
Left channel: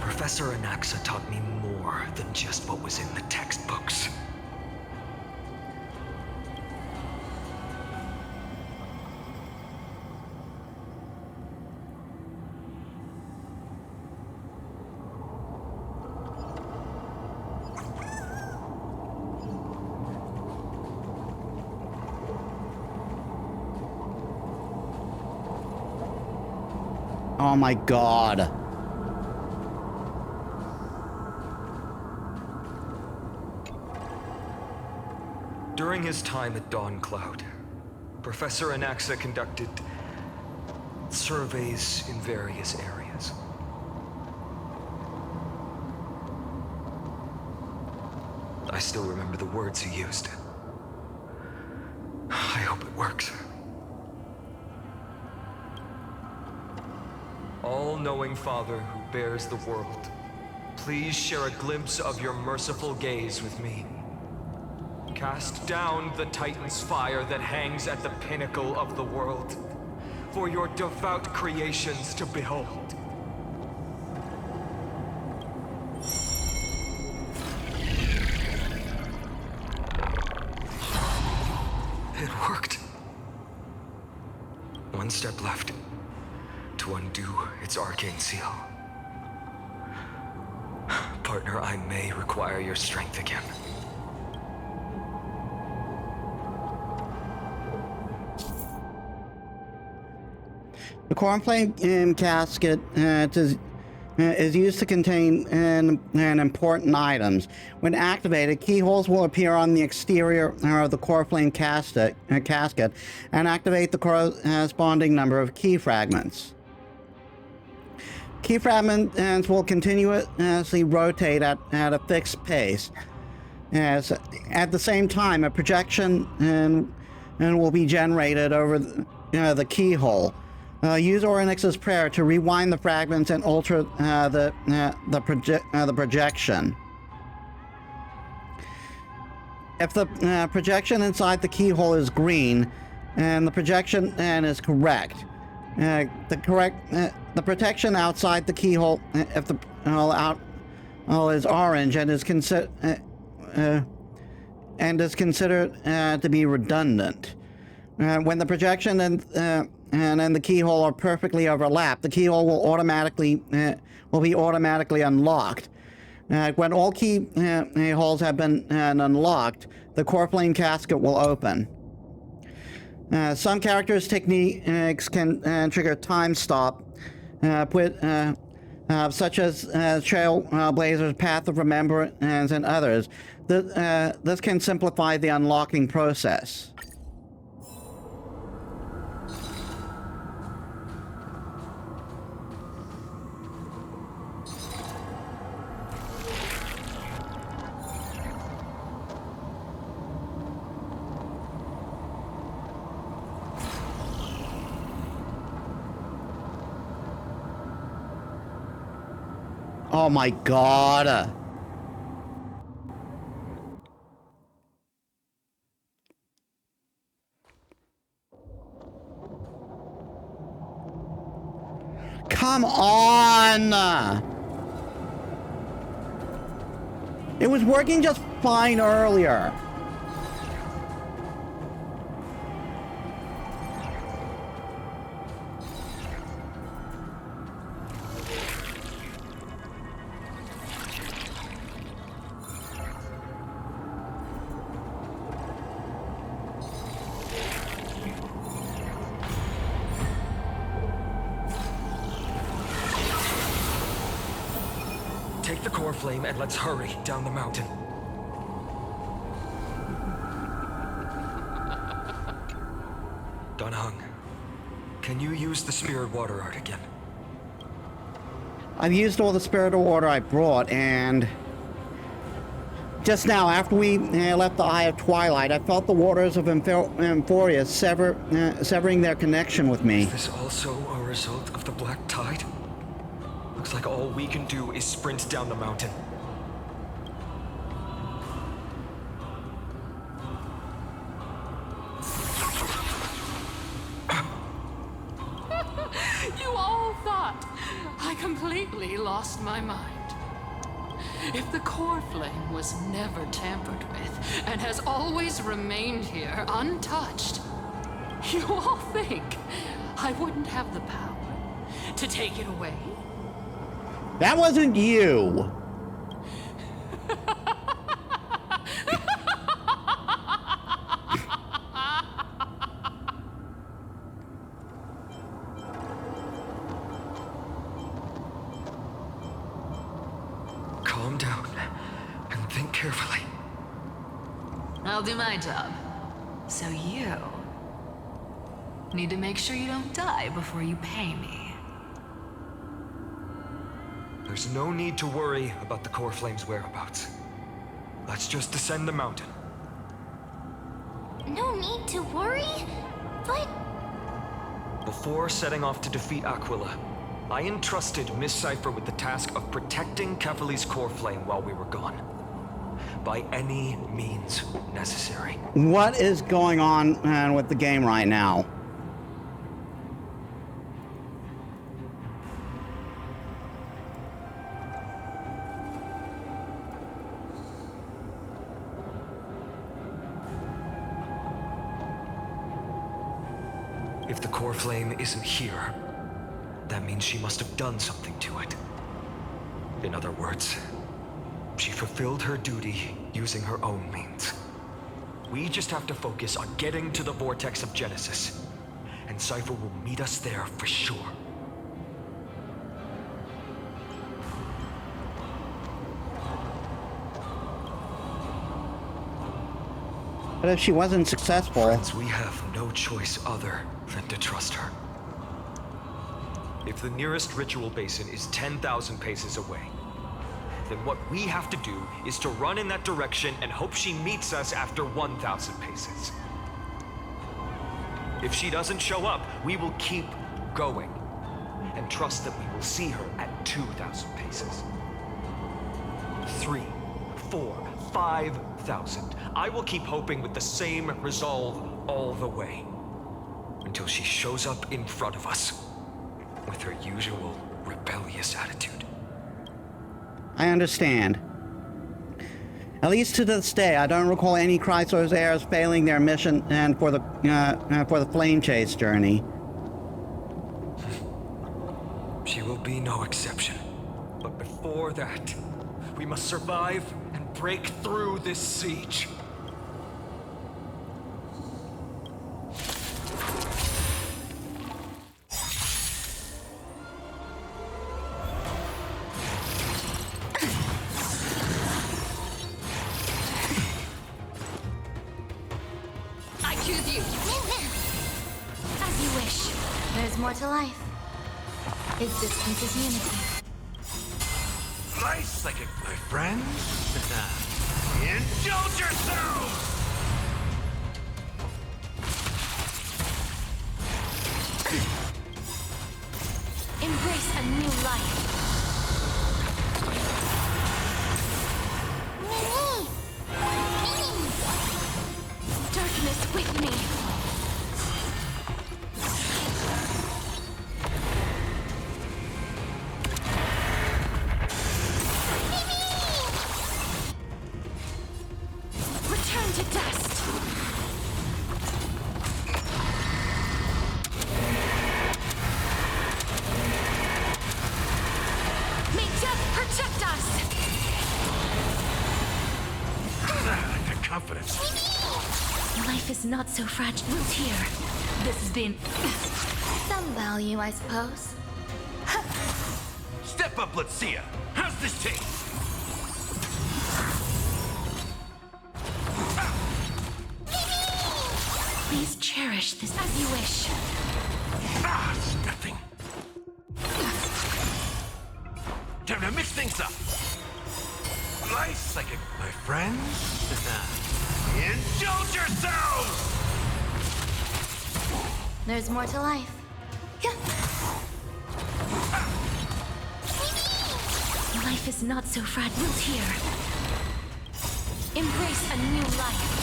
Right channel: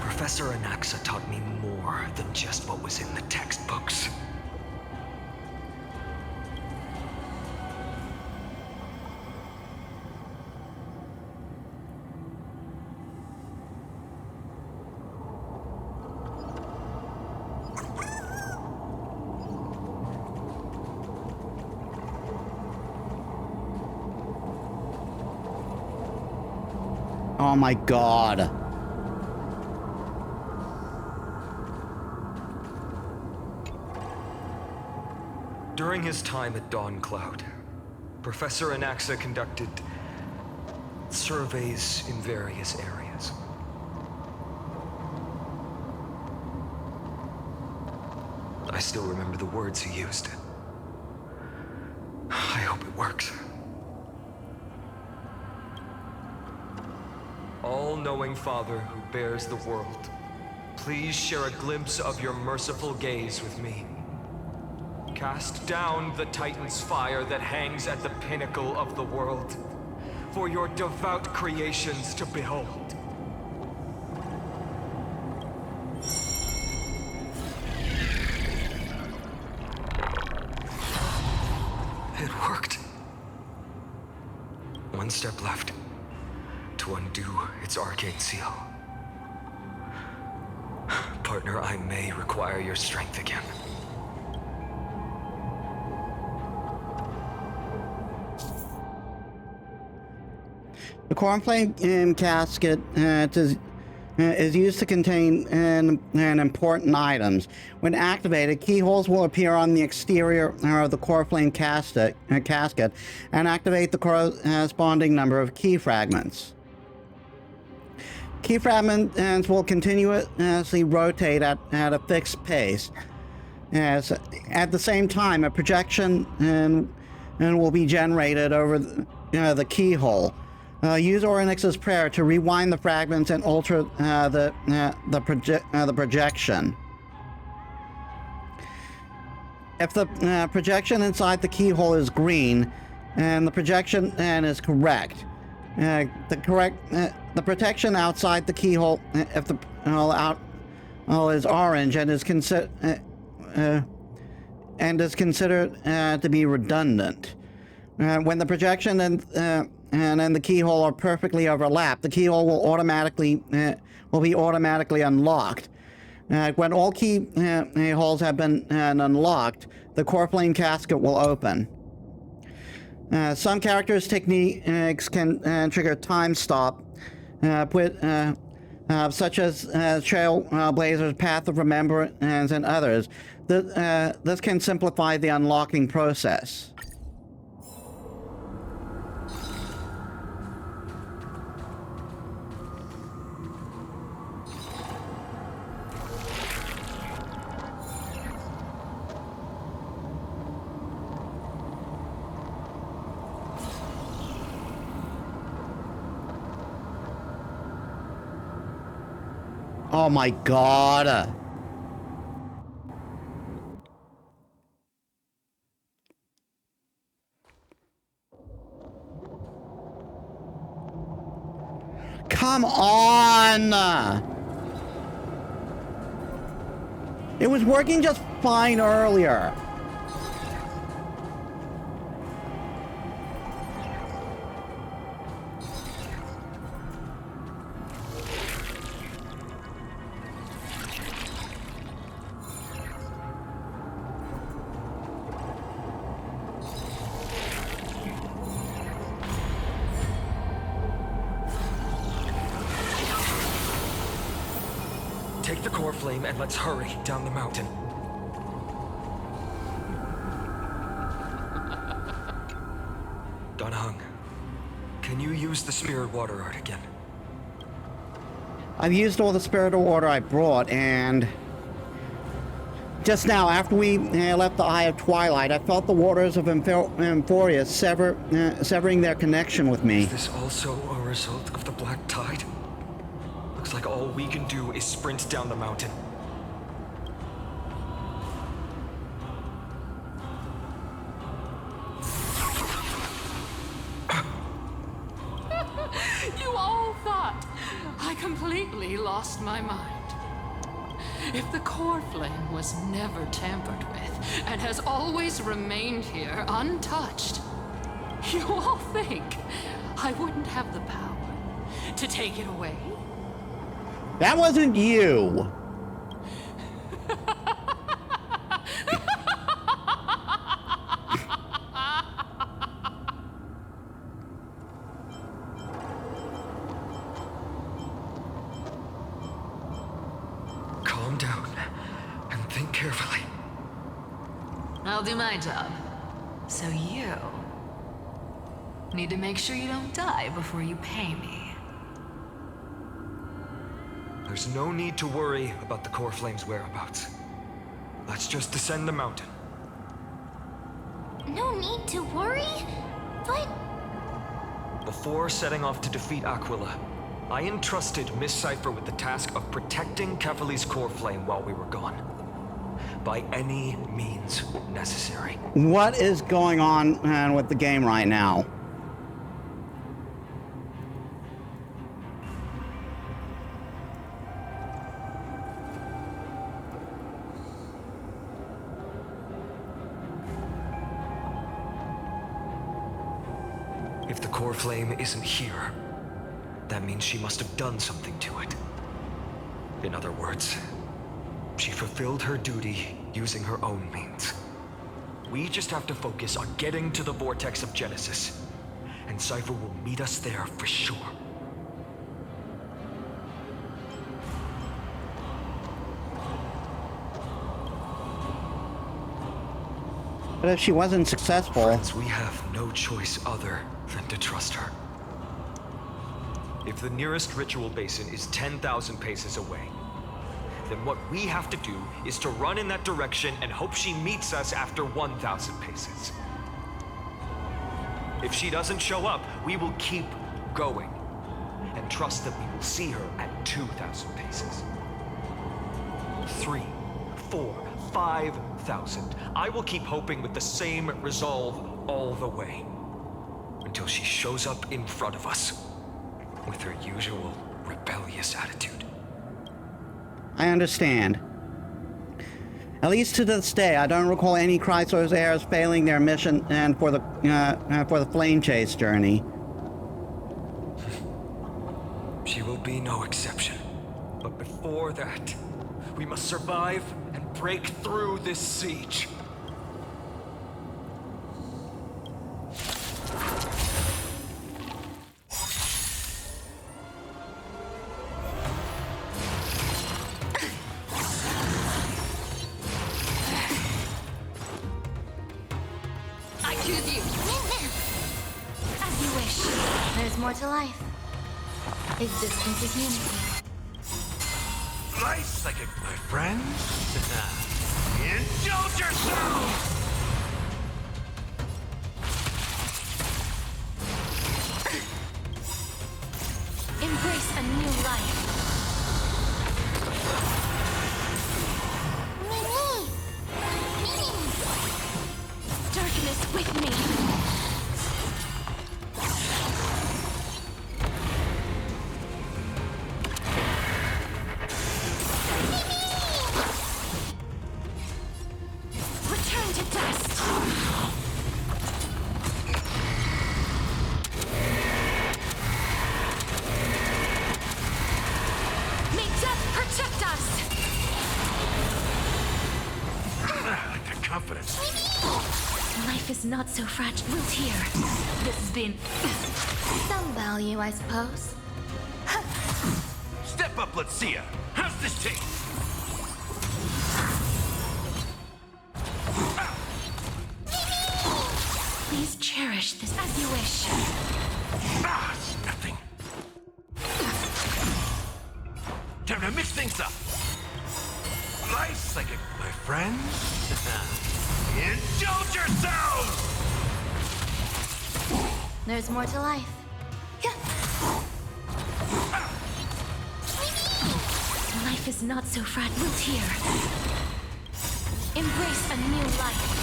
Professor Anaxa taught me more than just what was in the textbooks. Oh my god. During his time at Dawn Cloud, Professor Anaxa conducted surveys in various areas. I still remember the words he used. I hope it works. All-knowing Father who bears the world, please share a glimpse of your merciful gaze with me. Cast down the Titan's fire that hangs at the pinnacle of the world, for your devout creations to behold. It worked. One step left to undo its arcane seal. Partner, I may require your strength again. The cornflame casket is used to contain an important items. When activated, keyholes will appear on the exterior of the cornflame casket and activate the corresponding number of key fragments. Key fragments will continuously rotate at a fixed pace. At the same time, a projection will be generated over the keyhole. Use Oryx's prayer to rewind the fragments and alter the projection. If the projection inside the keyhole is green, and the projection is correct, the protection outside the keyhole, if the is orange and is considered to be redundant. When the projection and then the keyhole are perfectly overlapped, the keyhole will be automatically unlocked. When all keyholes have been unlocked, the core flame casket will open. Some characters' techniques can trigger time stop, such as Trailblazer's Path of Remembrance and others. This can simplify the unlocking process. Oh my god. Come on. It was working just fine earlier. Take the core flame and let's hurry down the mountain. Donahung, can you use the spirit water art again? I've used all the spirit water I brought, and just now, after we left the Eye of Twilight, I felt the waters of Emphoria severing their connection with me. Is this also a result of the Black Tide? Looks like all we can do is sprint down the mountain. lost my mind. If the core flame was never tampered with and has always remained here untouched, you all think I wouldn't have the power to take it away? That wasn't you. Calm down and think carefully. I'll do my job. So you need to make sure you don't die before you pay me. There's no need to worry about the core flame's whereabouts. Let's just descend the mountain. No need to worry? But... Before setting off to defeat Aquila, I entrusted Miss Sci-Fi with the task of protecting Kefali's core flame while we were gone. By any means necessary. What is going on with the game right now? If the core flame isn't here, that means she must have done something to it. In other words, she fulfilled her duty using her own means. We just have to focus on getting to the vortex of Genesis, and Sci-Fi will meet us there for sure. But if she wasn't successful... Friends, we have no choice other than to trust her. If the nearest ritual basin is 10,000 paces away, then what we have to do is to run in that direction and hope she meets us after 1,000 paces. If she doesn't show up, we will keep going and trust that we will see her at 2,000 paces. 3, 4, 5,000. I will keep hoping with the same resolve all the way until she shows up in front of us with her usual rebellious attitude. I understand. At least to this day, I don't recall any Chrysos heirs failing their mission and for the flame chase journey. She will be no exception. But before that, we must survive and break through this siege. I choose you. As you wish. There's more to life. Existence is unity. Nice, like my friends. Indulge yourselves! Embrace a new life. Mimi! Mimi! Darkness with me. Return to dust. May death protect us. The confidence. Life is not so fragile. Wilt here. This has been Some value, I suppose. Step up, let's see ya. How's this taste? Please cherish this as you wish. Ah, it's nothing. Time to mix things up. Nice, like my friends. Indulge yourselves! There's more to life. Life is not so fragile. Wilt here. Embrace a new life.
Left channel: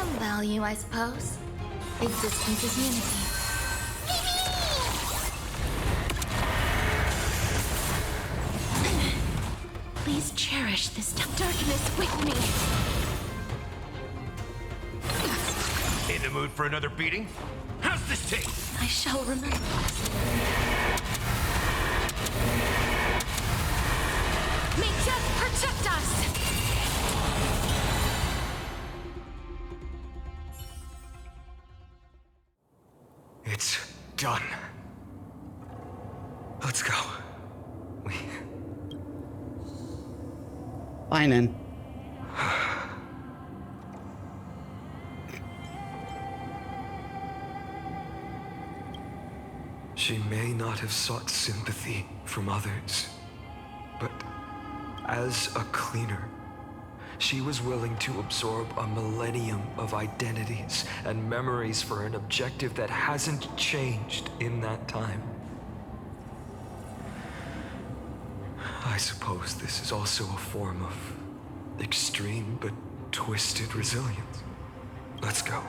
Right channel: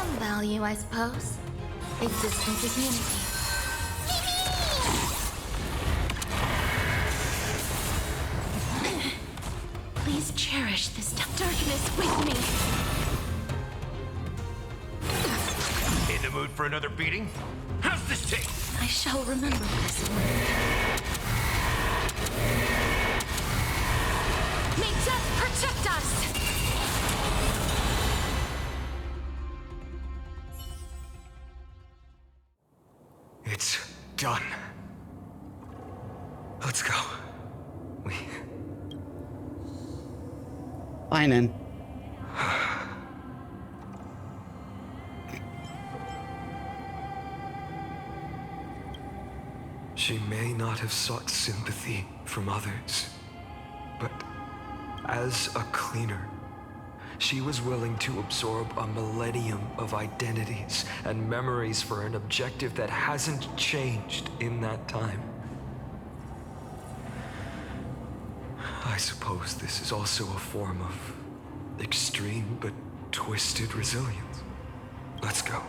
Some value, I suppose. Existence is unity. Please cherish this darkness with me. In the mood for another beating? How's this taste? I shall remember this word. May death protect us! It's done. Let's go. Fine then. She may not have sought sympathy from others, but as a cleaner, she was willing to absorb a millennium of identities and memories for an objective that hasn't changed in that time. I suppose this is also a form of extreme but twisted resilience. Let's go.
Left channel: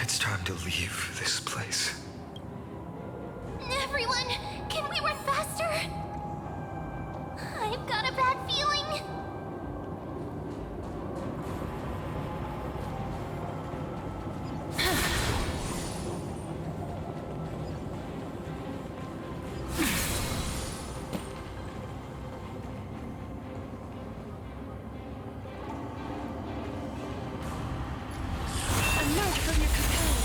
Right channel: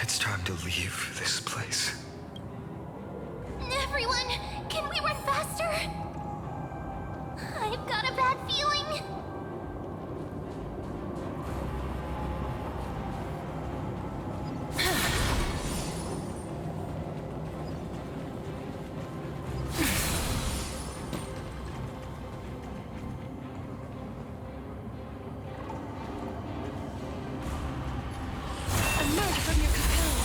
It's time to leave this place. Everyone, can we run faster? I've got a bad feeling. Emerge from your cocoon.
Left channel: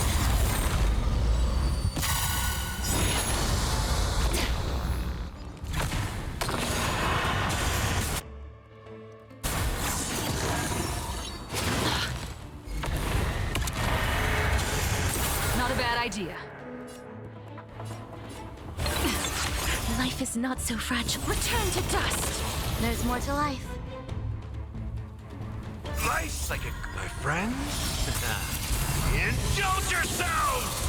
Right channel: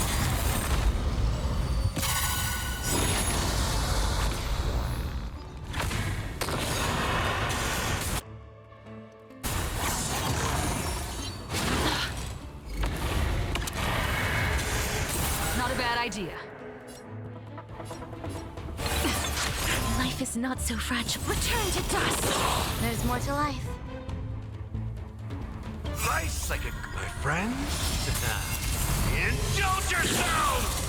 Not a bad idea. Life is not so fragile. Return to dust! There's more to life. Life's like my friends. Indulge yourselves!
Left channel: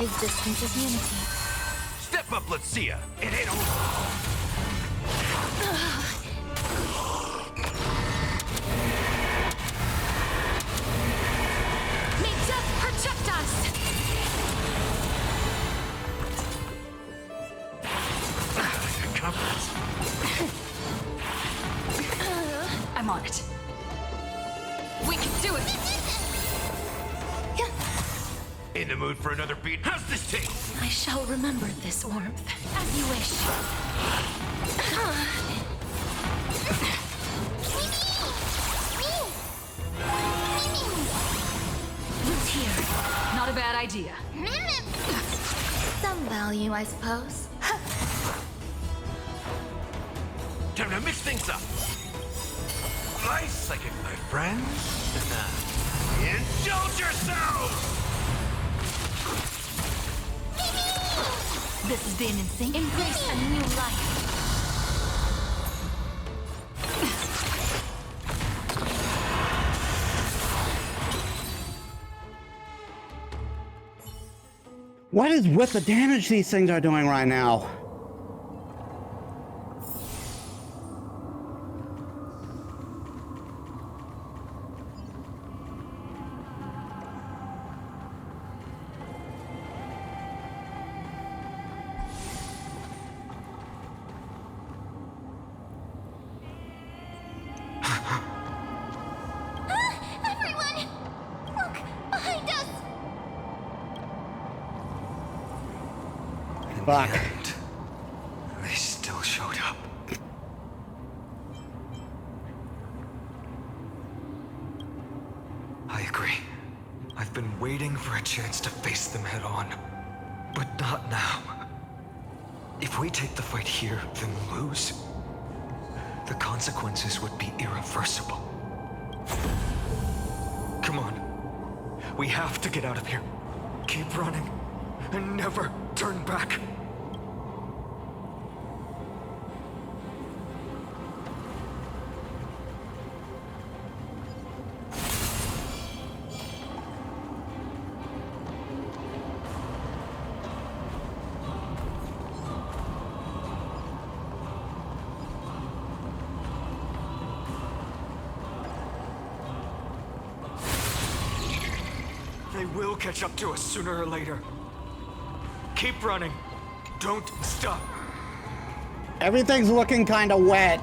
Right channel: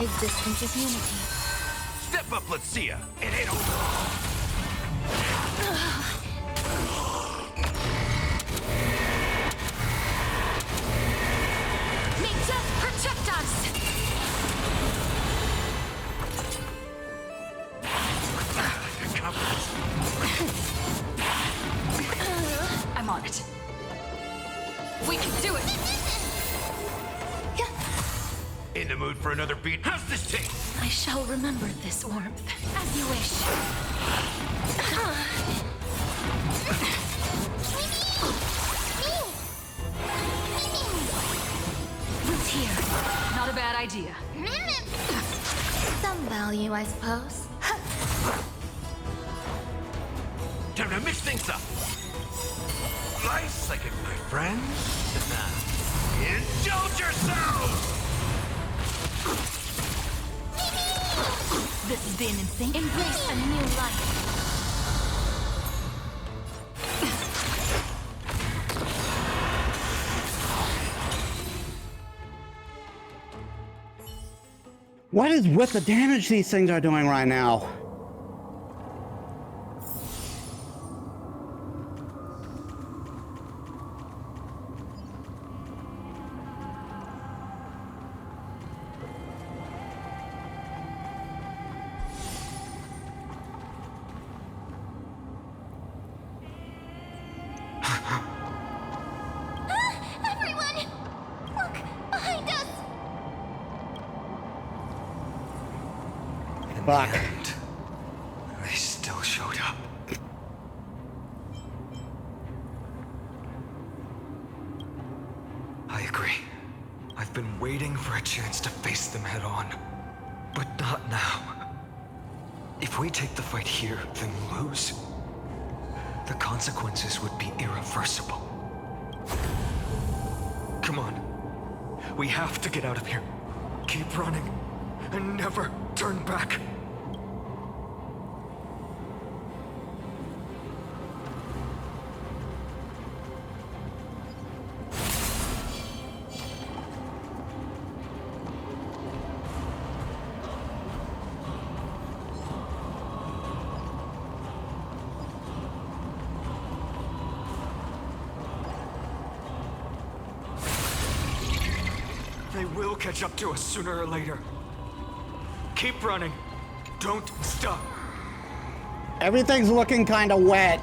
Existence is unity. Step up, let's see ya. It ain't over. May death protect us! I'm on it. We can do it! In the mood for another beat? How's this taste? I shall remember this warmth. As you wish. Root here. Not a bad idea. Some value, I suppose. Time to mix things up. Life's like my friends. Indulge yourselves! This has been insane. Embrace a new life. What is with the damage these things are doing right now? Everyone! Look! Behind us! In Fuck. the end, they still showed up. I agree. I've been waiting for a chance to face them head on. But not now. If we take the fight here, then lose, the consequences would be irreversible. Come on. We have to get out of here. Keep running, and never turn back. They will catch up to us sooner or later. Keep running. Don't stop. Everything's looking kind of wet.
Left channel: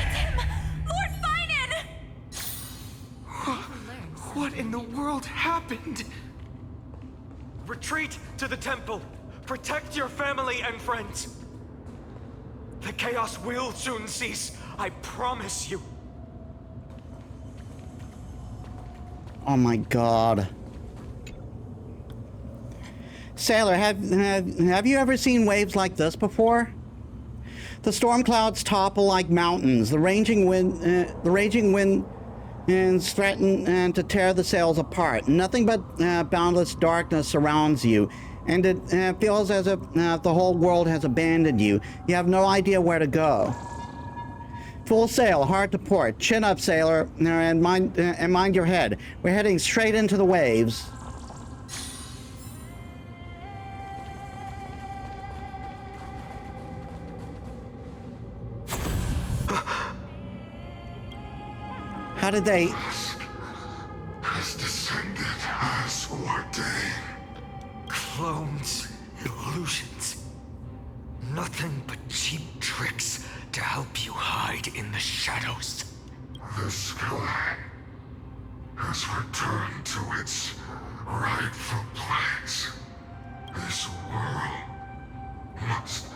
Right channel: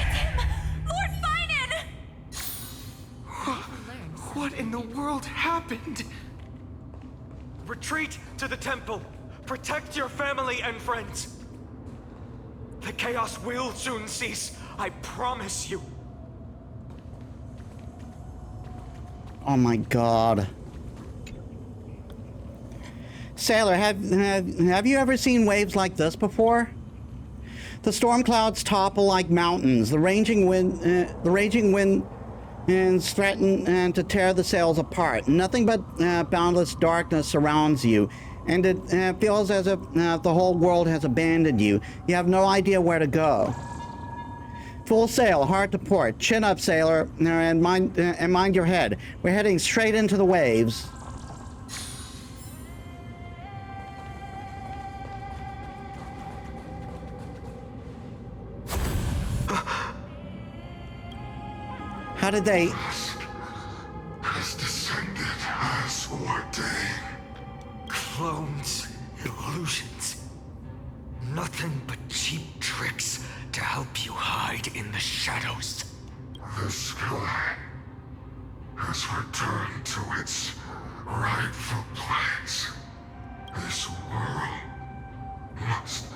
It's him! Lord Finan! What in the world happened? Retreat to the temple. Protect your family and friends. The chaos will soon cease. I promise you. Oh my god. Sailor, have you ever seen waves like this before? The storm clouds topple like mountains. The raging wind threaten to tear the sails apart. Nothing but boundless darkness surrounds you, and it feels as if the whole world has abandoned you. You have no idea where to go. Full sail, hard to port. Chin up, sailor, and mind your head. We're heading straight into the waves. How did they... Has descended as ordained. Clones, illusions. Nothing but cheap tricks to help you hide in the shadows. The sky has returned to its rightful place. This world must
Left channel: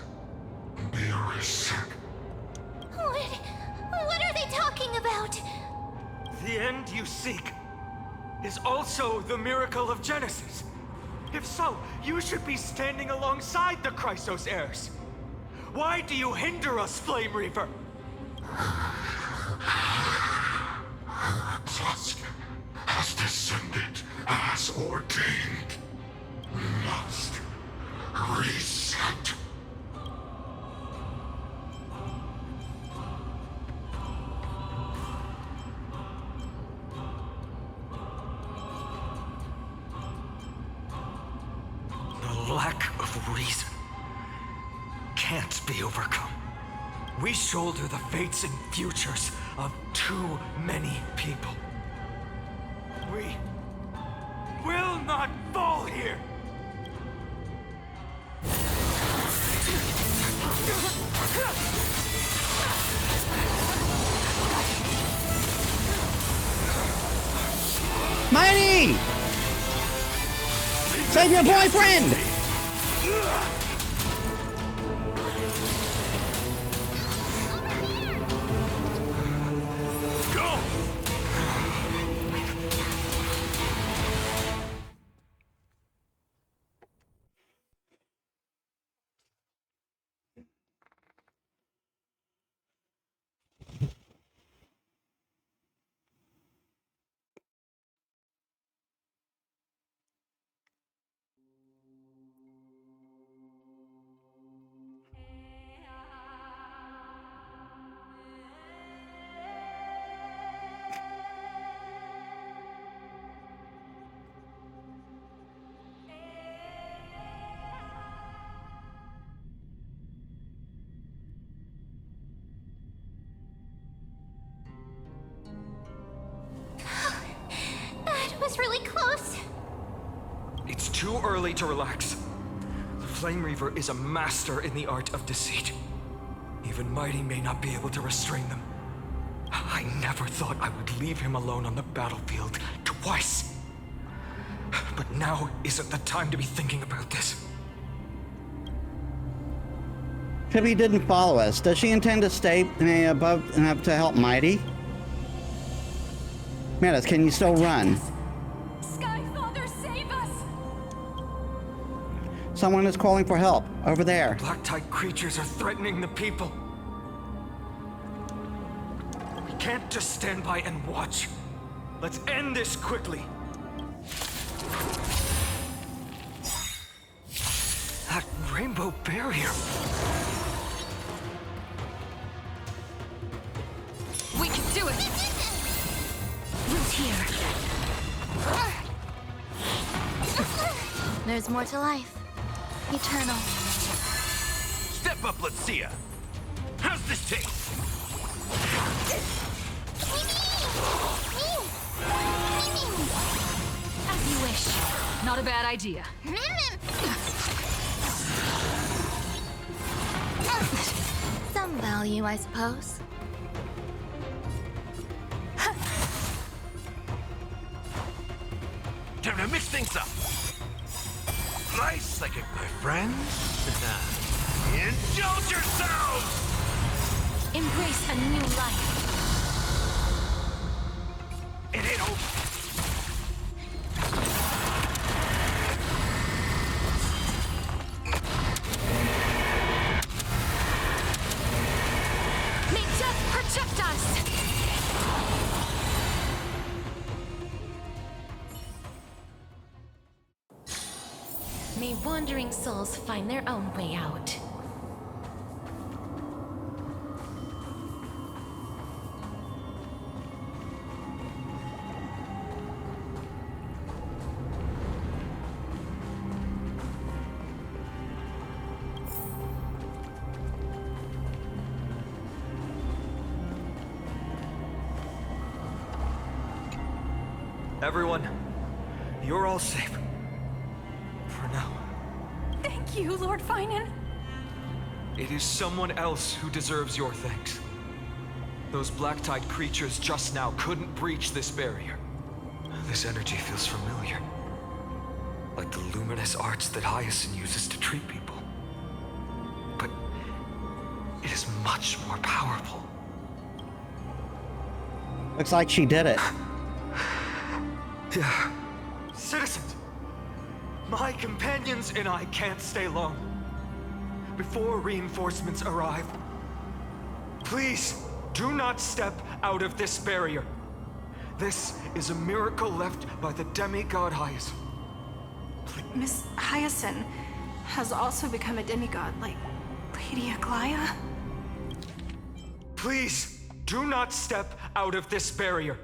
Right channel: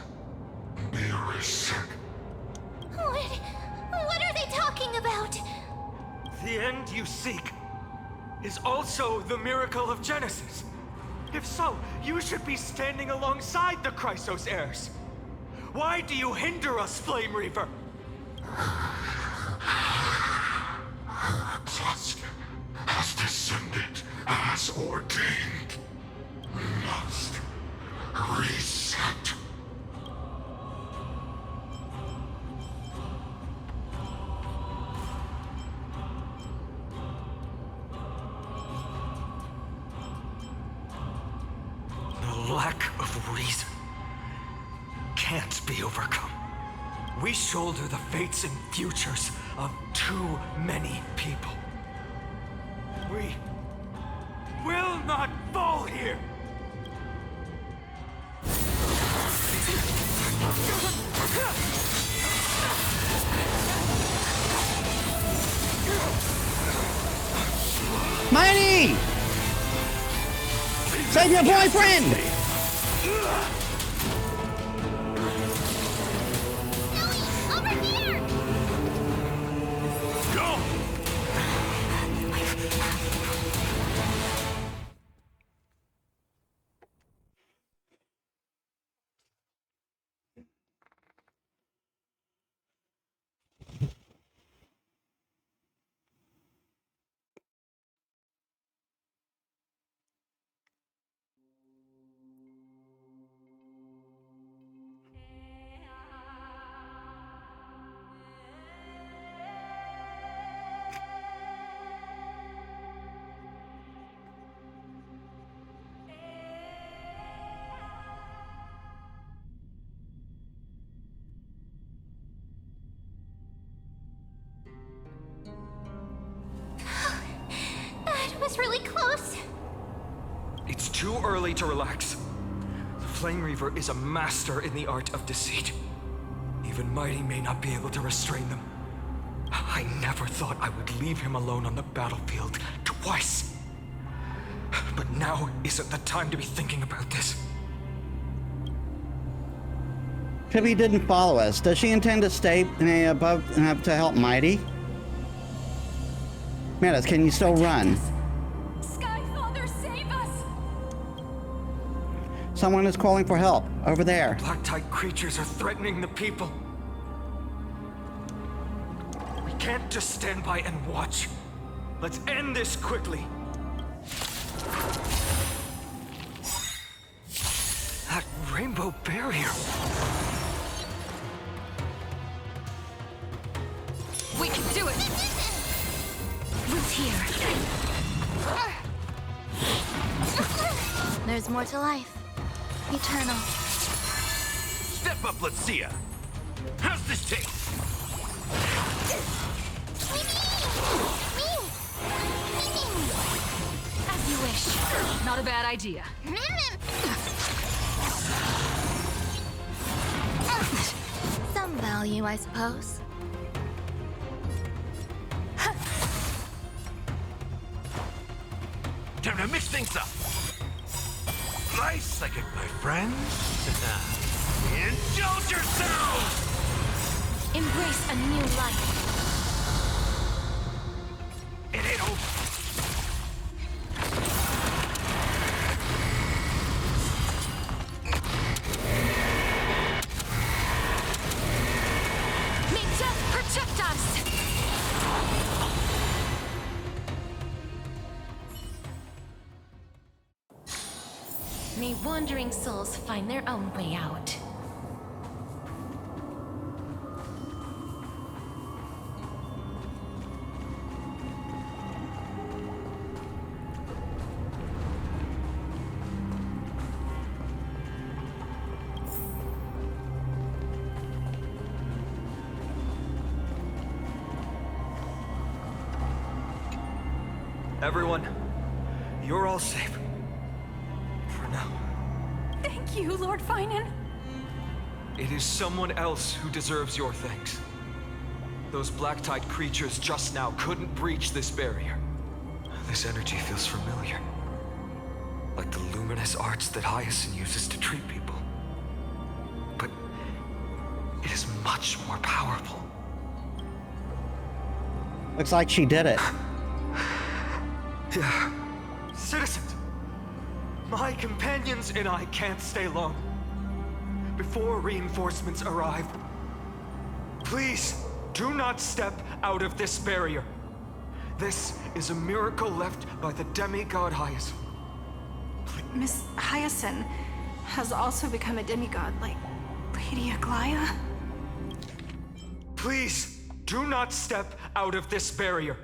be reset. What are they talking about? The end you seek is also the miracle of Genesis. If so, you should be standing alongside the Chrysos heirs. Why do you hinder us, Flame Reaver? Dusk has descended as ordained. Must reset. The lack of reason can't be overcome. We shoulder the fates and futures of too many people. We will not fall here! Mighty! Save your boyfriend! Go! That was really close. It's too early to relax. The Flame Reaver is a master in the art of deceit. Even Mighty may not be able to restrain them. I never thought I would leave him alone on the battlefield twice. But now isn't the time to be thinking about this. Tibby didn't follow us. Does she intend to stay above to help Mighty? Metis, can you still run? Skyfather, save us! Someone is calling for help. Over there. Black-tide creatures are threatening the people. We can't just stand by and watch. Let's end this quickly. That rainbow barrier. We can do it! Root here. There's more to life. Eternal. Step up, let's see ya. How's this taste? As you wish. Not a bad idea. Some value, I suppose. Time to mix things up. Nice, like it, my friends. Indulge yourselves! Embrace a new life. It ain't over. May death protect us! May wandering souls find their own way out. Everyone, you're all safe. For now. Thank you, Lord Finan. It is someone else who deserves your thanks. Those black-tide creatures just now couldn't breach this barrier. This energy feels familiar. Like the luminous arts that Hyacinth uses to treat people. But it is much more powerful. Looks like she did it. Yeah. Citizens! My companions and I can't stay long. Before reinforcements arrive, please do not step out of this barrier. This is a miracle left by the demigod Hyacinth. Miss Hyacinth has also become a demigod, like Lady Aglaya? Please do not step out of this barrier.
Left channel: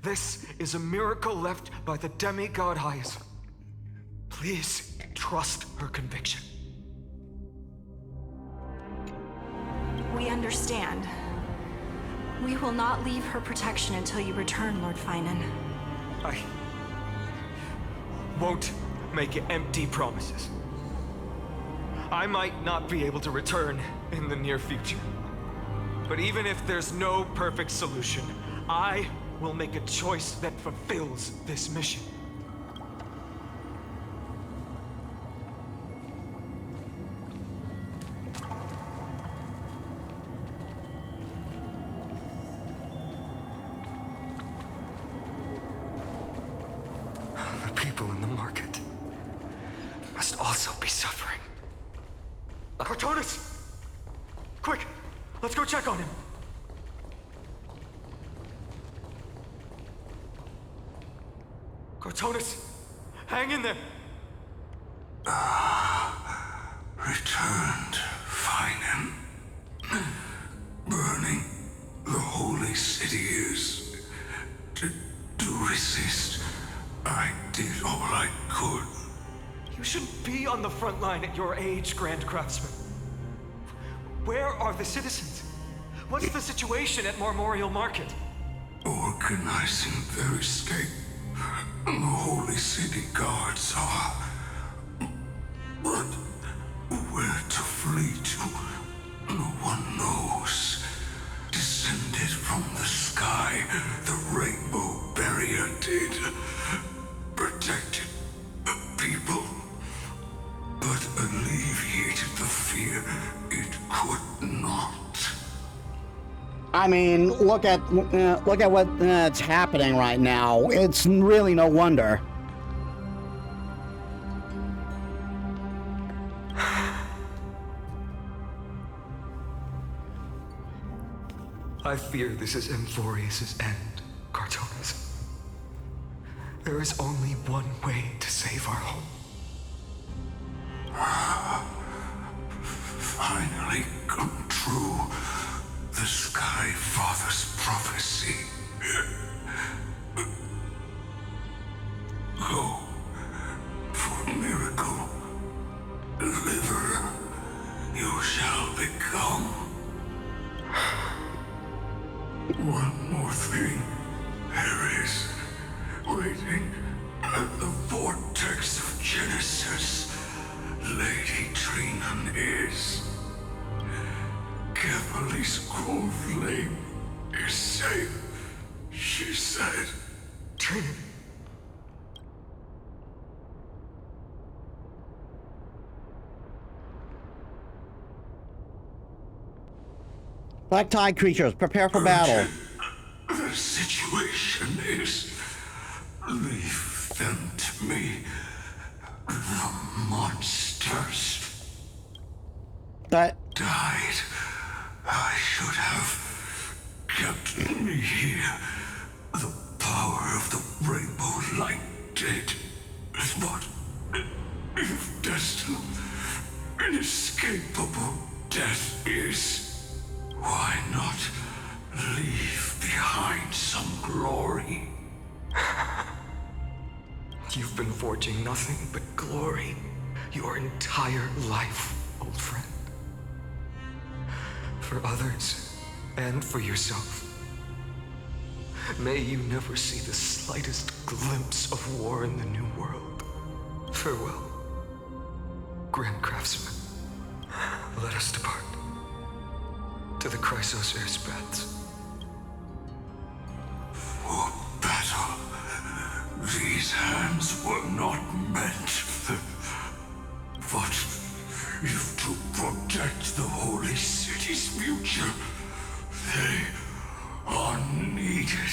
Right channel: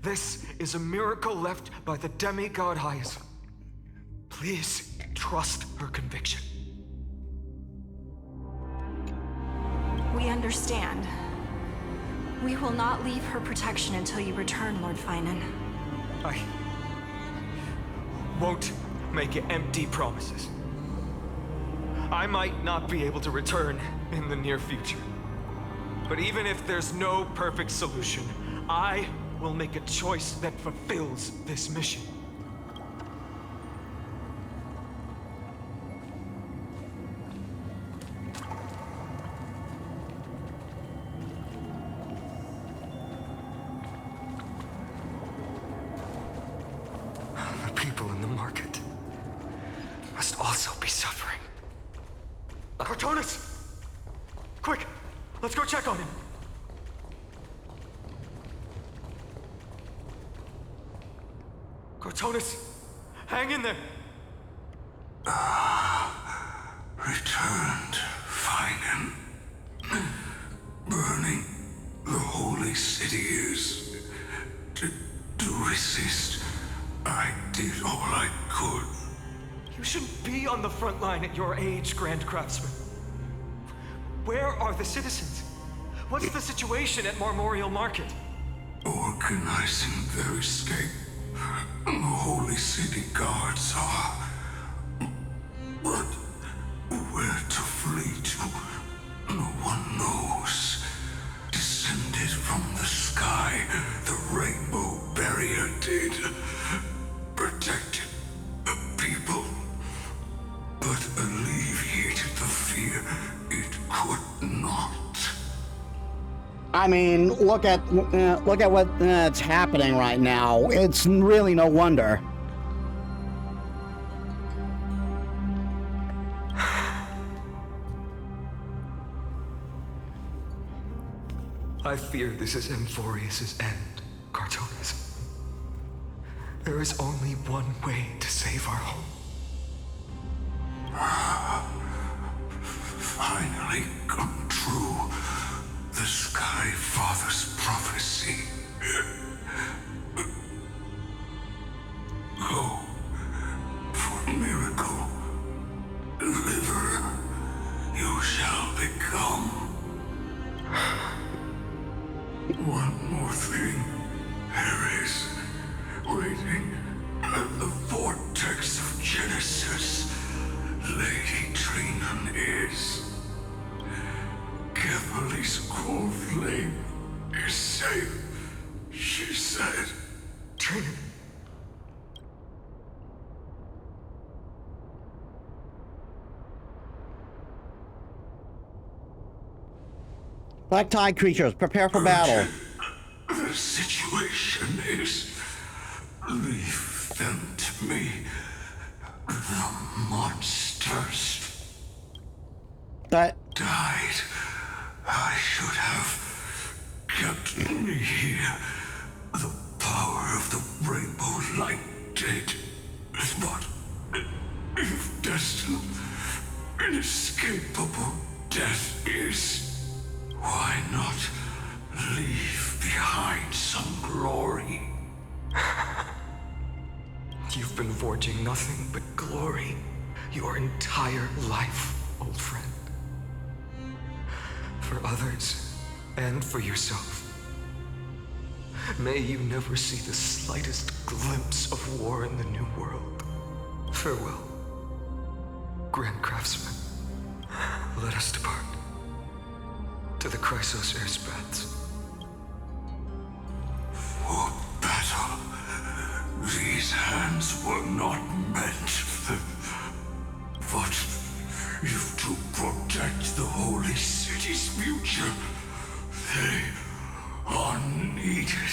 This is a miracle left by the demigod Hyacinth. Please trust her conviction. We understand. We will not leave her protection until you return, Lord Finan. I won't make empty promises. I might not be able to return in the near future. But even if there's no perfect solution, I will make a choice that fulfills this mission. The people in the market must also be suffering. Cartonis! Quick! Let's go check on him! Cartonis! Hang in there! Returned, Finan. Burning the holy city is... To resist, I did all I could. You shouldn't be on the front line at your age, Grand Craftsman. Where are the citizens? What's the situation at Marmorial Market? Organizing their escape. The holy city guards are... But where to flee to, no one knows. Descended from the sky, the rainbow barrier did. Protected people, but alleviated the fear it could not. I mean, look at what's happening right now. It's really no wonder. I fear this is Amphorius' end, Cartonis. There is only one way to save our home. Finally come true. The Sky Father's prophecy. One more thing. There is, waiting at the vortex of Genesis, Lady Trinan is. Kefali's cold flame is safe, she said. Trinan. Black Tide creatures, prepare for battle. The situation is... leave them to me. The monsters... That... died. I should have kept me here. The power of the rainbow light did. But if destined, inescapable death is, why not leave behind some glory? You've been forging nothing but glory your entire life, old friend. For others, and for yourself. May you never see the slightest glimpse of war in the New World. Farewell, Grand Craftsman. Let us depart. To the Chrysos Air's paths. For battle, these hands were not meant. But if to protect the Holy City's future, they are needed.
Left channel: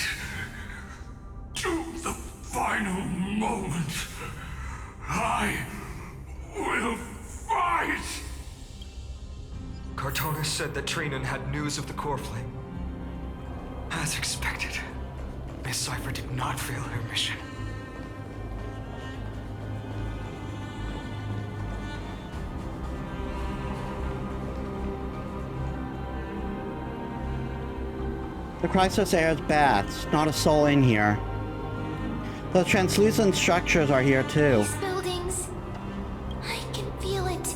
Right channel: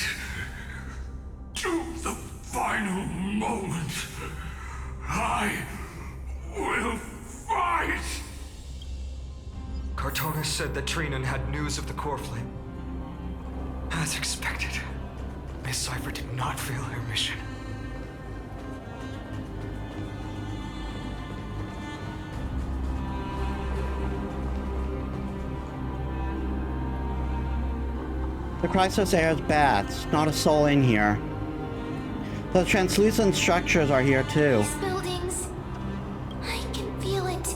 To the final moment, I will fight! Cartonis said that Trinan had news of the core flame. As expected, Miss Sci-Fi did not fail her mission. The Chrysos Air's baths. Not a soul in here. The translucent structures are here too. These buildings, I can feel it.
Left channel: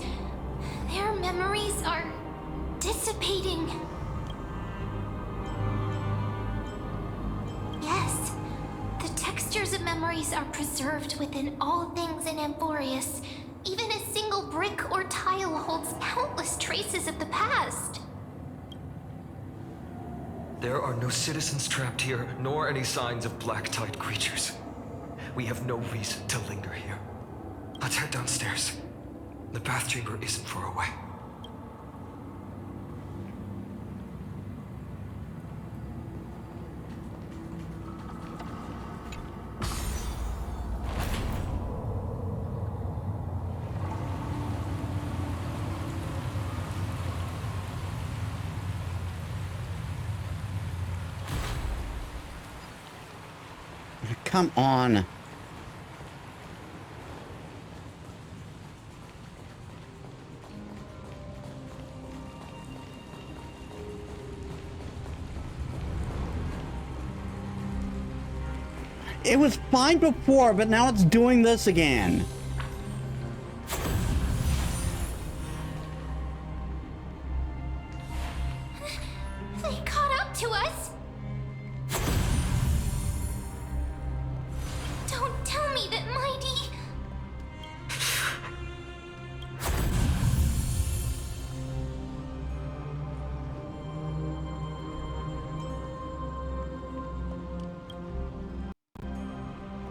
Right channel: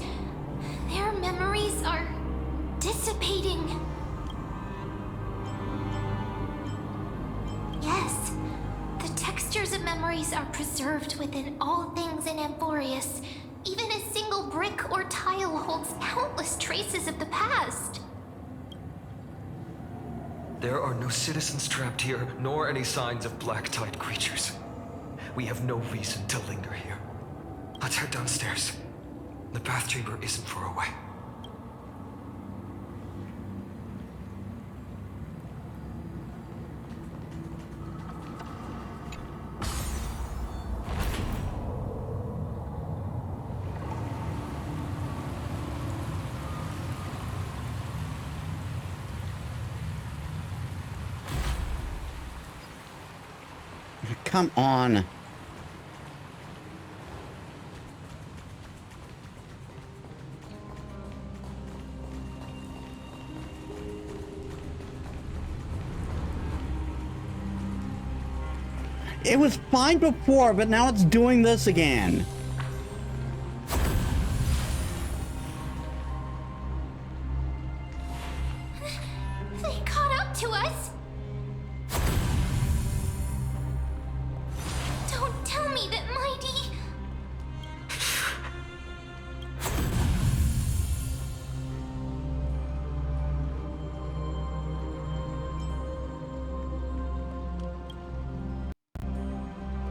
Their memories are dissipating. Yes, the textures of memories are preserved within all things in Amphorius. Even a single brick or tile holds countless traces of the past. There are no citizens trapped here, nor any signs of black tide creatures. We have no reason to linger here. Let's head downstairs. The bath chamber isn't far away. Come on. It was fine before, but now it's doing this again. They caught up to us. Don't tell me that Mighty...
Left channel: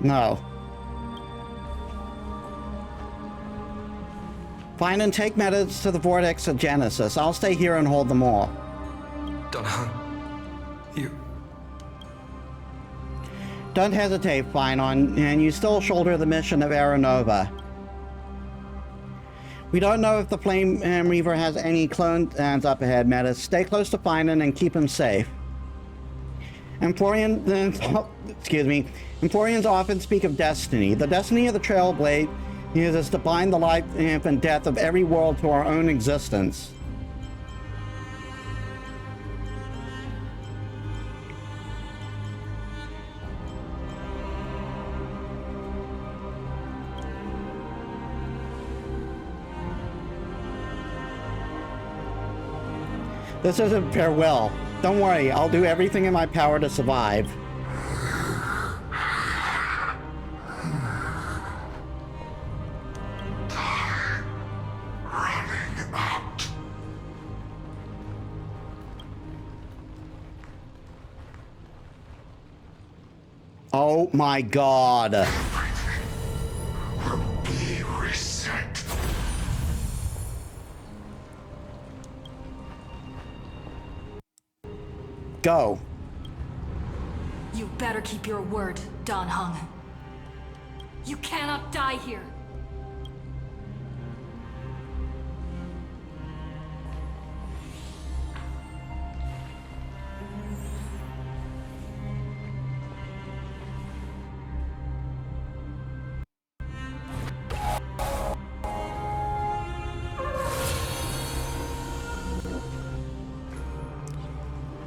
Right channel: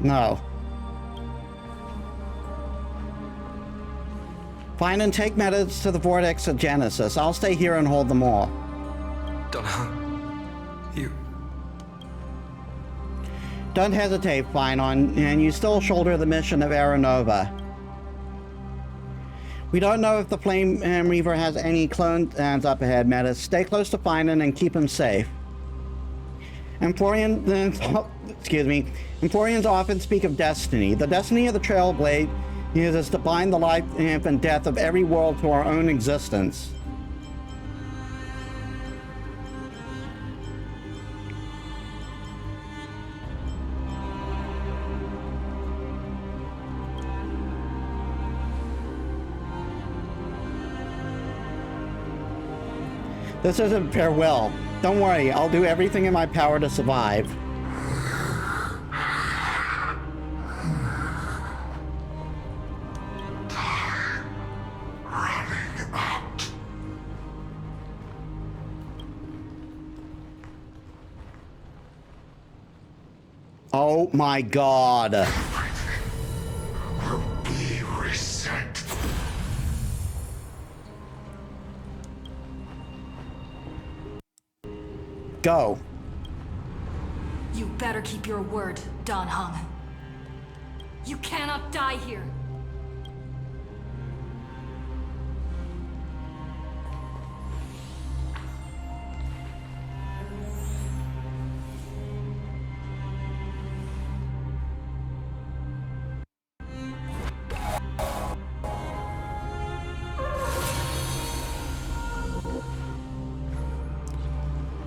No. Find and take Metis to the vortex of Genesis. I'll stay here and hold them all. Dunhun, you... Don't hesitate, Finon, and you still shoulder the mission of Aeronova. We don't know if the Flame Reaver has any clones up ahead, Metis. Stay close to Finon and keep him safe. Emporians often speak of destiny. The destiny of the Trailblade is to bind the life and death of every world to our own existence. This isn't farewell. Don't worry, I'll do everything in my power to survive. Running out. Oh my god. Everything will be reset. Go. You better keep your word, Dan Heng. You cannot die here.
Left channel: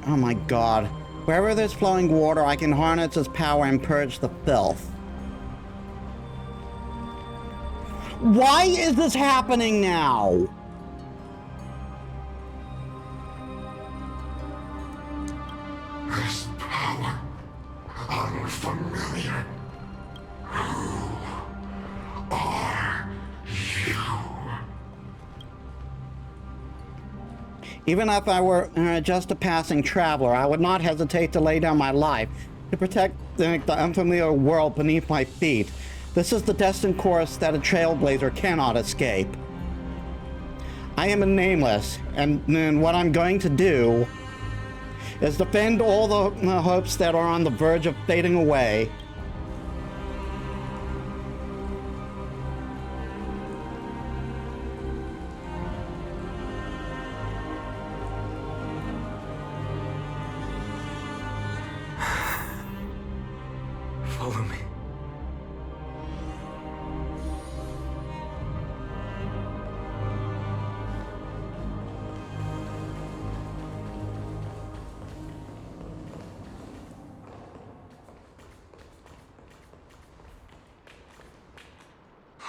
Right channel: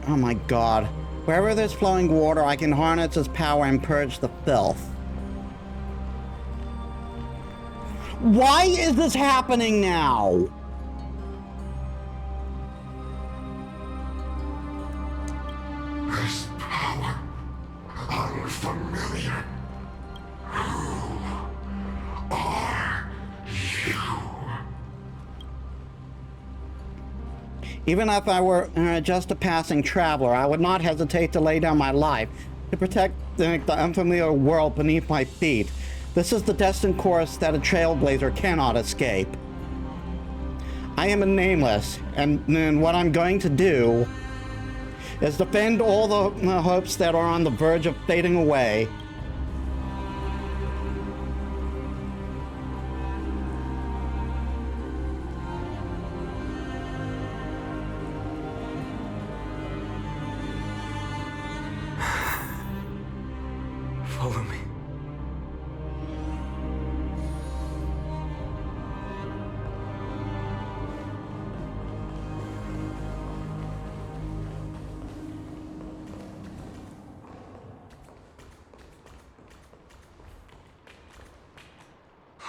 Oh my god. Wherever there's flowing water, I can harness its power and purge the filth. Why is this happening now? This power, unfamiliar. Who are you? Even if I were just a passing traveler, I would not hesitate to lay down my life to protect the unfamiliar world beneath my feet. This is the destined course that a trailblazer cannot escape. I am a nameless, and what I'm going to do is defend all the hopes that are on the verge of fading away. Follow me.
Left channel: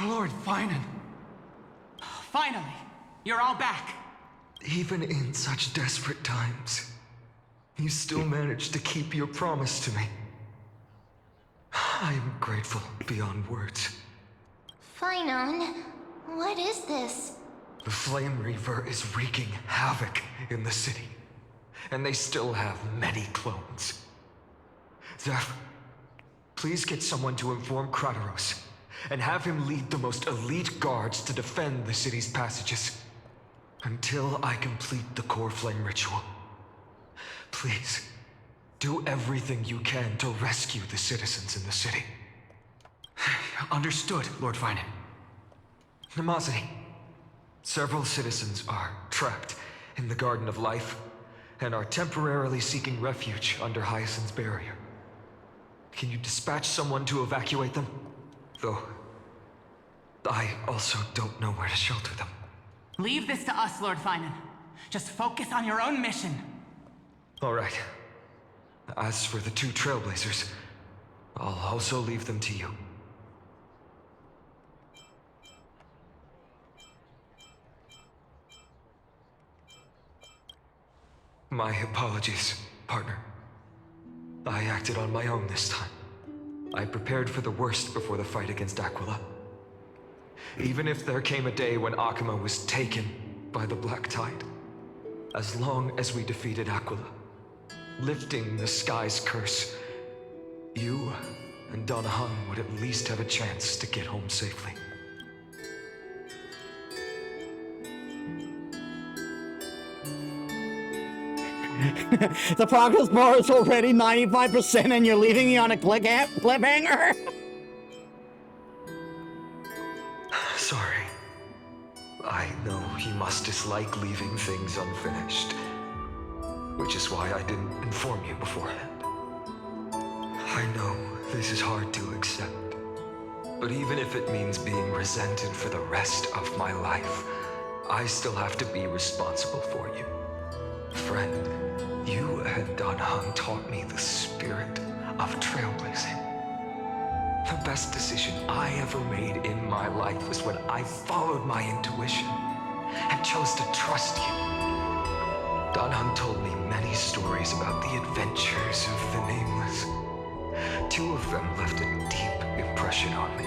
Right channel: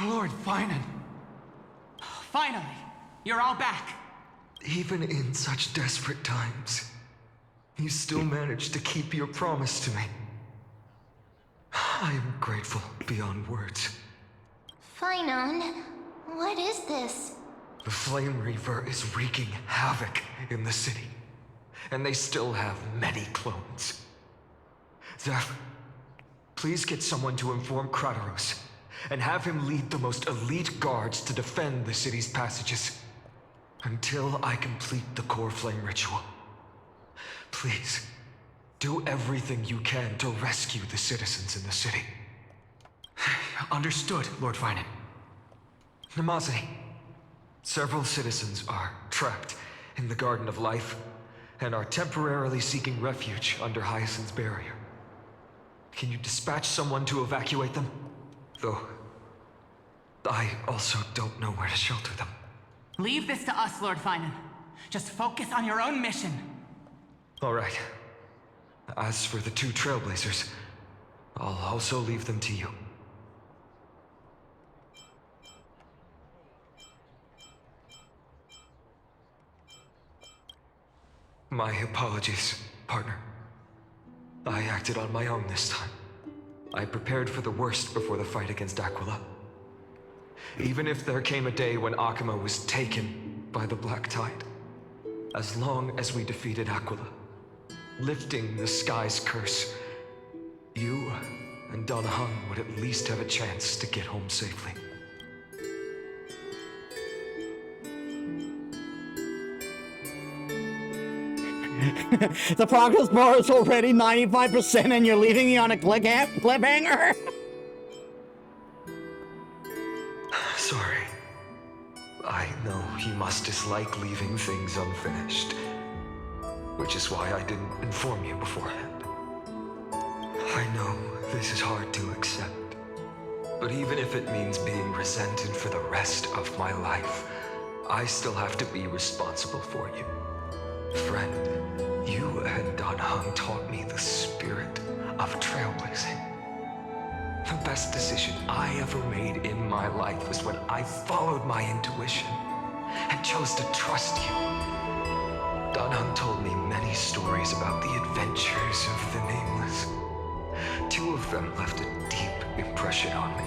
Lord Finan. Finally, you're all back. Even in such desperate times, you still managed to keep your promise to me. I am grateful beyond words. Finan, what is this? The Flame Reaver is wreaking havoc in the city, and they still have many clones. Zeph, please get someone to inform Kratos, and have him lead the most elite guards to defend the city's passages, until I complete the core flame ritual. Please, do everything you can to rescue the citizens in the city. Understood, Lord Finan. Nemosity, several citizens are trapped in the Garden of Life and are temporarily seeking refuge under Hyacinth's barrier. Can you dispatch someone to evacuate them? Though, I also don't know where to shelter them. Leave this to us, Lord Finan. Just focus on your own mission. All right. As for the two Trailblazers, I'll also leave them to you. My apologies, partner. I acted on my own this time. I prepared for the worst before the fight against Aquila. Even if there came a day when Akuma was taken by the Black Tide, as long as we defeated Aquila, lifting the sky's curse, you and Donna Hung would at least have a chance to get home safely. The progress bar is already 95% and you're leaving me on a cliffhanger? Sorry. I know you must dislike leaving things unfinished, which is why I didn't inform you beforehand. I know this is hard to accept, but even if it means being resented for the rest of my life, I still have to be responsible for you. Friend, you and Dan Hung taught me the spirit of trailblazing. The best decision I ever made in my life was when I followed my intuition and chose to trust you. Danheng told me many stories about the adventures of the Nameless. 2 of them left a deep impression on me.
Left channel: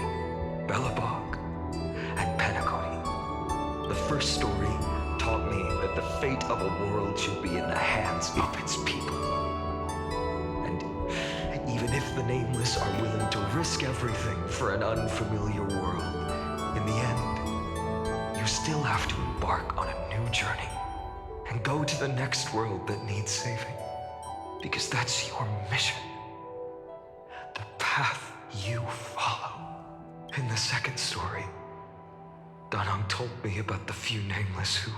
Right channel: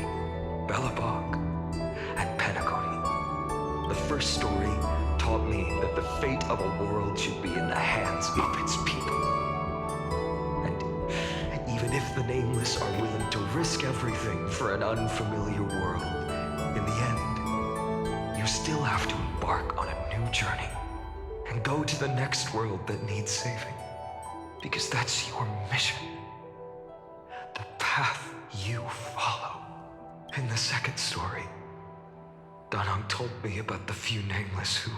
Belobog and Penacony. The first story taught me that the fate of a world should be in the hands of its people. And even if the Nameless are willing to risk everything for an unfamiliar world, in the end, you still have to embark on a new journey and go to the next world that needs saving. Because that's your mission. The path you follow. In the second story, Danheng told me about the few Nameless who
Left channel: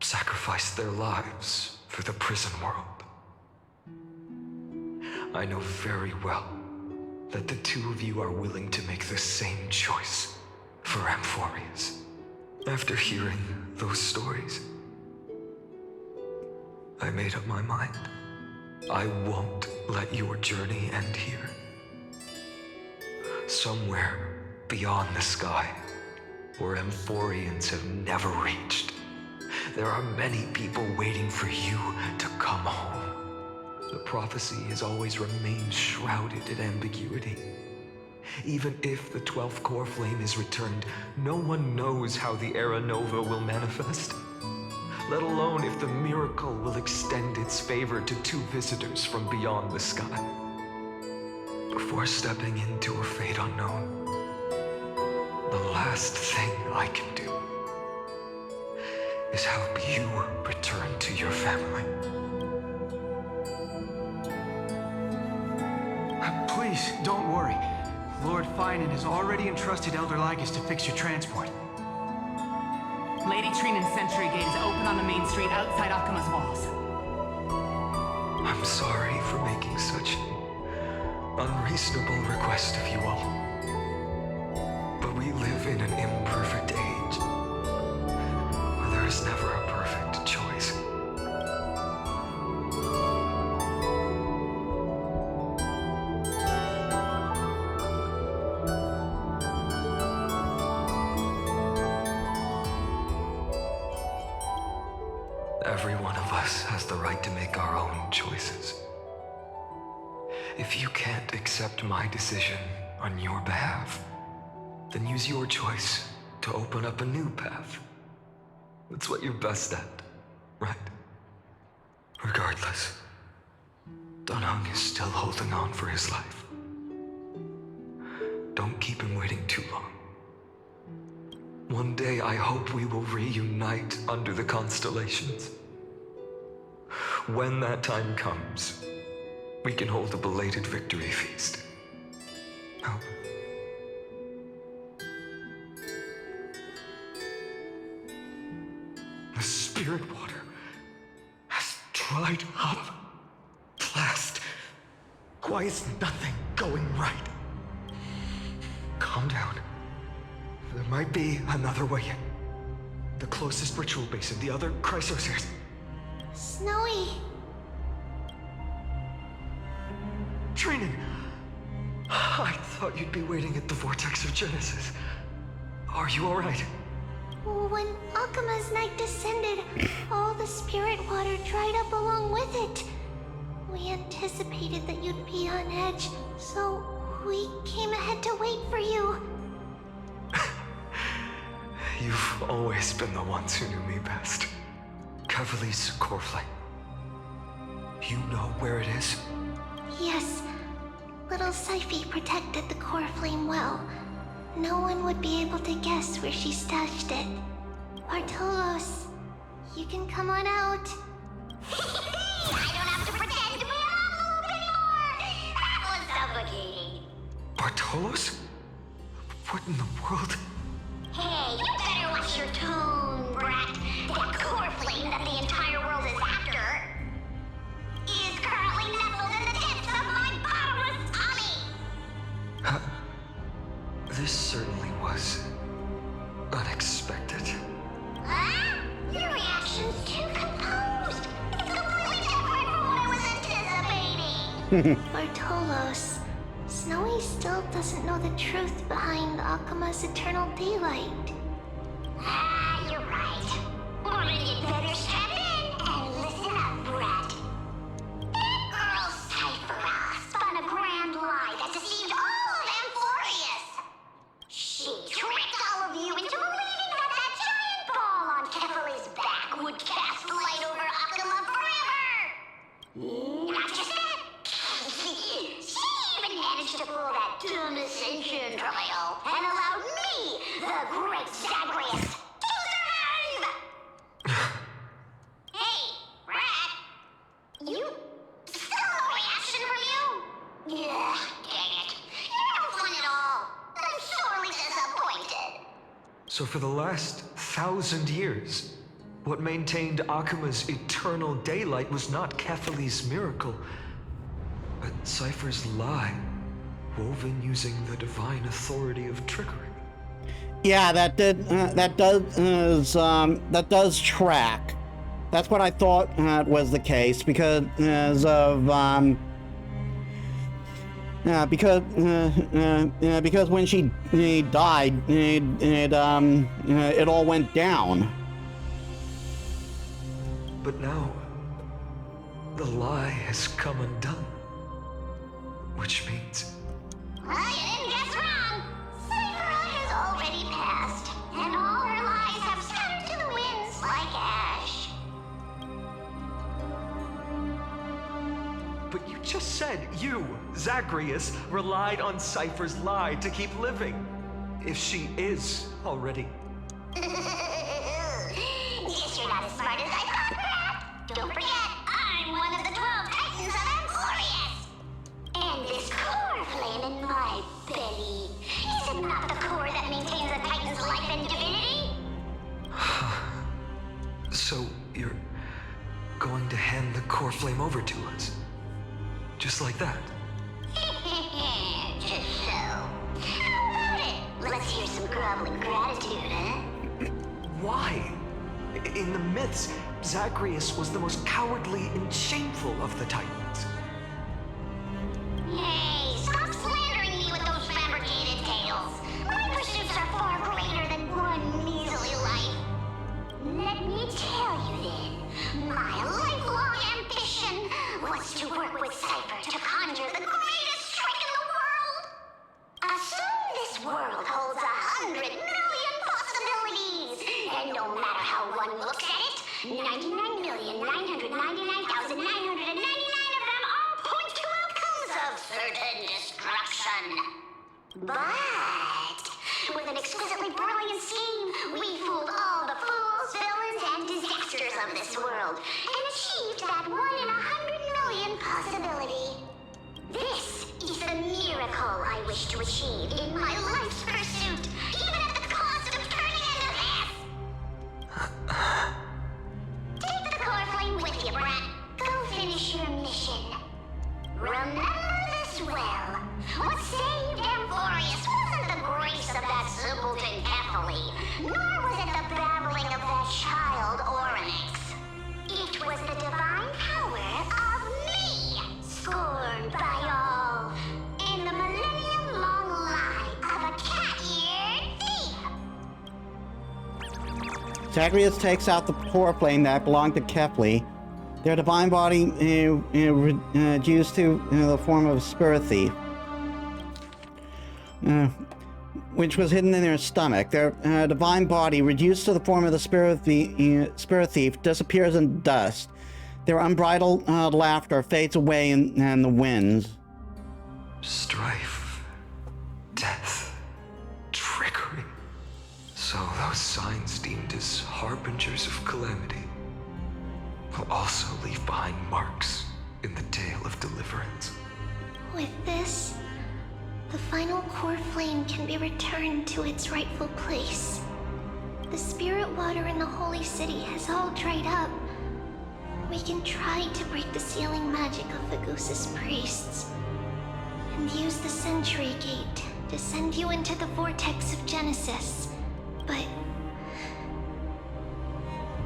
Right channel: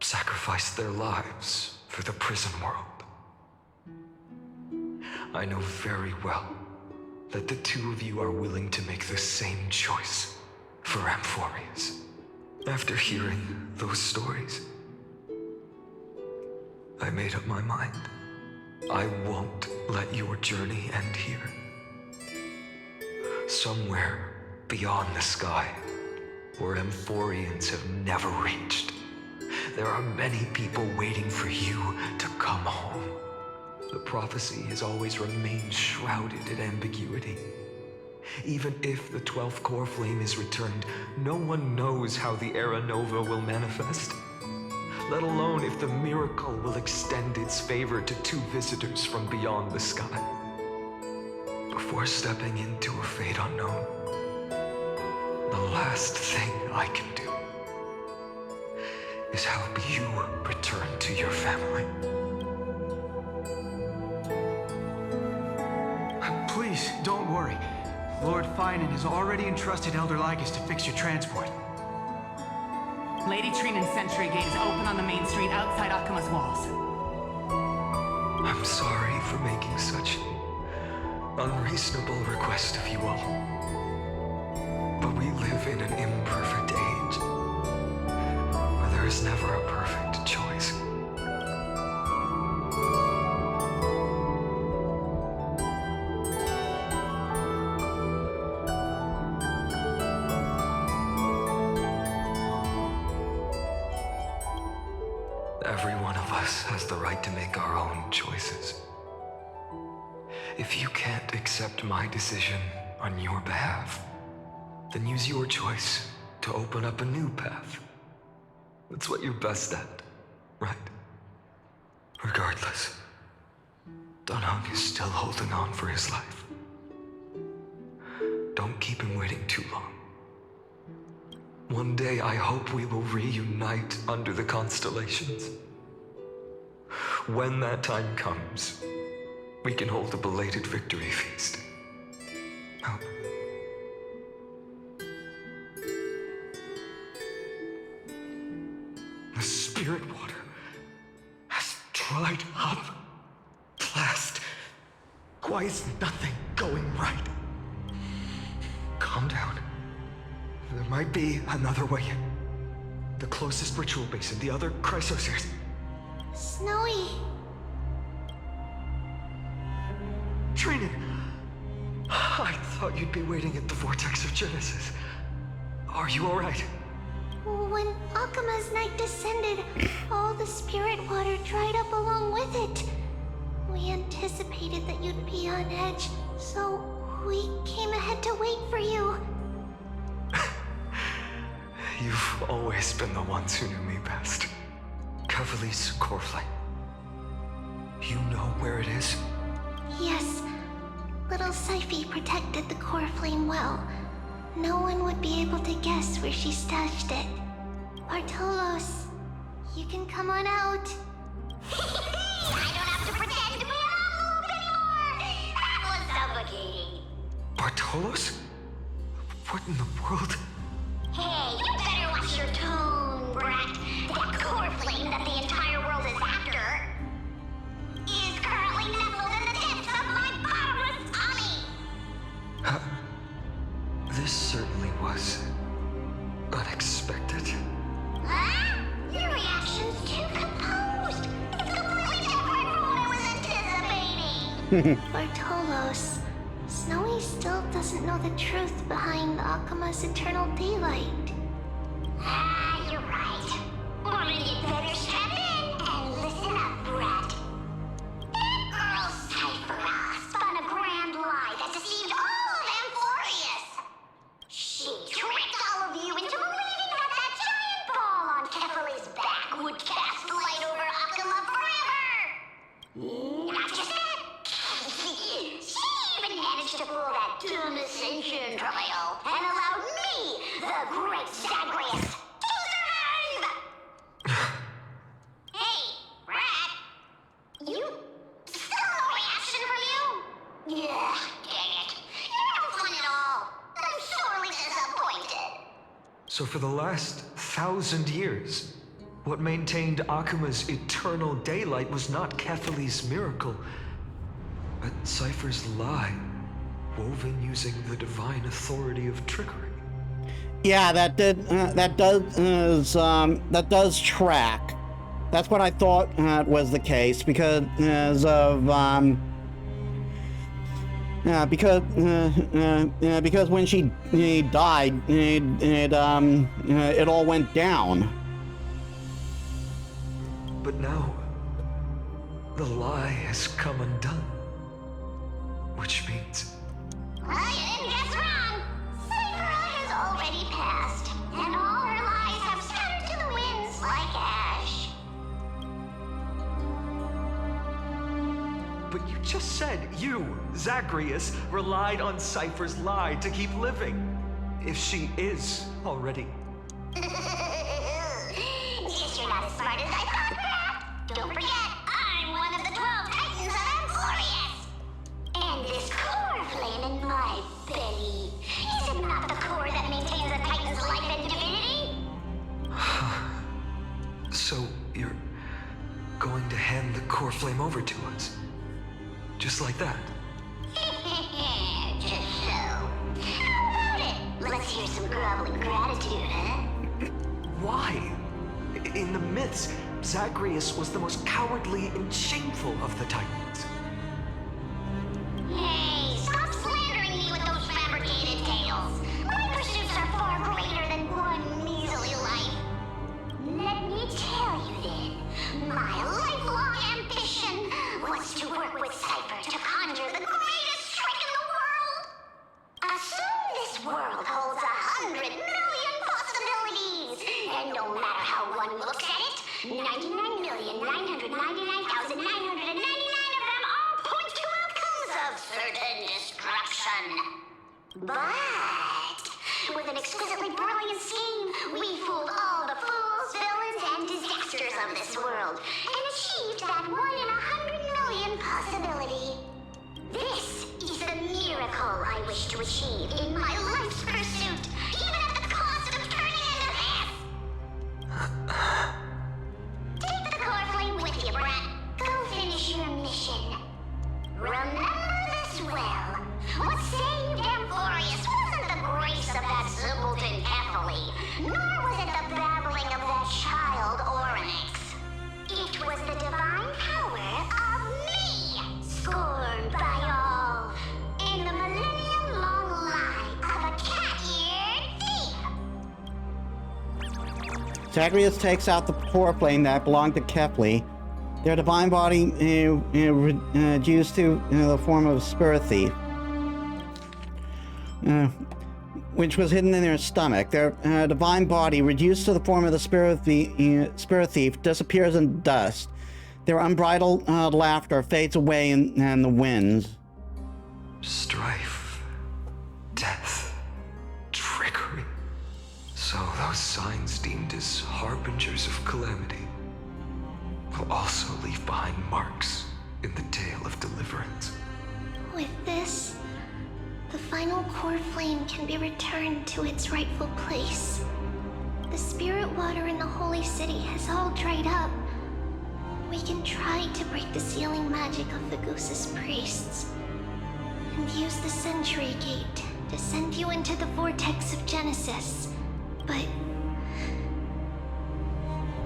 sacrificed their lives for the prison world. I know very well that the 2 of you are willing to make the same choice for Amphorius. After hearing those stories, I made up my mind. I won't let your journey end here. Somewhere beyond the sky, where Amphorians have never reached, there are many people waiting for you to come home. The prophecy has always remained shrouded in ambiguity. Even if the 12th core flame is returned, no one knows how the Era Nova will manifest, let alone if the miracle will extend its favor to 2 visitors from beyond the sky. Before stepping into a fate unknown, the last thing I can do is help you return to your family. Please, don't worry. Lord Finan has already entrusted Elder Lygus to fix your transport. Lady Trinan's Sentry Gate is open on the main street outside Akima's walls. I'm sorry for making such an unreasonable request of you all. But we live in an imperfect age, where there is never a perfect choice. Every one of us has the right to make our own choices. If you can't accept my decision on your behalf, then use your choice to open up a new path. That's what you're best at, right? Regardless, Danheng is still holding on for his life. Don't keep him waiting too long. One day I hope we will reunite under the constellations. When that time comes, we can hold a belated victory feast. Oh. The spirit water has dried up. Blast. Why is nothing going right? Calm down. There might be another way in. The closest ritual basin, the other Chrysospheres. Snowy. Trinan! I thought you'd be waiting at the Vortex of Genesis. Are you alright? When Akima's night descended, all the spirit water dried up along with it. We anticipated that you'd be on edge, so we came ahead to wait for you. You've always been the ones who knew me best. Kevali's core flame. You know where it is? Yes. Little Sci-Fi protected the core flame well. No one would be able to guess where she stashed it. Bartolos, you can come on out. I don't have to pretend to be an envelope anymore! That was suffocating. Bartolos? What in the world? Hey, you better watch your tone, brat. That core flame that the entire world is after is currently nestled in the depths of my bottomless tummy! This certainly was unexpected. Huh? Your reaction's too composed. It's completely different from what I was anticipating. Bartolos, Snowy still doesn't know the truth behind Akima's eternal daylight. Ah, you're right. Well, then you'd better strap in Not just that. She even managed to pull that dumb ascension trial and allowed me, the great Zagreus, to survive! Hey, Brad. You... still no reaction from you? Yeah, dang it. You're no fun at all. I'm sorely disappointed. So for the last 1,000 years, what maintained Akuma's eternal daylight was not Kefali's miracle, but Cypher's lie, woven using the divine authority of trickery. Yeah, that does track. That's what I thought was the case because because when she died, it all went down. But now, the lie has come undone. Which means... Well, you didn't guess wrong. Cypher has already passed, and all her lies have scattered to the winds like ash. But you just said you, Zagreus, relied on Cypher's lie to keep living. If she is already... Guess you're not as smart as I thought, Brad. Don't forget, I'm one of the 12 Titans of Emporius. And this core flame in my belly, is it not the core that maintains a Titan's life and divinity? So you're going to hand the core flame over to us? Just like that? Just so. How about it? Let's hear some groveling gratitude, huh? Why? In the myths, Zagreus was the most cowardly and shameful of the Titans. Hey, stop slandering me with those fabricated tales. My pursuits are far greater than one measly life. Let me tell you then, my lifelong ambition was to work with Cypher to conjure the greatest trick in the world. Assume this world holds 100 million possibilities, and no matter how one looks at it, 99,999,999 of them all point to outcomes of certain destruction. But with an exquisitely brilliant scheme, we fooled all the fools, villains, and disasters of this world, and achieved that 1 in 100 million possibility. This is the miracle I wish to achieve in my life's pursuit, even at the cost of turning into this! Take the core flame with you, Brat. Go finish your mission. Remember this well. What saved Emporius wasn't the grace of that simpleton Kefali, nor was it the babbling of that child Oryx. It was the divine power of me, scorned by all, and the millennium-long lie of a cat-eared thief. Zagreus takes out the core flame that belonged to Kefli. Their divine body reduced to the form of a spirit thief, which was hidden in their stomach. Their divine body, reduced to the form of the spirit thief, disappears in dust. Their unbridled laughter fades away in the winds. Strife, death, trickery. So those signs deemed as harbingers of calamity will also leave behind marks in the tale of deliverance. With this, the final core flame can be returned to its rightful place. The spirit water in the holy city has all dried up. We can try to break the sealing magic of Fagusis priests and use the Century Gate to send you into the vortex of Genesis, but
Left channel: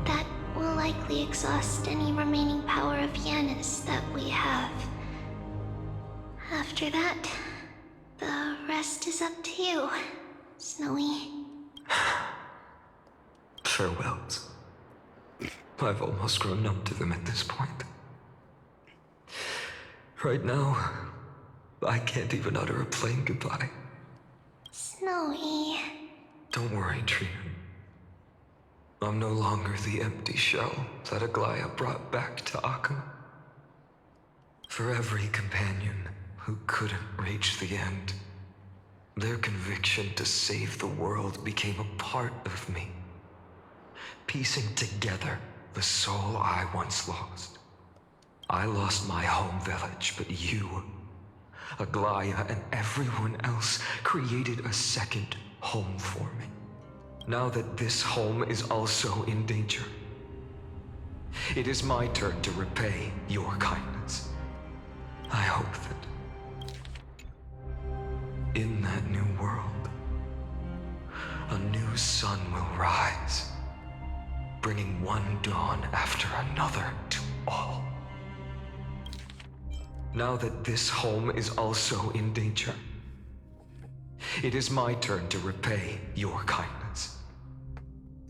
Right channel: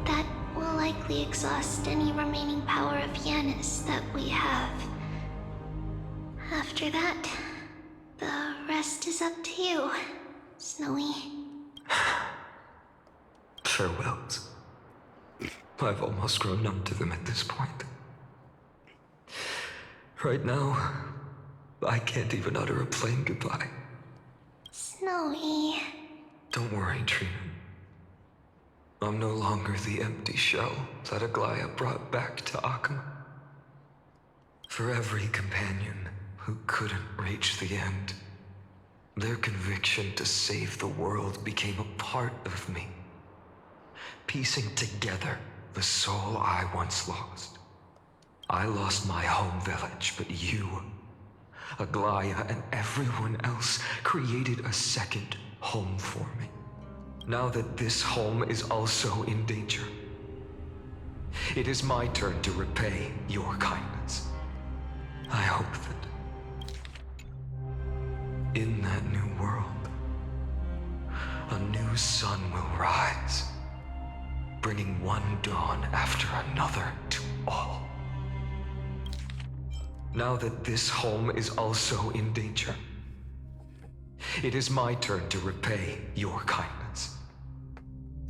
that will likely exhaust any remaining power of Yanis that we have. After that, the rest is up to you, Snowy. Farewells. I've almost grown numb to them at this point. Right now, I can't even utter a plain goodbye. Snowy. Don't worry, Trina. I'm no longer the empty shell that Aglaya brought back to Akuma. For every companion who couldn't reach the end, their conviction to save the world became a part of me, piecing together the soul I once lost. I lost my home village, but you, Aglaya, and everyone else created a second home for me. Now that this home is also in danger, it is my turn to repay your kindness. I hope that in that new world, a new sun will rise, bringing one dawn after another to all. Now that this home is also in danger, it is my turn to repay your kindness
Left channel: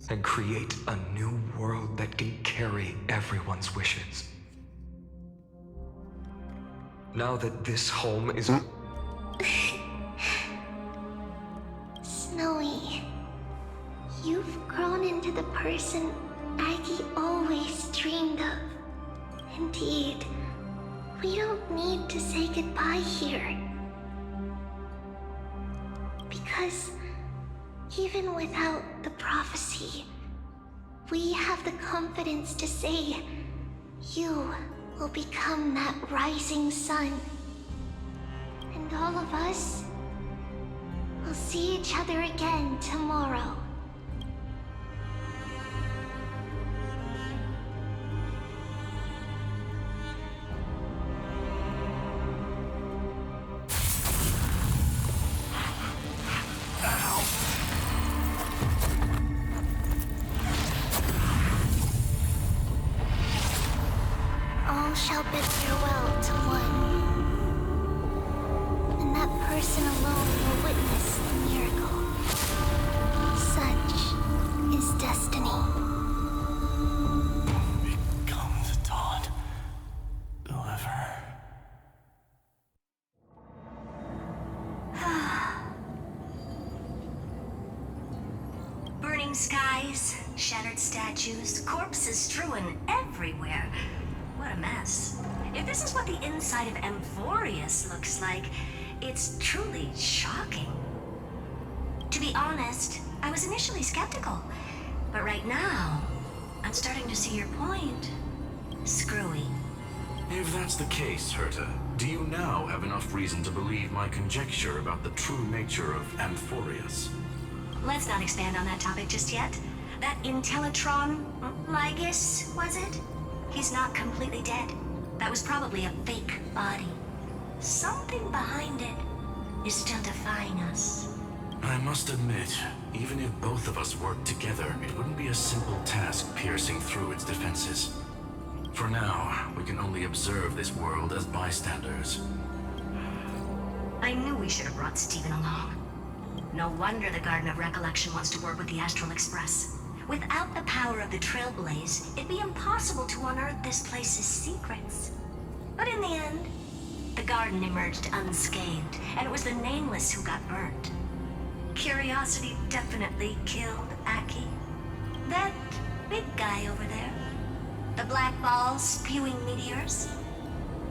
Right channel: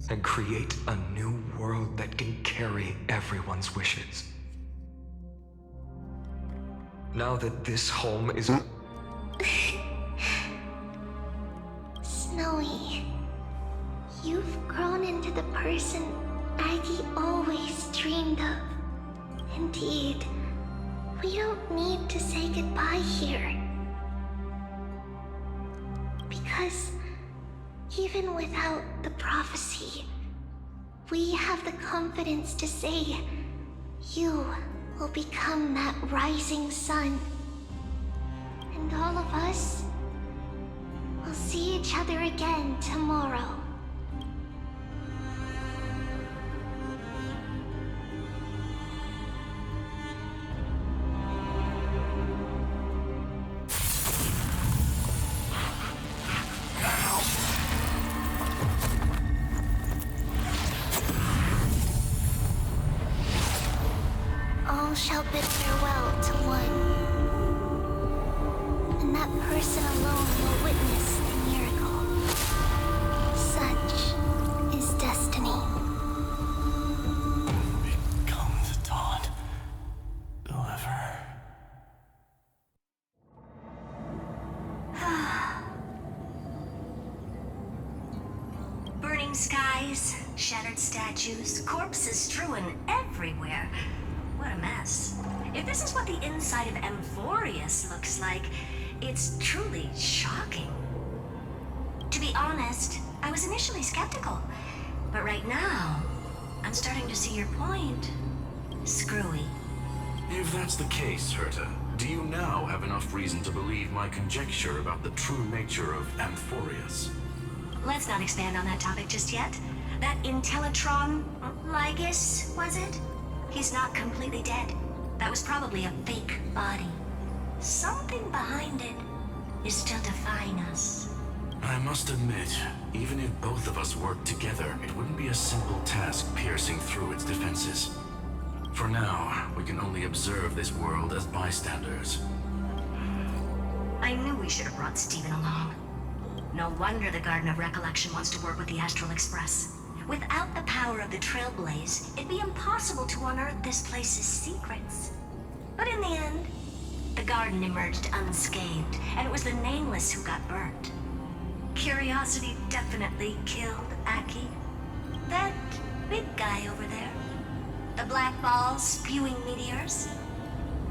and create a new world that can carry everyone's wishes. Now that this home is... Snowy, you've grown into the person Aggie always dreamed of. Indeed, we don't need to say goodbye here. Because even without the prophecy, we have the confidence to say you will become that rising sun. And all of us will see each other again tomorrow. All shall bid farewell to one, and that person alone will witness the miracle. Such is destiny. Become the dawn. Deliver. Burning skies, shattered statues, corpses strewn everywhere. What a mess. If this is what the inside of Amphorius looks like, it's truly shocking. To be honest, I was initially skeptical, but right now, I'm starting to see your point. Screwy. If that's the case, Herta, do you now have enough reason to believe my conjecture about the true nature of Amphorius? Let's not expand on that topic just yet. That Intellitron, Lygus, was it? He's not completely dead. That was probably a fake body. Something behind it is still defying us. I must admit, even if both of us worked together, it wouldn't be a simple task piercing through its defenses. For now, we can only observe this world as bystanders. I knew we should have brought Steven along. No wonder the Garden of Recollection wants to work with the Astral Express. Without the power of the Trailblaze, it'd be impossible to unearth this place's secrets. But in the end, the garden emerged unscathed, and it was the Nameless who got burnt. Curiosity definitely killed Aki. That big guy over there, the black ball spewing meteors,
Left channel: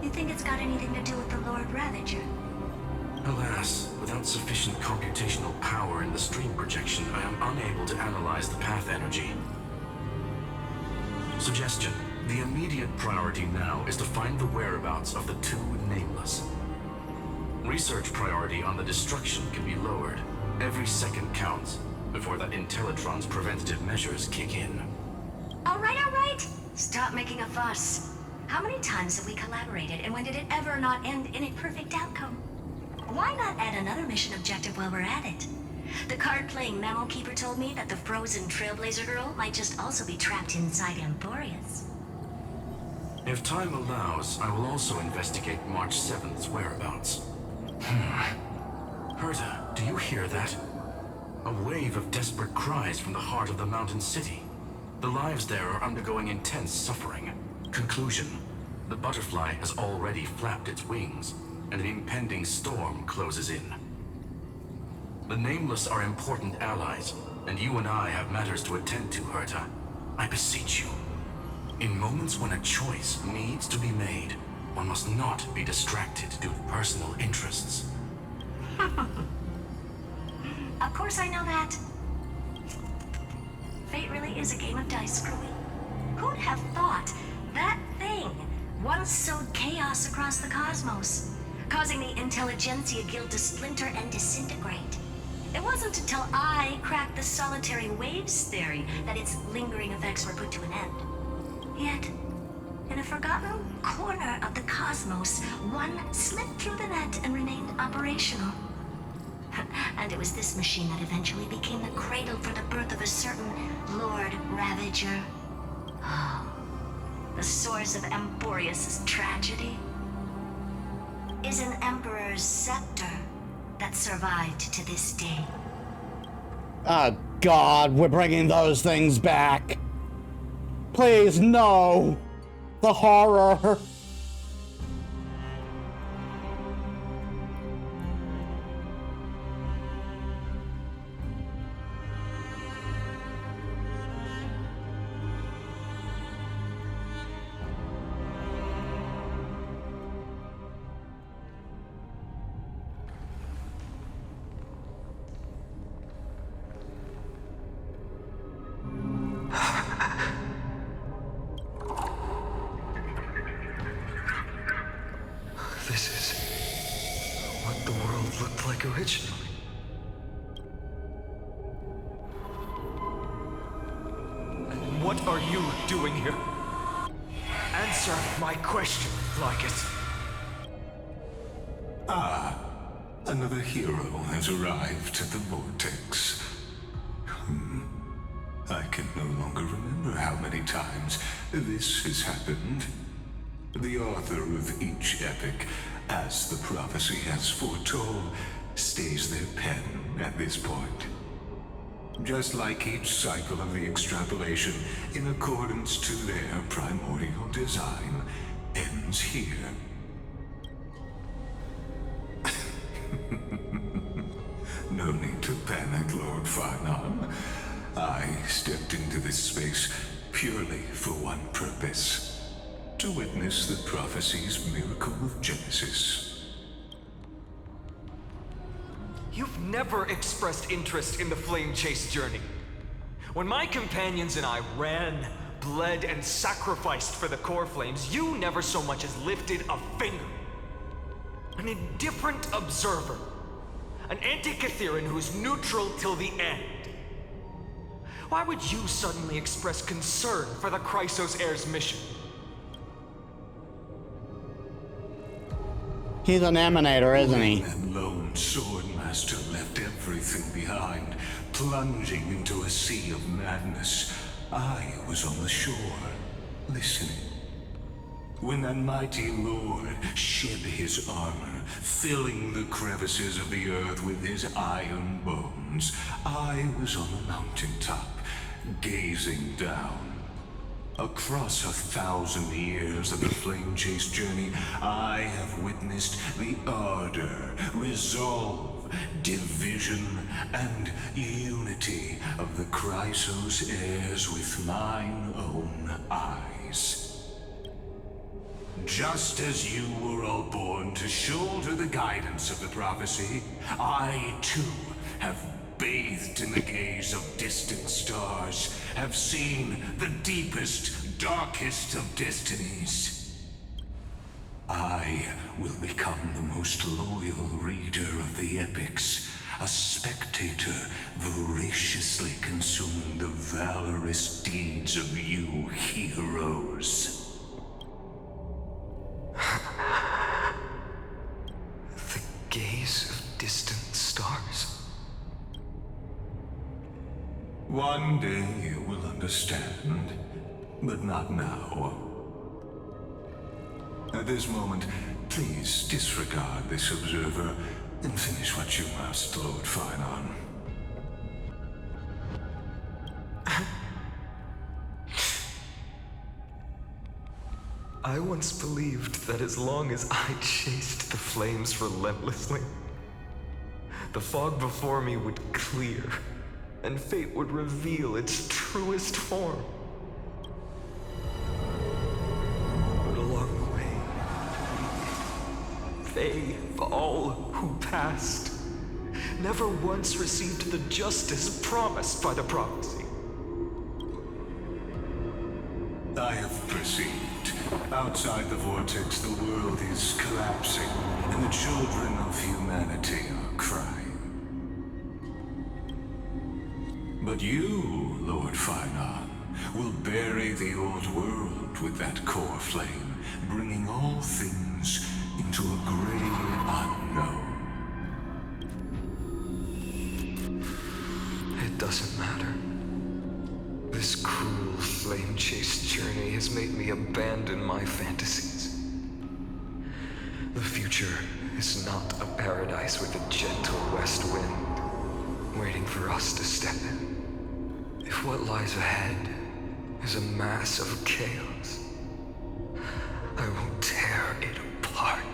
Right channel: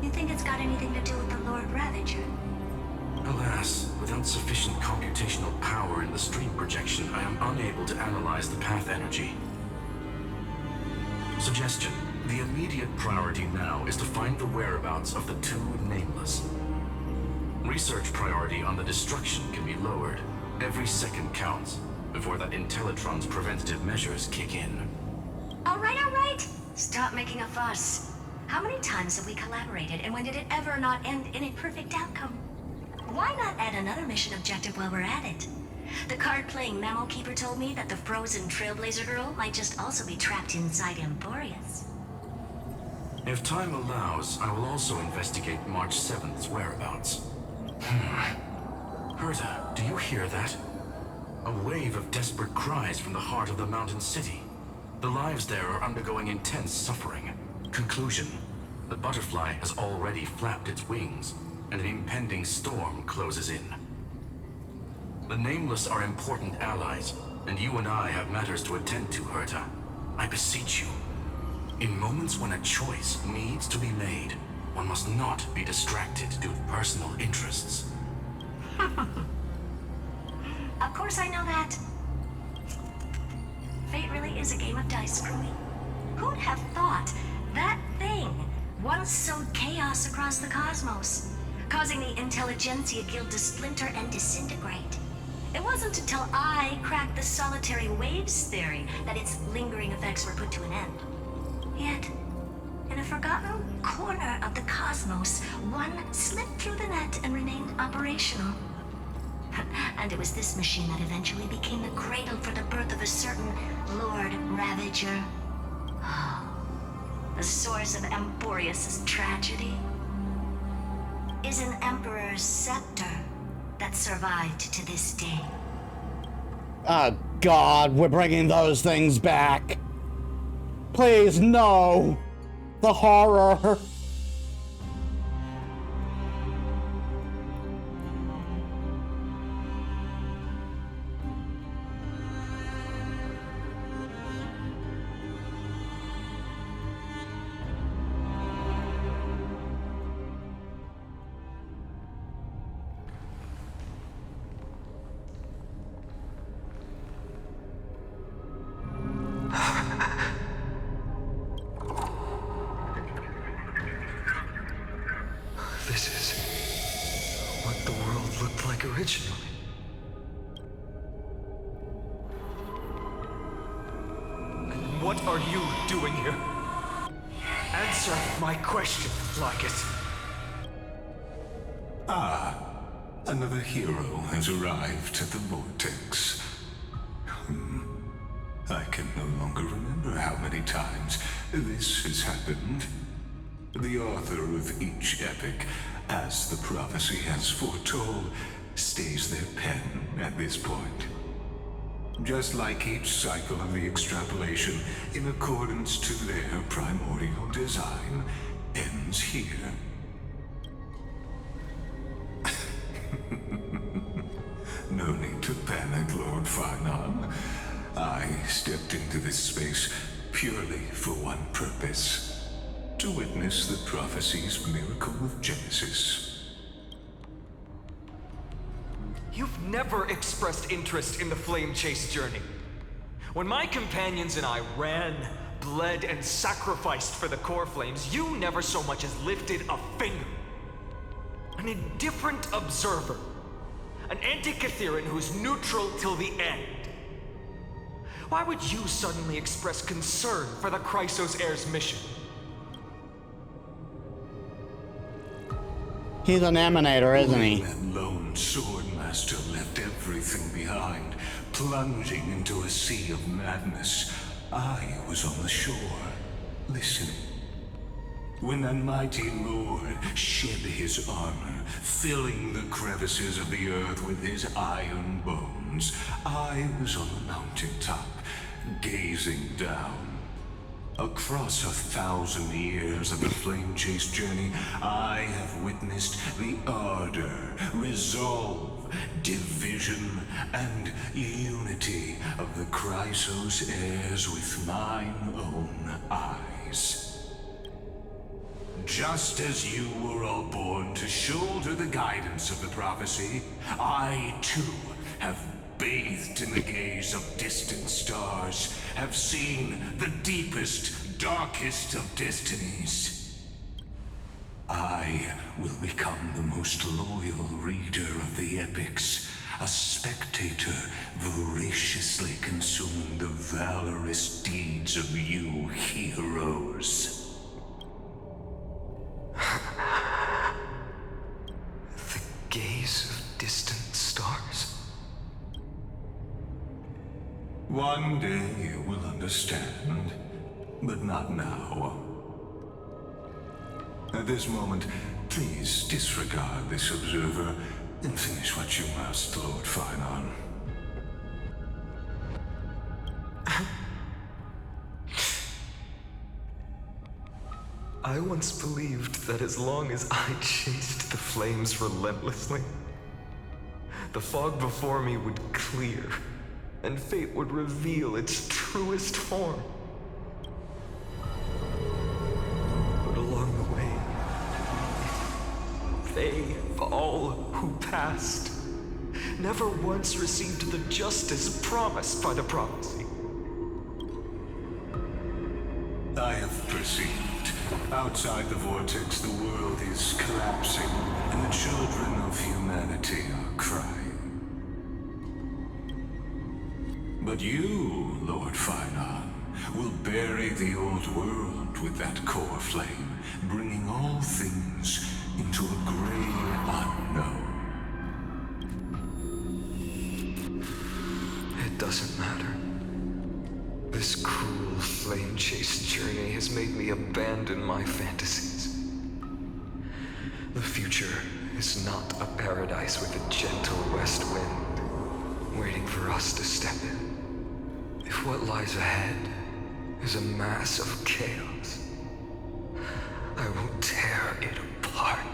you think it's got anything to do with the Lord Ravager? Alas, without sufficient computational power in the stream projection, I am unable to analyze the path energy. Suggestion. The immediate priority now is to find the whereabouts of the two Nameless. Research priority on the destruction can be lowered. Every second counts before that Intellitron's preventative measures kick in. All right. Stop making a fuss. How many times have we collaborated, and when did it ever not end in a perfect outcome? Why not add another mission objective while we're at it? The card-playing memo keeper told me that the frozen Trailblazer girl might just also be trapped inside Amphorius. If time allows, I will also investigate March 7th's whereabouts. Herta, do you hear that? A wave of desperate cries from the heart of the mountain city. The lives there are undergoing intense suffering. Conclusion. The butterfly has already flapped its wings, and an impending storm closes in. The Nameless are important allies, and you and I have matters to attend to, Herta. I beseech you. In moments when a choice needs to be made, One must not be distracted due to personal interests. Of course I know that. Fate really is a game of dice, Screwy. Who'd have thought that thing once sowed chaos across the cosmos, causing the Intelligentsia Guild to splinter and disintegrate? It wasn't until I cracked the solitary waves theory that its lingering effects were put to an end. Yet, in a forgotten corner of the cosmos, one slipped through the net and remained operational. And it was this machine that eventually became the cradle for the birth of a certain Lord Ravager. The source of Emporius' tragedy is an Emperor's scepter that survived to this day. Oh, God, we're bringing those things back. Please, no. The horror. This is what the world looked like originally. And what are you doing here? Answer my question, Lycus. Ah, another hero has arrived at the Vortex. I can no longer remember how many times this has happened. The author of each epic, as the prophecy has foretold, stays their pen at this point. Just like each cycle of the extrapolation, in accordance to their primordial design, ends here. No need to panic, Lord Finon. I stepped into this space purely for one purpose. To witness the prophecy's miracle of Genesis. You've never expressed interest in the Flame Chase journey. When my companions and I ran, bled, and sacrificed for the core flames, you never so much as lifted a finger. An indifferent observer. An Antikytheran who's neutral till the end. Why would you suddenly express concern for the Chrysos Heir's mission? He's an emanator, isn't he? That lone swordmaster left everything behind, plunging into a sea of madness. I was on the shore, listening. When that mighty lord shed his armor, filling the crevices of the earth with his iron bones, I was on the mountaintop, gazing down. Across 1,000 years of the Flame Chase journey, I have witnessed the ardor, resolve, division, and unity of the Chrysos heirs with mine own eyes. Just as you were all born to shoulder the guidance of the prophecy, I too have bathed in the gaze of distant stars, have seen the deepest, darkest of destinies. I will become the most loyal reader of the epics, a spectator voraciously consuming the valorous deeds of you heroes. The gaze of distant stars? One day you will understand, but not now. At this moment, please disregard this observer and finish what you must, Lord Finon. I once believed that as long as I chased the flames relentlessly, the fog before me would clear, and fate would reveal its truest form. But along the way, They, all who passed, never once received the justice promised by the prophecy. I have perceived. Outside the vortex, the world is collapsing, and the children of humanity are crying. But you, Lord Finon, will bury the old world with that core flame, bringing all things into a gray unknown. It doesn't matter. This cruel flame-chased journey has made me abandon my fantasies. The future is not a paradise with a gentle west wind waiting for us to step in. If what lies ahead is a mass of chaos, I will tear it apart.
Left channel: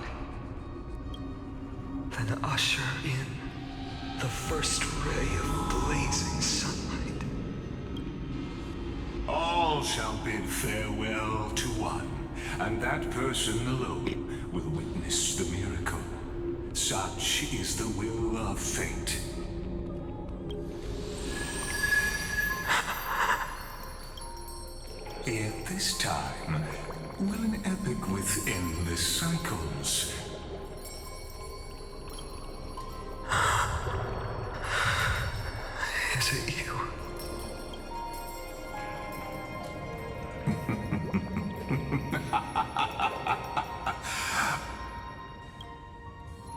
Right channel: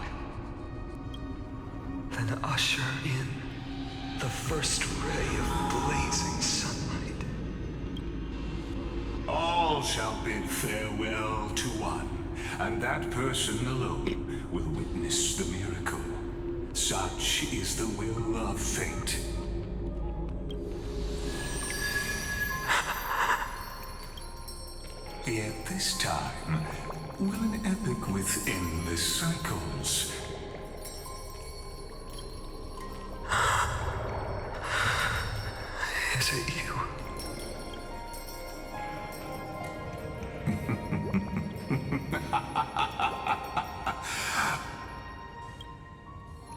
Then usher in the first ray of blazing sunlight. All shall bid farewell to one, and that person alone will witness the miracle. Such is the will of fate. Yet this time, will an epic with endless cycles. Is it you?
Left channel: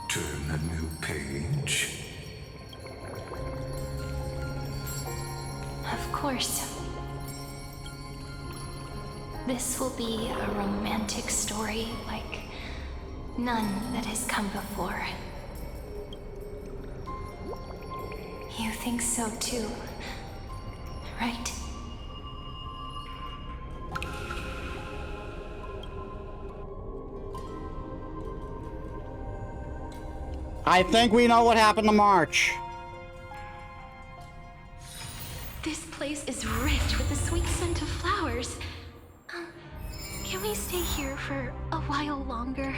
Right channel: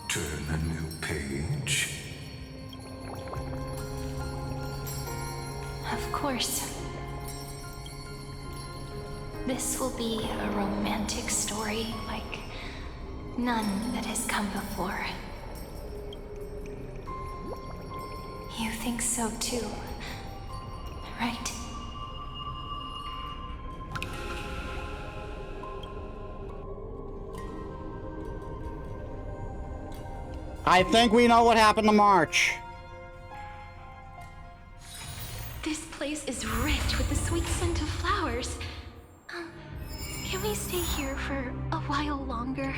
Turn a new page. Of course. This will be a romantic story like none that has come before. You think so too, right? I think we know what happened to March. This place is rich with the sweet scent of flowers. Can we stay here for a while longer?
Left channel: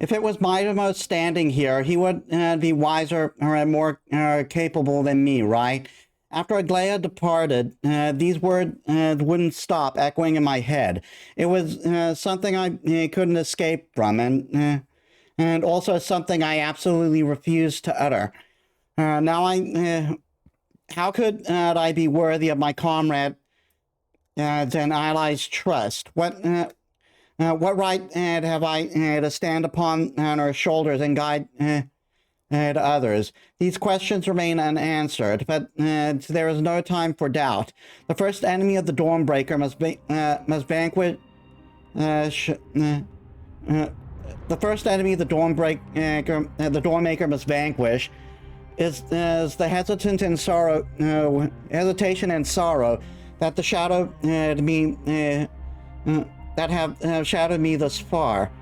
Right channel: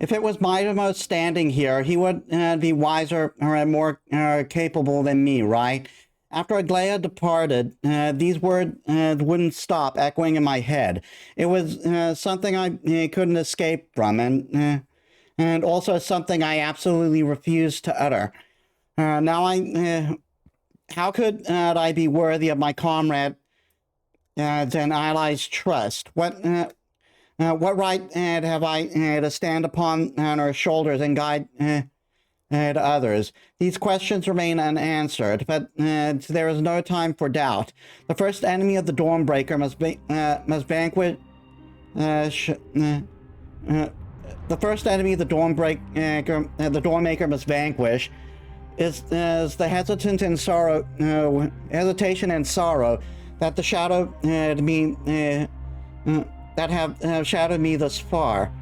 If it was Mitamose standing here, he would be wiser or more capable than me, right? After Aglaia departed, these words wouldn't stop echoing in my head. It was something I couldn't escape from, and also something I absolutely refused to utter. How could I be worthy of my comrade and allies' trust? What right have I to stand upon her shoulders and guide others? These questions remain unanswered, but there is no time for doubt. The first enemy of the Dawnbreaker must vanquish. The first enemy the Dawnmaker must vanquish is the hesitation and sorrow that the shadow that have shadowed me thus far.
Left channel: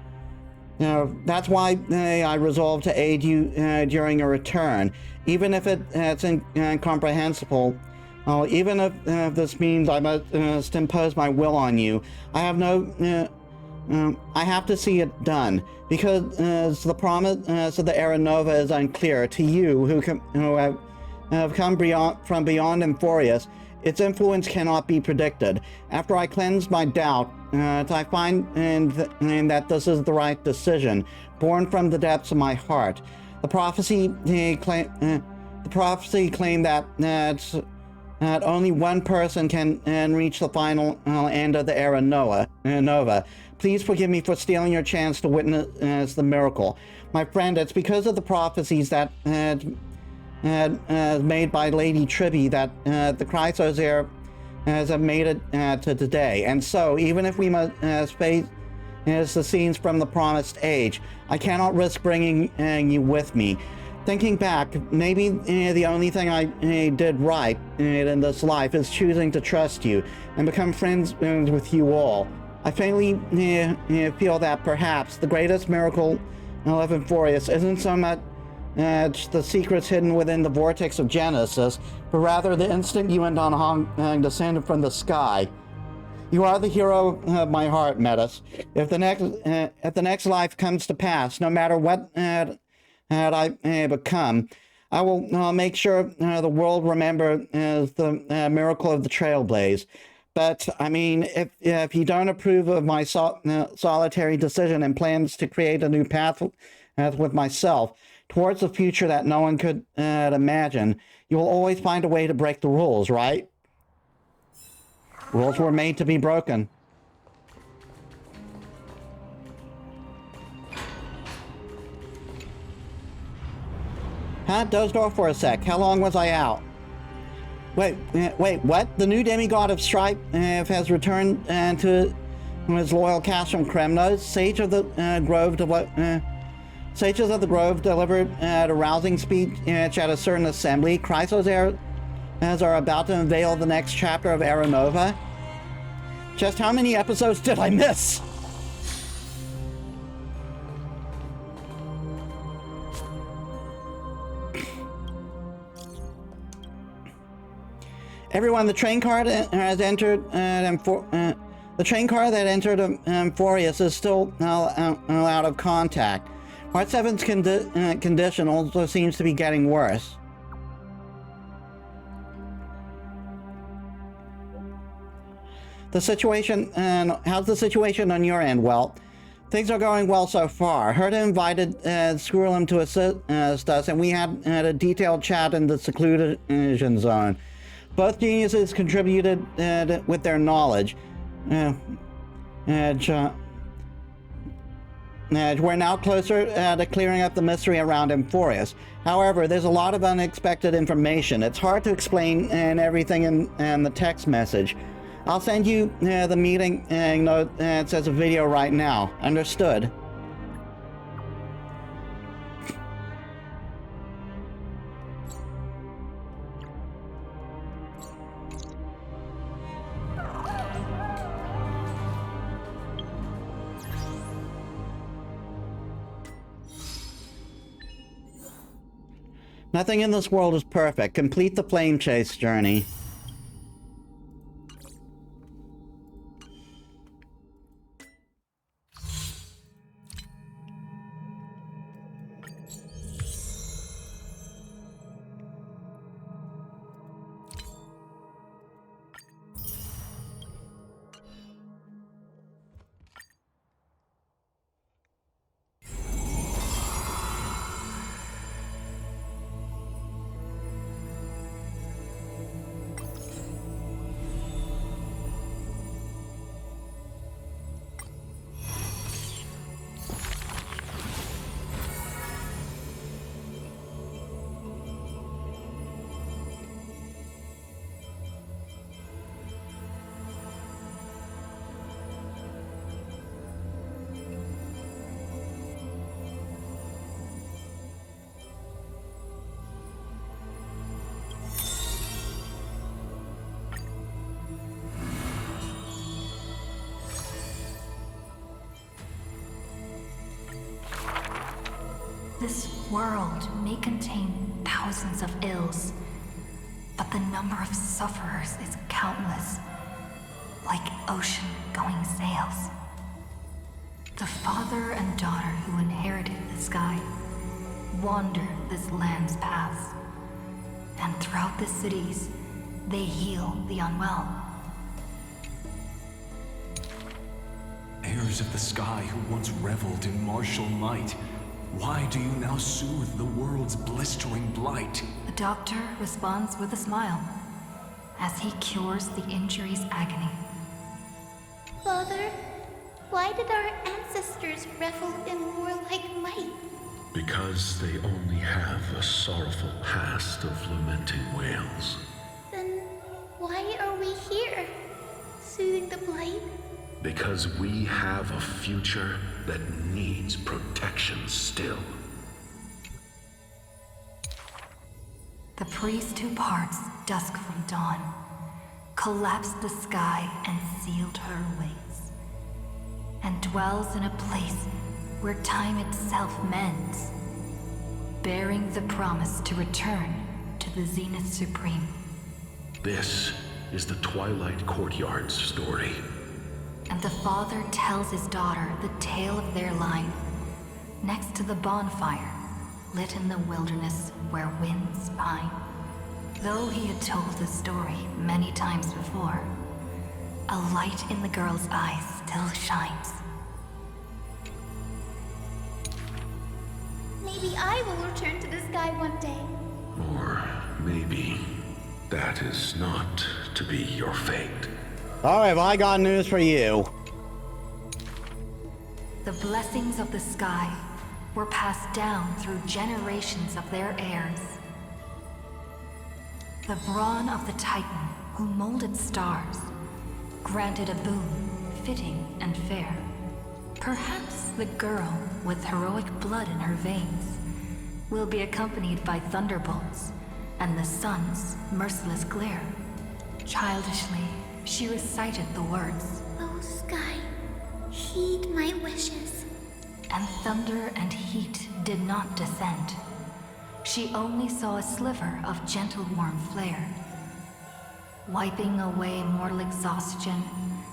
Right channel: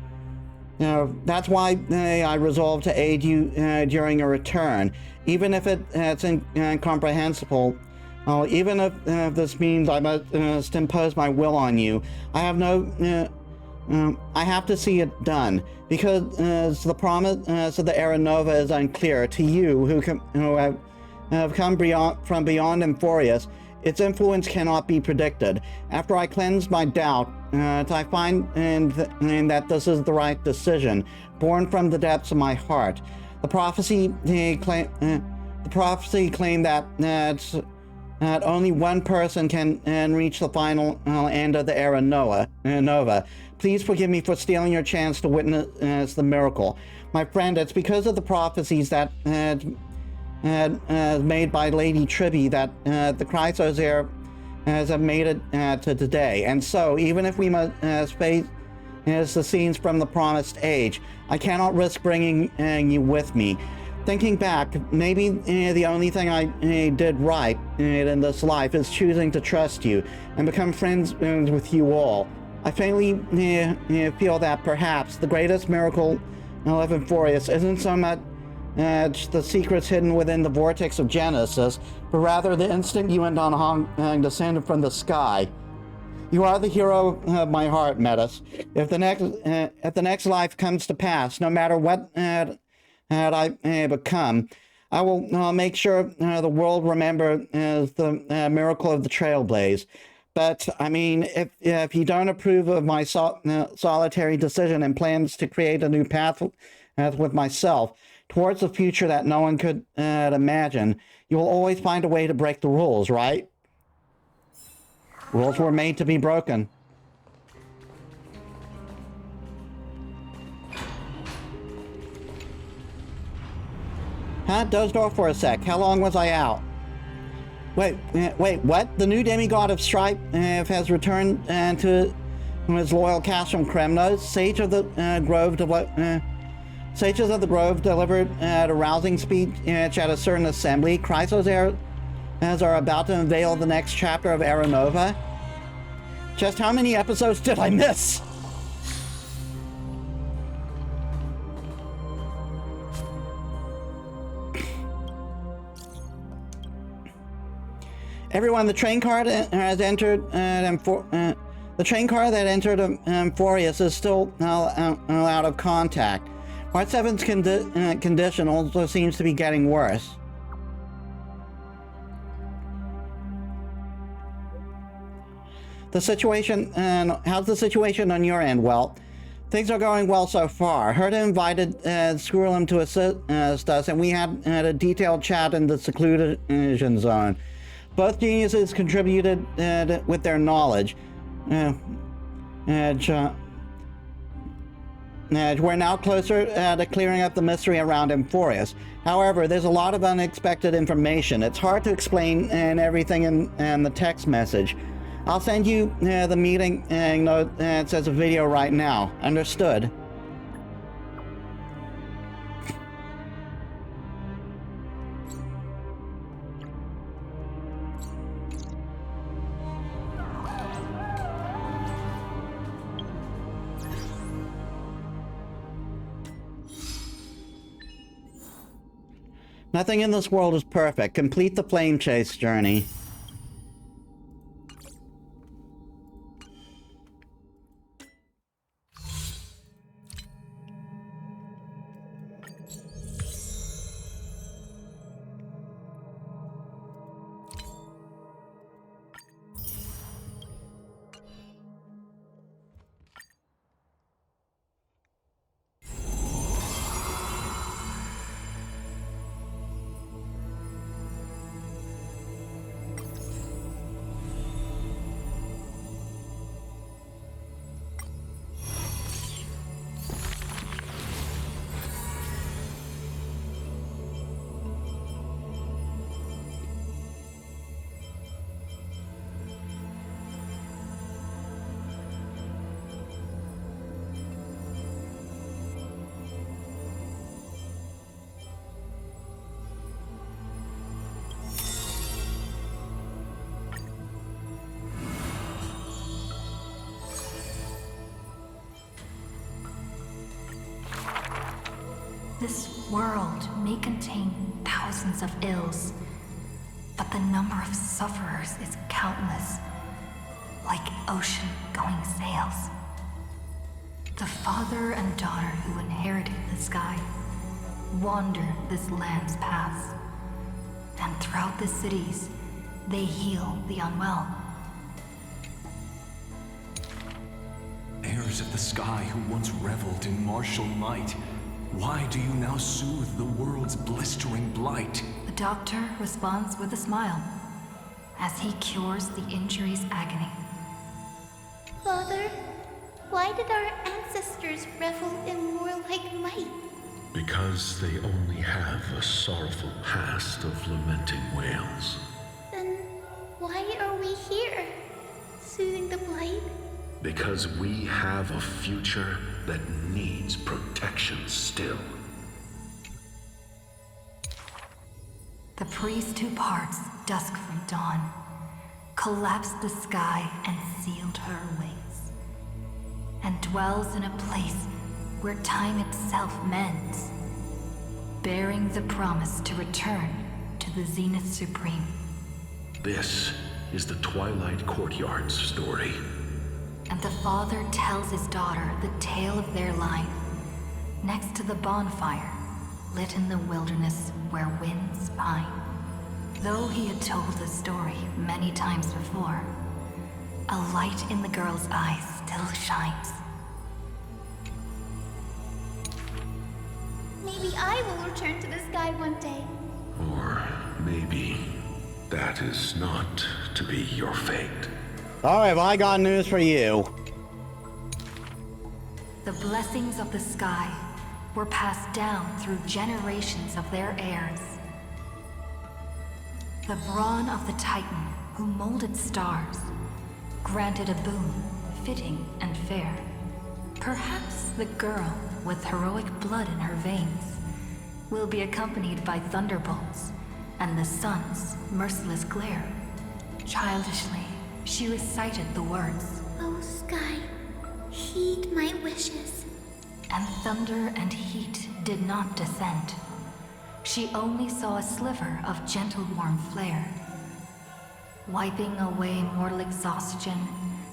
That's why I resolved to aid you during your return, even if it's incomprehensible. Even if this means I must impose my will on you. I have to see it done, because the promise of the Era Nova is unclear to you who have come from beyond Emphorius. Its influence cannot be predicted. After I cleanse my doubt, I find that this is the right decision, born from the depths of my heart. The prophecy claimed that only one person can reach the final end of the Era Nova. Please forgive me for stealing your chance to witness the miracle. My friend, it's because of the prophecies that made by Lady Tribby that the Chrysos heir has made it to today. And so, even if we must face the scenes from the Promised Age, I cannot risk bringing you with me. Thinking back, maybe the only thing I did right in this life is choosing to trust you and become friends with you all. I faintly feel that perhaps the greatest miracle of Emphorius isn't so much the secrets hidden within the vortex of Genesis, but rather the instant you and Don Hong descended from the sky. You are the hero of my heart, Metis. If the next life comes to pass, no matter what I become, I will make sure the world remembers the miracle of the Trailblaze. But, I mean, if you don't approve of my solitary decision and plans to create a new path with myself towards the future that no one could imagine, you will always find a way to break the rules, right? Rules were made to be broken. Dozed off for a sec. How long was I out? Wait, what? The new demigod of strife has returned to his loyal cast from Kremnos. Sages of the Grove delivered a rousing speech at a certain assembly. Chrysos are about to unveil the next chapter of Aeronova. Just how many episodes did I miss? Everyone, the train car that has entered the train car that entered Amphorius is still out of contact. Part 7's condition also seems to be getting worse. The situation, how's the situation on your end? Well, things are going well so far. Herta invited Skrulum to assist us, and we had a detailed chat in the seclusion zone. Both geniuses contributed with their knowledge. We're now closer to clearing up the mystery around Amphorius. However, there's a lot of unexpected information. It's hard to explain everything in the text message. I'll send you the meeting note. It says a video right now. Understood. Nothing in this world is perfect. Complete the flame chase journey. This world may contain thousands of ills, but the number of sufferers is countless, like ocean-going sails. The father and daughter who inherited the sky wander this land's paths, and throughout the cities, they heal the unwell. Heirs of the sky who once reveled in martial might, why do you now soothe the world's blistering blight? The doctor responds with a smile, as he cures the injury's agony. Father, why did our ancestors revel in warlike might? Because they only have a sorrowful past of lamenting wails. Then why are we here, soothing the blight? Because we have a future that needs protection still. The priest who parts dusk from dawn collapsed the sky and sealed her wings, and dwells in a place where time itself mends, bearing the promise to return to the Zenith Supreme. This is the Twilight Courtyard's story. And the father tells his daughter the tale of their line, next to the bonfire, lit in the wilderness where winds pine. Though he had told the story many times before, a light in the girl's eyes still shines. Maybe I will return to the sky one day. Or maybe that is not to be your fate. Alright, well, I got news for you. The blessings of the sky were passed down through generations of their heirs. The brawn of the Titan, who molded stars, granted a boon fitting and fair. Perhaps the girl with heroic blood in her veins will be accompanied by thunderbolts and the sun's merciless glare. Childishly, she recited the words, "Oh, sky, heed my wishes." And thunder and heat did not descend. She only saw a sliver of gentle warm flare, wiping away mortal exhaustion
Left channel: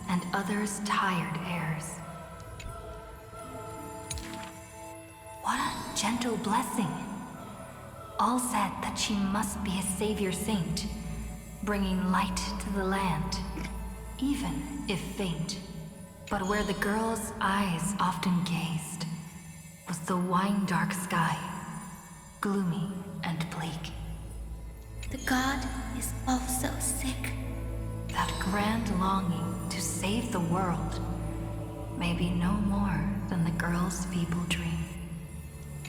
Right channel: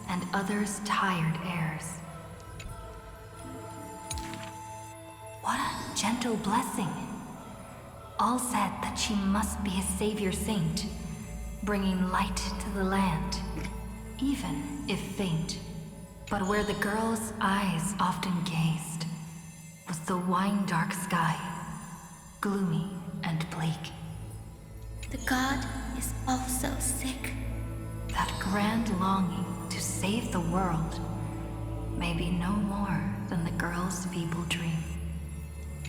and others' tired airs. What a gentle blessing. All said that she must be a savior saint, bringing light to the land, even if faint. But where the girl's eyes often gazed was the wine-dark sky, gloomy and bleak. The god is also sick. That grand longing to save the world may be no more than the girl's feeble dream.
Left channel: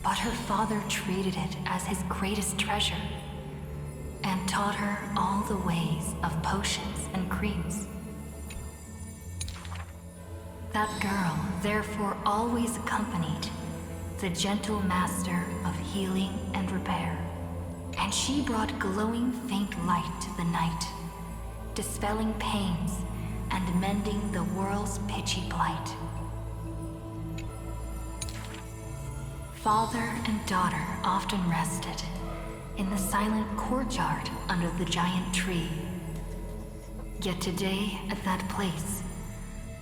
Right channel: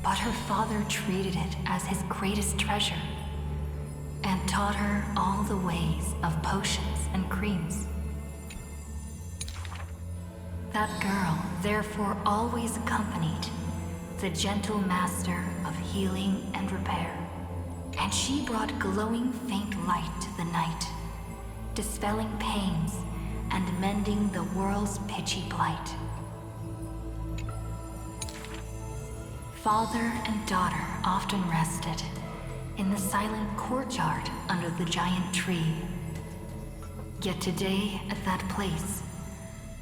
But her father treated it as his greatest treasure and taught her all the ways of potions and creams. That girl therefore always accompanied the gentle master of healing and repair. And she brought glowing faint light to the night, dispelling pains and mending the world's pitchy blight. Father and daughter often rested in the silent courtyard under the giant tree. Yet today, at that place,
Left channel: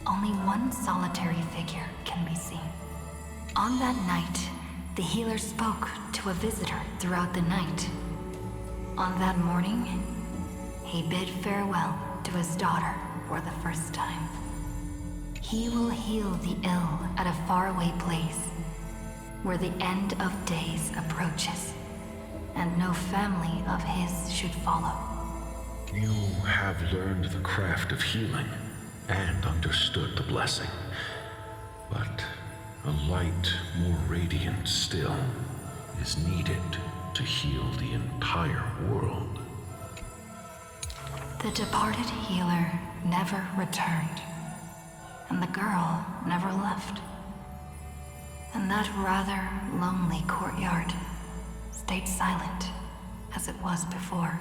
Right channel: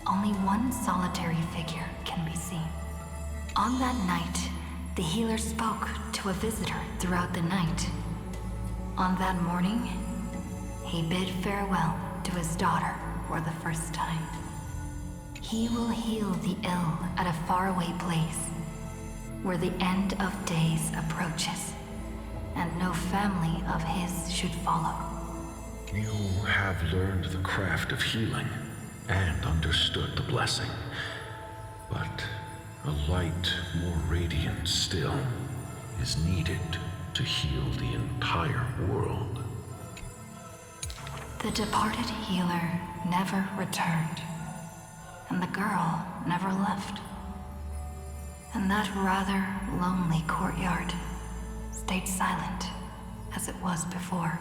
only one solitary figure can be seen. On that night, the healer spoke to a visitor throughout the night. On that morning, he bid farewell to his daughter for the first time. He will heal the ill at a faraway place, where the end of days approaches, and no family of his should follow. You have learned the craft of healing and understood the blessing, but a light more radiant still is needed to heal the entire world. The departed healer never returned, and the girl never left. And that rather lonely courtyard stayed silent as it was before.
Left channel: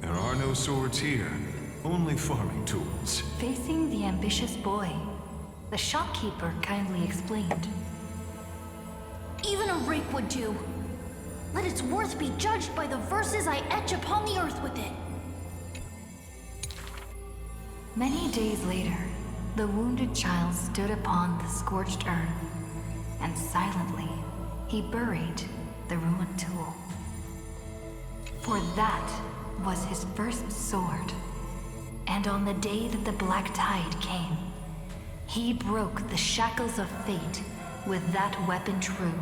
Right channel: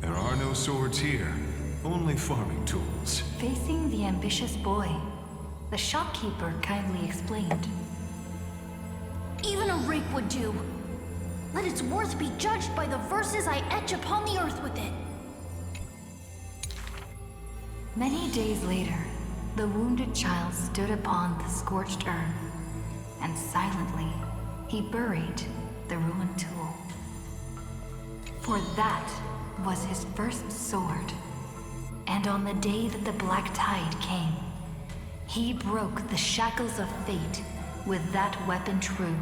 There are no swords here, only farming tools. Facing the ambitious boy, the shopkeeper kindly explained. Even a rake would do. Let its worth be judged by the verses I etch upon the earth with it. Many days later, the wounded child stood upon the scorched earth, and silently he buried the ruined tool. For that was his first sword, and on the day that the black tide came, he broke the shackles of fate with that weapon true.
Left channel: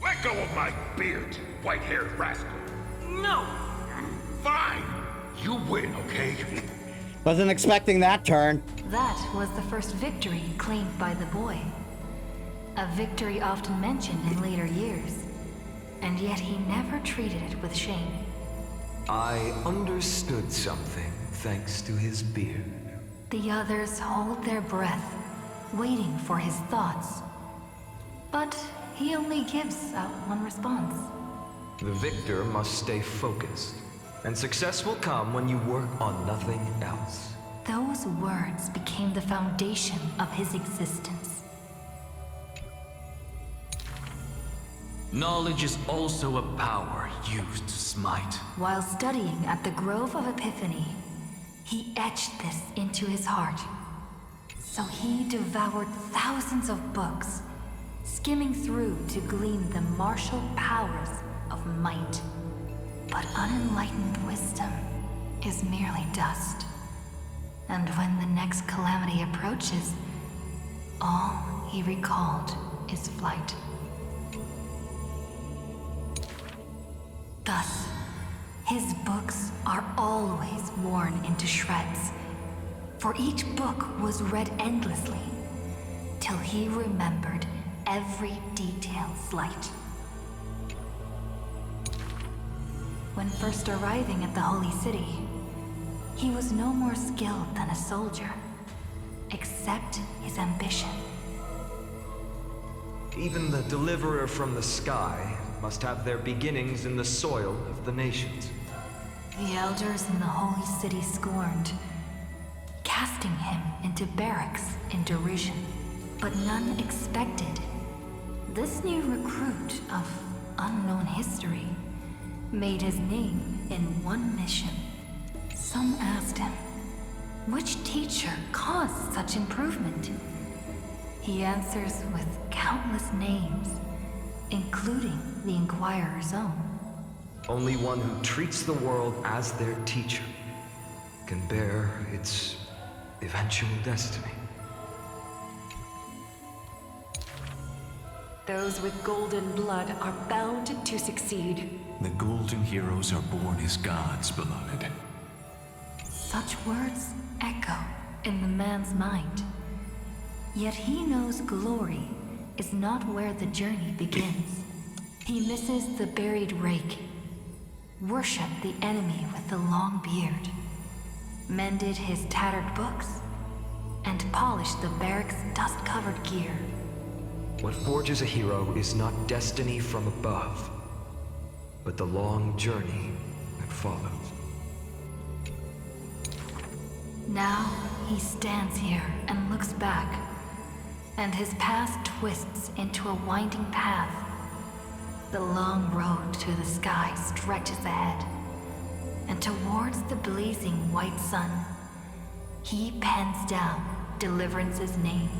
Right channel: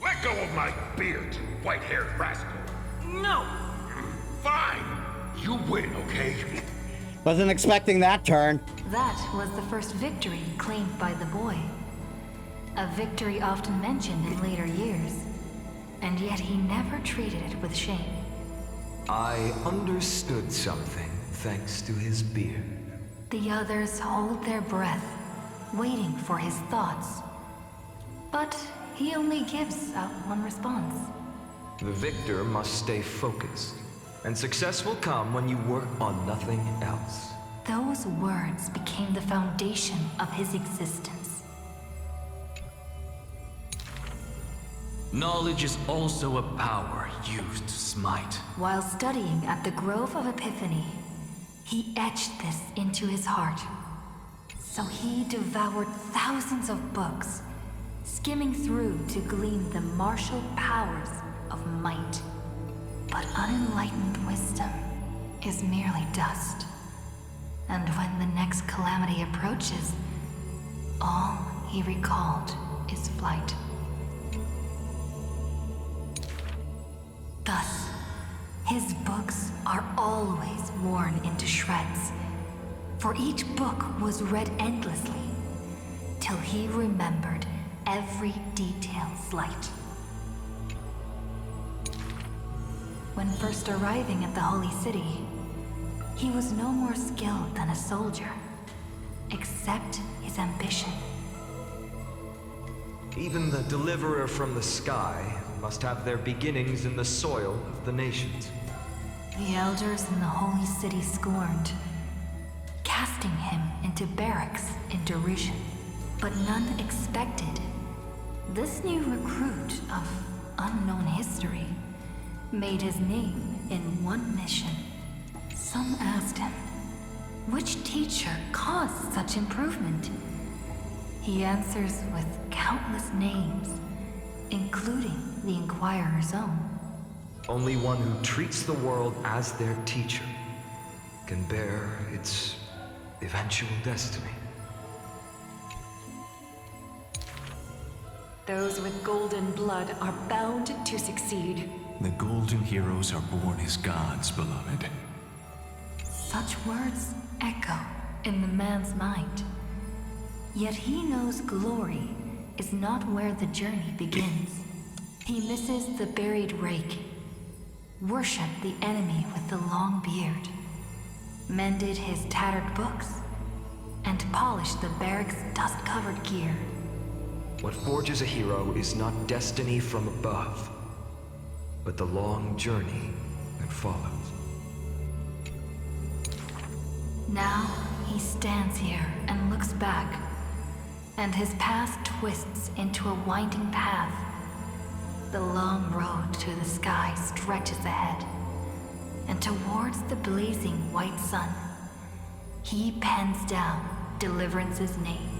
Let go of my beard, you white-haired rascal! No! Fine! You win, okay? Wasn't expecting that turn. That was the first victory claimed by the boy. A victory often mentioned in later years, and yet he never treated it with shame. I understood something thanks to his beard. The others hold their breath, waiting for his thoughts. But he only gives out one response. The victor must stay focused, and success will come when you work on nothing else. Those words became the foundation of his existence. Knowledge is also a power used to smite. While studying at the Grove of Epiphany, he etched this into his heart. So he devoured thousands of books, skimming through to glean the martial powers of might. But unenlightened wisdom is merely dust. And when the next calamity approaches, all he recalled is flight. Thus, his books are always worn into shreds, for each book was read endlessly, till he remembered every detail slight. When first arriving at the Holy City, he was no more skilled than a soldier, except his ambition. Even the deliverer from the sky must have their beginnings in the soil of the nations. The elders in the Holy City scorned, casting him into barracks in derision. But none expected this new recruit of unknown history made his name in one mission. Some asked him, which teacher caused such improvement? He answers with countless names, including the Inquirer's own. Only one who treats the world as their teacher can bear its eventual destiny. Those with golden blood are bound to succeed. The golden heroes are born as gods, beloved. Such words echo in the man's mind. Yet he knows glory is not where the journey begins. He misses the buried rake, worshipped the enemy with the long beard, mended his tattered books, and polished the barracks' dust-covered gear. What forges a hero is not destiny from above, but the long journey that follows. Now he stands here and looks back, and his past twists into a winding path. The long road to the sky stretches ahead, and towards the blazing white sun, he pens down Deliverance's name.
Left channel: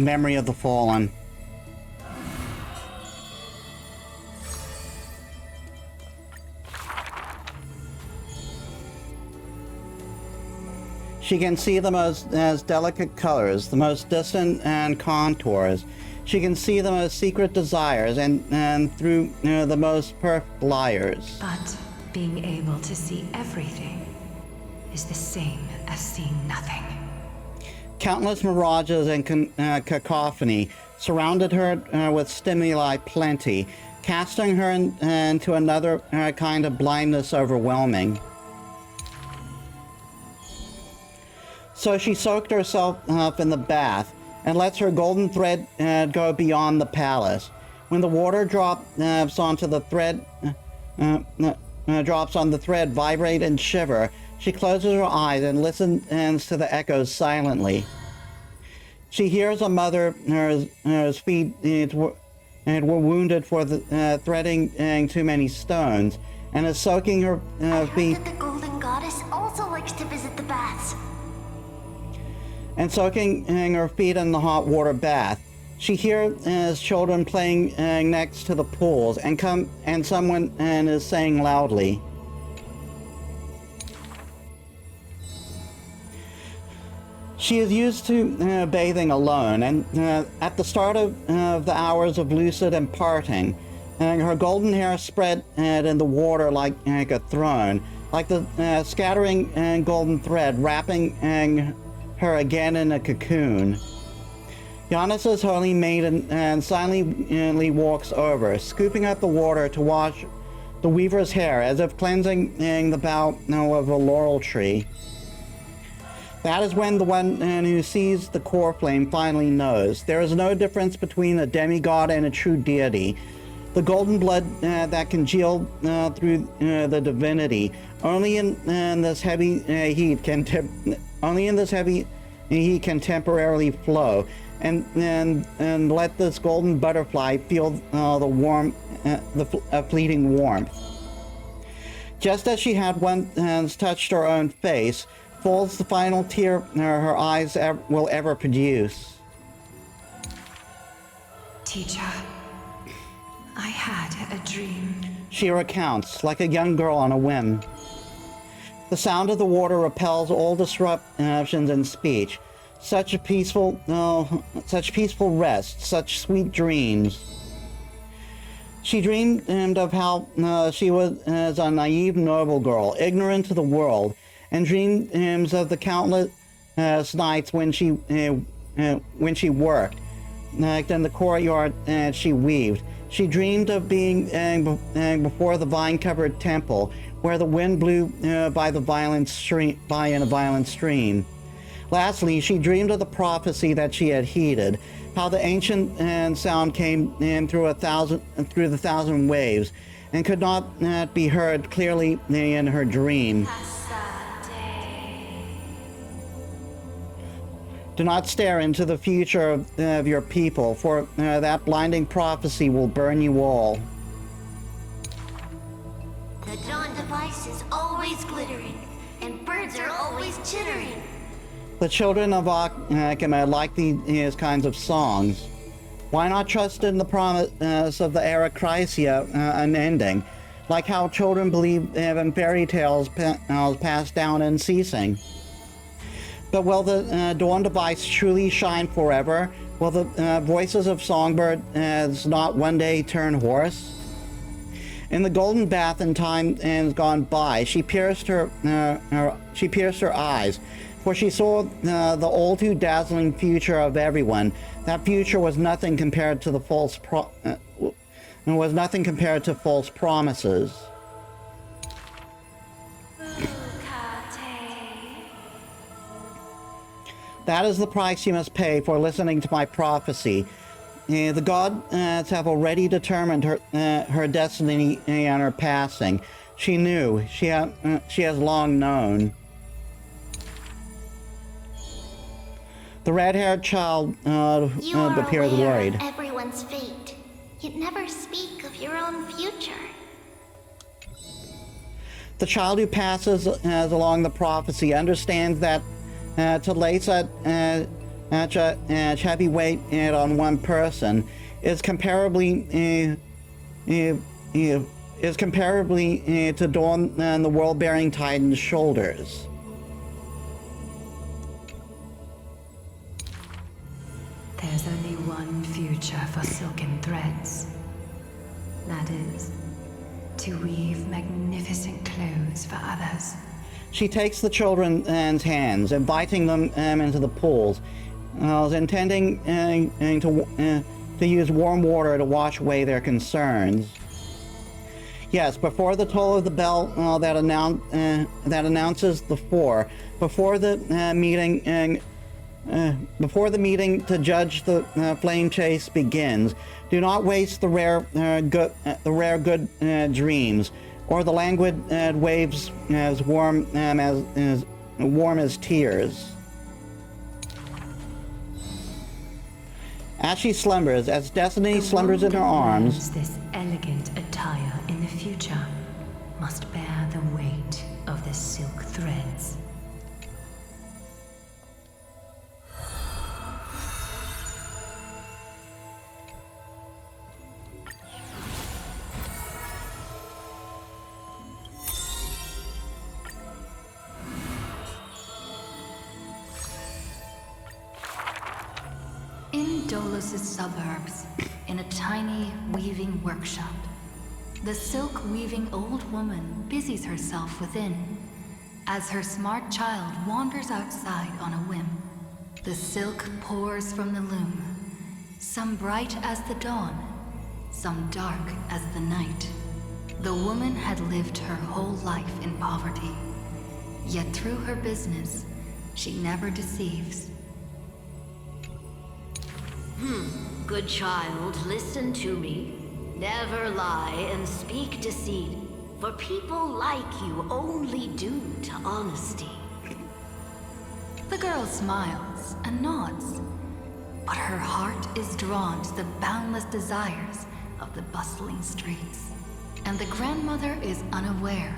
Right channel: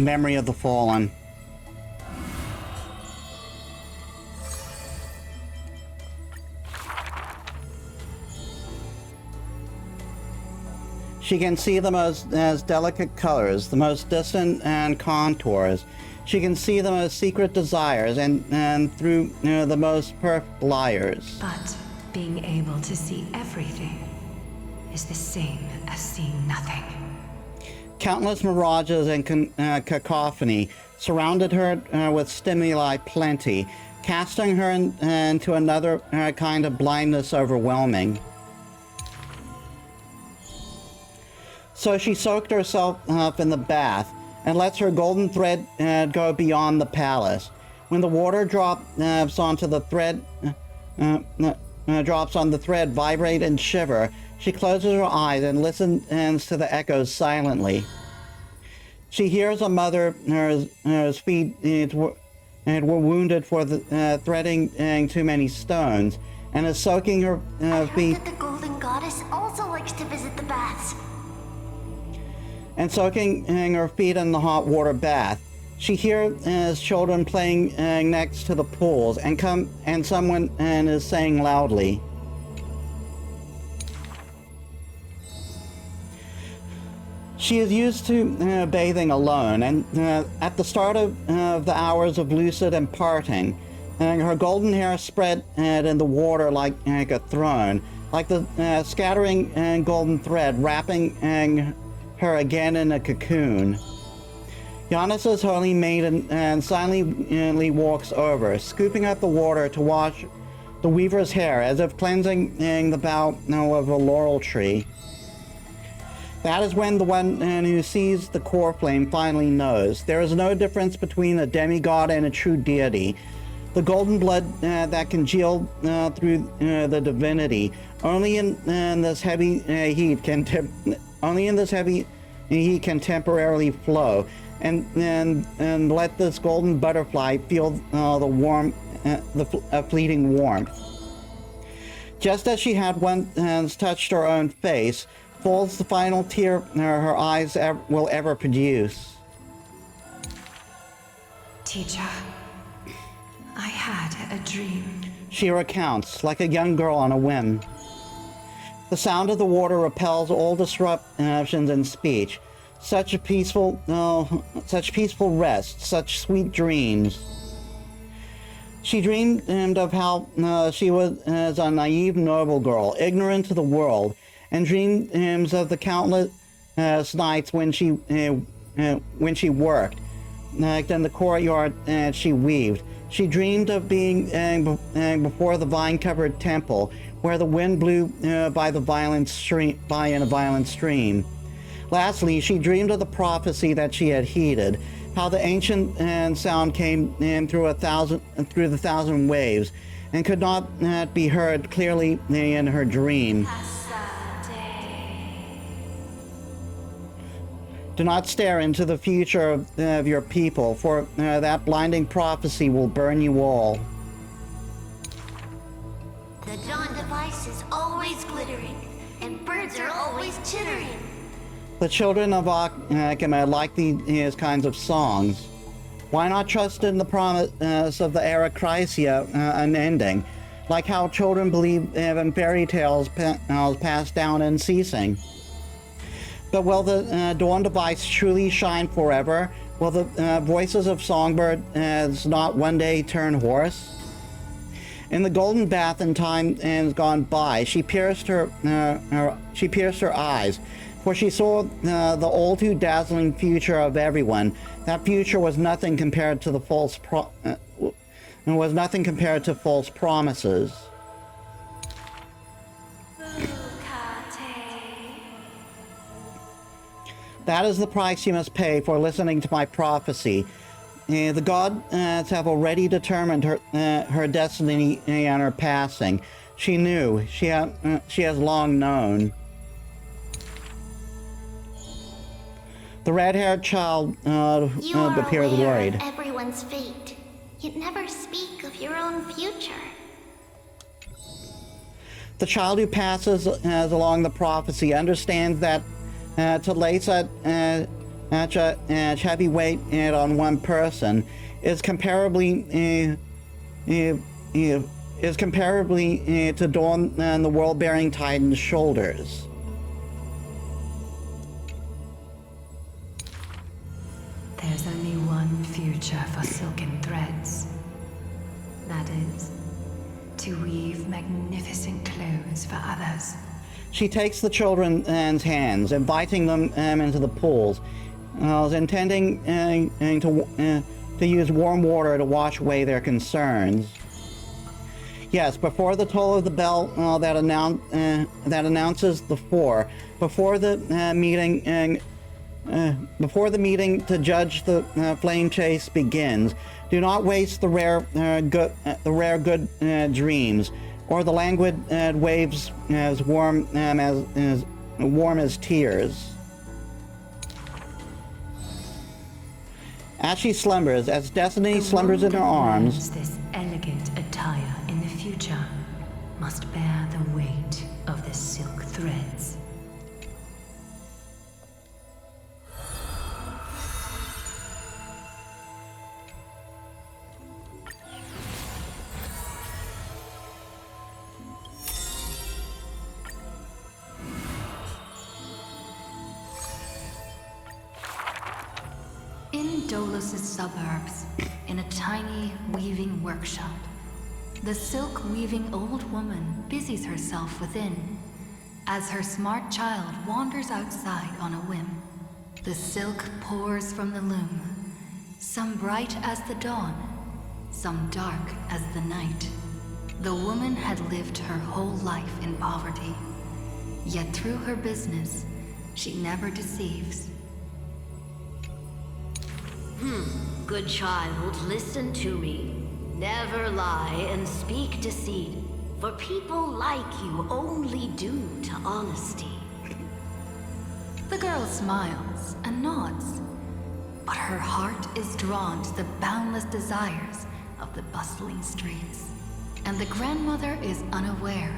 Memory of the Fallen. She can see them as delicate colors, the most distant and contours. She can see them as secret desires and through the most perfect liars. But being able to see everything is the same as seeing nothing. Countless mirages and cacophony surrounded her with stimuli plenty, casting her into another kind of blindness overwhelming. So she soaked herself up in the bath and lets her golden thread go beyond the palace. When the water drops onto the thread, drops on the thread, vibrate and shiver, she closes her eyes and listens to the echoes silently. She hears a mother whose feet were wounded for threading too many stones, and is soaking her feet. I heard that the Golden Goddess also likes to visit the baths. And soaking her feet in the hot water bath. She hears children playing next to the pools, and someone is saying loudly, she is used to bathing alone, and at the start of the hours of lucid imparting, her golden hair spread in the water like a throne, like the scattering golden thread wrapping her again in a cocoon. Giannis's holy maiden silently walks over, scooping up the water to wash the weaver's hair as if cleansing the bough of a laurel tree. That is when the one who sees the core flame finally knows. There is no difference between a demigod and a true deity. The golden blood that congealed through the divinity. Only in this heavy heat can temporarily flow, and let this golden butterfly feel the fleeting warmth. Just as she had once touched her own face, falls the final tear her eyes will ever produce. Teacher, I had a dream. She recounts, like a young girl on a whim. The sound of the water repels all disruptions in speech. Such peaceful rest, such sweet dreams. She dreamed of how she was a naive noble girl, ignorant of the world, and dreamed of the countless nights when she worked, like in the courtyard she weaved. She dreamed of being before the vine-covered temple, where the wind blew by in a violent stream. Lastly, she dreamed of the prophecy that she had heeded, how the ancient sound came through the thousand waves, and could not be heard clearly in her dream. Do not stare into the future of your people, for that blinding prophecy will burn you all. The dawn device is always glittering, and birds are always chittering. The children of Akima like these kinds of songs. Why not trust in the promise of the Arachrysia unending, like how children believe in fairy tales passed down unceasing? But will the dawn device truly shine forever? Will the voices of songbirds not one day turn hoarse? In the golden bath in time gone by, she pierced her eyes, for she saw the all too dazzling future of everyone. That future was nothing compared to false promises. That is the price you must pay for listening to my prophecy. The gods have already determined her destiny and her passing. She knew. She has long known. The red-haired child appears worried. Of everyone's fate, yet never speak of your own future. The child who passes along the prophecy understands that to place such heavy weight on one person is comparably to dawn the world-bearing Titan's shoulders. There's only one future for silken threads. That is, to weave magnificent clothes for others. She takes the children's hands, inviting them into the pools, intending to use warm water to wash away their concerns. Yes, before the toll of the bell that announces the four, before the meeting to judge the flame chase begins, do not waste the rare good dreams, or the languid waves as warm as tears. As she slumbers, as destiny slumbers in her arms, this elegant attire in the future must bear the weight of the silk threads. In Dolus's suburbs, in a tiny weaving workshop, The silk-weaving old woman busies herself within, as her smart child wanders outside on a whim. The silk pours from the loom, some bright as the dawn, some dark as the night. The woman had lived her whole life in poverty, yet through her business, she never deceives. Good child, listen to me. Never lie and speak deceit, for people like you only do to honesty. The girl smiles and nods, but her heart is drawn to the boundless desires of the bustling streets. And the grandmother is unaware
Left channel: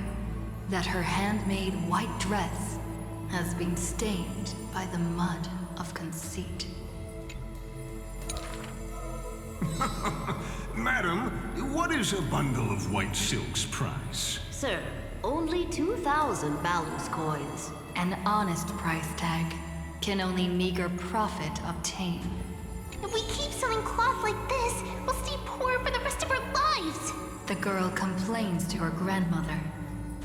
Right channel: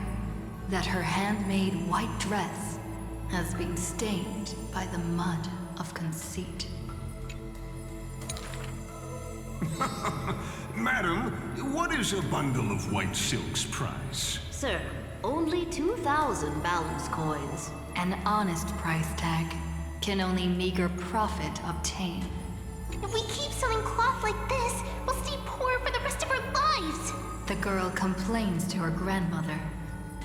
that her handmade white dress has been stained by the mud of conceit. Madam, what is a bundle of white silk's price? Sir, only 2,000 balance coins. An honest price tag can only meager profit obtain. If we keep selling cloth like this, we'll stay poor for the rest of our lives. The girl complains to her grandmother,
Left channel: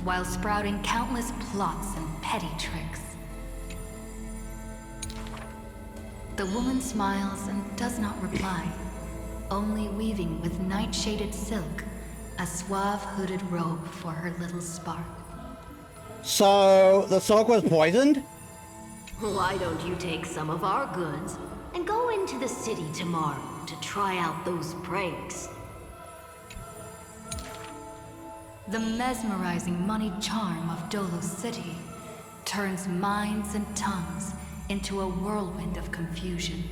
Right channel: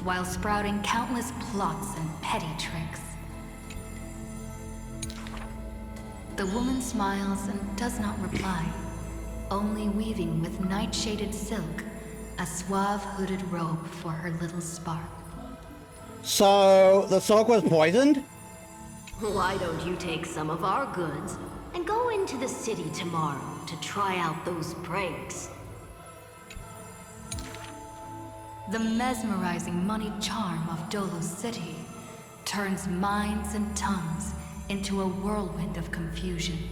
while sprouting countless plots and petty tricks. The woman smiles and does not reply, only weaving with night-shaded silk a suave hooded robe for her little spark. So, the silk was poisoned? Why don't you take some of our goods and go into the city tomorrow to try out those pranks? The mesmerizing moneyed charm of Dolos City turns minds and tongues into a whirlwind of confusion.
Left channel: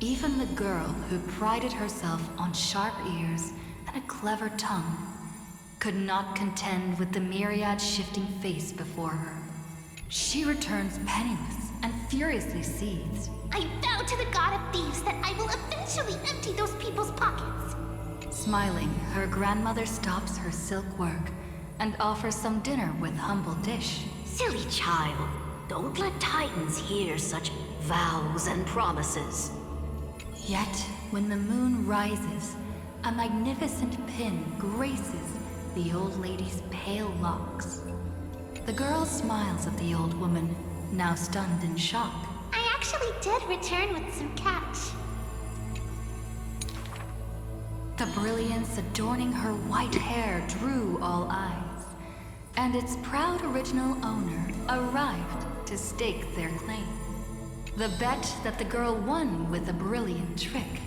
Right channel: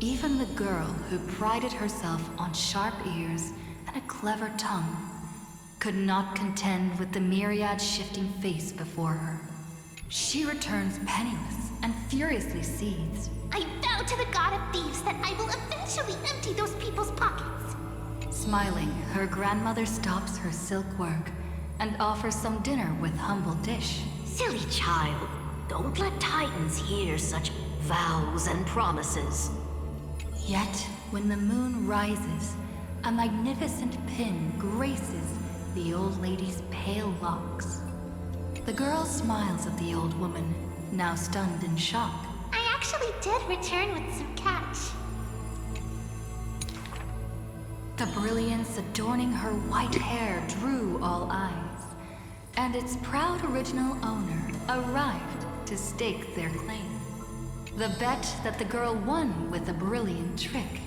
Even the girl who prided herself on sharp ears and a clever tongue could not contend with the myriad shifting face before her. She returns penniless and furiously seethes. I vow to the god of thieves that I will eventually empty those people's pockets. Smiling, her grandmother stops her silk work and offers some dinner with humble dish. Silly child, don't let Titans hear such vows and promises. Yet, when the moon rises, a magnificent pin graces the old lady's pale locks. The girl smiles at the old woman, now stunned in shock. I actually did return with some catch. The brilliance adorning her white hair drew all eyes, and its proud original owner arrived to stake their claim. The bet that the girl won with a brilliant trick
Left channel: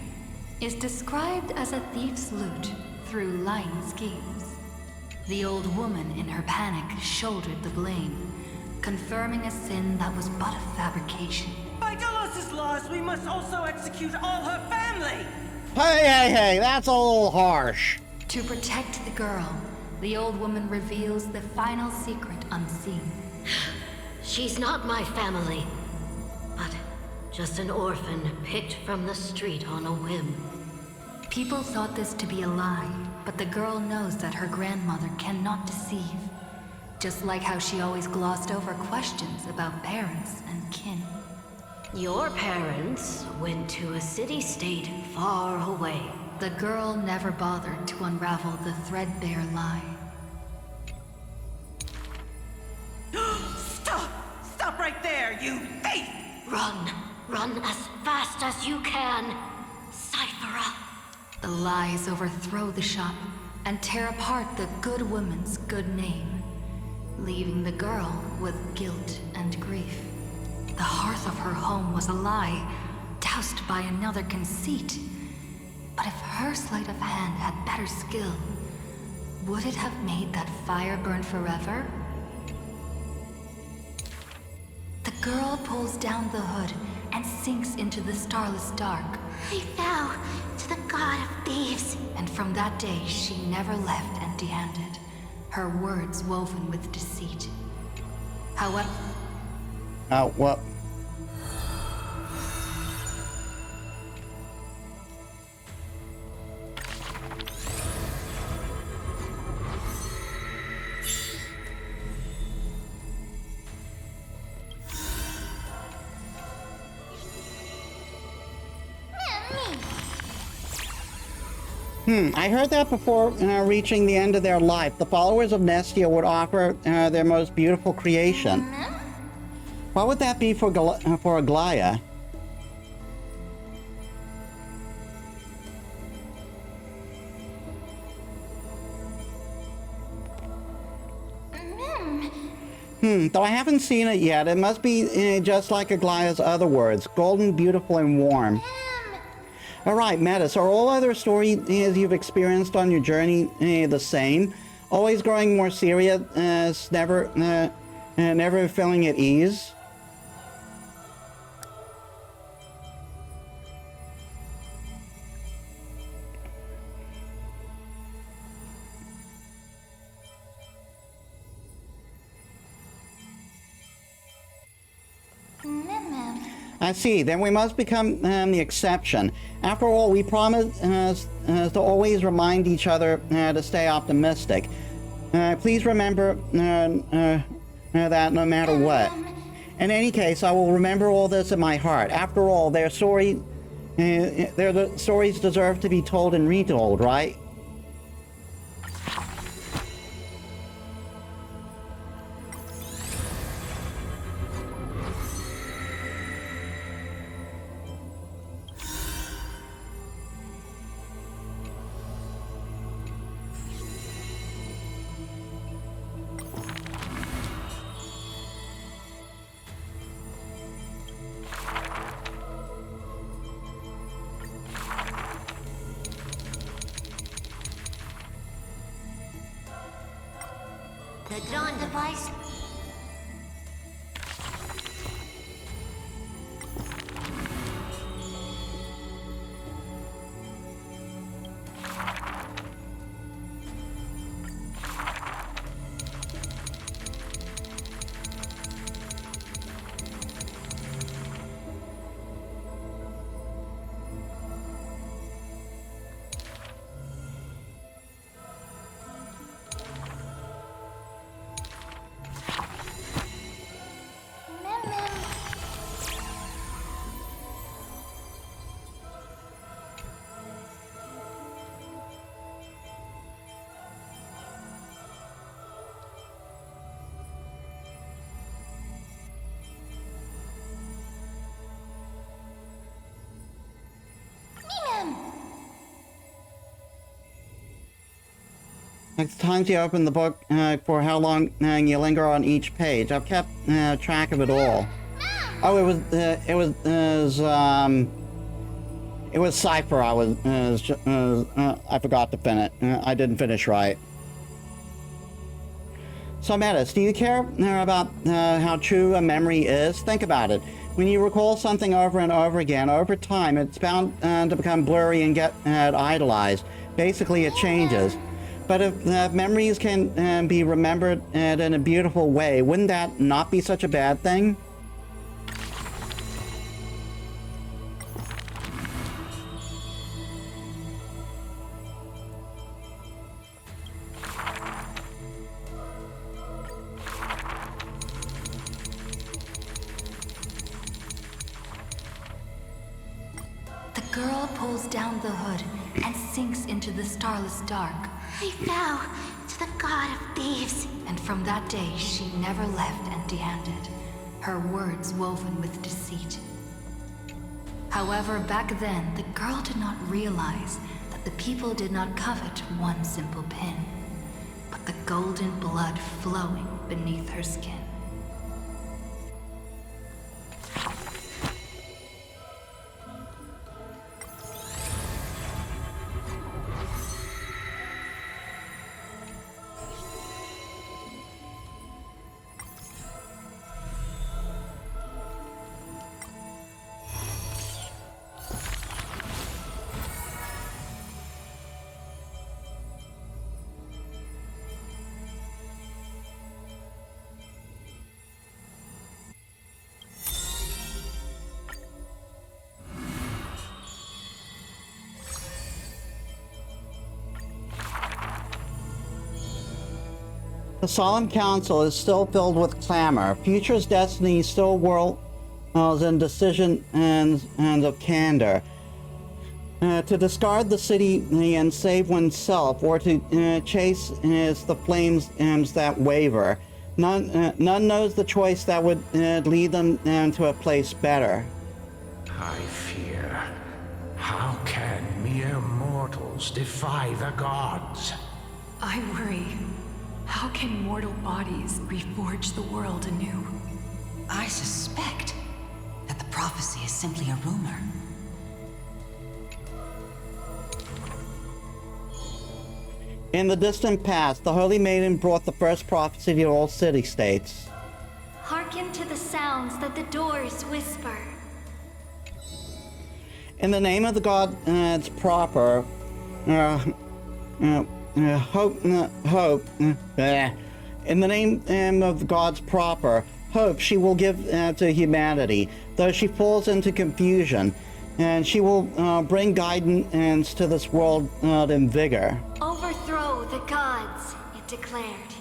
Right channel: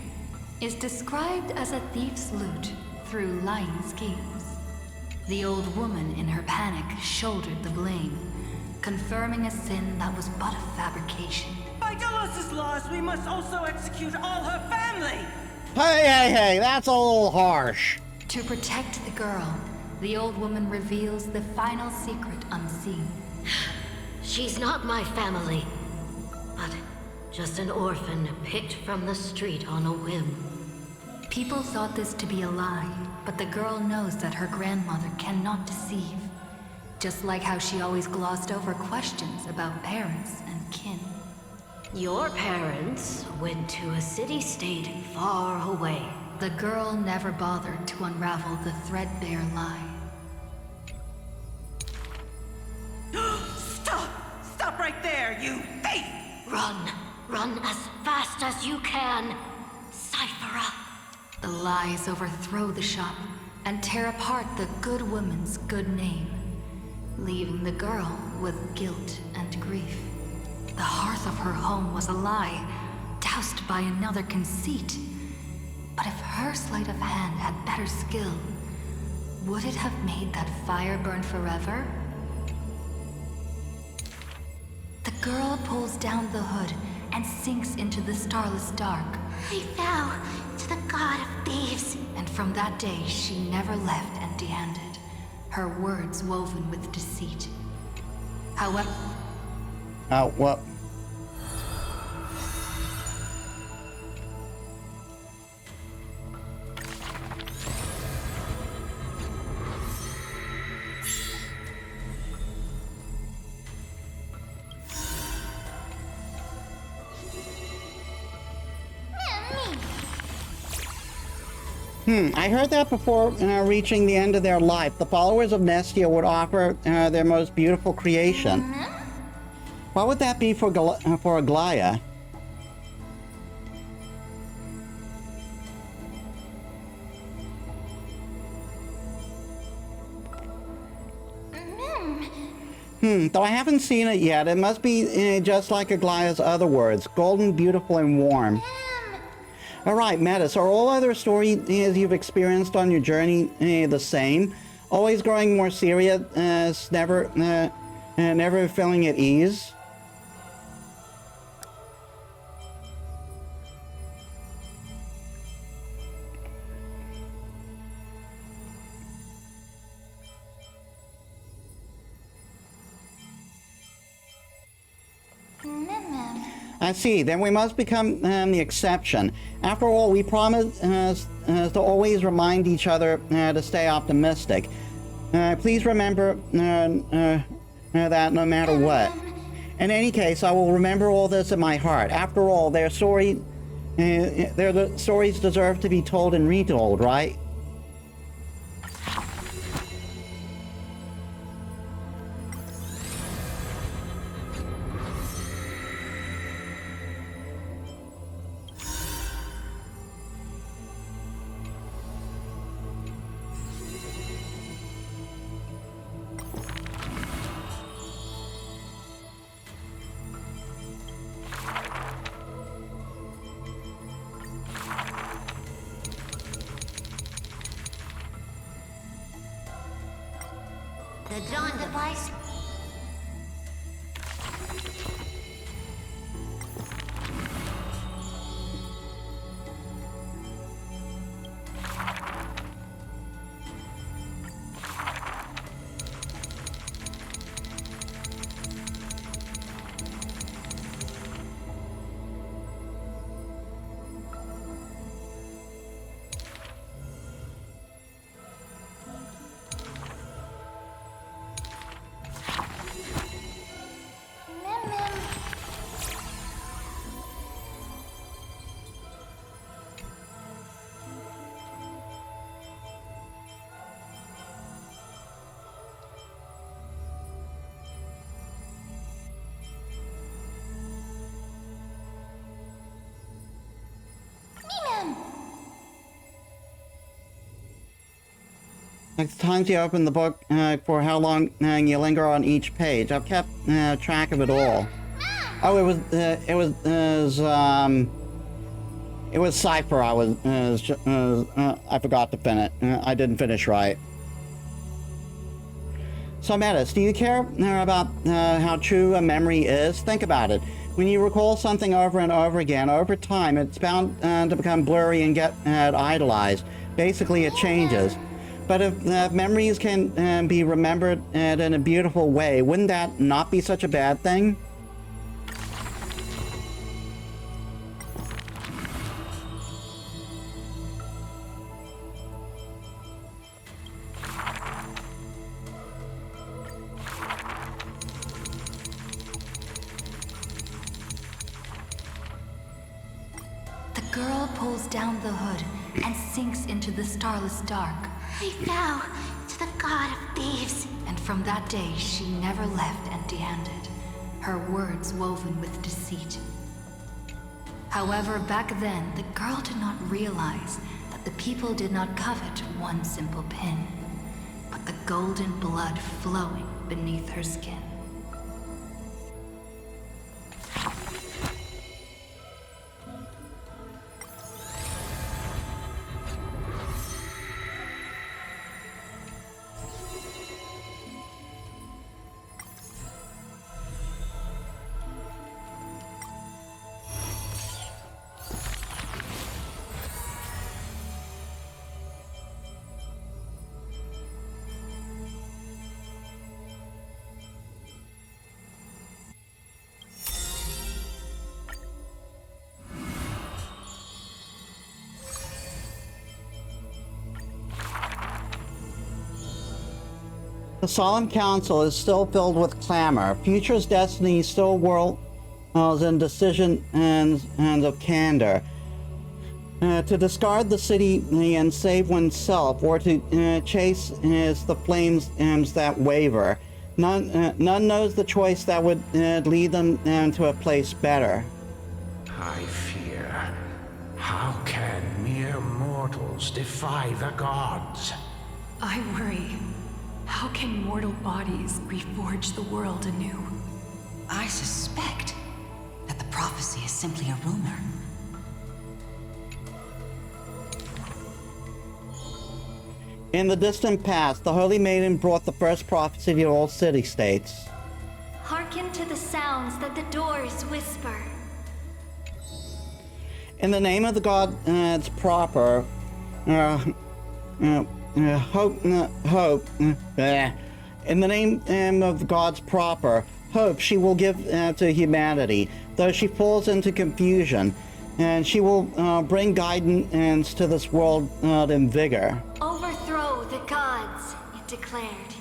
is described as a thief's loot through lying schemes. The old woman in her panic shouldered the blame, confirming a sin that was but a fabrication. By Dolos' laws, we must also execute all her family! Hey, that's a little harsh. To protect the girl, the old woman reveals the final secret unseen. She's not my family, but just an orphan picked from the street on a whim. People thought this to be a lie, but the girl knows that her grandmother cannot deceive, just like how she always glossed over questions about parents and kin. Your parents went to a city-state far away. The girl never bothered to unravel the threadbare lie. Stop! Stop right there, you thief! Run! Run as fast as you can! Sci-Fi. The lies overthrow the shop and tear apart the good woman's good name, leaving the girl with guilt and grief. The hearth of her home was a lie, doused by another conceit. But if her sleight of hand had better skill, would it have made that fire burn forever? The girl pulls down the hood and sinks into the starless dark. I vow to the god of thieves. And from that day, she never left empty-handed, her words woven with deceit. However... Oh, what? I heard that before reaching the end of their life, the followers of Nestia would offer their most beautiful creation. What would that be for Aglaya? Though I haven't seen it yet, it must be just like Aglaya's other words, golden, beautiful, and warm. All right, Metis, are all other stories you've experienced on your journey the same? Always growing more serious, never feeling at ease? I see. Then we must become the exception. After all, we promise to always remind each other to stay optimistic. Please remember that no matter what. In any case, I will remember all this in my heart. After all, their stories deserve to be told and retold, right? The dawn device. Next time you open the book for how long you linger on each page. I've kept track of it all. Oh, it was Sci-Fi. I forgot to finish. I didn't finish right. So, Metis, do you care about how true a memory is? Think about it. When you recall something over and over again, over time, it's bound to become blurry and get idolized. Basically, it changes. But if memories can be remembered in a beautiful way, wouldn't that not be such a bad thing? The girl pulls down the hood and sinks into the starless dark. I vow to the god of thieves. And from that day, she never left empty-handed, her words woven with deceit. However, back then, the girl did not realize that the people did not covet one simple pin, but the golden blood flowing beneath her skin. The solemn council is still filled with clamor. Future's destiny still whirls in decision and of candor. to discard the city and save oneself, or to chase the flames that waver. None knows the choice that would lead them to a place better. I fear. How can mere mortals defy the gods? I worry. How can mortal bodies reforge the world anew? I suspect that the prophecy is simply a rumor. In the distant past, the Holy Maiden brought the first prophecy to all city-states. Hearken to the sounds that the doors whisper. In the name of the gods proper, in the name of the gods proper, hope she will give to humanity, though she falls into confusion, and she will bring guidance to this world in vigor. Overthrow the gods, it declared.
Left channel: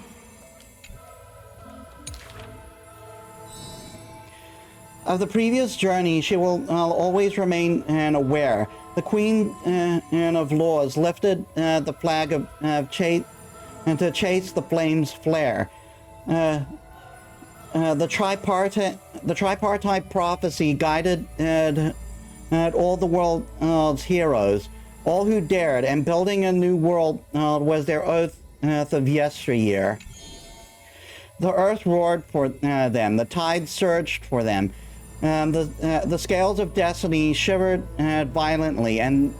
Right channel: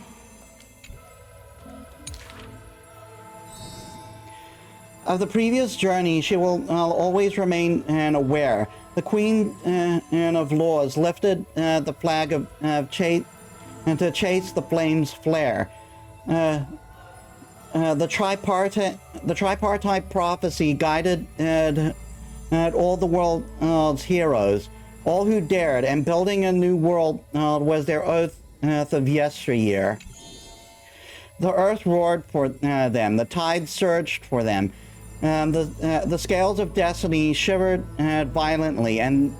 Of the previous journey, she will always remain aware. The Queen of Laws lifted the flag of chase, and to chase the flames flare. The tripartite prophecy guided all the world's heroes, all who dared, and building a new world was their oath of yesteryear. The earth roared for them, the tide surged for them. The scales of destiny shivered violently and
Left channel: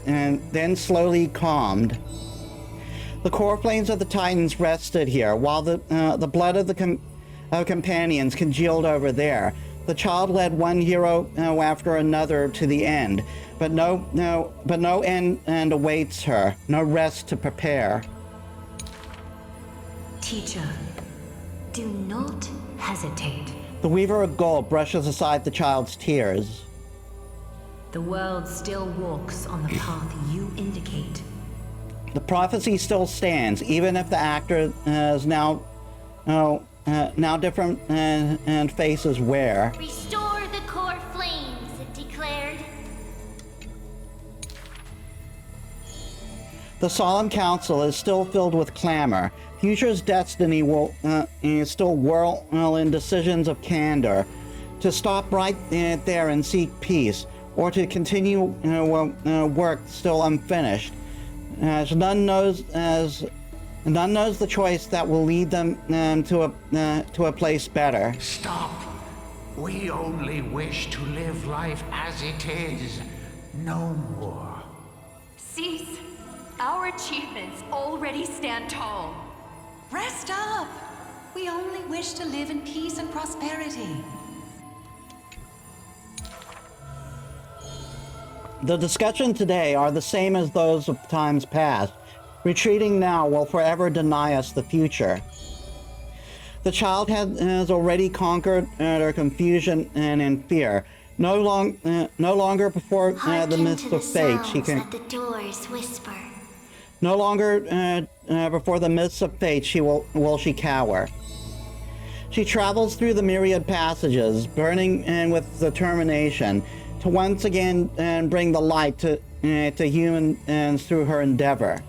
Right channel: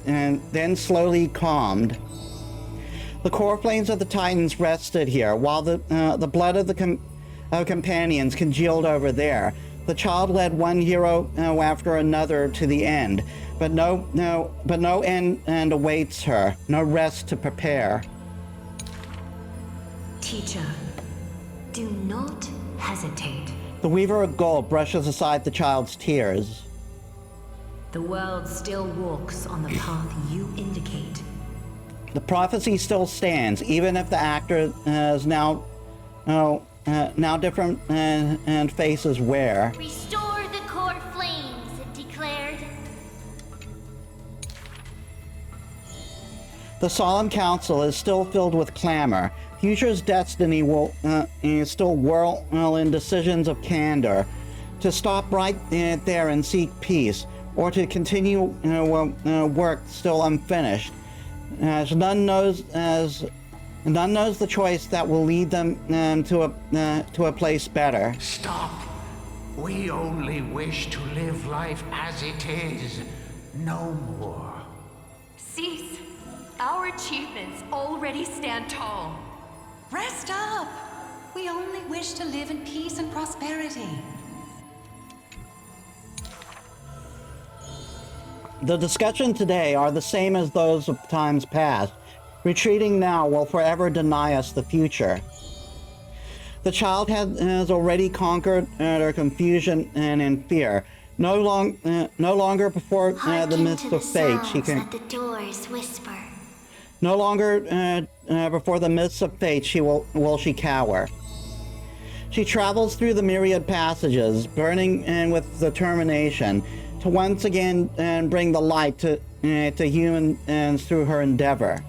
then slowly calmed. The core flames of the Titans rested here, while the blood of the companions congealed over there. The child led one hero after another to the end, but no end awaits her, no rest to prepare. Teacher, do not hesitate. The Weaver of Gold brushes aside the child's tears. The world still walks on the path you indicate. The prophecy still stands, even if the actor is now different and faces wear. Restore the core flames, it declared. The solemn council is still filled with clamor. Future's destiny will still whirl in decisions of candor. To stop right there and seek peace, or to continue work still unfinished. As none knows the choice that will lead them to a place better. Stop. We only wish to live life as it is. No more. Cease. Our achievements already stand tall. Rest up! We only wish to live in peace and prosperity. The discussion today are the same as those of times past. Retreating now will forever deny us the future. The child has already conquered her confusion and in fear. No longer before the mist of fate she can. That the doors whisper. No longer before the mists of fate will she cower. She travels through the myriad passages, burning with determination, to once again bring the light to humans through her endeavor.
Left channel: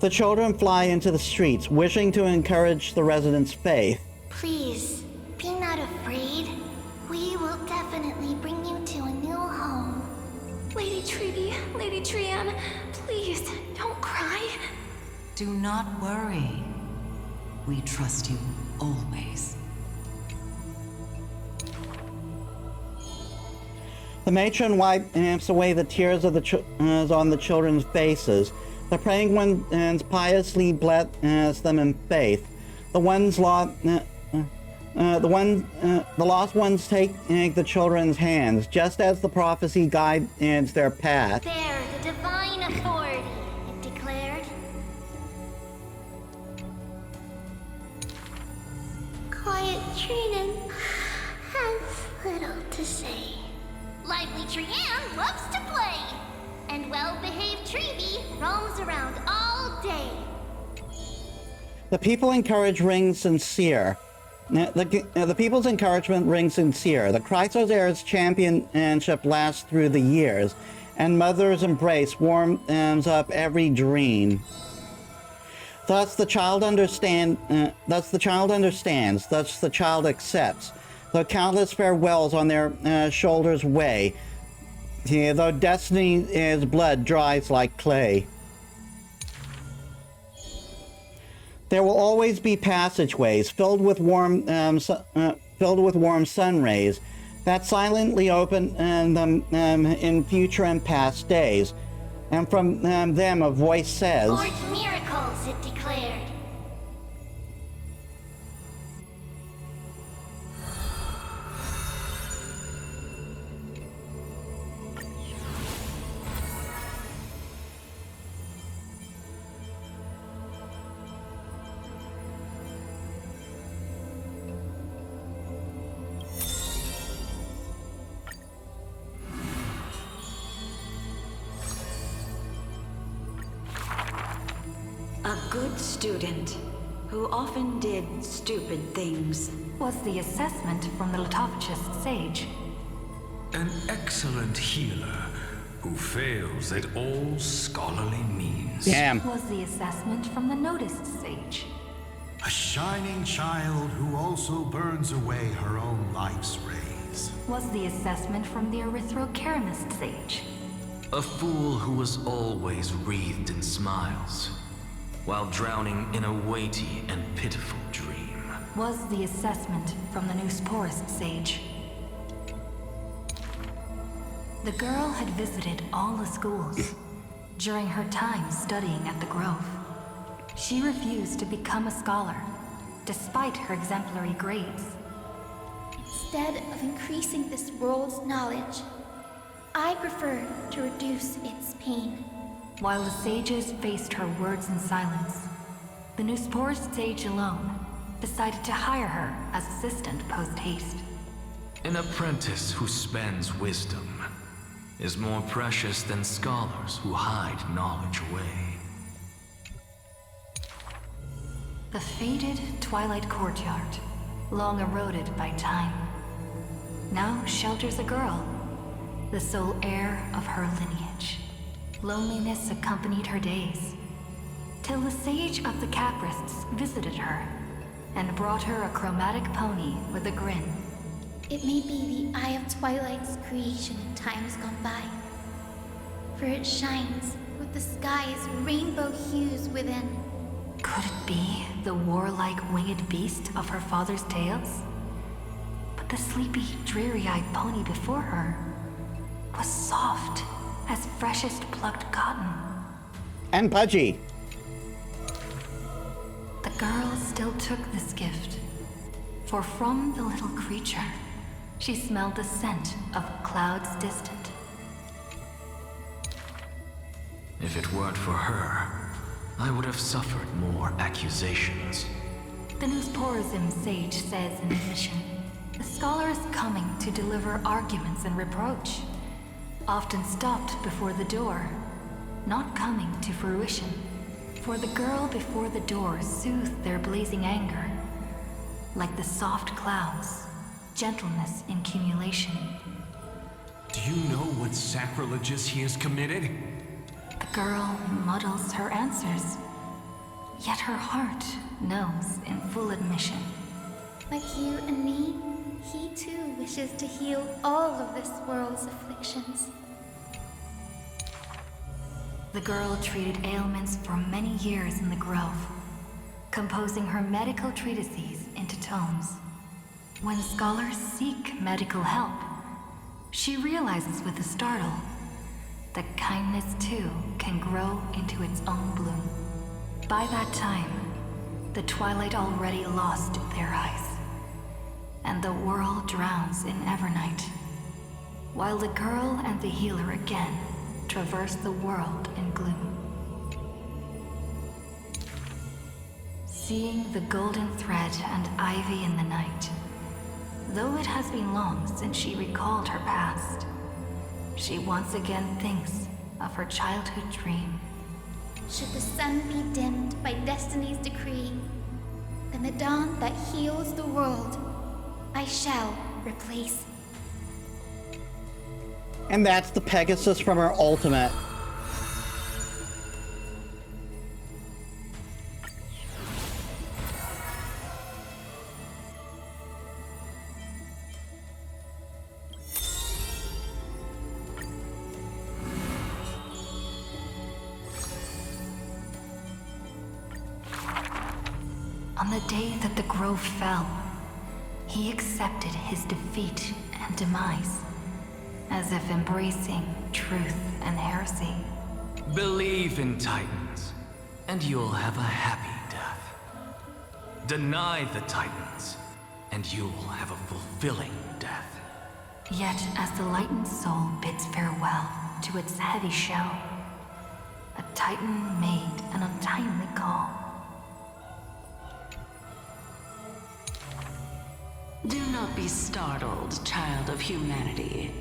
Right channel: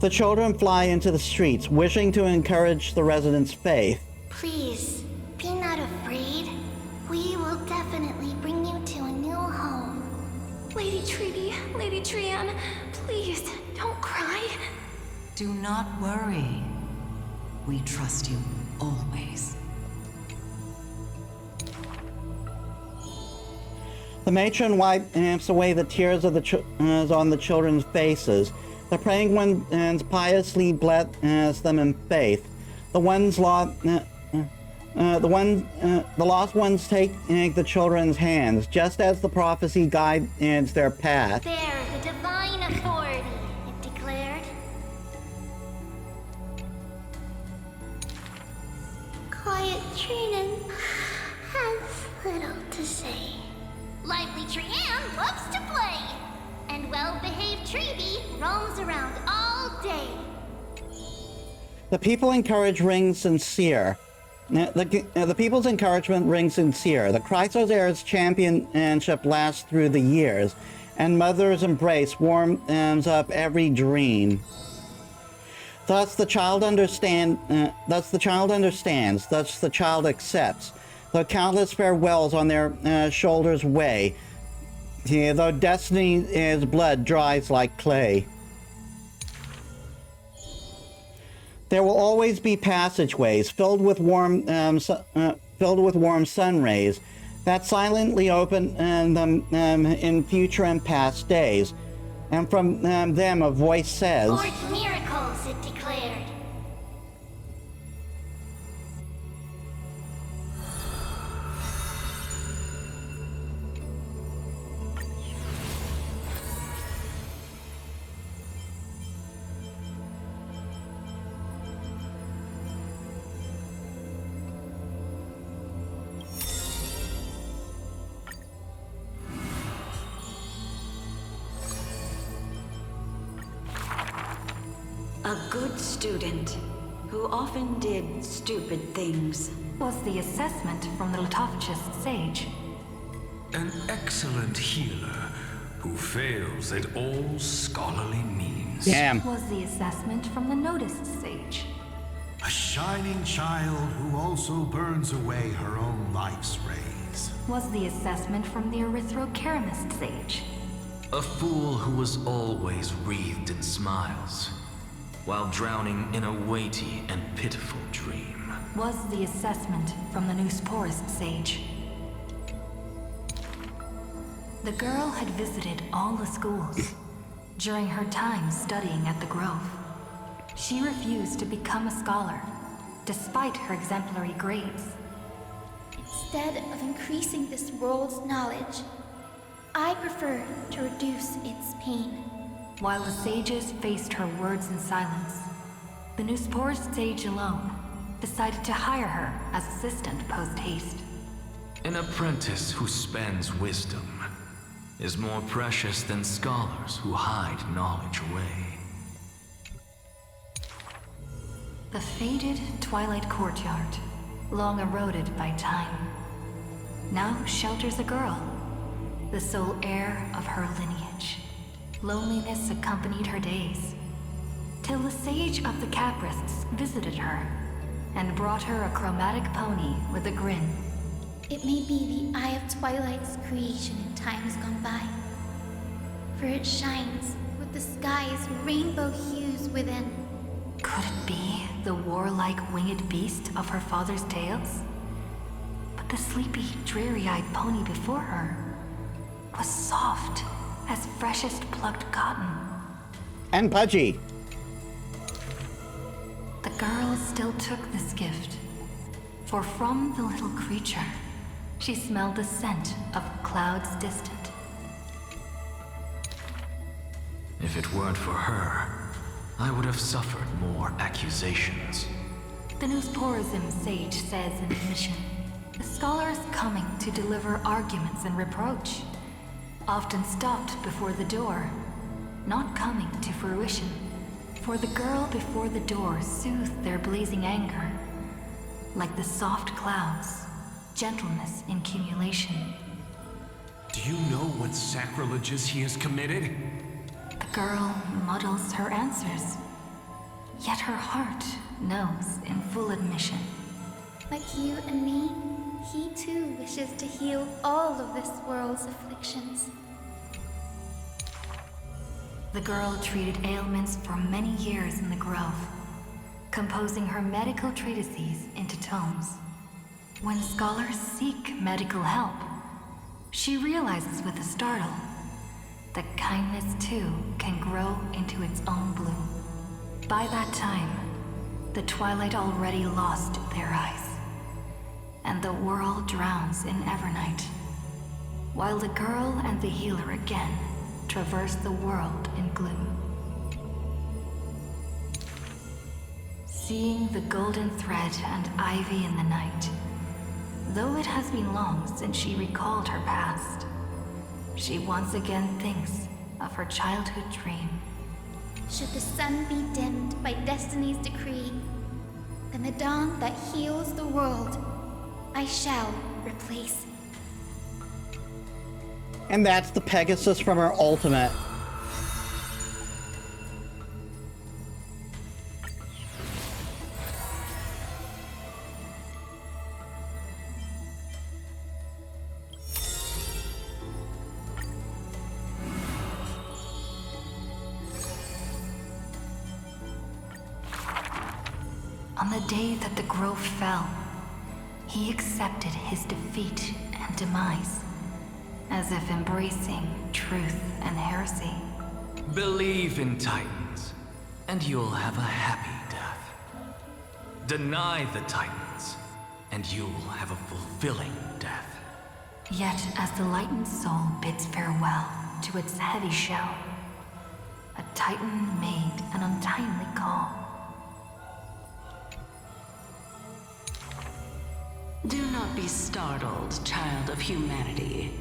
The children fly into the streets, wishing to encourage the residents' faith. Please, be not afraid. We will definitely bring you to a new home. Lady Treeby, Lady Trianne, please, don't cry. Do not worry. We trust you always. The matron wipes away the tears of on the children's faces. The praying ones piously bless them in faith. The lost ones take the children's hands, just as the prophecy guides their path. Bear the divine authority, it declared. Quiet Trinan has little to say. Lively Trianne loves to play. And well-behaved Treeby roams around all day. The people encourage ring sincere. The people's encouragement rings sincere. The Chrysos Heir's championship lasts through the years, and Mother's embrace warms up every dream. Thus the child understands. Thus the child accepts. Though countless farewells on their shoulders weigh, though destiny's blood dries like clay. There will always be passageways filled with warm sun rays that silently open them in future and past days. And from them a voice says, "Forge miracles," it declared. A good student, who often did stupid things. Was the assessment from the lithophagus sage. An excellent healer who fails at all scholarly means. Damn. Was the assessment from the noticed sage. A shining child who also burns away her own life's rays. Was the assessment from the erythrokeramist sage. A fool who was always wreathed in smiles, while drowning in a weighty and pitiful dream. Was the assessment from the Neusporist sage. The girl had visited all the schools during her time studying at the Grove. She refused to become a scholar, despite her exemplary grades. Instead of increasing this world's knowledge, I prefer to reduce its pain. While the sages faced her words in silence, the Neusporist sage alone decided to hire her as assistant post-haste. An apprentice who spends wisdom is more precious than scholars who hide knowledge away. The faded twilight courtyard, long eroded by time, now shelters a girl, the sole heir of her lineage. Loneliness accompanied her days, till the sage of the Caprists visited her and brought her a chromatic pony with a grin. It may be the Eye of Twilight's creation in times gone by, for it shines with the sky's rainbow hues within. Could it be the warlike winged beast of her father's tales? But the sleepy, dreary-eyed pony before her was soft as freshest plucked cotton. And pudgy. The girl still took this gift, for from the little creature, she smelled the scent of clouds distant. If it weren't for her, I would have suffered more accusations. The Neusporism sage says in admission, the scholar is coming to deliver arguments and reproach, often stopped before the door, not coming to fruition. For the girl before the door soothed their blazing anger, like the soft clouds, gentleness in cumulation. Do you know what sacrileges he has committed? The girl muddles her answers, yet her heart knows in full admission. Like you and me, he too wishes to heal all of this world's afflictions. The girl treated ailments for many years in the Grove, composing her medical treatises into tomes. When scholars seek medical help, she realizes with a startle that kindness too can grow into its own bloom. By that time, the twilight already lost their eyes, and the world drowns in evernight, while the girl and the healer again traverse the world in gloom. Seeing the golden thread and ivy in the night, though it has been long since she recalled her past, she once again thinks of her childhood dream. Should the sun be dimmed by destiny's decree, then the dawn that heals the world, I shall replace. And that's the Pegasus from our Ultimate. On the day that the grove fell, he accepted his defeat and demise, as if embracing truth and heresy. Believe in Titans, and you'll have a happy death. Deny the Titans, and you'll have a fulfilling death. Yet, as the lightened soul bids farewell to its heavy shell, a Titan made an untimely call. Do not be startled, child of humanity.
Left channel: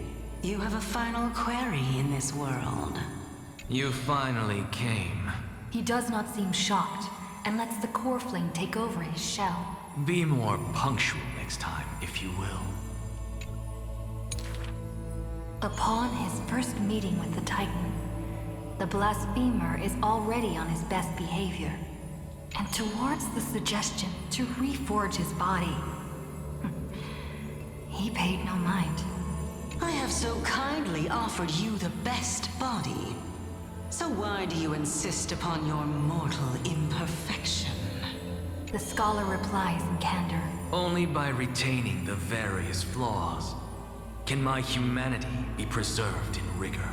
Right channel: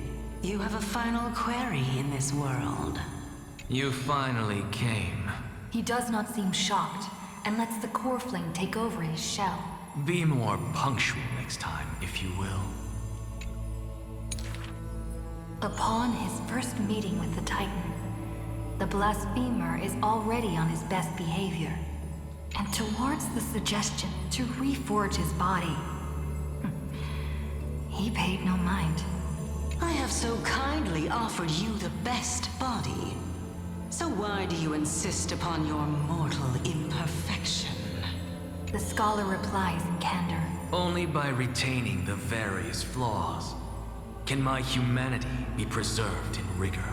You have a final query in this world. You finally came. He does not seem shocked, and lets the core flame take over his shell. Be more punctual next time, if you will. Upon his first meeting with the Titan, the blasphemer is already on his best behavior, and towards the suggestion to reforge his body, he paid no mind. I have so kindly offered you the best body. So why do you insist upon your mortal imperfection? The scholar replies in candor. Only by retaining the various flaws can my humanity be preserved in rigor.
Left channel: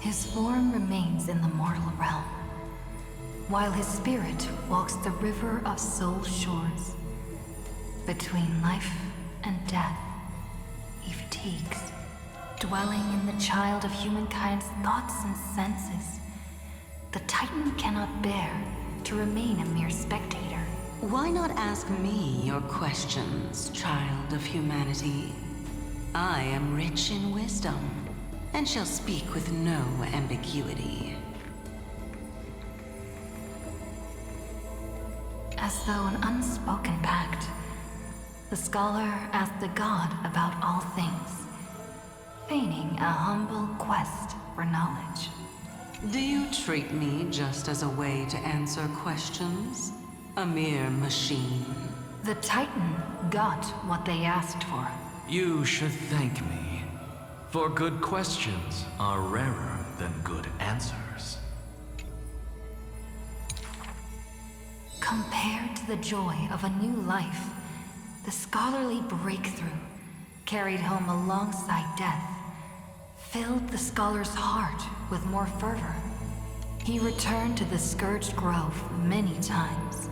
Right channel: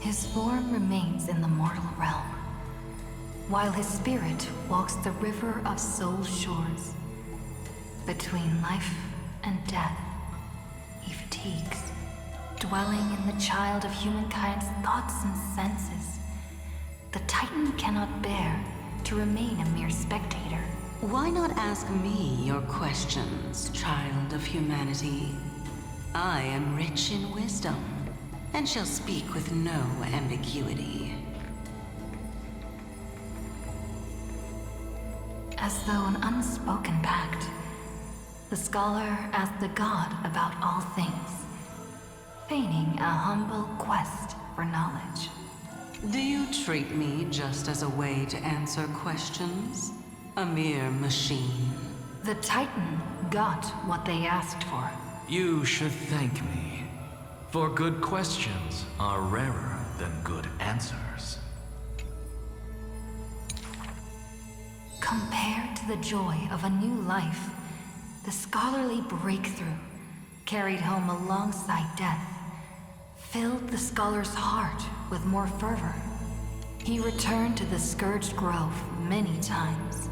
His form remains in the mortal realm, while his spirit walks the river of soul shores. Between life and death, he fatigues, dwelling in the child of humankind's thoughts and senses. The Titan cannot bear to remain a mere spectator. Why not ask me your questions, child of humanity? I am rich in wisdom, and shall speak with no ambiguity. As though an unspoken pact, the scholar asked the god about all things, feigning a humble quest for knowledge. Do you treat me just as a way to answer questions? A mere machine? The Titan got what they asked for. You should thank me, for good questions are rarer than good answers. Compared to the joy of a new life, the scholarly breakthrough, carried home alongside death, filled the scholar's heart with more fervor. He returned to the Scourged Grove many times,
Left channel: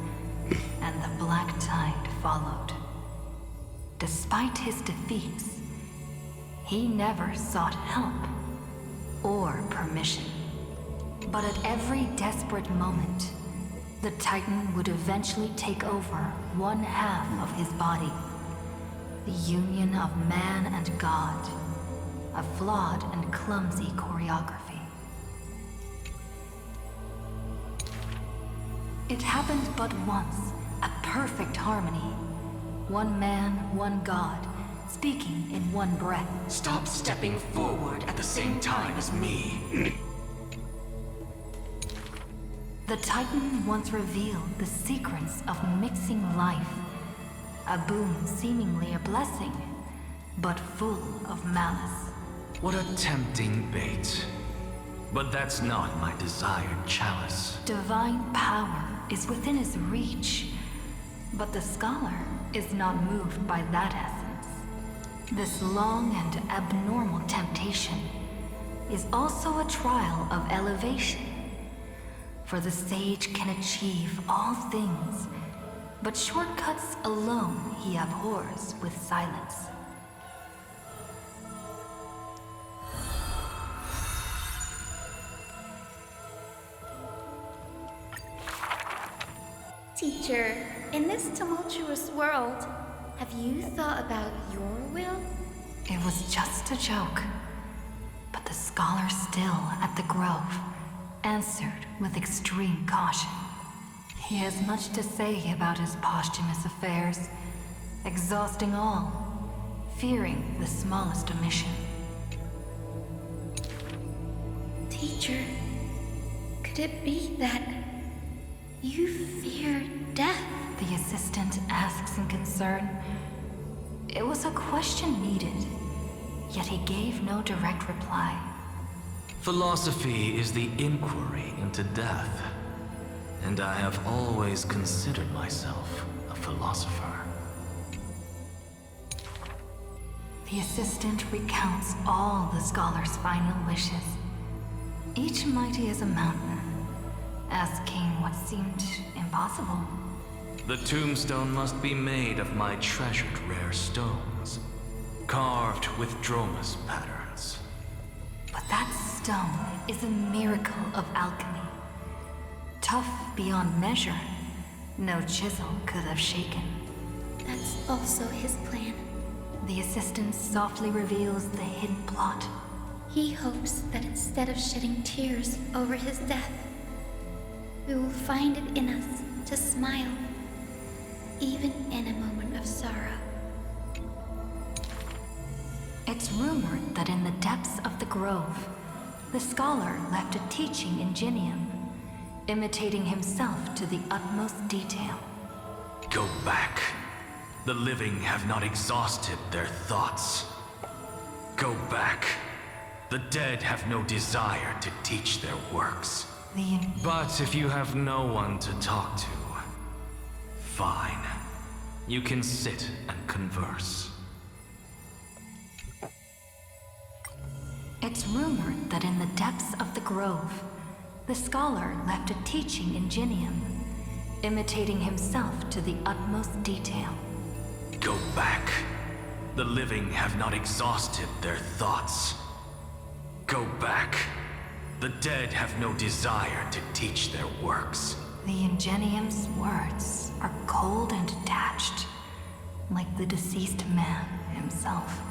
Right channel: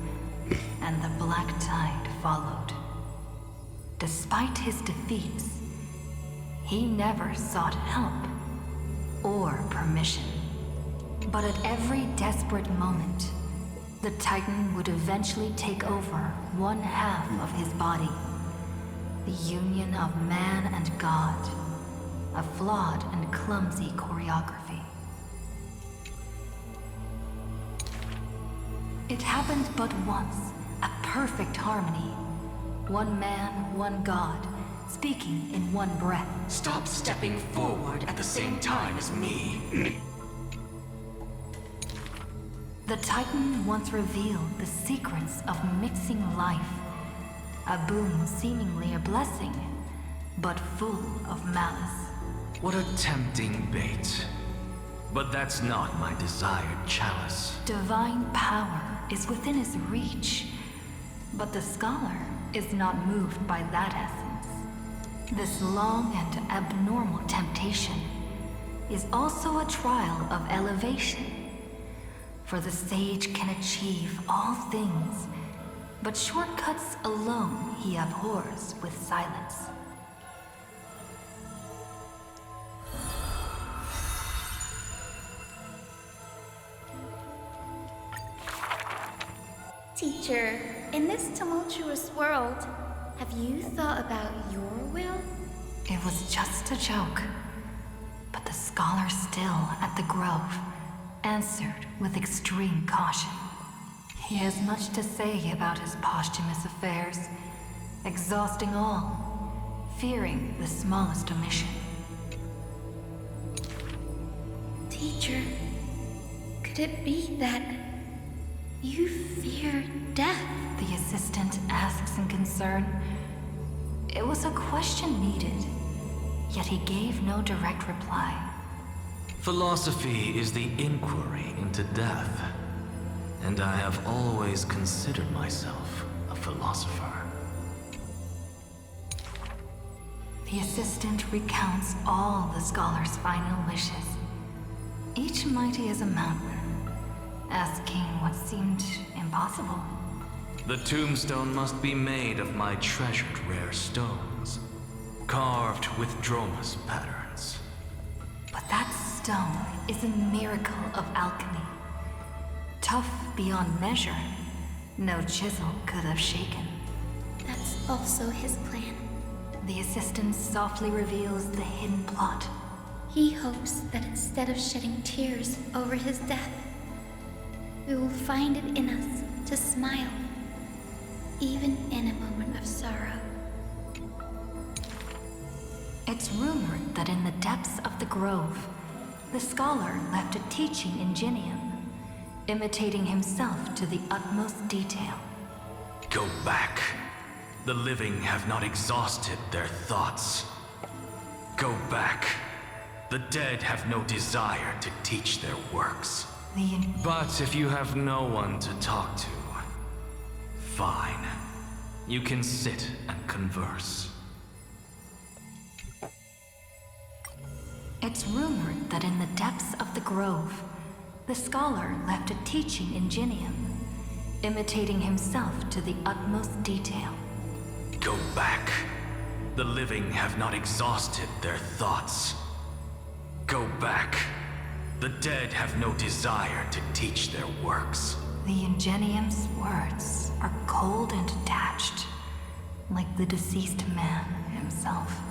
and the black tide followed. Despite his defeats, he never sought help or permission. But at every desperate moment, the Titan would eventually take over one half of his body. The union of man and god, a flawed and clumsy choreography. It happened but once, a perfect harmony. One man, one god, speaking in one breath. Stop stepping forward at the same time as me. The Titan once revealed the secrets of mixing life, a boon seemingly a blessing, but full of malice. What a tempting bait. But that's not my desired chalice. Divine power is within his reach, but the scholar is not moved by that essence. This long and abnormal temptation is also a trial of elevation. For the sage can achieve all things, but shortcuts alone he abhors with silence. Teacher, in this tumultuous world, have you thought about your will? It was just a joke, but the scholar still at the grove answered with extreme caution. He has much to say about his posthumous affairs, exhausting all, fearing the smallest omission. Teacher, could it be that you fear death? The assistant asks in concern. It was a question needed, yet he gave no direct reply. Philosophy is the inquiry into death, and I have always considered myself a philosopher. The assistant recounts all the scholar's final wishes, each mighty as a mountain, asking what seemed impossible. The tombstone must be made of my treasured rare stones, carved with Dromus patterns. But that stone is a miracle of alchemy. Tough beyond measure, no chisel could have shaken. That's also his plan. The assistant softly reveals the hidden plot. He hopes that instead of shedding tears over his death, we will find it in us to smile, even in a moment of sorrow. It's rumored that in the depths of the grove, the scholar left a teaching ingenium, imitating himself to the utmost detail. Go back. The living have not exhausted their thoughts. Go back. The dead have no desire to teach their works. But if you have no one to talk to, fine. You can sit and converse. It's rumored that in the depths of the grove, the scholar left a teaching ingenium, imitating himself to the utmost detail. Go back. The living have not exhausted their thoughts. Go back. The dead have no desire to teach their works. The ingenium's words are cold and detached, like the deceased man himself.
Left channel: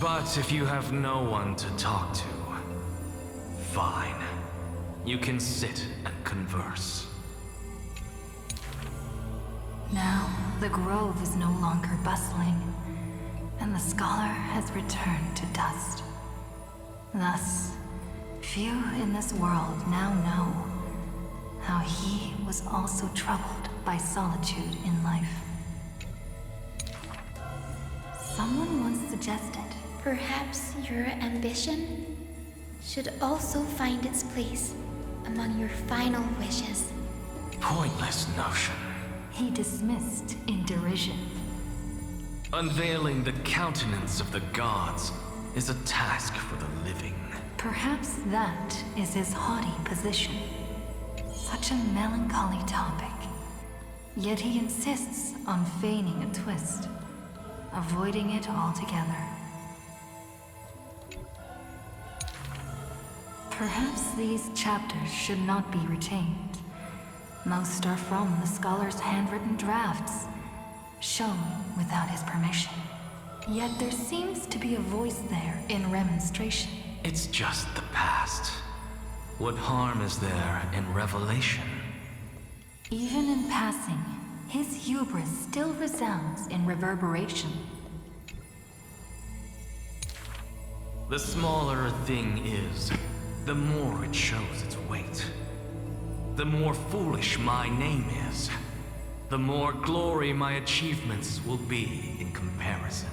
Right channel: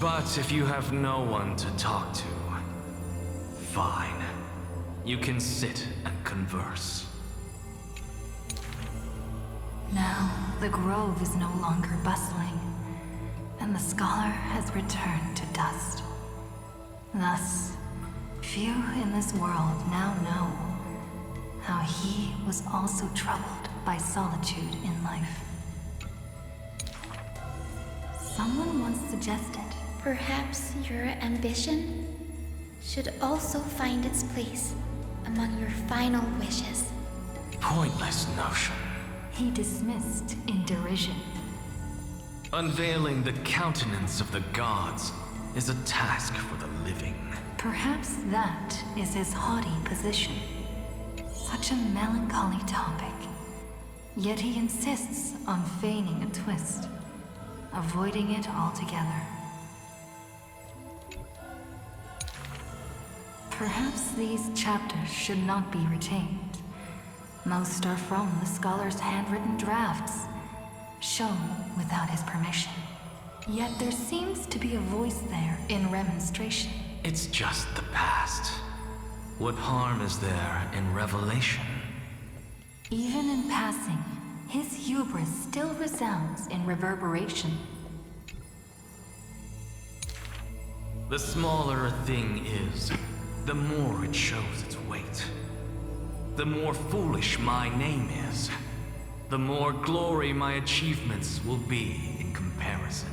But if you have no one to talk to, fine. You can sit and converse. Now, the grove is no longer bustling, and the scholar has returned to dust. Thus, few in this world now know how he was also troubled by solitude in life. Someone once suggested, perhaps your ambition should also find its place among your final wishes. Pointless notion. He dismissed in derision. Unveiling the countenance of the gods is a task for the living. Perhaps that is his haughty position. Such a melancholy topic. Yet he insists on feigning a twist, avoiding it altogether. Perhaps these chapters should not be retained. Most are from the scholar's handwritten drafts, shown without his permission. Yet there seems to be a voice there in remonstration. It's just the past. What harm is there in revelation? Even in passing, his hubris still resounds in reverberation. The smaller a thing is, the more it shows its weight. The more foolish my name is, the more glory my achievements will be in comparison.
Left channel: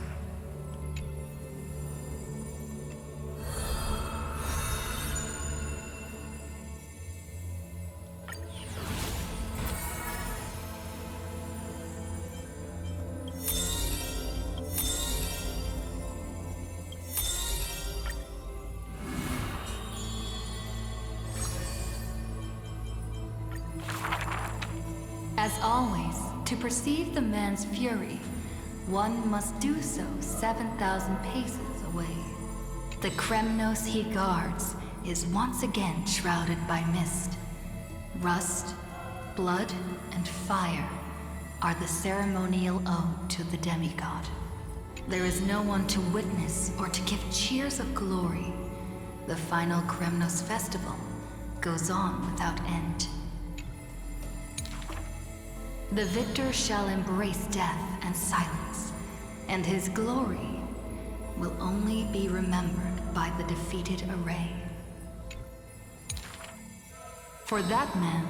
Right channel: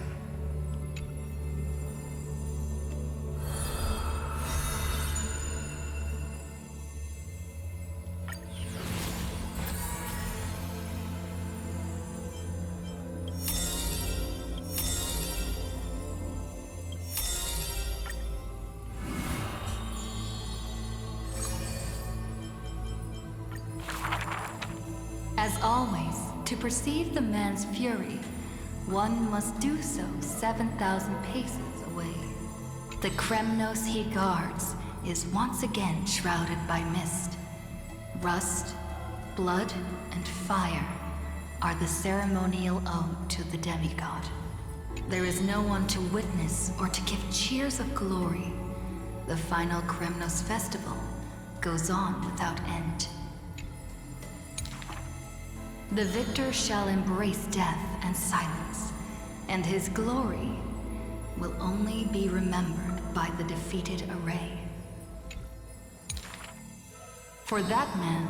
As always, to perceive the man's fury, one must do so 7,000 paces away. The Kremnos he guards is once again shrouded by mist. Rust, blood, and fire are the ceremonial ode to the demigod. There is no one to witness or to give cheers of glory. The final Kremnos festival goes on without end. The victor shall embrace death and silence, and his glory will only be remembered by the defeated array. For that man,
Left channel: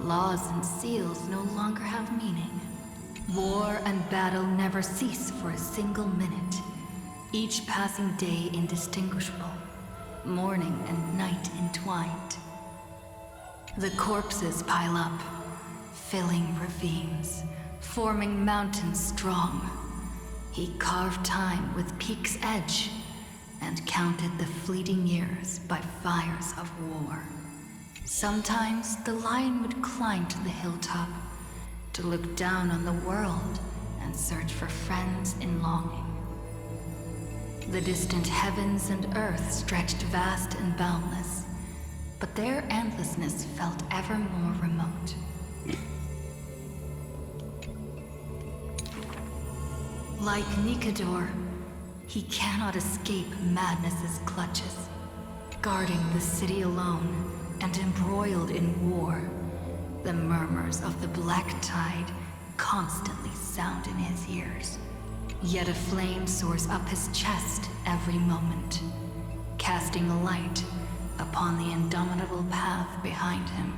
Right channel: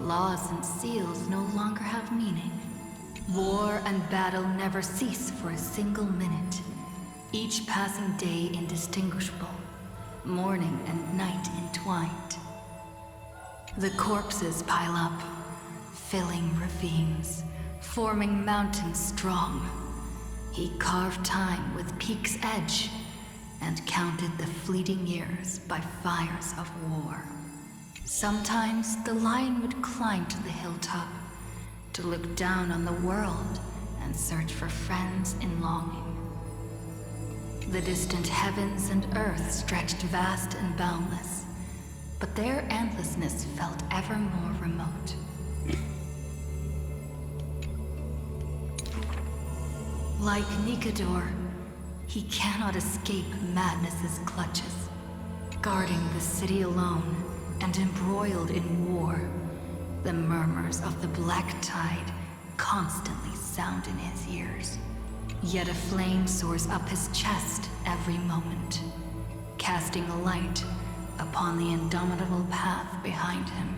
laws and seals no longer have meaning. War and battle never cease for a single minute, each passing day indistinguishable, morning and night entwined. The corpses pile up, filling ravines, forming mountains strong. He carved time with peak's edge and counted the fleeting years by fires of war. Sometimes the lion would climb to the hilltop to look down on the world and search for friends in longing. The distant heavens and earth stretched vast and boundless, but their endlessness felt ever more remote. Like Nikador, he cannot escape madness's clutches, guarding the city alone and embroiled in war. The murmurs of the black tide constantly sound in his ears. Yet a flame soars up his chest every moment, casting a light upon the indomitable path behind him.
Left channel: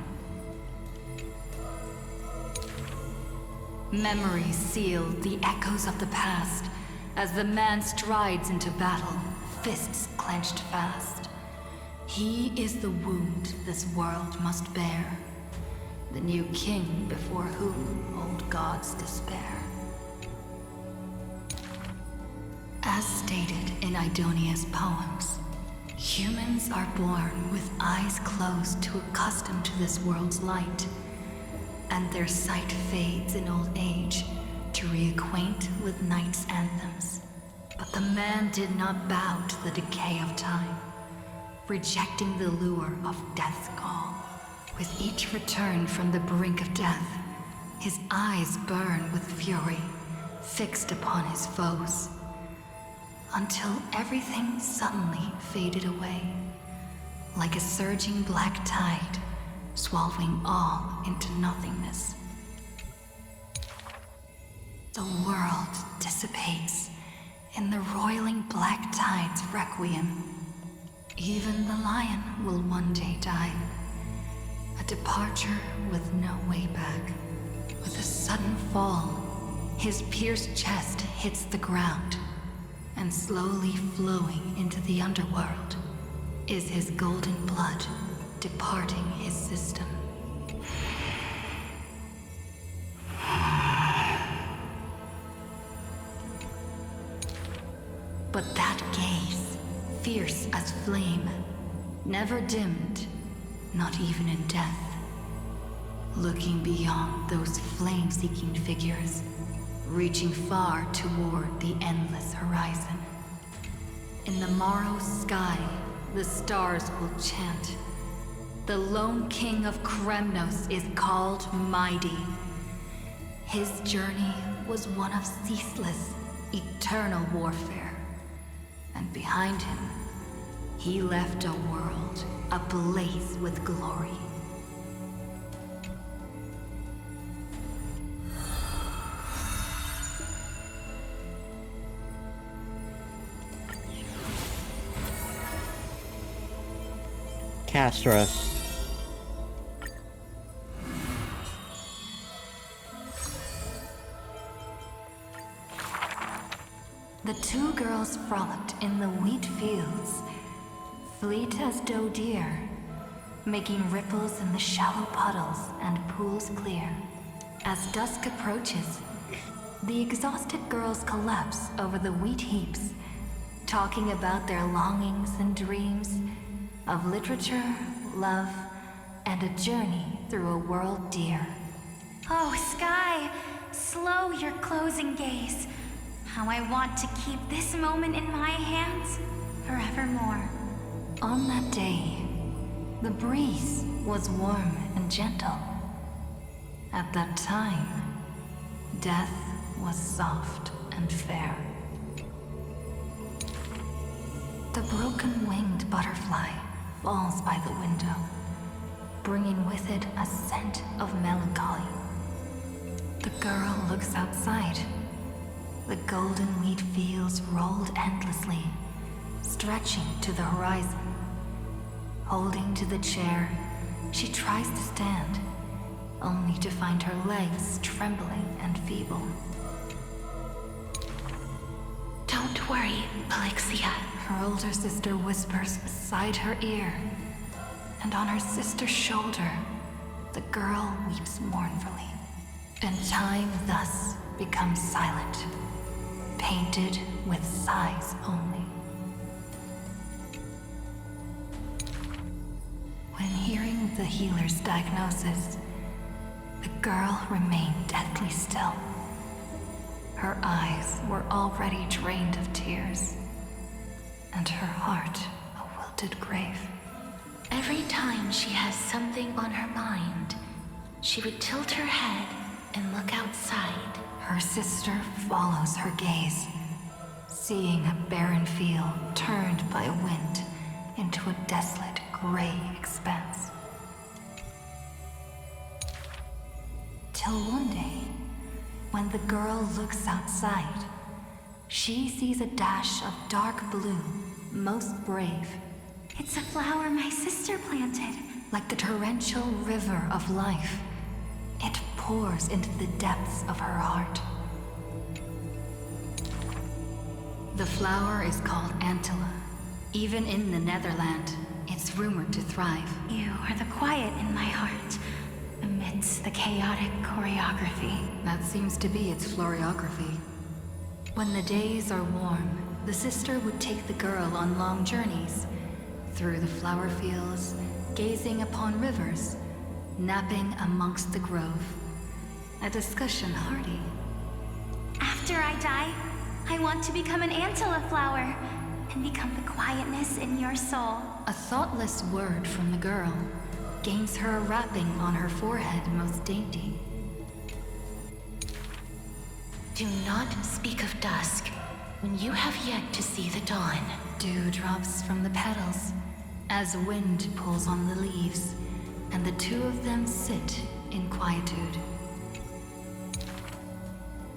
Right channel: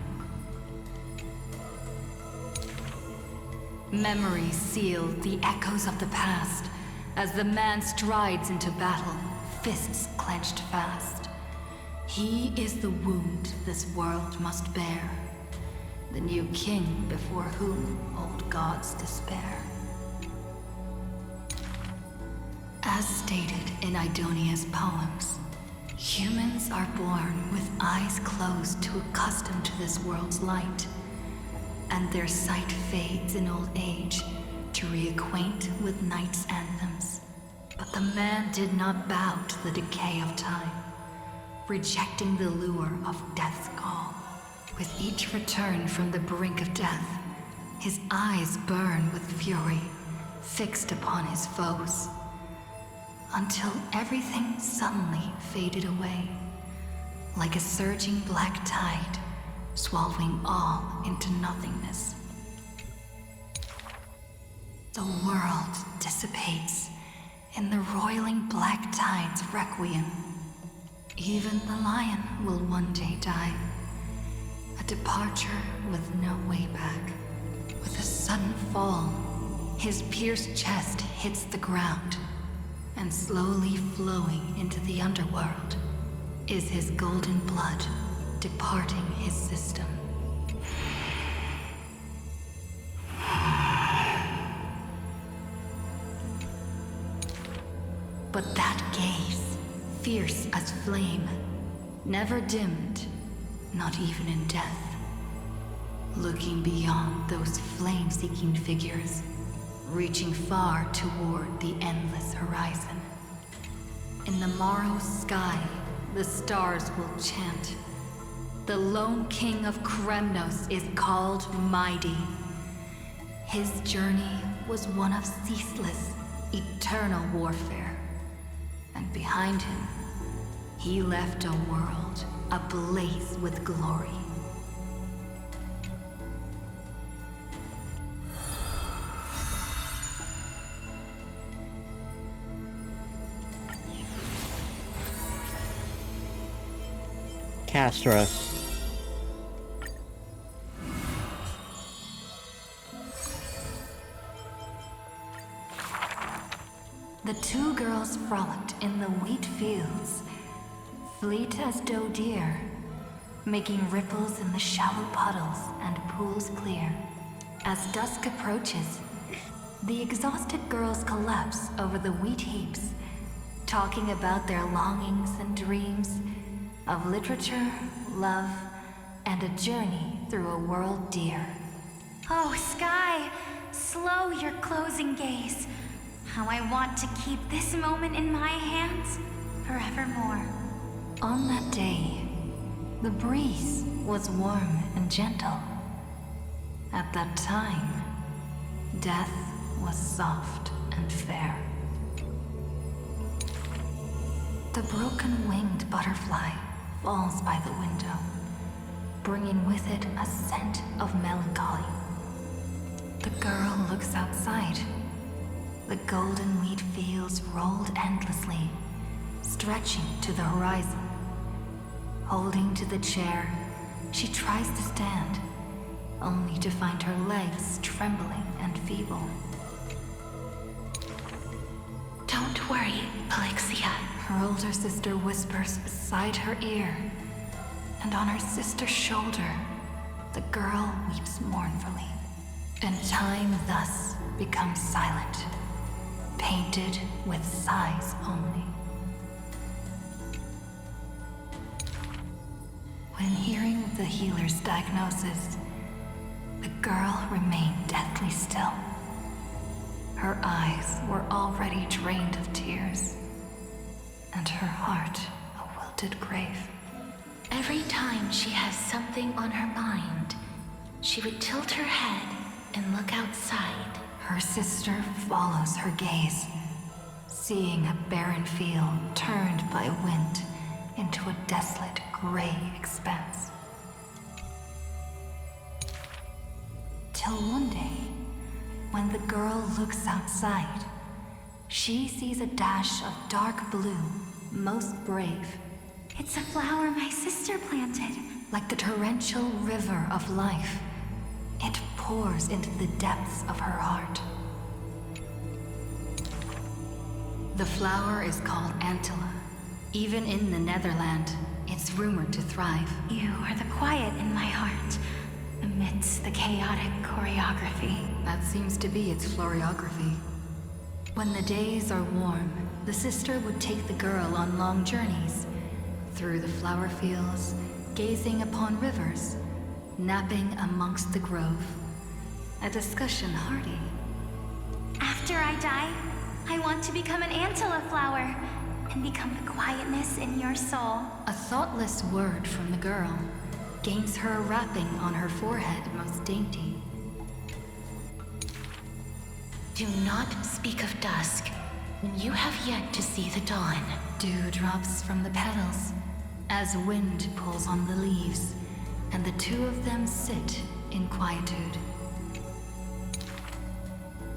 Memories seal the echoes of the past as the man strides into battle, fists clenched fast. He is the wound this world must bear, the new king before whom old gods despair. As stated in Idonia's poems, humans are born with eyes closed to accustom to this world's light, and their sight fades in old age to reacquaint with night's anthems. But the man did not bow to the decay of time, rejecting the lure of death's call. With each return from the brink of death, his eyes burn with fury, fixed upon his foes, until everything suddenly faded away, like a surging black tide, swallowing all into nothingness. The world dissipates in the roiling black tide's requiem. Even the lion will one day die, a departure with no way back. With a sudden fall, his pierced chest hits the ground, and slowly flowing into the underworld is his golden blood departing his system. But that gaze, fierce as flame, never dimmed, not even in death. Looking beyond those flame-seeking figures, reaching far toward the endless horizon. In the morrow's sky, the stars will chant. The lone king of Kremnos is called Mighty. His journey was one of ceaseless, eternal warfare. And behind him, he left a world ablaze with glory. Castros. The two girls frolicked in the wheat fields, fleet as doe deer, making ripples in the shallow puddles and pools clear. As dusk approaches, the exhausted girls collapse over the wheat heaps, talking about their longings and dreams of literature, love, and a journey through a world dear. Oh, Sky, slow your closing gaze. How I want to keep this moment in my hands forevermore. On that day, the breeze was warm and gentle. At that time, death was soft and fair. The broken-winged butterfly falls by the window, bringing with it a scent of melancholy. The girl looks outside. The golden wheat fields rolled endlessly, stretching to the horizon. Holding to the chair, she tries to stand, only to find her legs trembling and feeble. Don't worry, Pelixia. Her older sister whispers beside her ear, and on her sister's shoulder, the girl weeps mournfully. And time thus becomes silent, painted with sighs only. When hearing the healer's diagnosis, the girl remained deathly still. Her eyes were already drained of tears, and her heart a wilted grave. Every time she has something on her mind, she would tilt her head and look outside. Her sister follows her gaze, seeing a barren field turned by wind into a desolate gray expanse. Till one day, when the girl looks outside, she sees a dash of dark blue, most brave. It's a flower my sister planted. Like the torrential river of life, it pours into the depths of her heart. The flower is called Antilla. Even in the Netherland, it's rumored to thrive. You are the quiet in my heart, amidst the chaotic choreography. That seems to be its floriography. When the days are warm, the sister would take the girl on long journeys, through the flower fields, gazing upon rivers, napping amongst the grove. A discussion hearty. After I die, I want to become an Antilla flower and become the quietness in your soul. A thoughtless word from the girl gains her a wrapping on her forehead most dainty. Do not speak of dusk when you have yet to see the dawn. Dew drops from the petals as wind pulls on the leaves, and the two of them sit in quietude.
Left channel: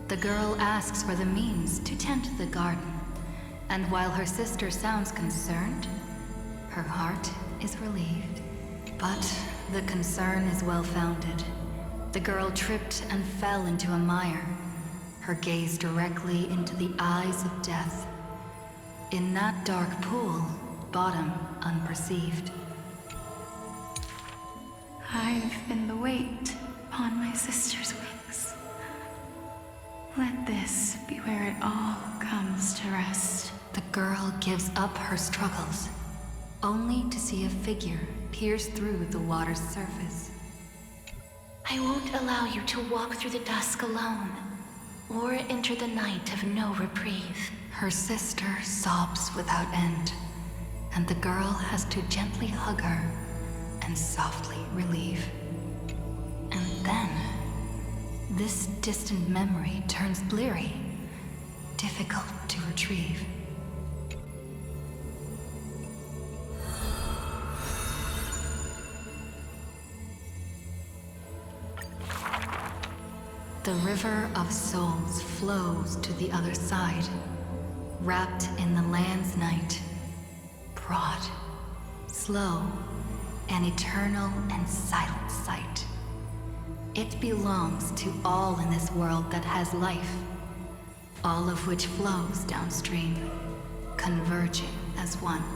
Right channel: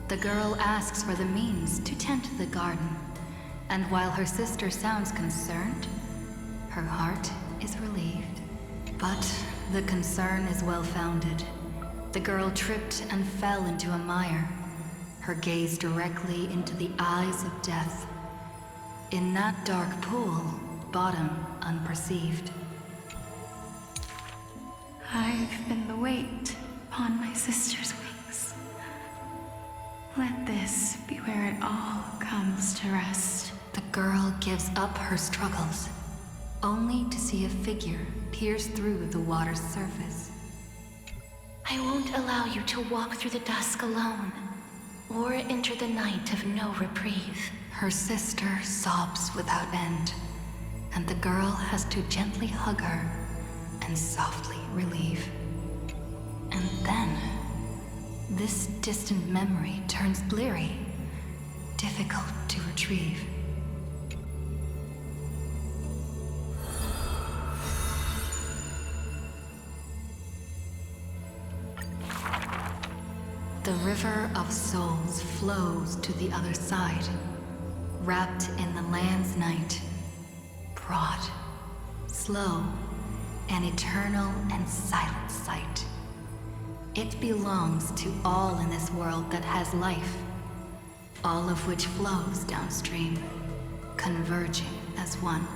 The girl asks for the means to tend the garden, and while her sister sounds concerned, her heart is relieved. But the concern is well-founded. The girl tripped and fell into a mire, her gaze directly into the eyes of death. In that dark pool, bottom unperceived. I've been the weight upon my sister's wings. Let this be where it all comes to rest. The girl gives up her struggles, only to see a figure pierce through the water's surface. I won't allow you to walk through the dusk alone, or enter the night of no reprieve. Her sister sobs without end, and the girl has to gently hug her and softly relieve. And then, this distant memory turns bleary, difficult to retrieve. The river of souls flows to the other side, wrapped in the land's night, broad, slow, an eternal and silent sight. It belongs to all in this world that has life, all of which flows downstream, converging as one.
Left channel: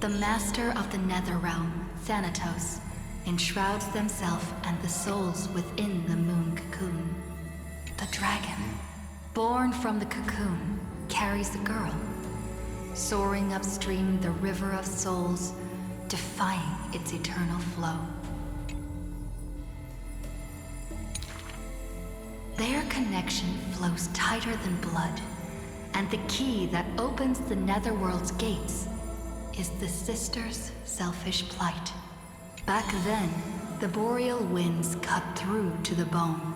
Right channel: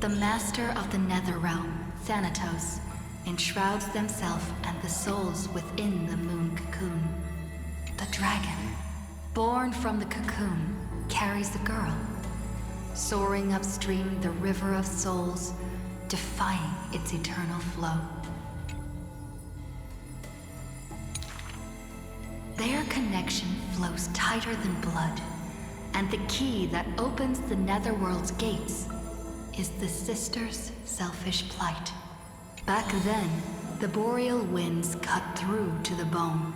The master of the nether realm, Thanatos, enshrouds themselves and the souls within the moon cocoon. The dragon, born from the cocoon, carries the girl, soaring upstream the river of souls, defying its eternal flow. Their connection flows tighter than blood, and the key that opens the netherworld's gates is the sisters' selfish plight. Back then, the boreal winds cut through to the bone.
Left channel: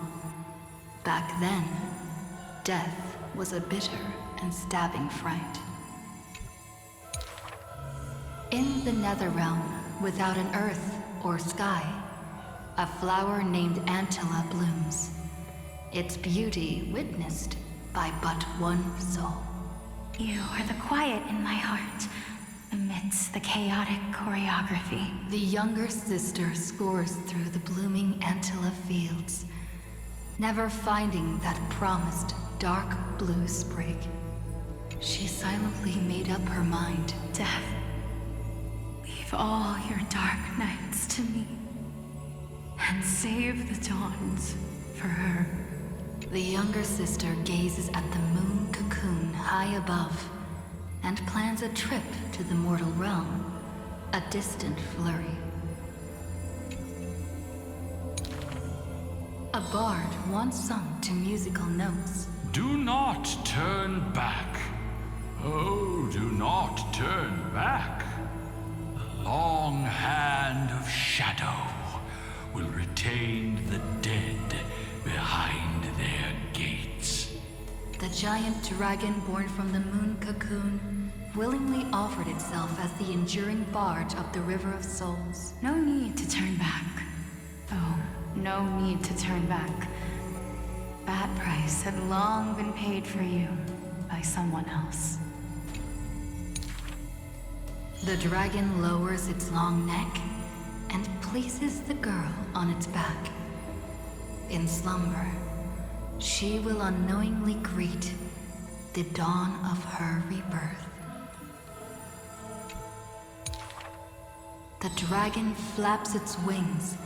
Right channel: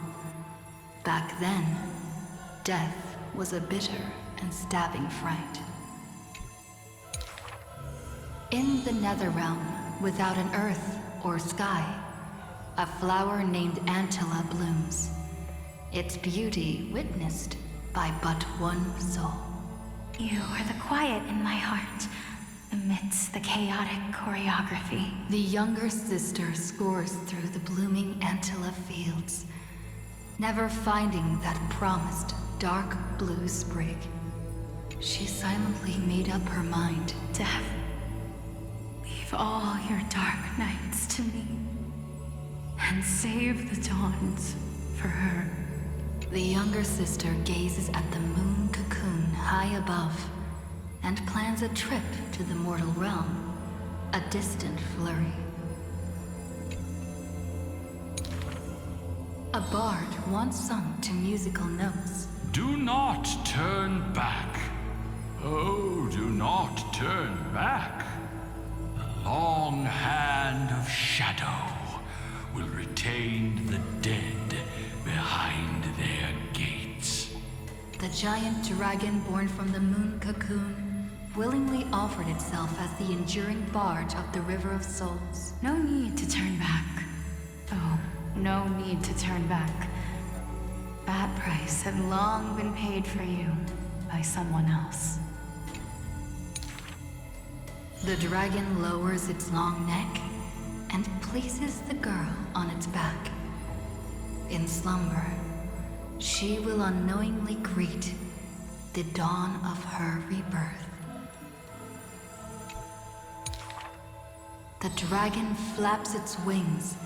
Back then, death was a bitter and stabbing fright. In the Netherrealm, without an earth or sky, a flower named Antilla blooms, its beauty witnessed by but one soul. You are the quiet in my heart, amidst the chaotic choreography. The younger sister scores through the blooming Antilla fields, never finding that promised dark blue sprig. She silently made up her mind. Death, leave all your dark nights to me, and save the dawns for her. The younger sister gazes at the moon cocoon high above and plans a trip to the mortal realm, a distant flurry. A bard once sung to musical notes. Do not turn back. Oh, do not turn back. The long hand of shadow will retain the dead behind their gates. The giant dragon born from the moon cocoon willingly offered itself as the enduring barge of the River of Souls. No need to turn back. Oh, no need to turn back. That price had long been paid for you by someone else. The dragon lowers its long neck and places the girl on its back. In slumber, she will unknowingly greet the dawn of her rebirth. The dragon flaps its wings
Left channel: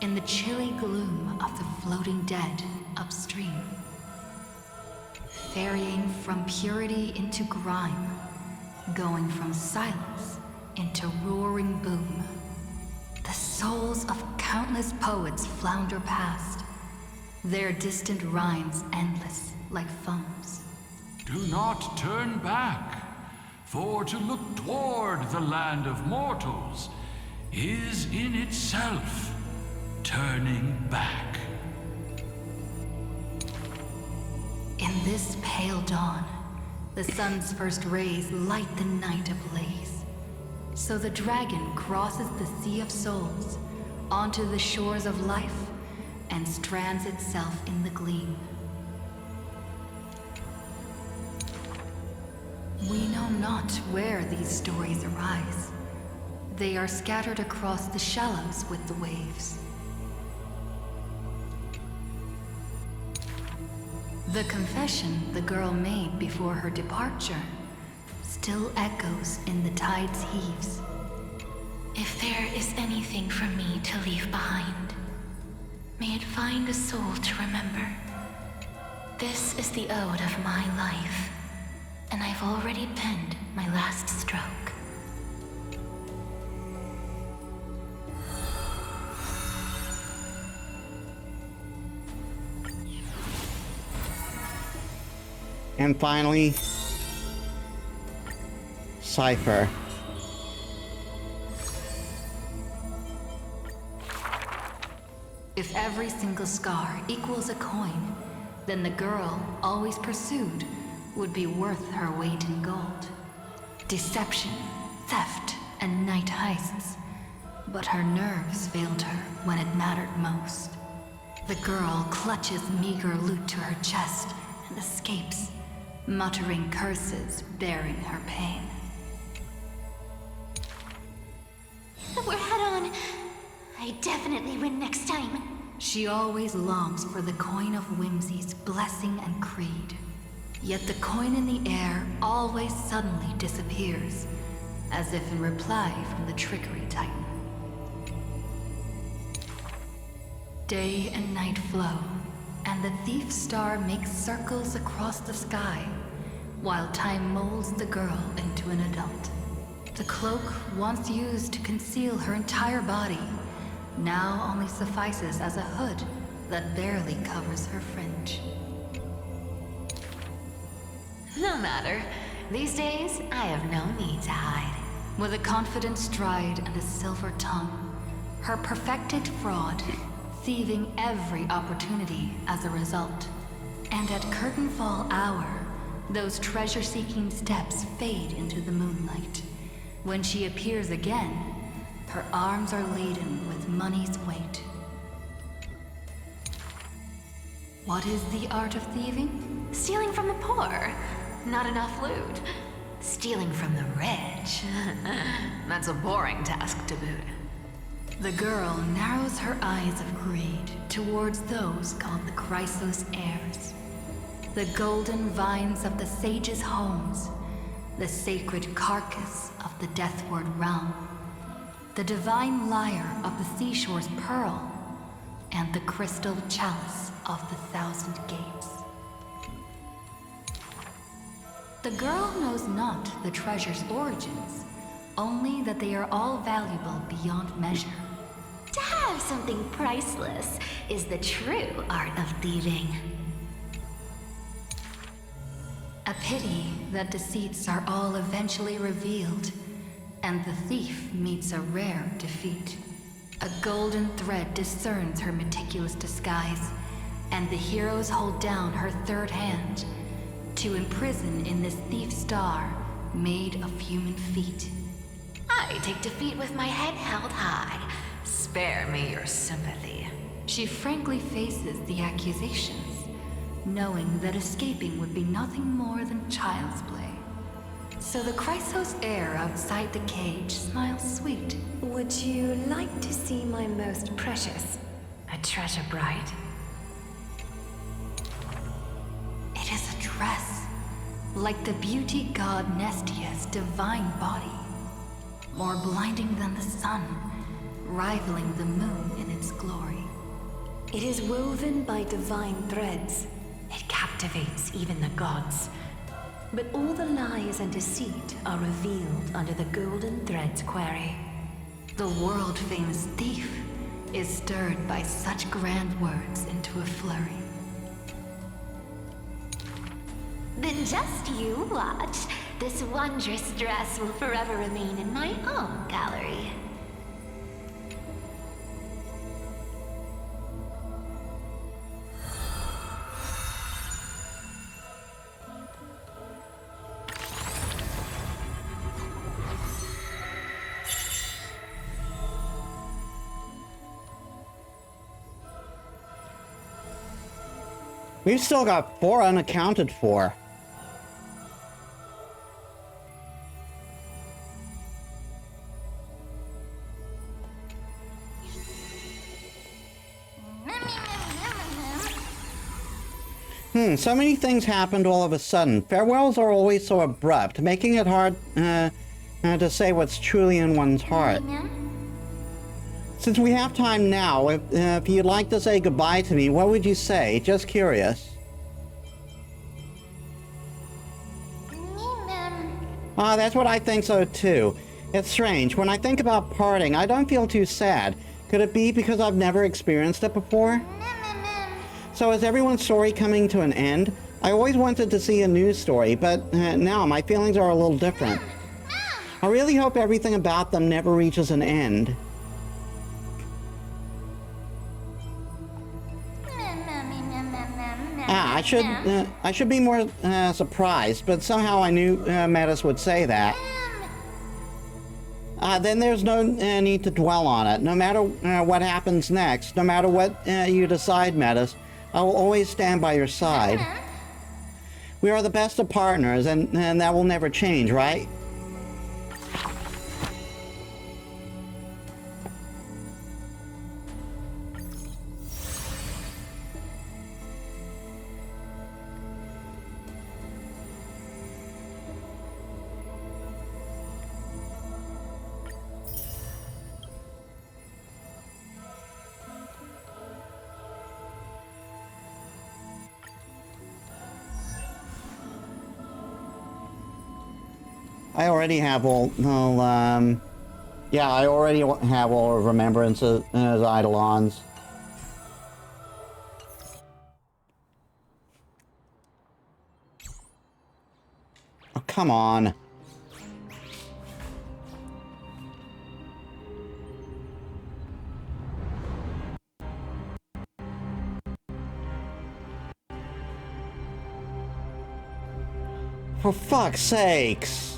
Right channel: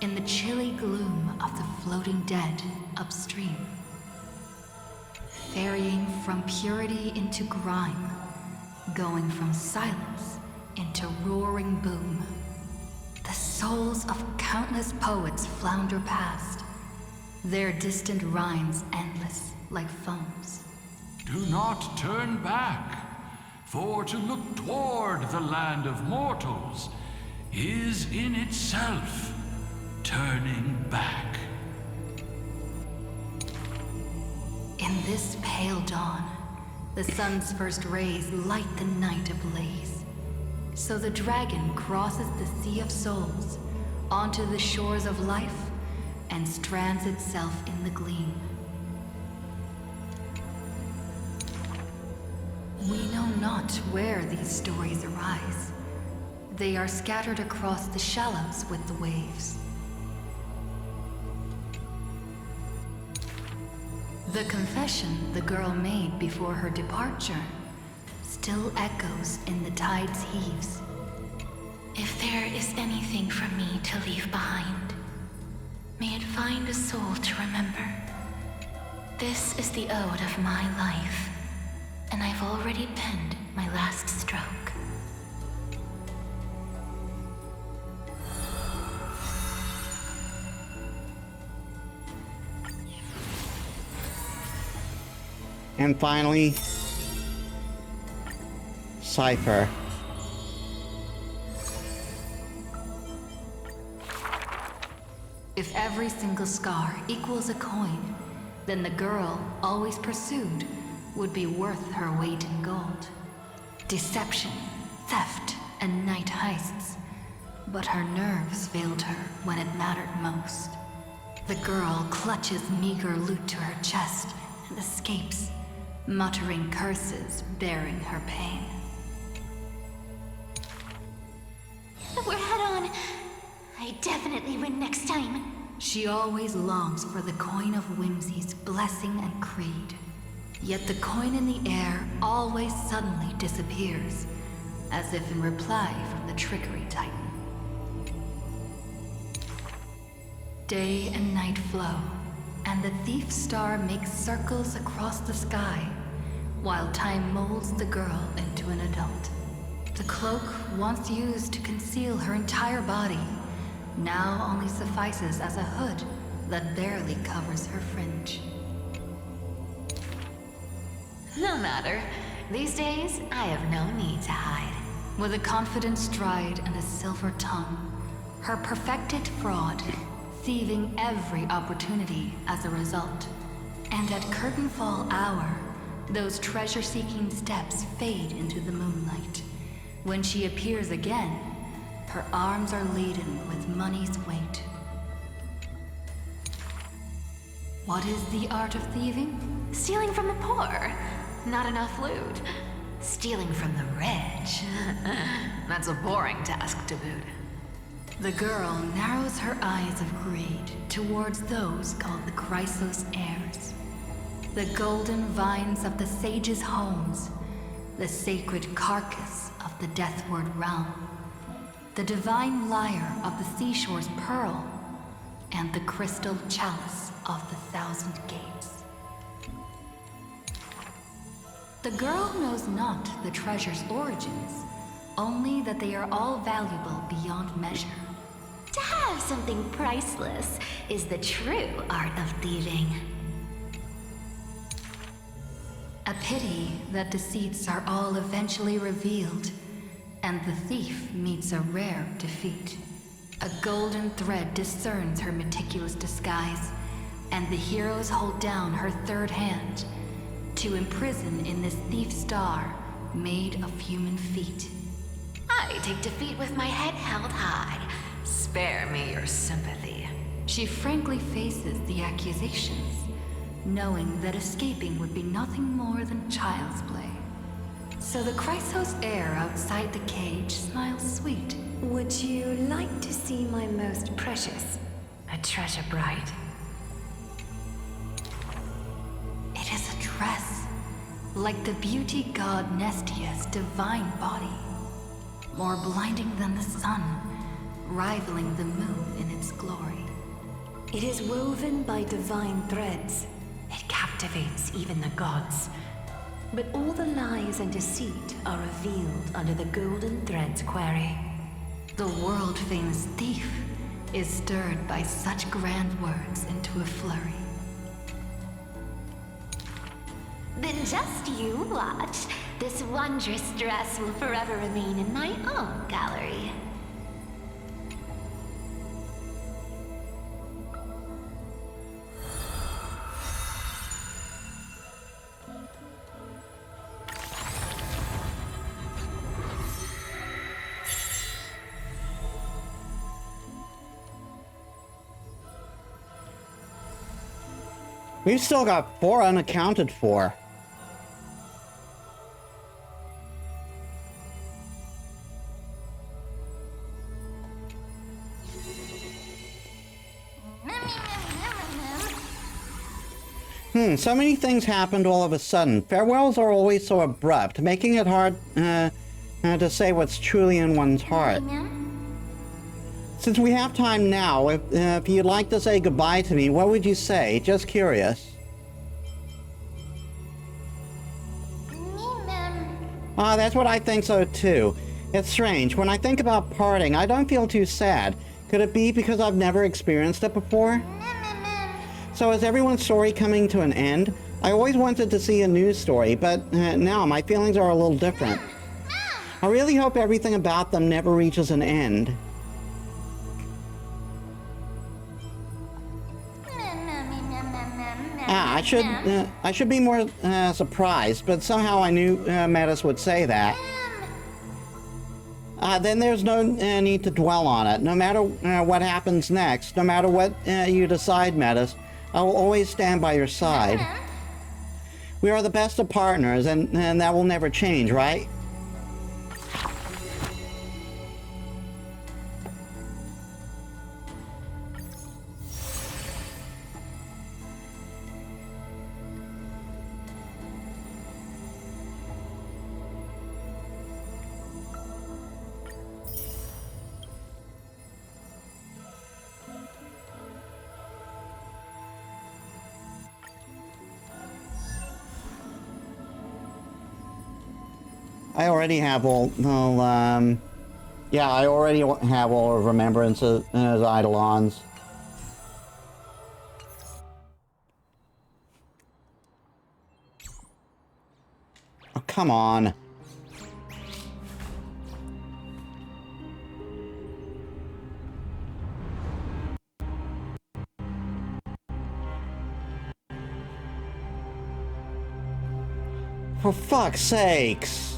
in the chilly gloom of the floating dead upstream, ferrying from purity into grime, going from silence into roaring boom. The souls of countless poets flounder past, their distant rhymes endless like foams. Do not turn back, for to look toward the land of mortals is in itself turning back. In this pale dawn, the sun's first rays light the night ablaze. So the dragon crosses the Sea of Souls onto the shores of life and strands itself in the gleam. We know not where these stories arise. They are scattered across the shallows with the waves. The confession the girl made before her departure still echoes in the tide's heaves. If there is anything for me to leave behind, may it find a soul to remember. This is the ode of my life, and I've already penned my last stroke. And finally, Sci-Fi. If every single scar equals a coin, then the girl, always pursued, would be worth her weight in gold. Deception, theft, and night heists. But her nerves failed her when it mattered most. The girl clutches meager loot to her chest and escapes, muttering curses bearing her pain. We're head on. I definitely win next time. She always longs for the coin of whimsy's blessing and creed. Yet the coin in the air always suddenly disappears, as if in reply from the trickery titan. Day and night flow, and the thief star makes circles across the sky, while time molds the girl into an adult. The cloak once used to conceal her entire body now only suffices as a hood that barely covers her fringe. No matter. These days, I have no need to hide. With a confident stride and a silver tongue, her perfected fraud, thieving every opportunity as a result. And at curtainfall hour, those treasure-seeking steps fade into the moonlight. When she appears again, Her arms are laden with money's weight. What is the art of thieving? Stealing from the poor. Not enough loot. Stealing from the rich. That's a boring task to boot. The girl narrows her eyes of greed towards those called the Chrysos heirs. The golden vines of the sages' homes, the sacred carcass of the Deathward realm, the divine lyre of the seashore's pearl, and the crystal chalice of the thousand gates. The girl knows not the treasure's origins, only that they are all valuable beyond measure. To have something priceless is the true art of thieving. A pity that deceits are all eventually revealed, and the thief meets a rare defeat. A golden thread discerns her meticulous disguise, and the heroes hold down her third hand to imprison in this thief star made of human feet. I take defeat with my head held high. Spare me your sympathy. She frankly faces the accusations, knowing that escaping would be nothing more than child's play. So the Chrysos heir outside the cage smiles sweet. Would you like to see my most precious? A treasure bride? It is a dress, like the beauty god Nestia's divine body. More blinding than the sun, rivaling the moon in its glory. It is woven by divine threads. It captivates even the gods. But all the lies and deceit are revealed under the golden thread's query. The world-famous thief is stirred by such grand words into a flurry. Then just you watch. This wondrous dress will forever remain in my own gallery. We've still got 4 unaccounted for. So many things happened all of a sudden. Farewells are always so abrupt, making it hard to say what's truly in one's heart. Since we have time now, if you'd like to say goodbye to me, what would you say? Just curious. That's what I think so too. It's strange. When I think about parting, I don't feel too sad. Could it be because I've never experienced it before? So is everyone's story coming to an end? I always wanted to see a news story, but now my feelings are a little different. I really hope everything about them never reaches an end. I should be more surprised, but somehow I knew Metis would say that. Then there's no need to dwell on it. No matter what happens next, no matter what you decide, Metis, I will always stand by your side. We are the best of partners, and that will never change, right? I already have all, yeah, I already have all of Remembrance's Eidolons. Oh, come on. For fuck's sakes.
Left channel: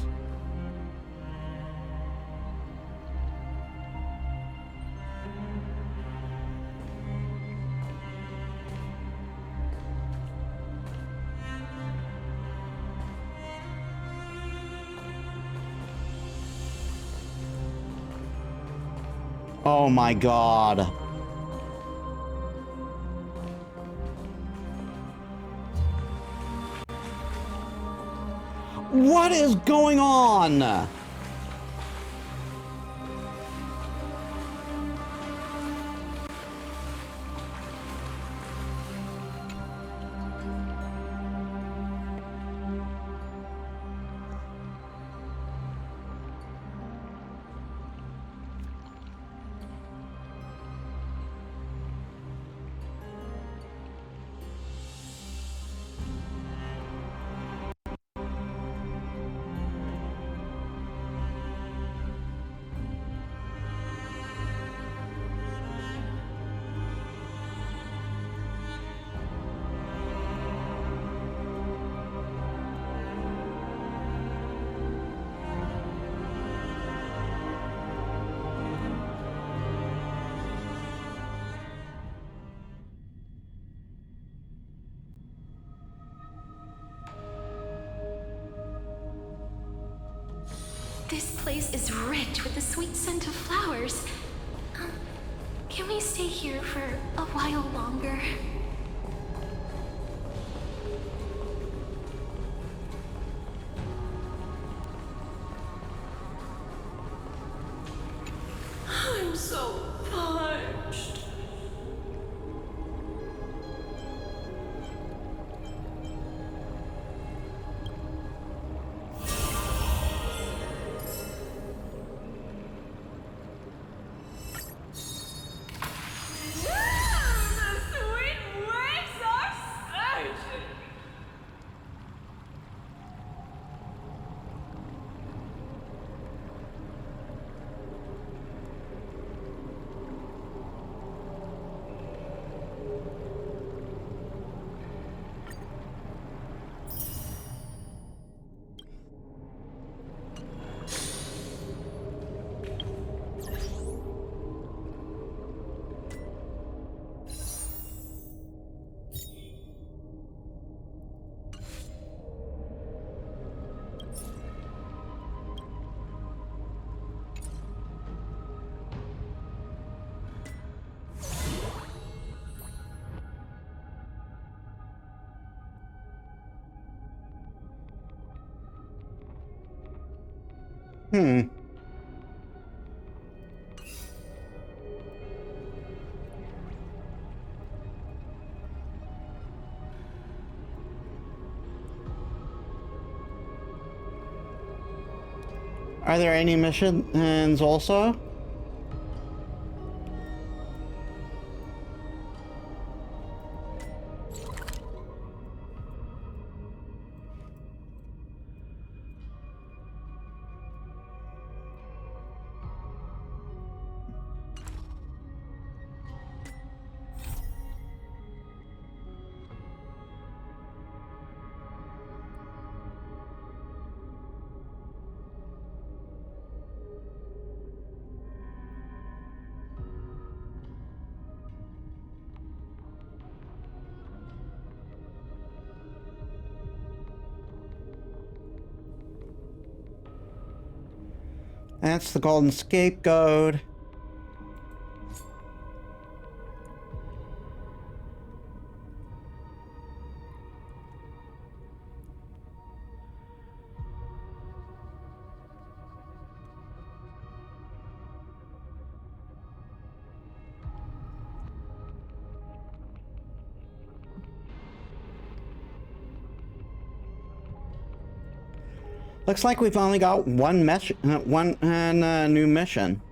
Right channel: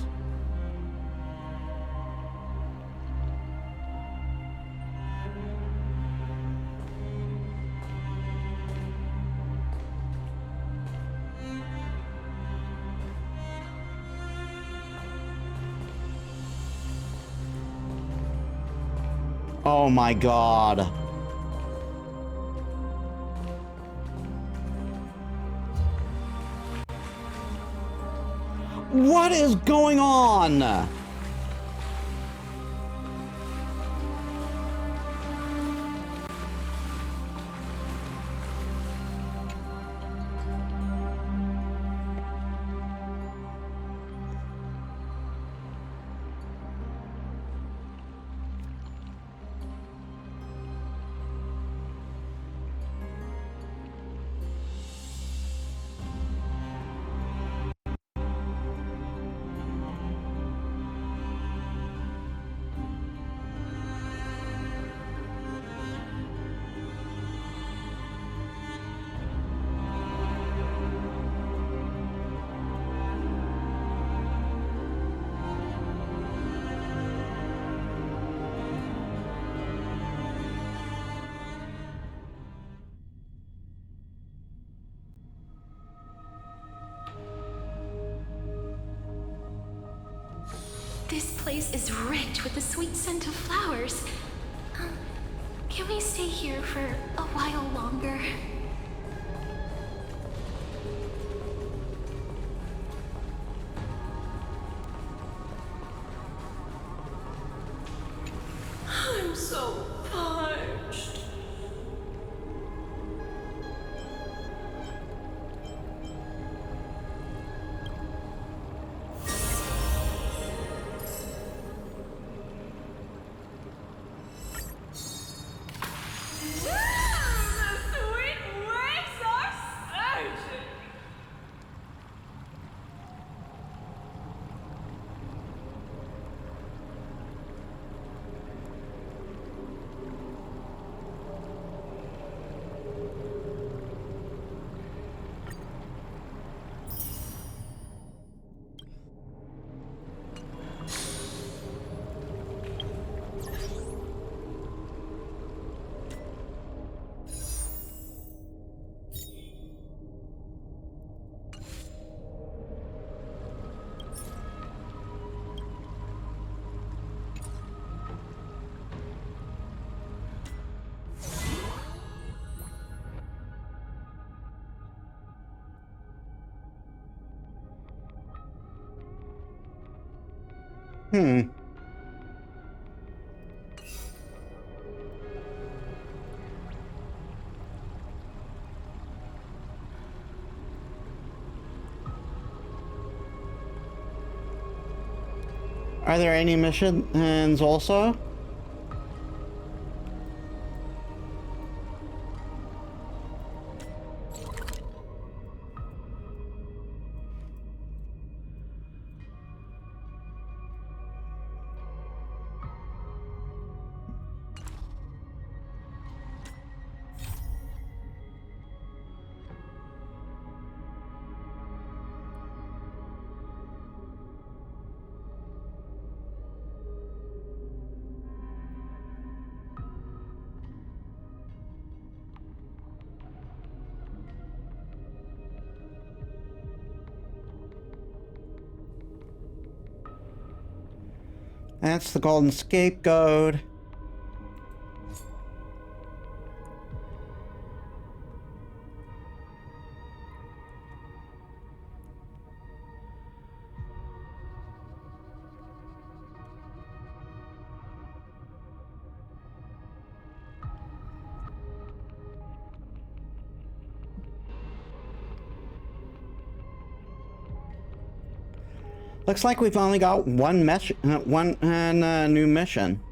Oh my god. What is going on? This place is rich with the sweet scent of flowers. Can we stay here for a while longer? I'm so parched. The sweet waves are surging. Hmm. Are there any missions also? That's the golden scapegoat. Looks like we've only got one new mission.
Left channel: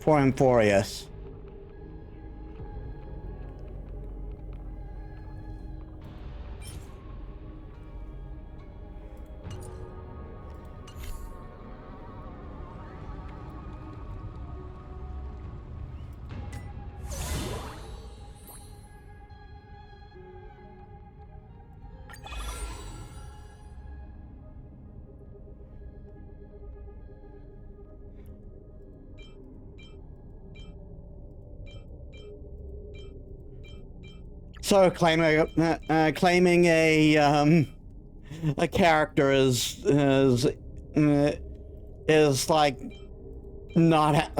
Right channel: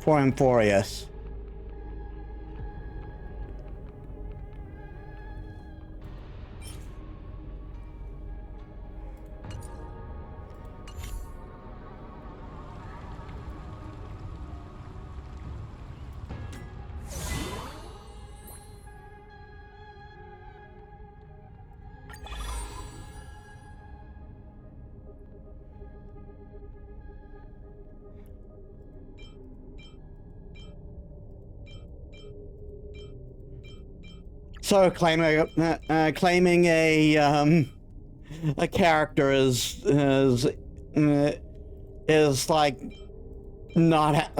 For Amphorius. So claiming a character is is like not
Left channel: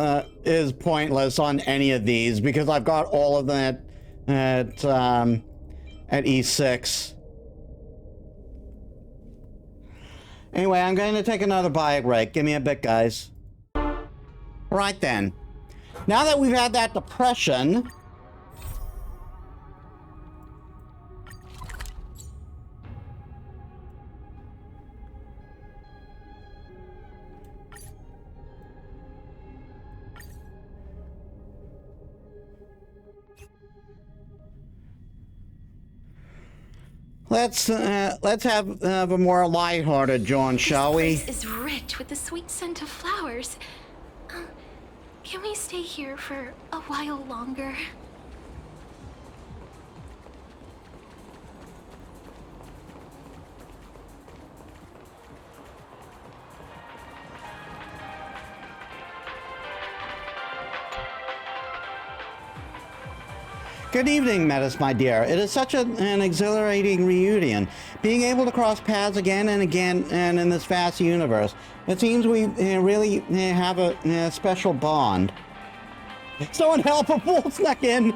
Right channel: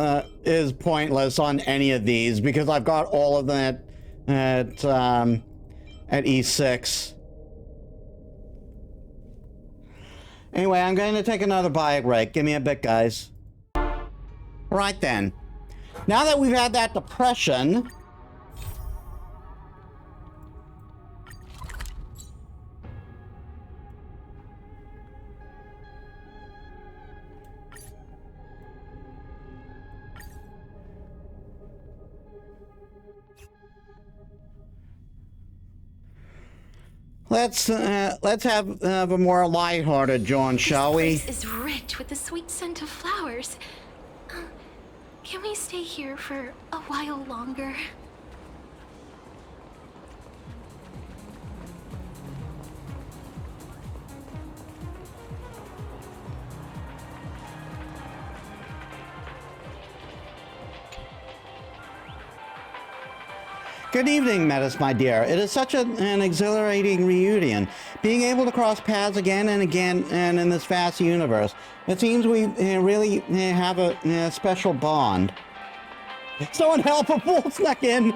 is pointless on any of these because I've got all of them at E6. Anyway, I'm going to take another bio break. Give me a bit, guys. Right then. Now that we've had that depression, let's have a more lighthearted John, shall we? This place is rich with the sweet scent of flowers. Can we stay here for a while longer? Good evening, Metis, my dear. It is such an exhilarating reunion. Being able to cross paths again and again and in this vast universe. It seems we really have a special bond. Someone help! A wolf snuck in!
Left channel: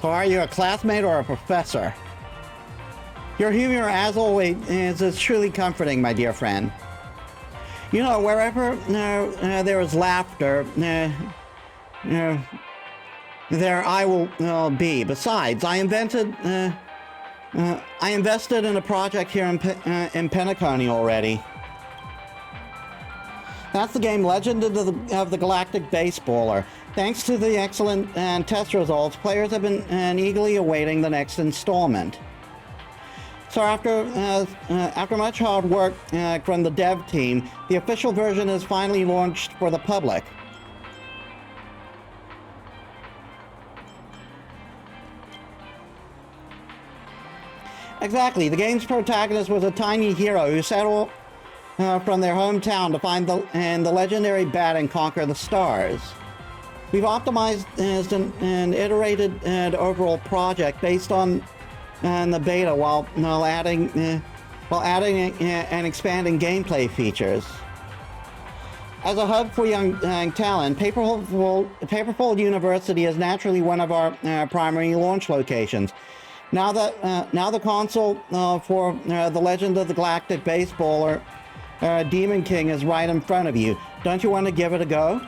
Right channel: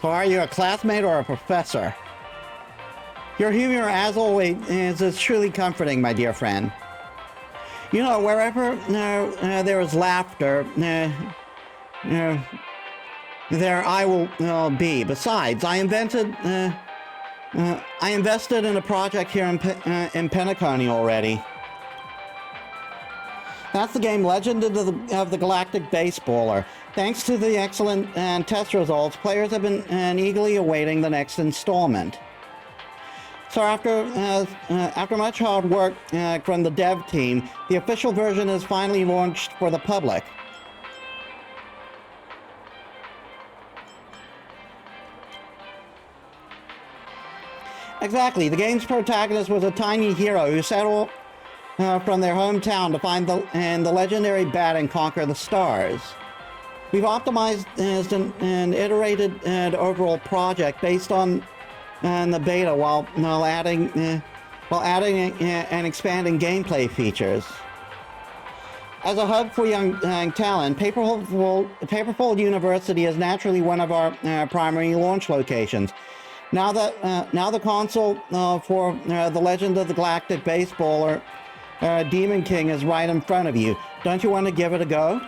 So are you a classmate or a professor? Your humor, as always, is truly comforting, my dear friend. You know, wherever there is laughter, there I will be. Besides, I invested in a project here in Penacony already. That's the game Legend of the Galactic Baseballer. Thanks to the excellent test results, players have been eagerly awaiting the next installment. So after much hard work from the dev team, the official version is finally launched for the public. Exactly. The game's protagonist was a tiny hero who set off from their hometown to find the legendary bat and conquer the stars. We've optimized an iterated overall project based on the beta while adding and expanding gameplay features. As a hub for young talent, Paperfold University is naturally one of our primary launch locations. Now the console for the Legend of the Galactic Baseballer Demon King is right in front of you. Don't you want to give it a go?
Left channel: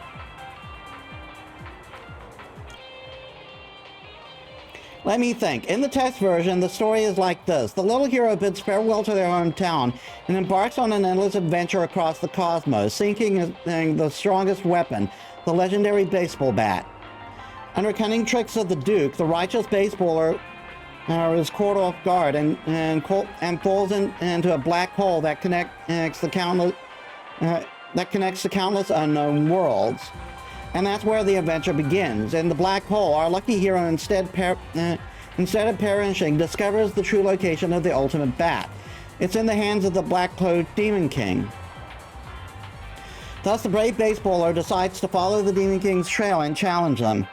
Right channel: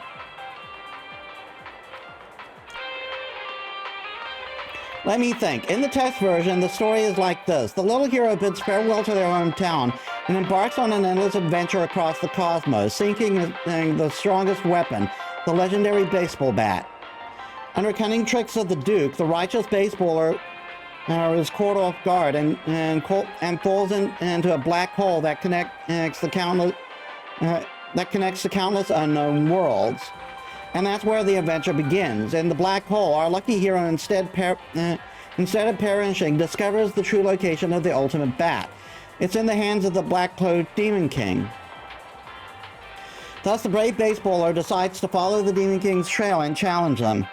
Let me think. In the text version, the story is like this. The little hero bids farewell to their hometown and embarks on an endless adventure across the cosmos, seeking the strongest weapon, the legendary baseball bat. Under cunning tricks of the Duke, the righteous baseballer is caught off guard and falls into a black hole that connects the countless unknown worlds. And that's where the adventure begins. In the black hole, our lucky hero, instead of perishing, discovers the true location of the ultimate bat. It's in the hands of the black-cloaked Demon King. Thus, the brave baseballer decides to follow the Demon King's trail and challenge them.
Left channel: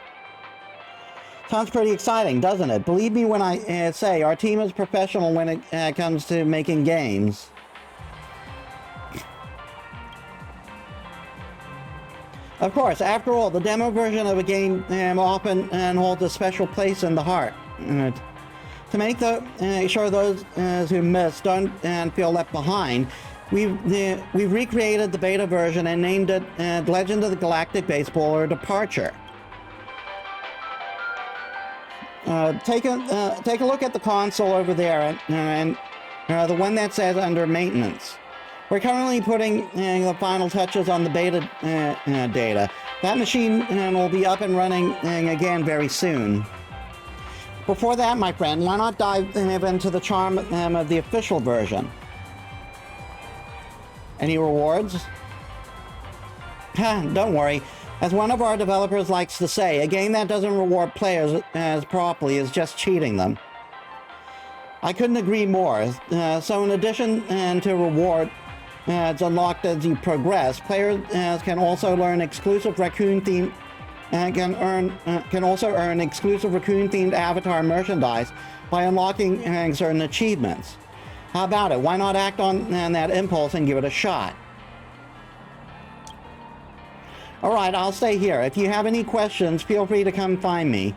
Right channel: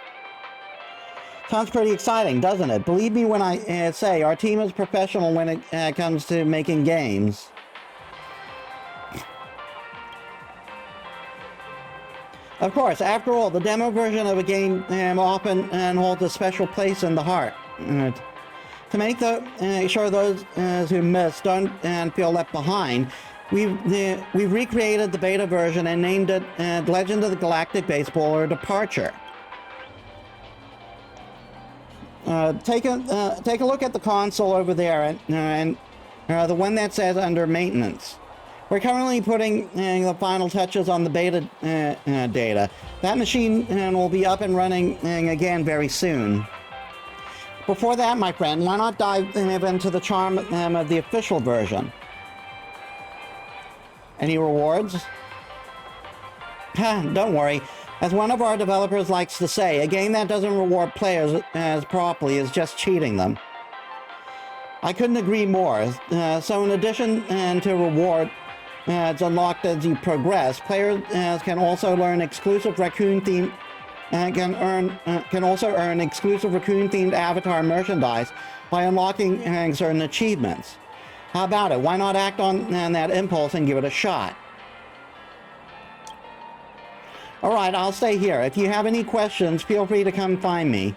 Sounds pretty exciting, doesn't it? Believe me when I say our team is professional when it comes to making games. Of course, after all, the demo version of a game often holds a special place in the heart. To make sure those who missed don't feel left behind, we've recreated the beta version and named it Legend of the Galactic Baseballer Departure. Take a look at the console over there and the one that says under maintenance. We're currently putting the final touches on the beta data. That machine will be up and running again very soon. Before that, my friend, why not dive into the charm of the official version? Any rewards? Don't worry. As one of our developers likes to say, a game that doesn't reward players as properly is just cheating them. I couldn't agree more. So in addition to reward, it's unlocked as you progress. Players can also learn exclusive raccoon-themed and can also earn exclusive raccoon-themed avatar merchandise by unlocking certain achievements. How about it? Why not act on that impulse and give it a shot? Alright, I'll stay here. If you have any questions, feel free to come find me.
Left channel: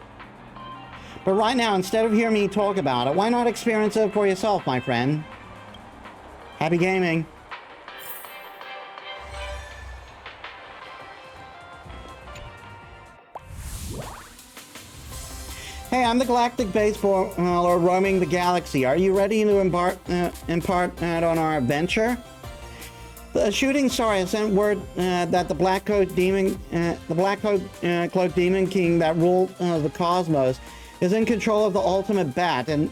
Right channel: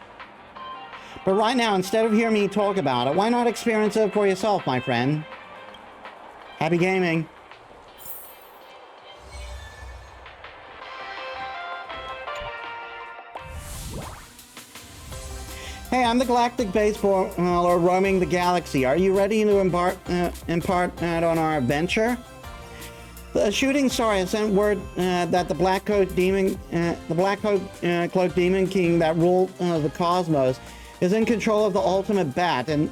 But right now, instead of hearing me talk about it, why not experience it for yourself, my friend? Happy gaming! Hey, I'm the Galactic Baseballer roaming the galaxy. Are you ready to impart on our adventure? The shooting star has sent word that the Black Cloak Demon King that ruled the cosmos is in control of the ultimate bat and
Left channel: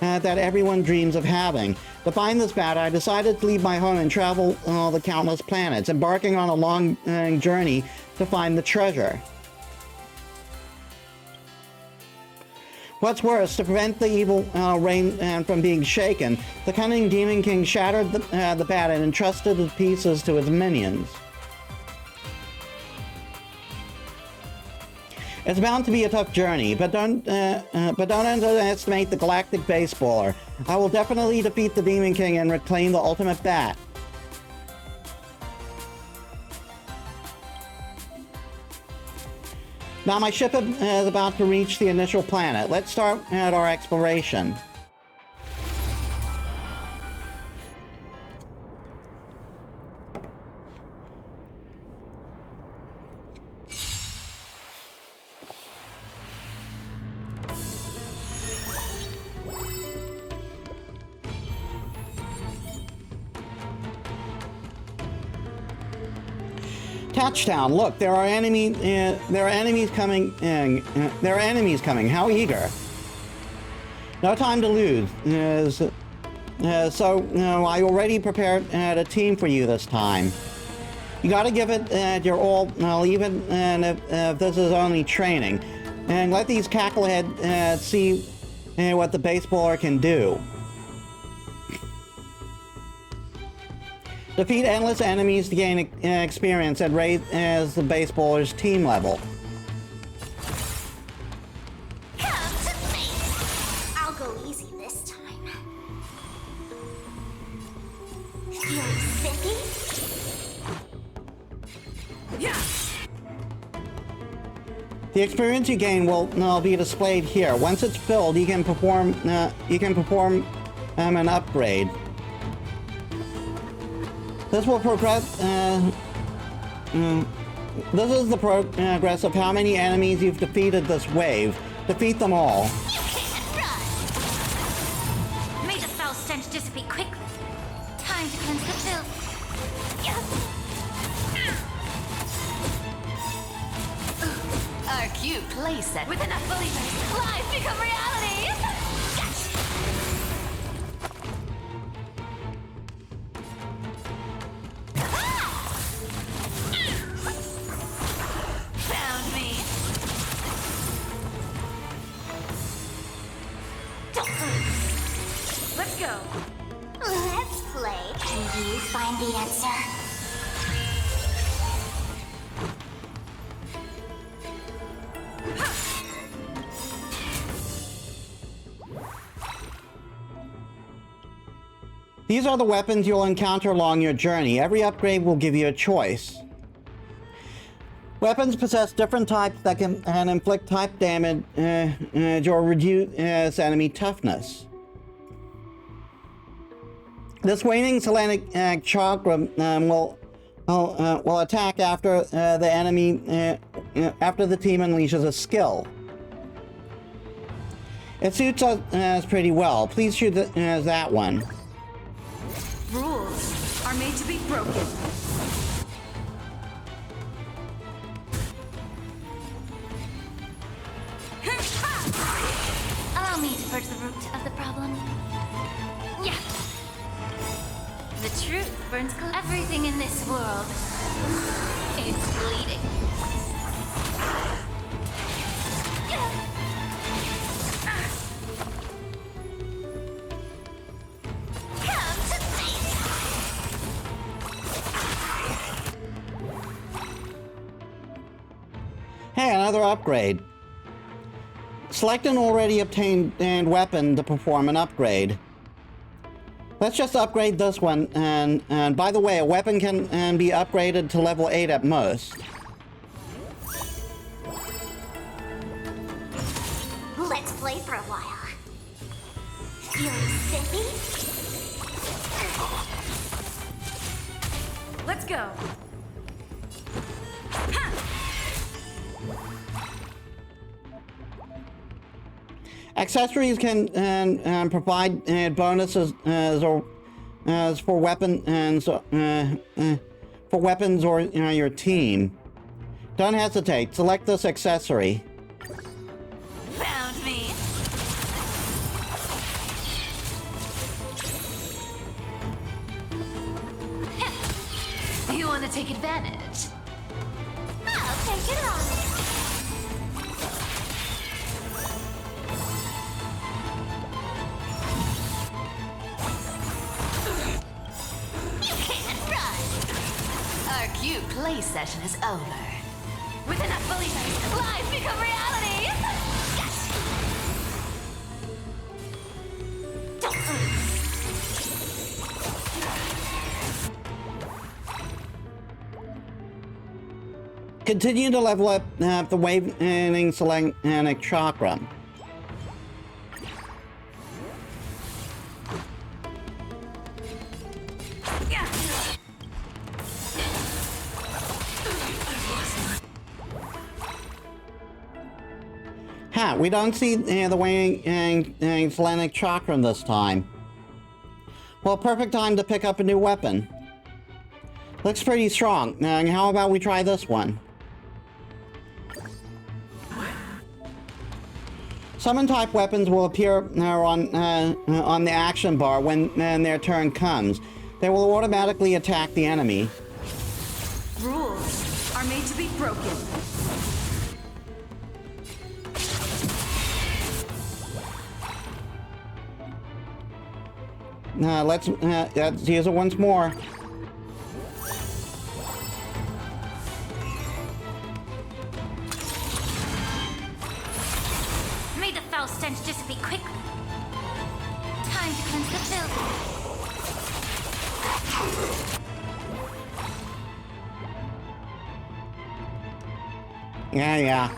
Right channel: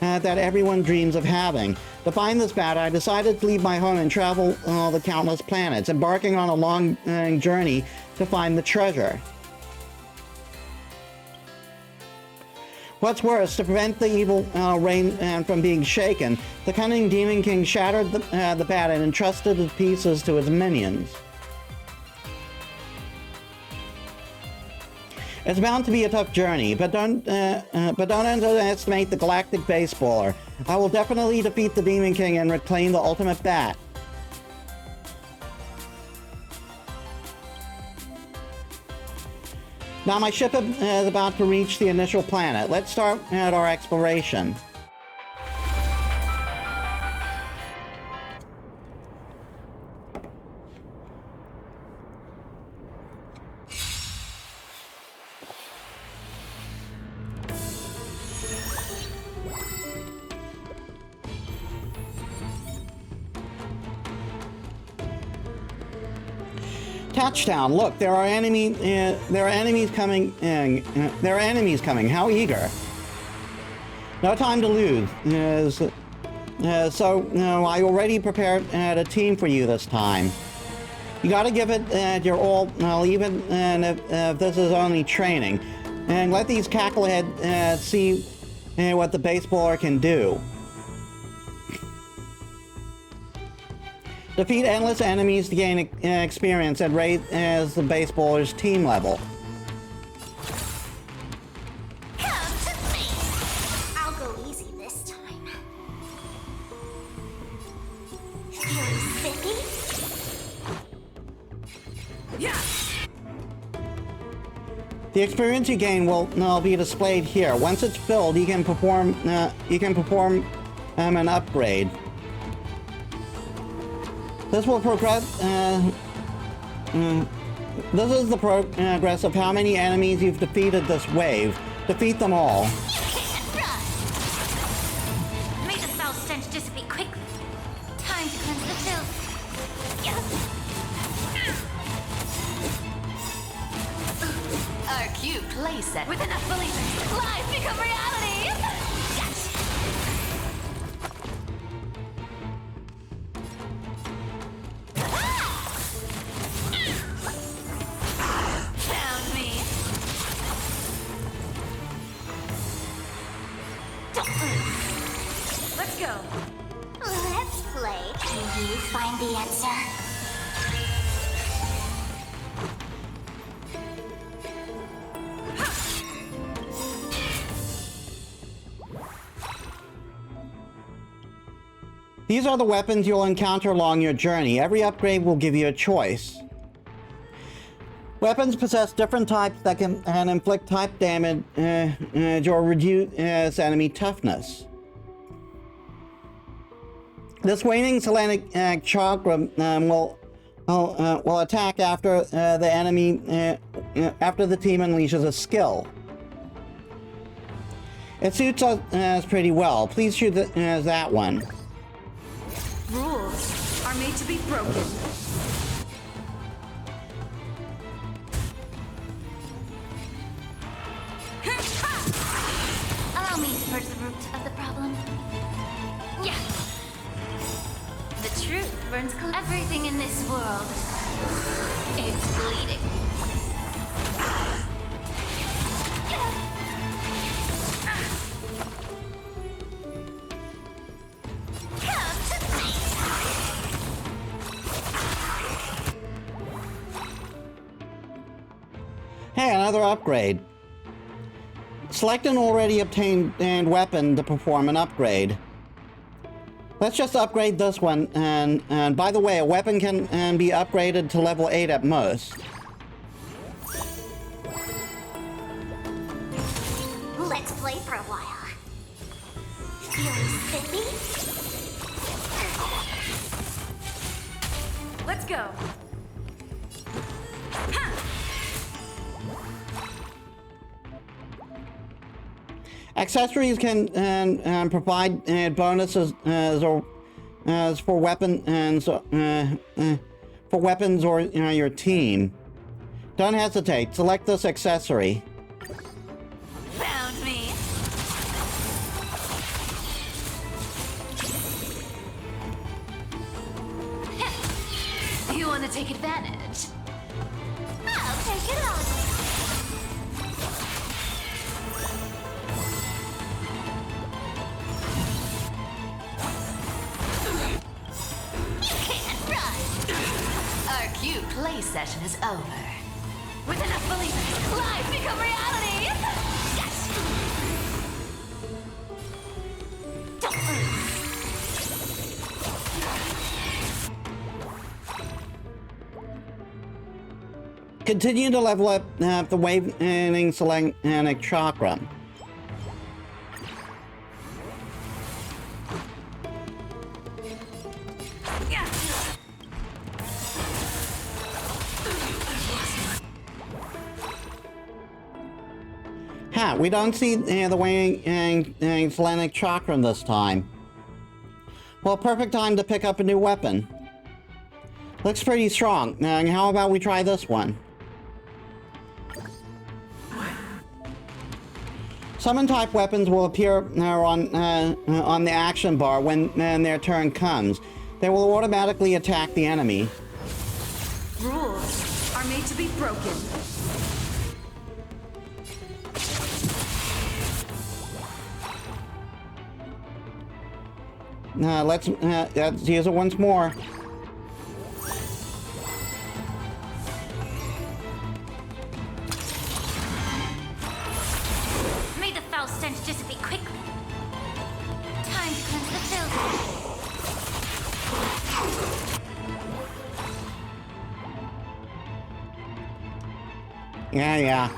that everyone dreams of having. To find this bat, I decided to leave my home and travel the countless planets, embarking on a long journey to find the treasure. What's worse, to prevent the evil rain from being shaken, the cunning Demon King shattered the bat and entrusted the pieces to his minions. It's bound to be a tough journey, but don't underestimate the Galactic Baseballer. I will definitely defeat the Demon King and reclaim the ultimate bat. Now my ship is about to reach the initial planet. Let's start at our exploration. Touchdown! Look, there are enemies coming. There are enemies coming. How eager! No time to lose. So I already prepared a team for you this time. You got to give it your all, even if this is only training, and let these cackleheads see what the baseballer can do. Defeat endless enemies to gain experience and raise the baseballer's team level. Come to me! I'll go easy this time. Feeling spiffy? Yeah! The experience you gain will be displayed here. Once it's filled, you can perform an upgrade. This will progress. This is the progress of how many enemies you've defeated this wave. Defeat them all. You can't run! May the foul stench dissipate quickly. Time to cleanse the filth. Our cute playset. With enough believers, lies become reality! Gotcha! Found me. Let's go. Let's play. Can you find the answer? These are the weapons you'll encounter along your journey. Every upgrade will give you a choice. Weapons possess different types that can inflict type damage or reduce enemy toughness. This waning Selenic chakra will attack after the enemy after the team unleashes a skill. It suits us pretty well. Please shoot that one. Rules are made to be broken. Allow me to purge the root of the problem. Yeah. The truth burns everything in this world. It's bleeding. Come to me. Hey, another upgrade. Select an already obtained weapon to perform an upgrade. Let's just upgrade this one, and by the way, a weapon can be upgraded to level 8 at most. Let's play for a while. Feeling spiffy? Let's go. Accessories can provide bonuses for weapons or your team. Don't hesitate. Select this accessory. Found me. You want to take advantage? I'll take it on. You can't run. Our cute play session is over. With enough believers, lies become reality! Continue to level up the waning Selenic chakra. Ha, we don't see the waning Selenic chakra this time. Well, perfect time to pick up a new weapon. Looks pretty strong. How about we try this one? Summon type weapons will appear on the action bar when their turn comes. They will automatically attack the enemy. Rules are made to be broken. Let's use it once more. May the foul stench dissipate quickly. Time to cleanse the filth. Yeah.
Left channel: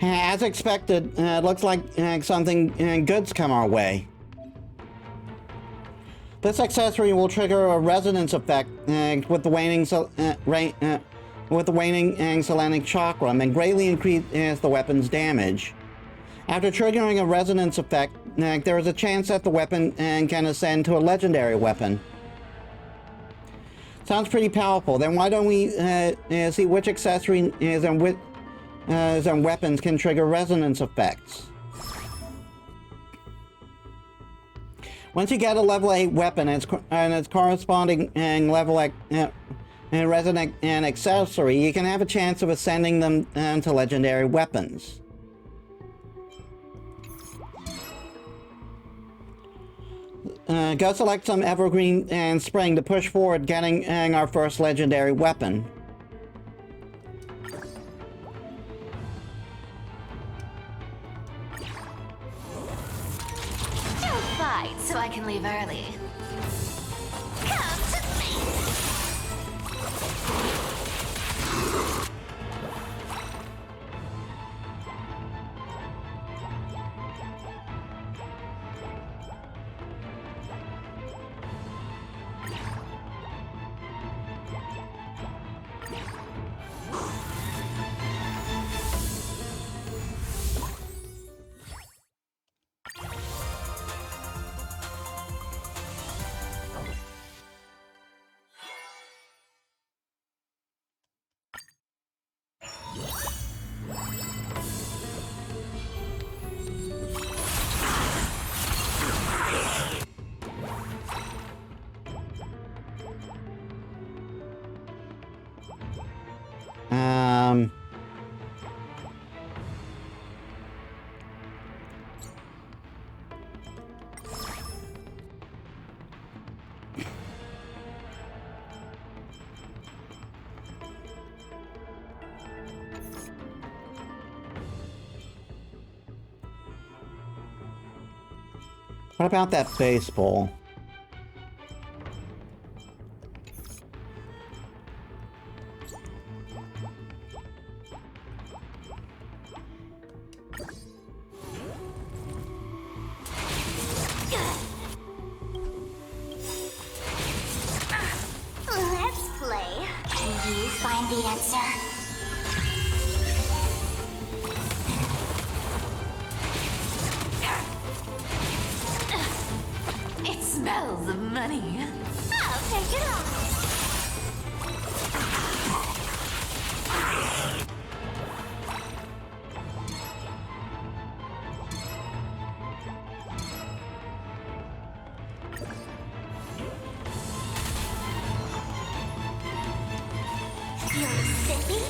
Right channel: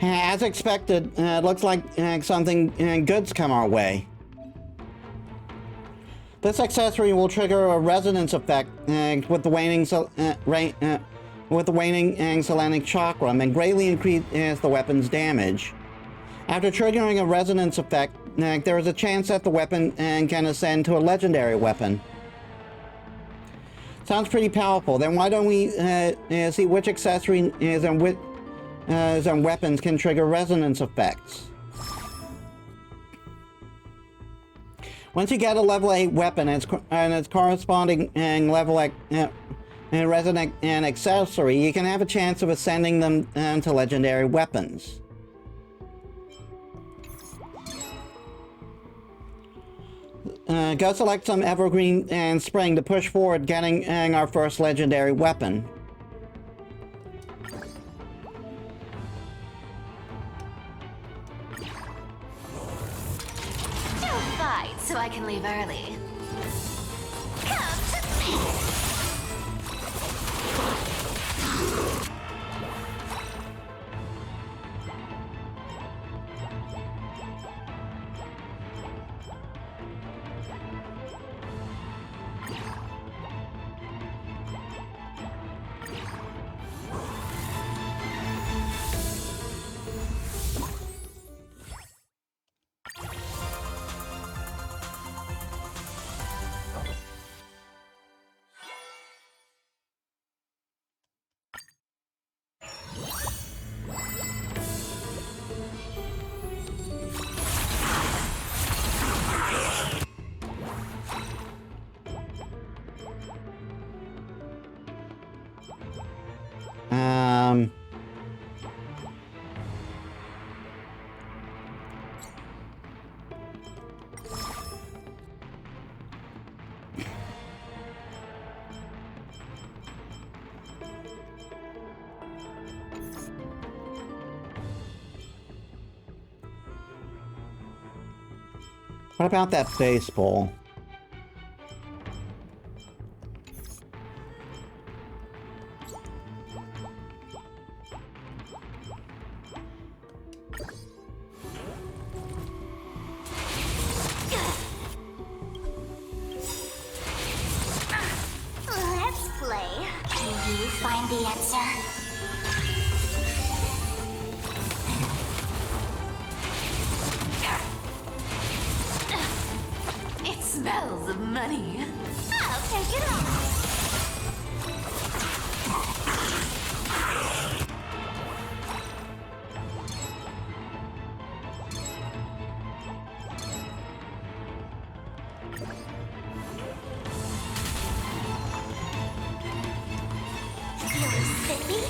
As expected, it looks like something good's come our way. This accessory will trigger a resonance effect with the waning Selenic chakra and greatly increase the weapon's damage. After triggering a resonance effect, there is a chance that the weapon can ascend to a legendary weapon. Sounds pretty powerful. Then why don't we see which accessories and weapons can trigger resonance effects? Once you get a level 8 weapon and its corresponding level resonant accessory, you can have a chance of ascending them to legendary weapons. Go select some evergreen and spring to push forward getting our first legendary weapon. Don't fight so I can leave early. Come to me. What about that baseball? Let's play. Can you find the answer? It smells of money. I'll take it on. Feeling spiffy?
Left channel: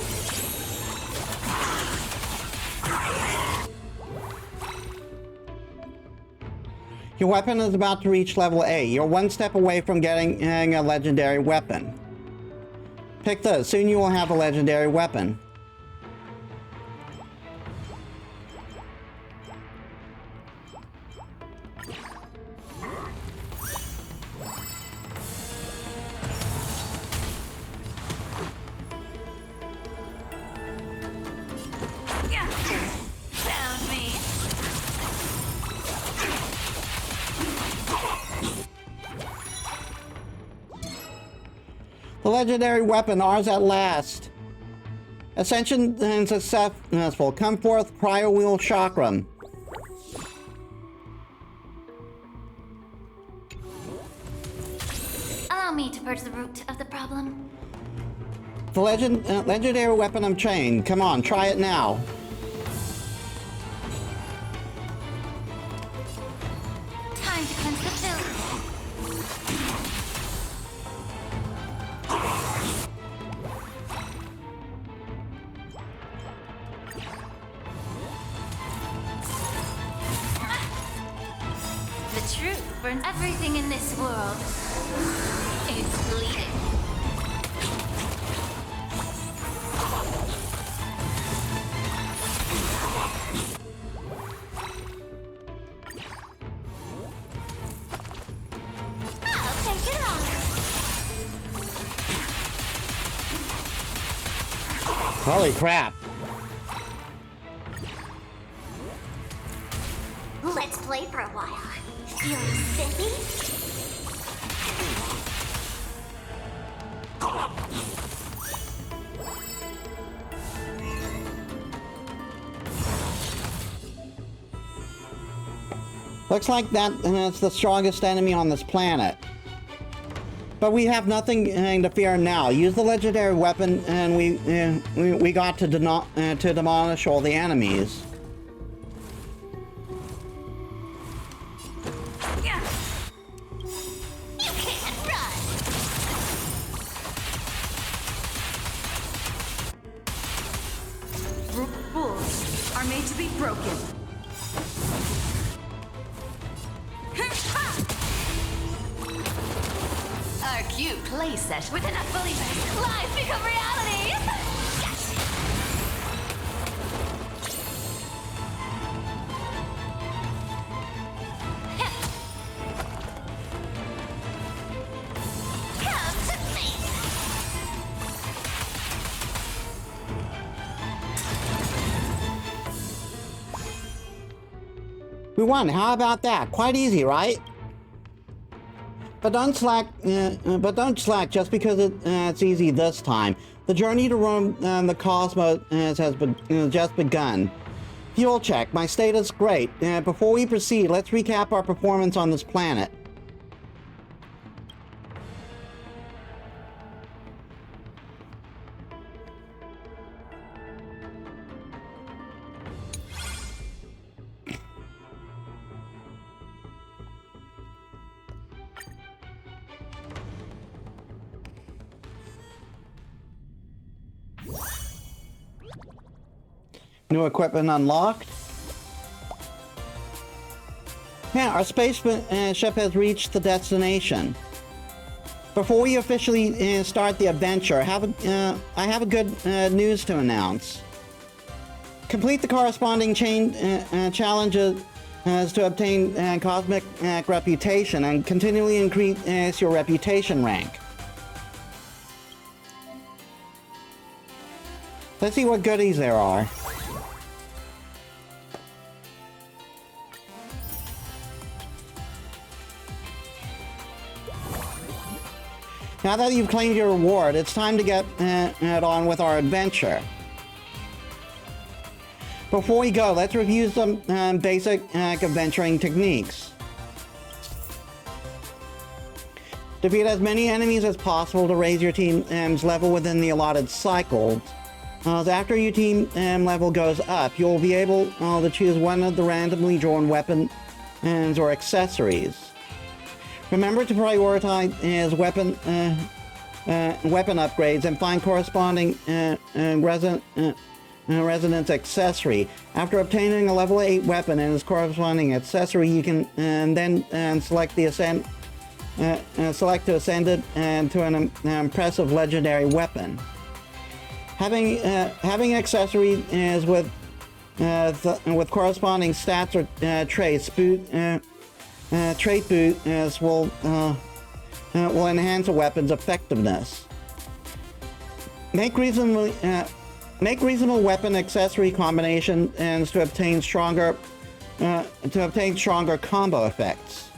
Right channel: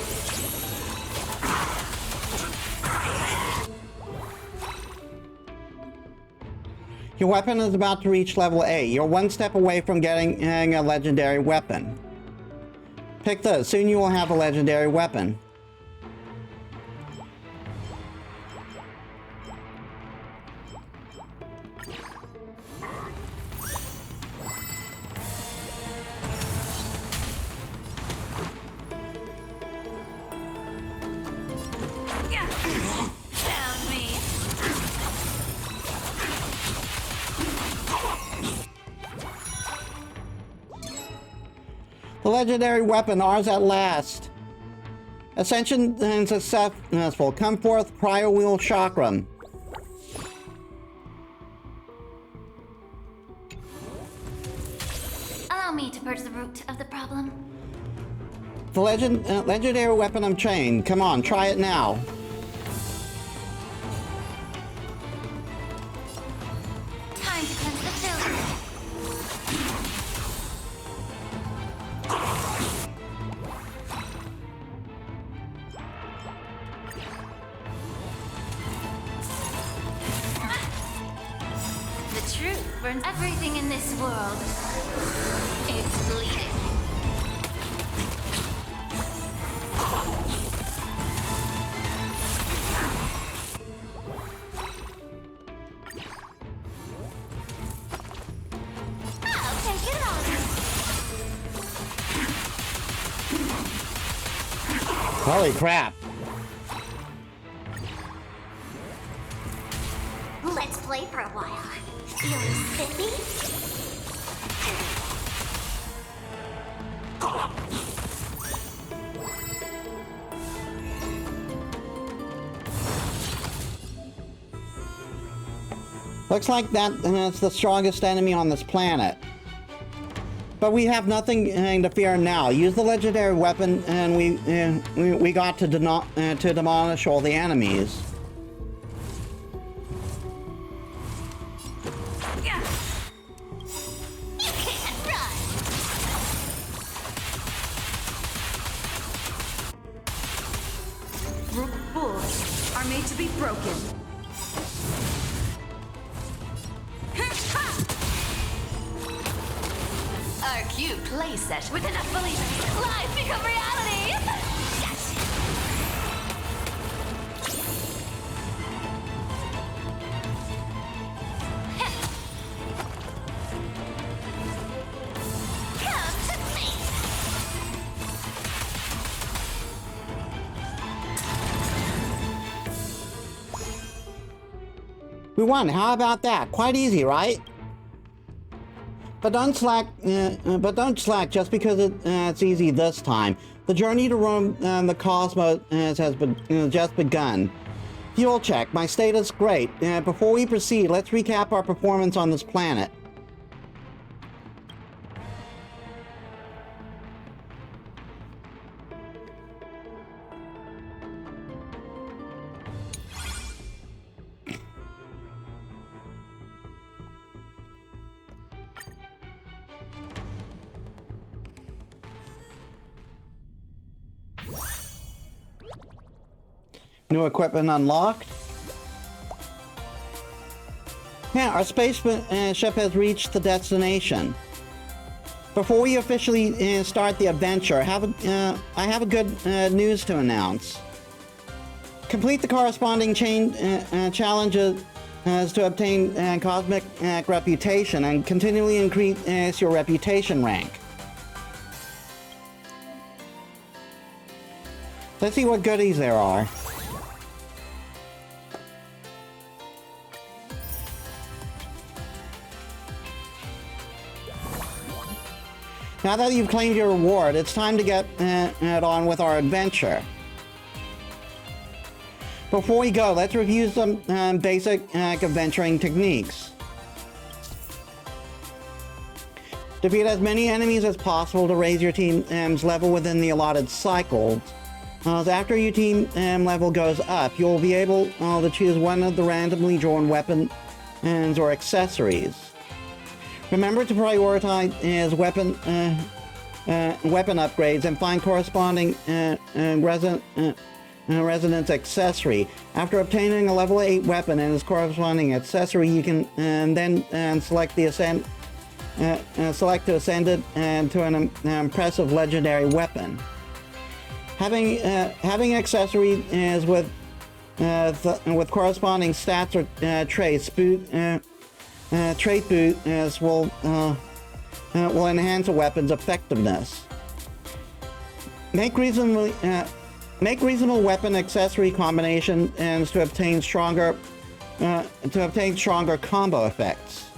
Your weapon is about to reach level 8. You're one step away from getting a legendary weapon. Pick this. Soon you will have a legendary weapon. Found me. The legendary weapon, ours at last. Ascension and successful. Come forth, Cryo Wheel Chakram. Allow me to purge the root of the problem. The legendary weapon of chain. Come on, try it now. Time to cleanse the filth. The truth burns. Everything in this world is bleeding. I'll take it on. Holy crap. Let's play for a while. Feeling spiffy? Looks like that's the strongest enemy on this planet. But we have nothing to fear now. Use the legendary weapon and we got to demolish all the enemies. You can't run. Rules are made to be broken. Our cute playset with enough believers, lies become reality! Gotcha. Come to me. We won. How about that? Quite easy, right? But don't slack just because it's easy this time. The journey to roam the cosmos has just begun. Fuel check. My status great. Before we proceed, let's recap our performance on this planet. New equipment unlocked. Yeah, our spaceship has reached the destination. Before we officially start the adventure, I have a good news to announce. Complete the corresponding challenges is to obtain cosmic reputation and continually increase your reputation rank. Let's see what goodies there are. Now that you've claimed your reward, it's time to get on with our adventure. Before we go, let's review some basic adventuring techniques. Defeat as many enemies as possible to raise your team's level within the allotted cycles. After your team level goes up, you'll be able to choose one of the randomly drawn weapons or accessories. Remember to prioritize weapon upgrades and find corresponding resonance accessory. After obtaining a level 8 weapon and its corresponding accessory, you can then select to ascend it to an impressive legendary weapon. Having accessory is with corresponding stats or traits. Trait boosts will enhance a weapon's effectiveness. Make reasonable weapon accessory combinations to obtain stronger combo effects.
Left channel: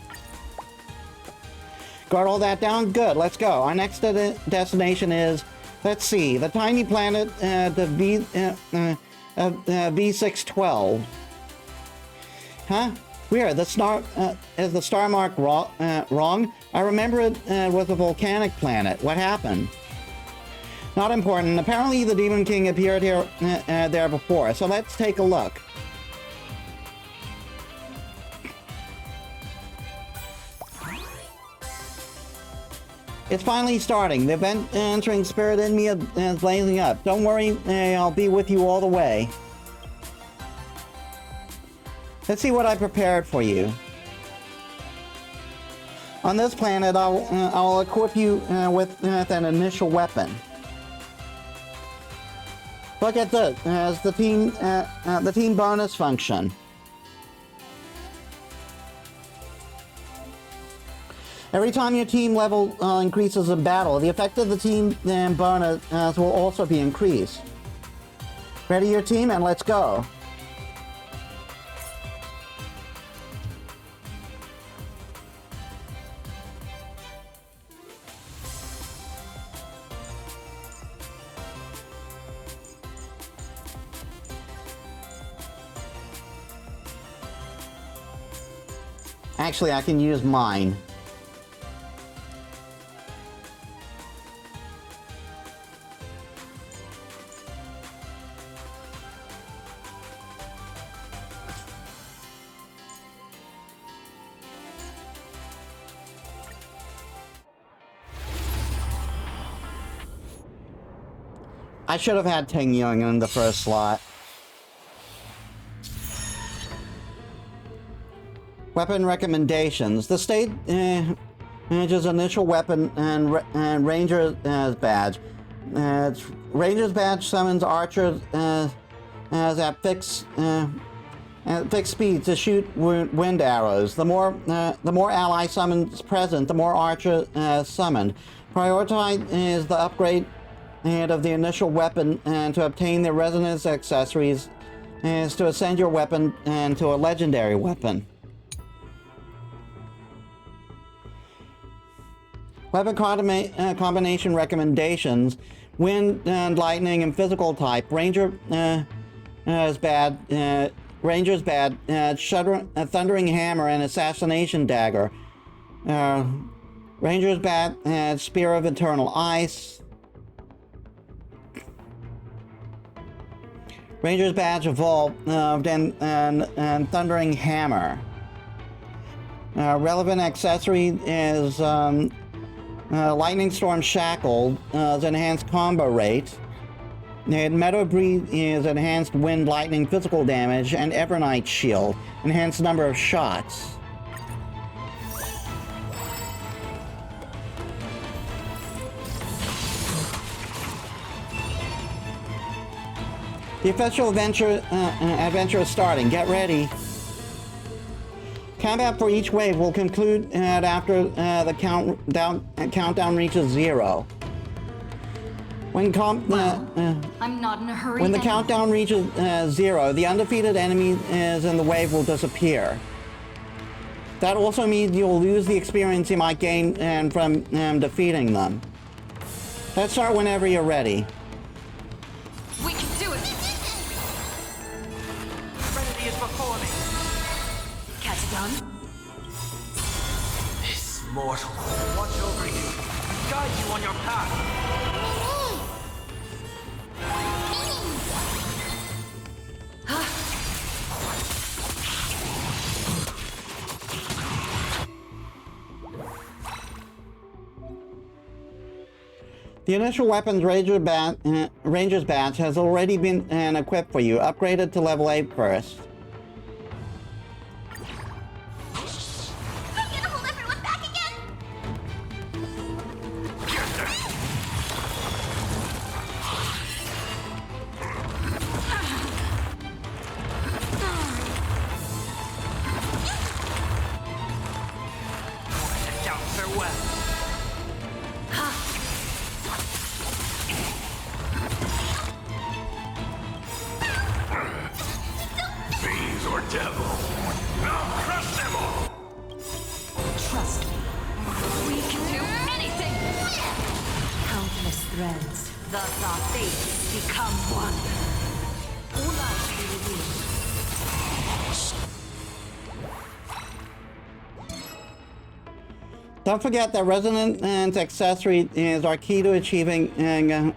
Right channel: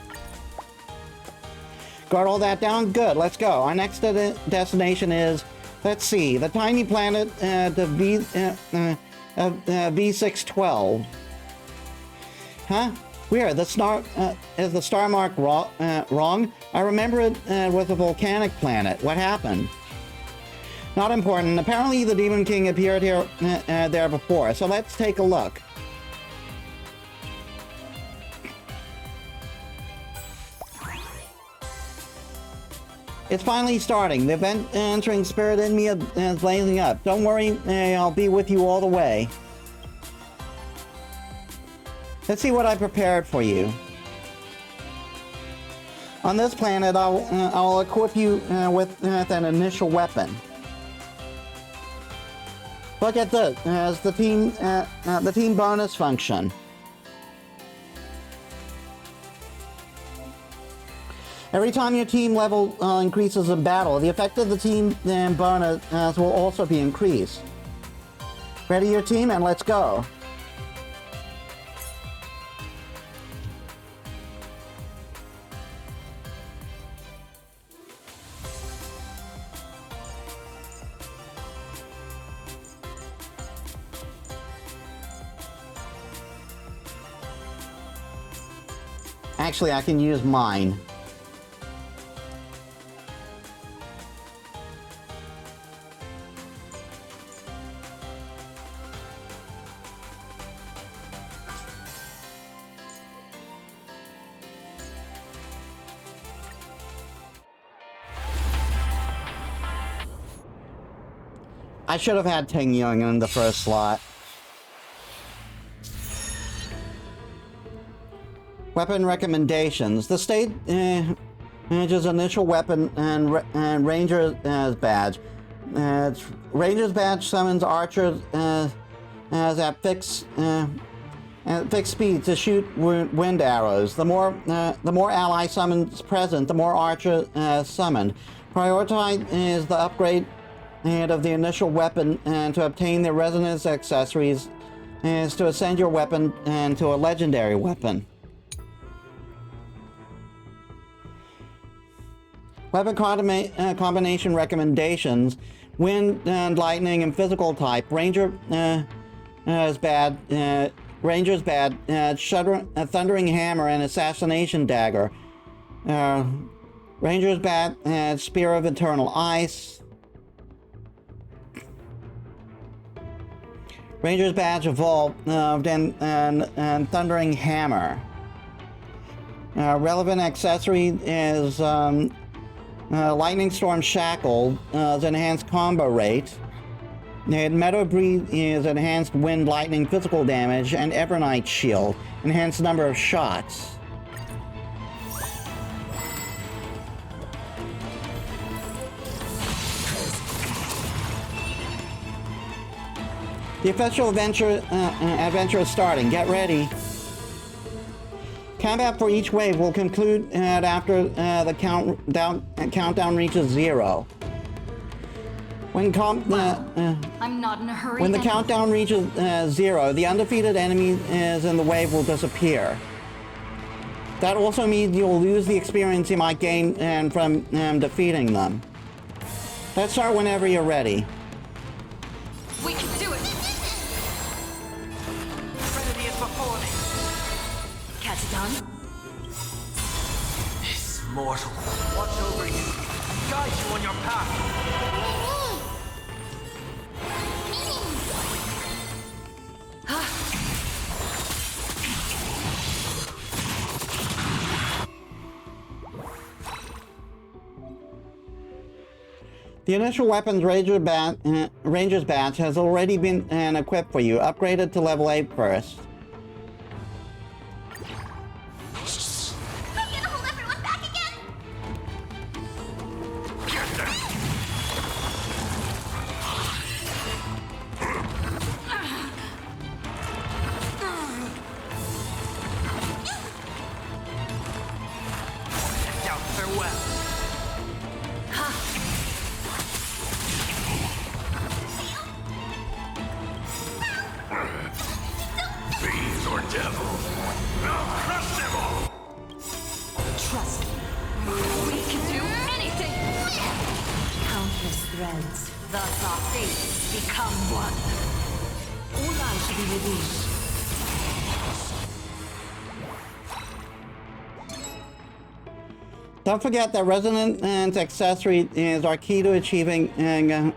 Got all that down? Good. Let's go. Our next destination is, let's see, the tiny planet V612. Huh? Weird. Is the star mark wrong? I remember it was a volcanic planet. What happened? Not important. Apparently the Demon King appeared here there before, so let's take a look. It's finally starting. The event entering spirit in me is blazing up. Don't worry, I'll be with you all the way. Let's see what I prepared for you. On this planet, I'll equip you with an initial weapon. Look at this as the team bonus function. Every time your team level increases in battle, the effect of the team bonus will also be increased. Ready your team and let's go. Actually, I can use mine. I should have had Ting Young in the first slot. Weapon recommendations. The state manages initial weapon and Ranger's badge. Ranger's badge summons archers at fixed speed to shoot wind arrows. The more ally summons present, the more archers summoned. Prioritize is the upgrade of the initial weapon and to obtain the resonance accessories is to ascend your weapon to a legendary weapon. Weapon combination recommendations: wind and lightning and physical type. Ranger's bad. Thundering hammer and assassination dagger. Ranger's bad. Spear of eternal ice. Ranger's badge evolved and thundering hammer. Relevant accessory is lightning storm shackle, enhanced combo rate. Meadow breeze is enhanced wind lightning physical damage, and Evernight shield, enhanced number of shots. The official adventure is starting. Get ready. Combat for each wave will conclude after the countdown reaches 0. When I'm not in a hurry. When the countdown reaches 0, the undefeated enemies in the wave will disappear. That also means you'll lose the experience you might gain from defeating them. Let's start whenever you're ready. We can do it! Serenity is before me. Catadon? This mortal. Watch over you and guide you on your path. The initial weapons Ranger's badge has already been equipped for you. Upgraded to level 8 first. I'm gonna hold everyone back again! And doubt farewell. Fiends or devils, I'll crush them all! Trust me. We can do anything! Countless threads. Thus our fates become one. All lies shall be revealed. Don't forget that Resonance Accessory is our key to achieving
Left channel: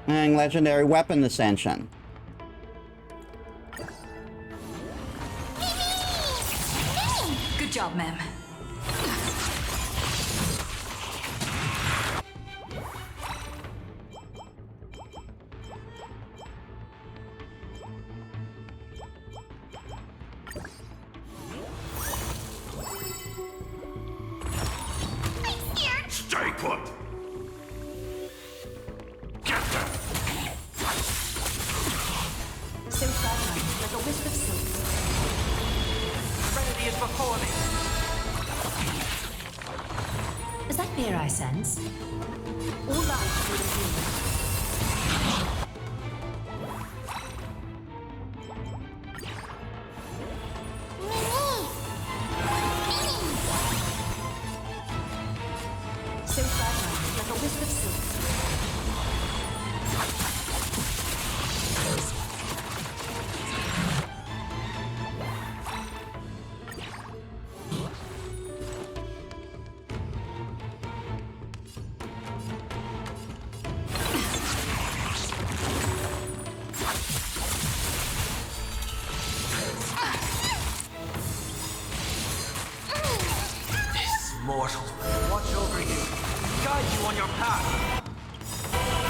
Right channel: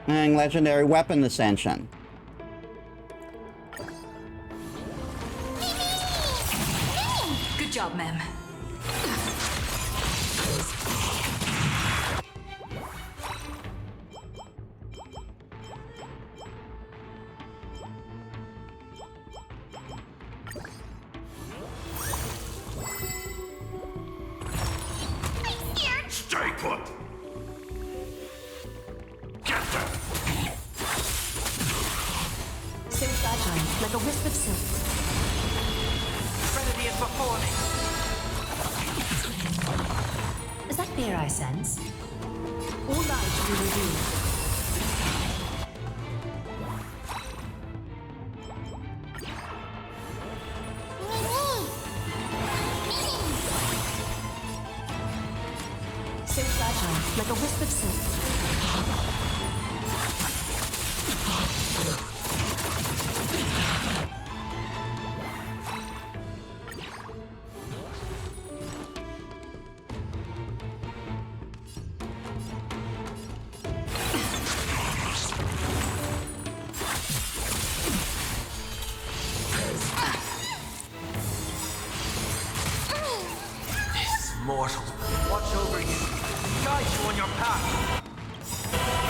legendary weapon ascension. Good job, ma'am. Stay put! Get them! So fragile, like a wisp of silk. Serenity is before me. Is that fear I sense? All lies shall be revealed. So fragile, like a wisp of silk. Mortal, watch over you and guide you on your path.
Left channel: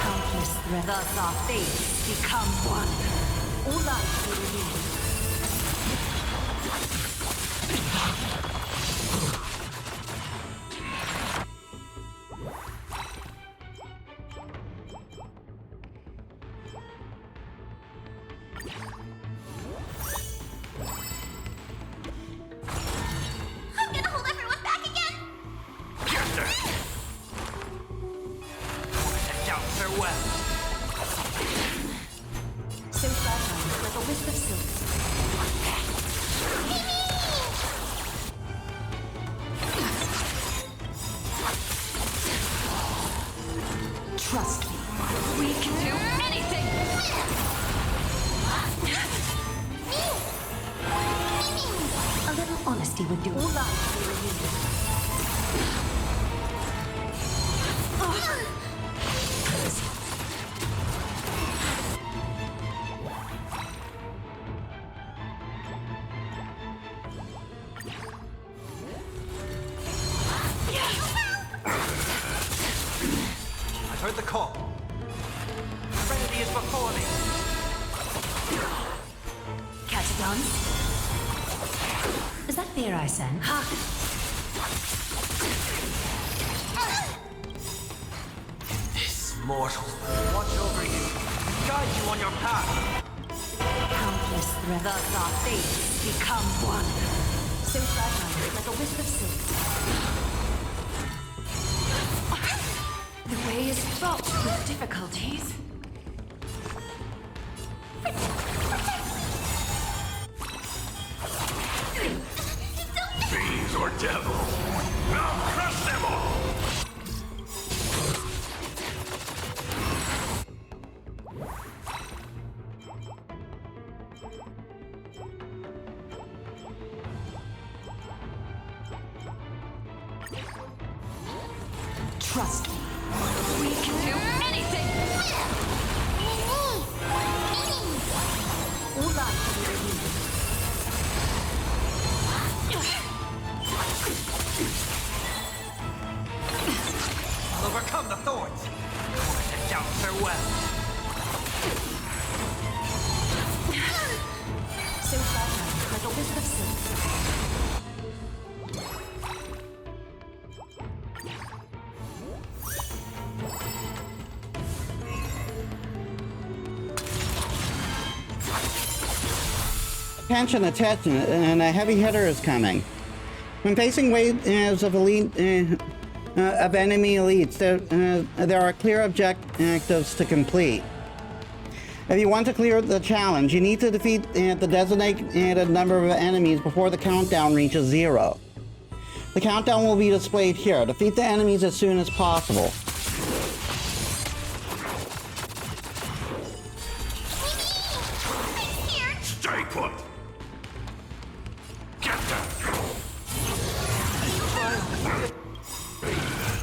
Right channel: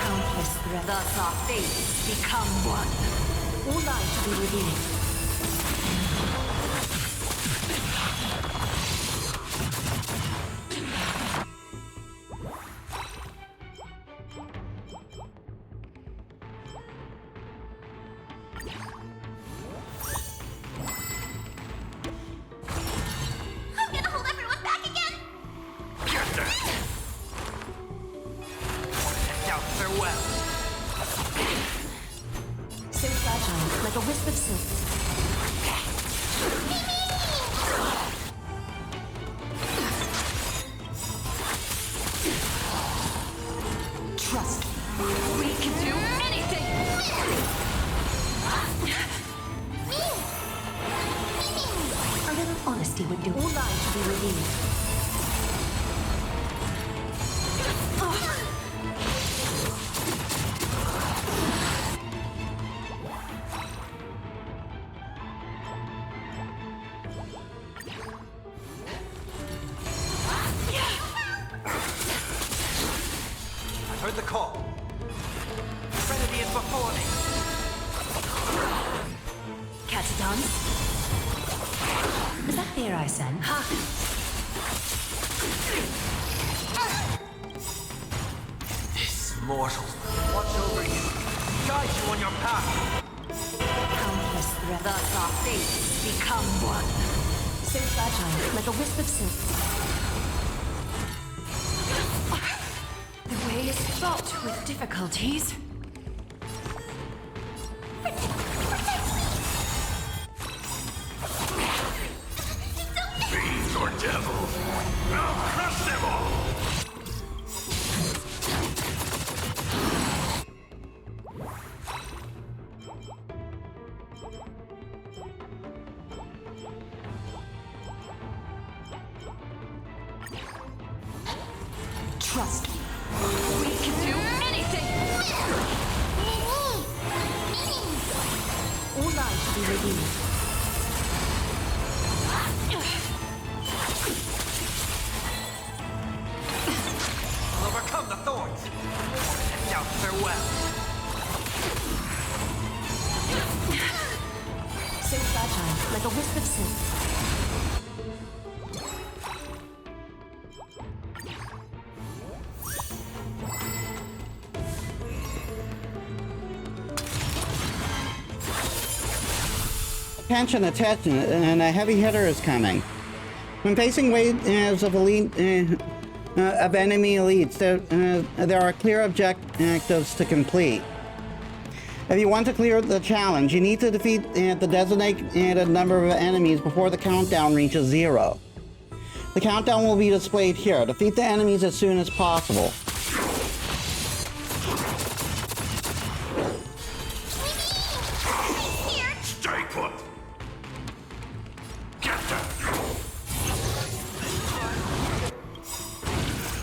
Countless threats. Thus our fates become one. All lies shall be revealed. I'm gonna hold everyone back again! Get them! And doubt farewell. So fragile, like a wisp of silk. Trust me. We can do anything! A little honesty would do. All lies shall be revealed. I've heard the call. Serenity is before me. Catadons? Is that fear I sense? This mortal, watch over you and guide you on your path. Countless threats. Thus our fates become one. So fragile, like a wisp of silk. The way is fraught with difficulties. Fiends or devils, I'll crush them all! Trust me. We can do anything! All lies shall be revealed. I'll overcome the thorns. Moment and doubt farewell. So fragile, like a wisp of silk. Attention, attention, and a heavy hitter is coming. When facing waves of enemy elites, there are clear objectives to complete. If you want to clear the challenge, you need to defeat the designated number of enemies before the countdown reaches 0. The countdown will be displayed here. Defeat the enemies as soon as possible. Stay put! Get them!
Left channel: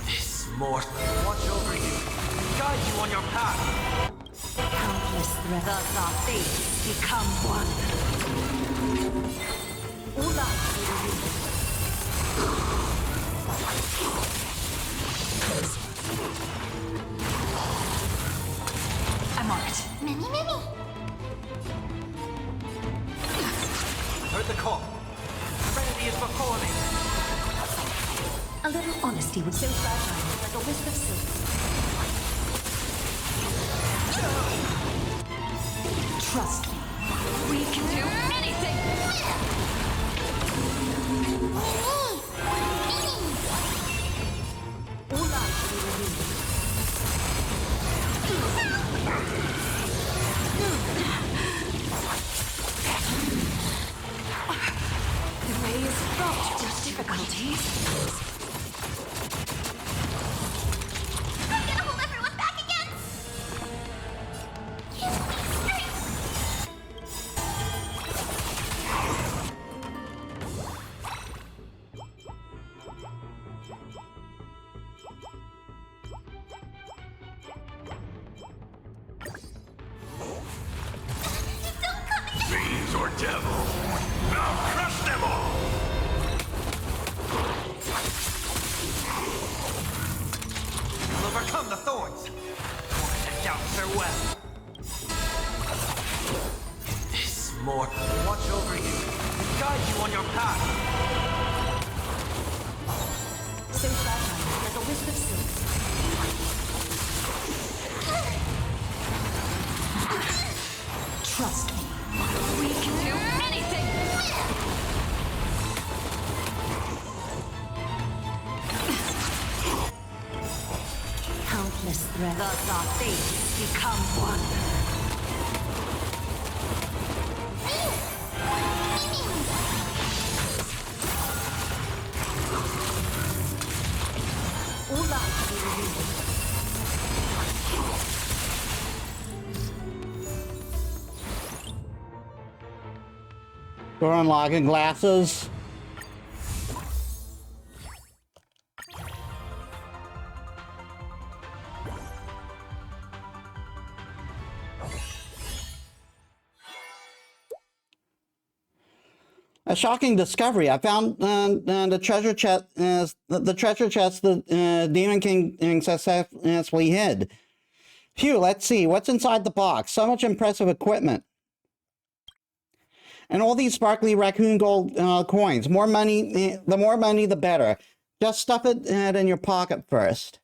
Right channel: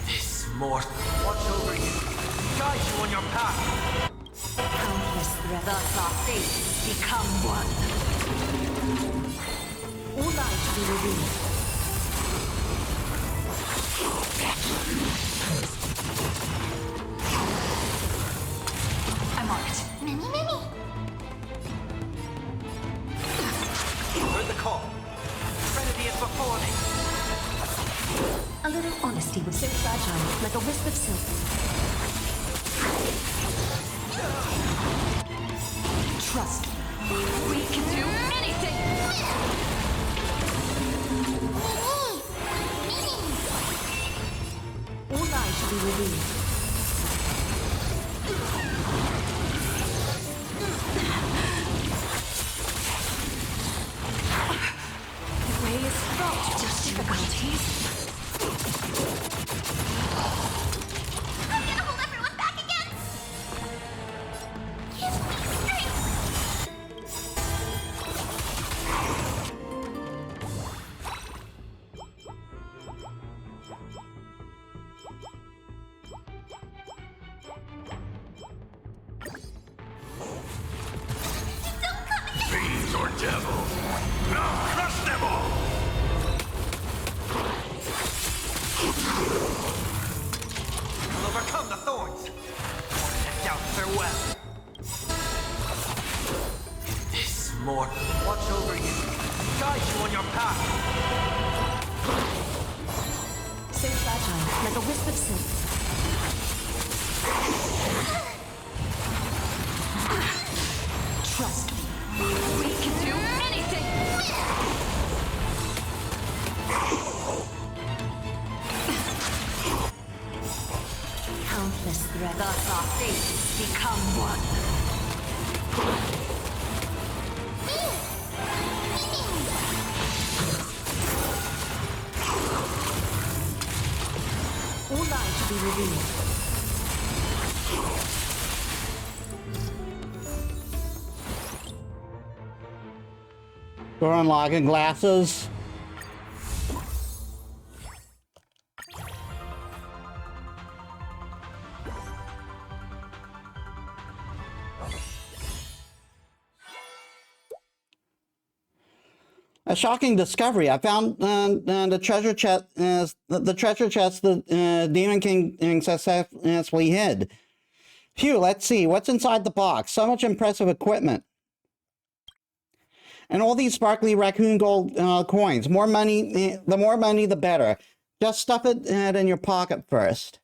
This mortal watch over you and guide you on your path. Countless threats. Thus our fates become one. All lies shall be revealed. I'm on it. Mimi. Heard the call. Serenity is before me. A little honesty was so fragile, like a wisp of silk. Trust me. We can do anything! All lies shall be revealed. The way is fraught with difficulties. I'm gonna hold everyone back again! Give me strength! Fiends or devils, I'll crush them all! I'll overcome the thorns. Moment and doubt farewell. In this mortal watch over you and guide you on your path. So fragile, like a wisp of silk. Trust me. We can do anything! Countless threats. Thus our fates become one. All lies shall be revealed. Door unlocking glasses. A shocking discovery. I found the treasure chest. The treasure chest the Demon King successfully hid. Phew, let's see. What's inside the box? So much impressive equipment. And all these sparkly raccoon gold coins. More money, the more money, the better. Just stuff it in your pocket first.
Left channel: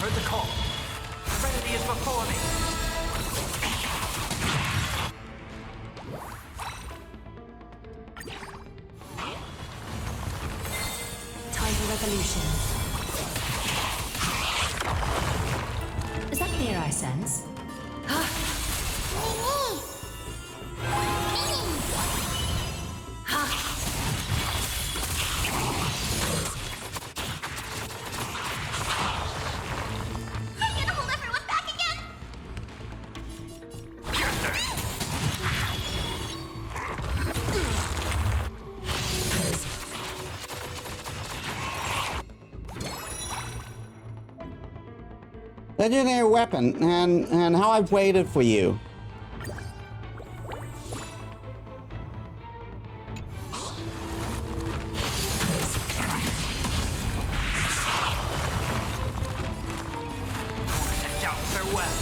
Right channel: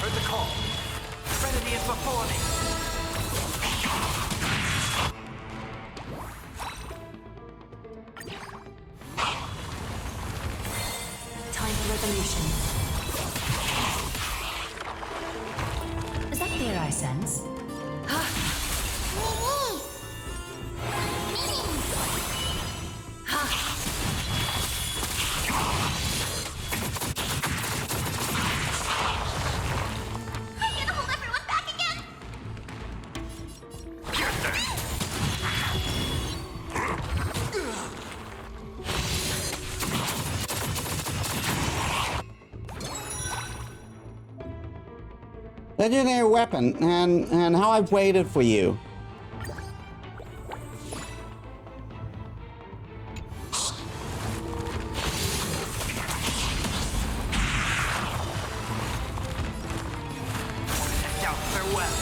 Heard the call. Serenity is before me. Time for resolution. Is that fear I sense? Mimi! Mimi! I'm gonna hold everyone back again! Legendary weapon, and how I've waited for you. Farewell.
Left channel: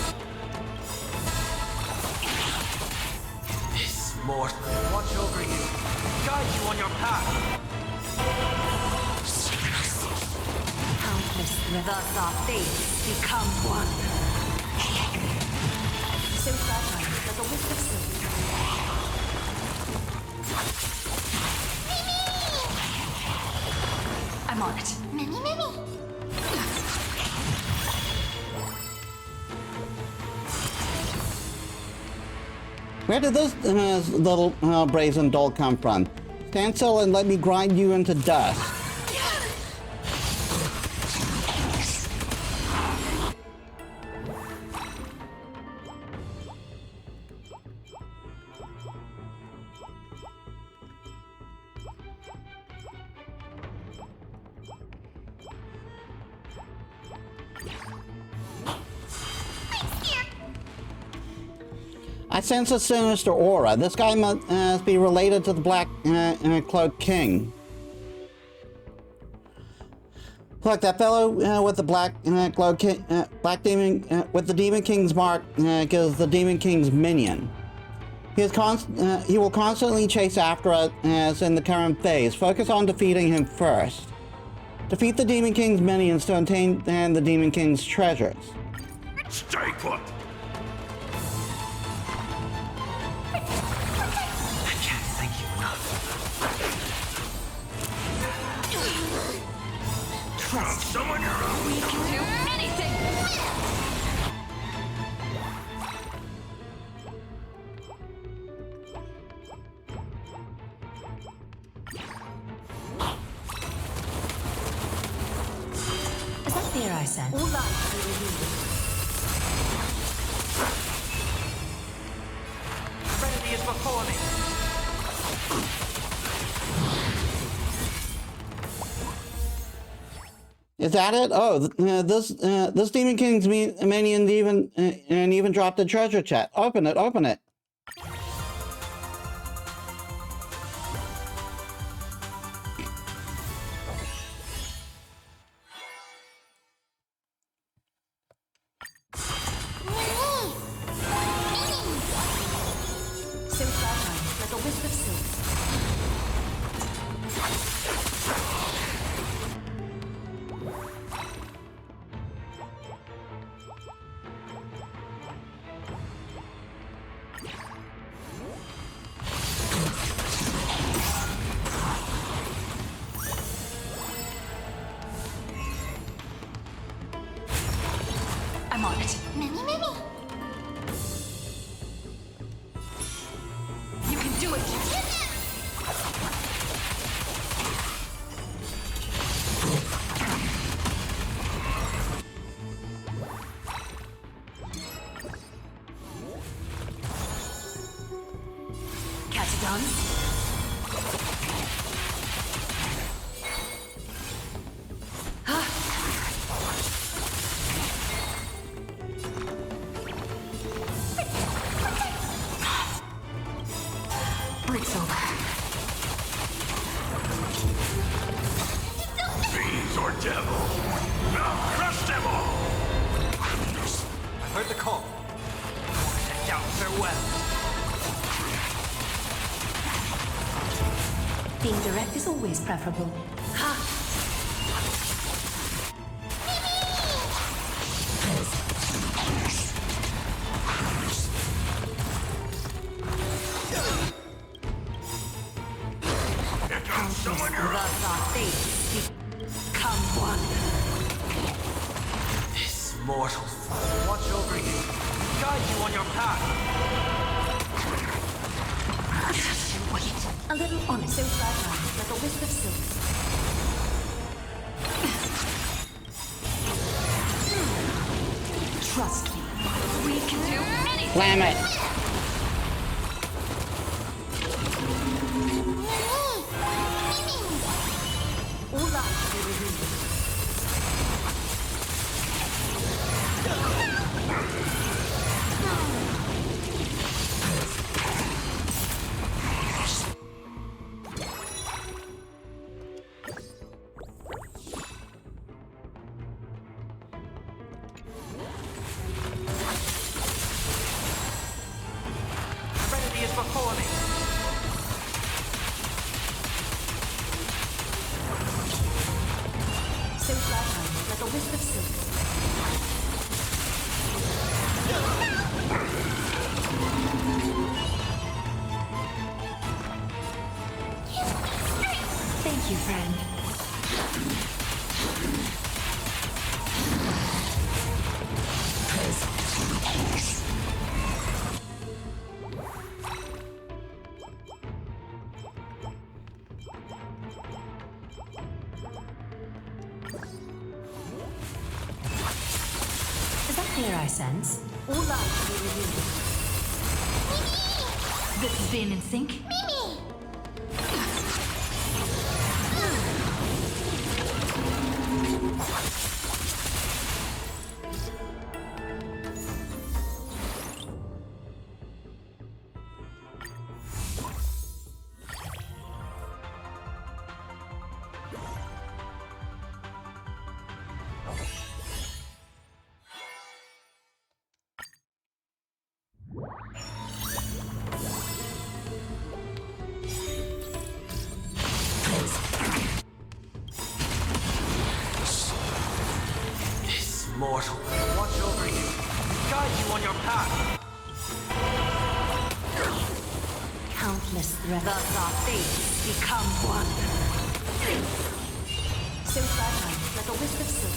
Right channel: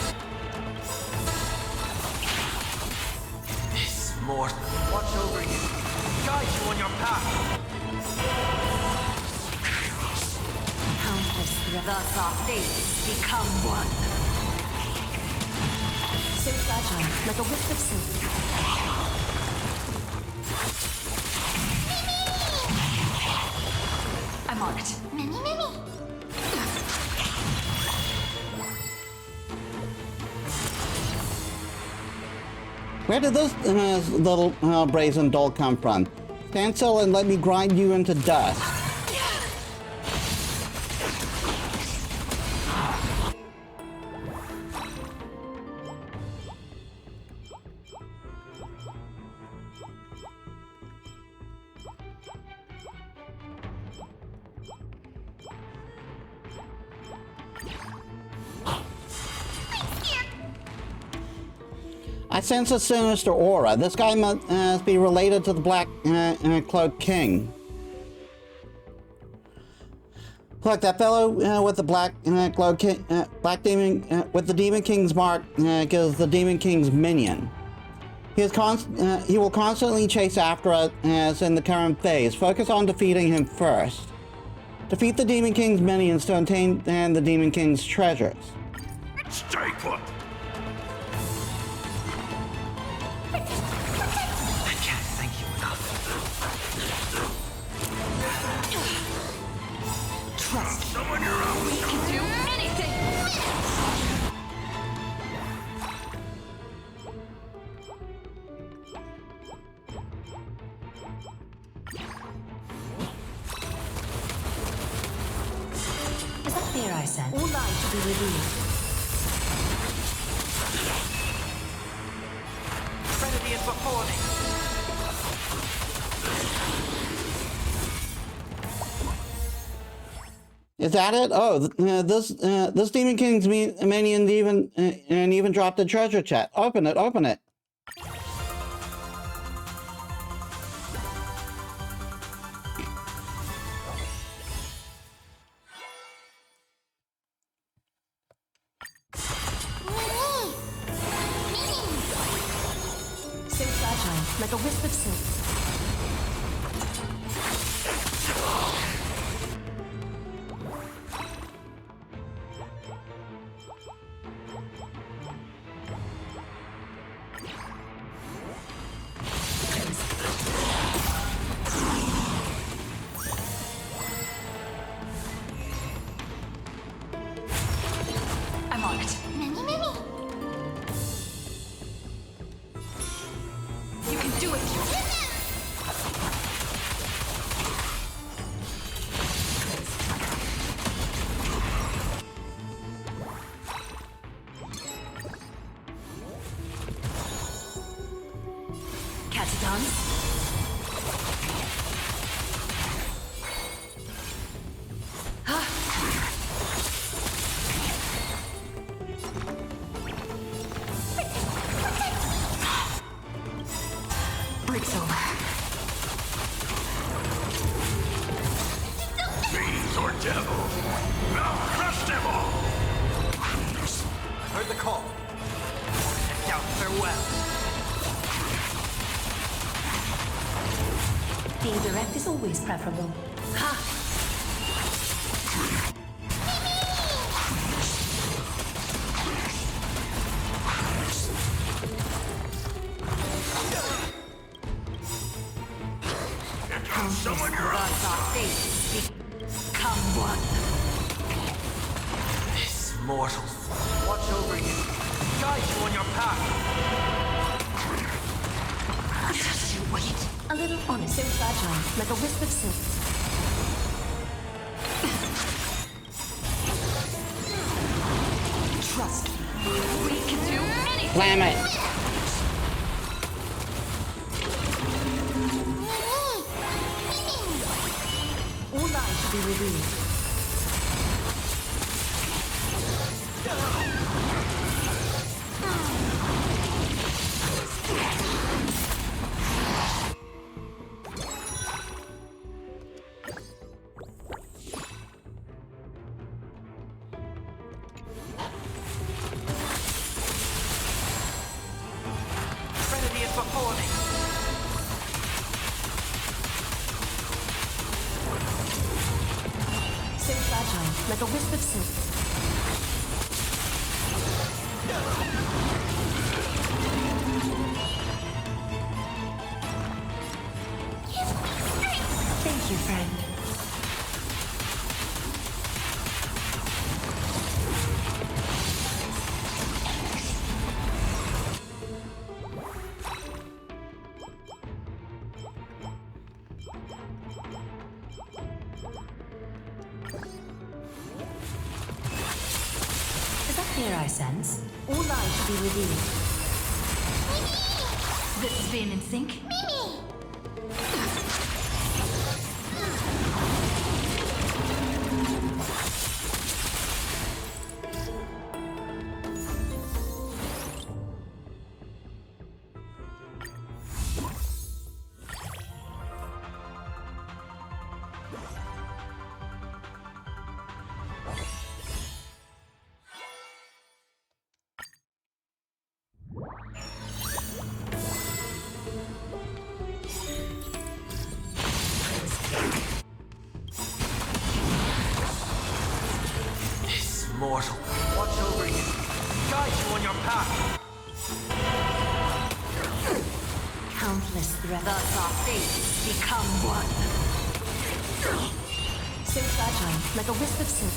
This mortal. Watch over you and guide you on your path. Countless threats. Thus our fates become one. So fragile, like a wisp of silk. I'm on it. Mimi, Mimi! Where did this little brazen doll come from? Stand still and let me grind you into dust. I sense a sinister aura. This guy must be related to the Black Cloak King. Look, that fellow with the Black Cloak King, Black Demon, with the Demon King's mark, is the Demon King's minion. He will constantly chase after us in the current phase. Focus on defeating him first. Defeat the Demon King's minions to obtain the Demon King's treasures. Stay put. I can't thank you enough. Trust someone your own. we can do anything. Is that fear I sense? All lies to be revealed. Serenity is before me. Is that it? Oh, this Demon King's minion even dropped a treasure chest. Open it, open it. So fragile, like a wisp of silk. I'm on it. Mimi, Mimi! You can do it. Catch a dance? Break's over. Fiends or devils, I'll crush them all. I heard the call. I wanted to doubt farewell. Being direct is always preferable. Ha! Countless thus our fates become one. This mortal watch over you and guide you on your path. Just you wait. A little honest, so fragile, like a wisp of silk. Trust me. We can do anything! Slam it. All lies shall be revealed. Serenity is before me. So fragile, like a wisp of silk. Thank you, friend. Is that fear I sense? All lies shall be revealed. This is being in sync? This mortal watch over you and guide you on your path. Countless threats. Thus our fates become one. So fragile, like a wisp of silk.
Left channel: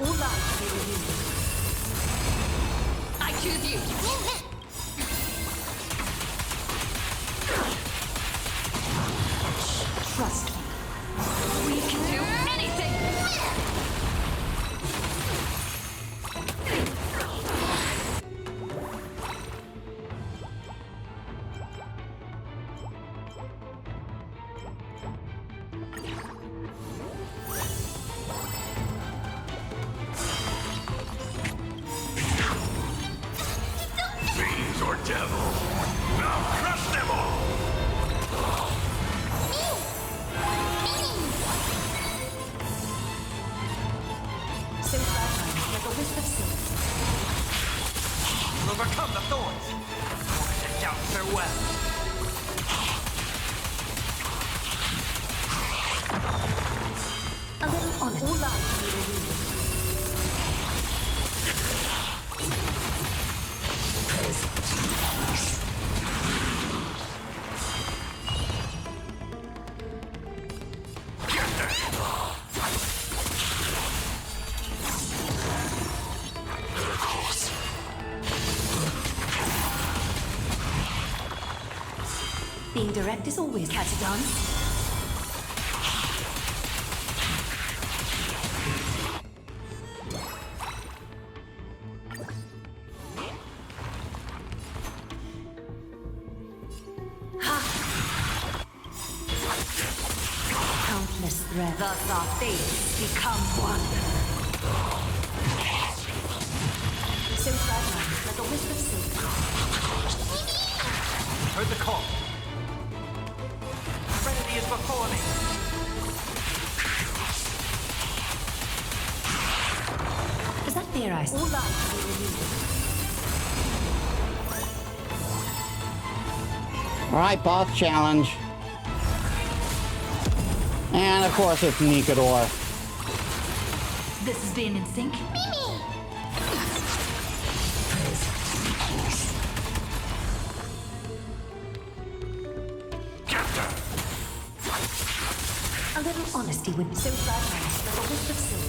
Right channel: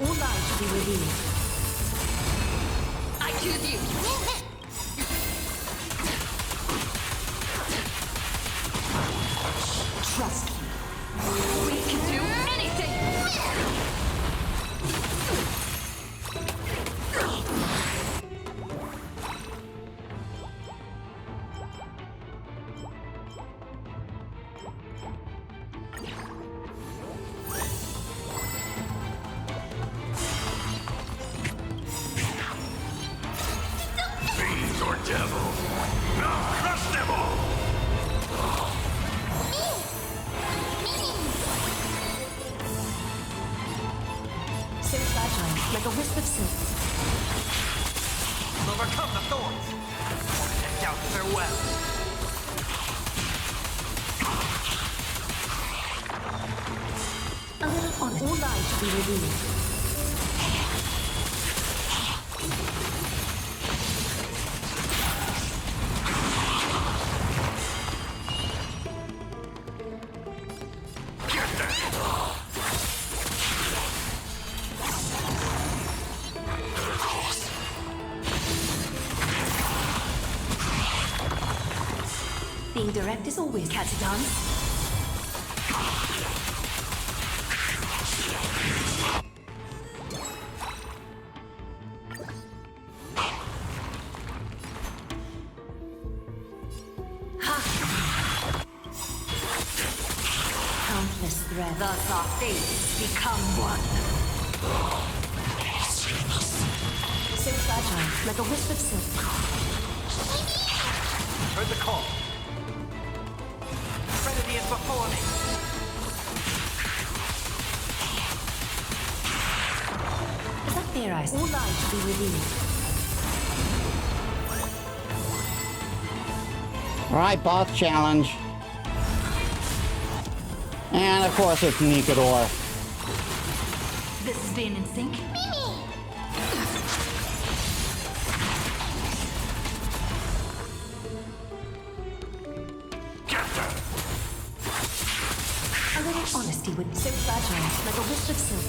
All lies shall be revealed. I choose you! Trust me. We can do anything! Fiends or devils, I'll crush them all! So fragile, like a wisp of silk. I'll overcome the thorns. Torment and doubt farewell. A little honest. All lies shall be revealed. Being direct is always catch a dance. Countless threats. Thus our fates become one. So fragile, like a wisp of silk. Heard the call. Serenity is before me. Is that fear I? All lies shall be revealed. All right, boss challenge. And of course it's Nikador. This is being in sync? A little honesty would so fragile, like a wisp of silk.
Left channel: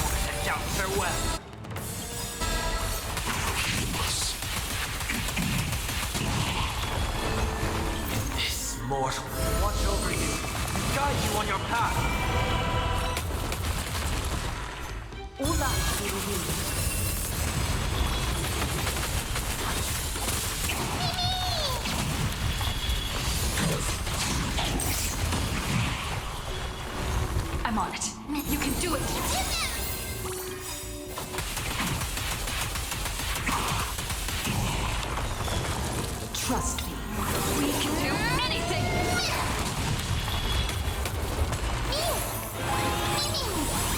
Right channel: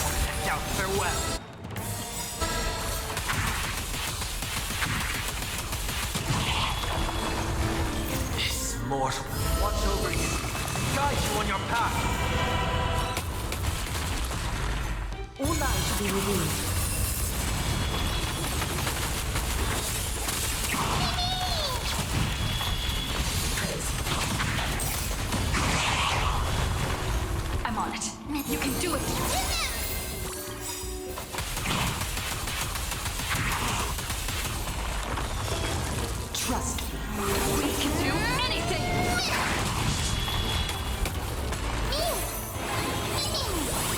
Wanted to doubt farewell. This mortal watch over you and guide you on your path. All lies shall be revealed. I'm on it. You can do it. Trust me. We can do anything!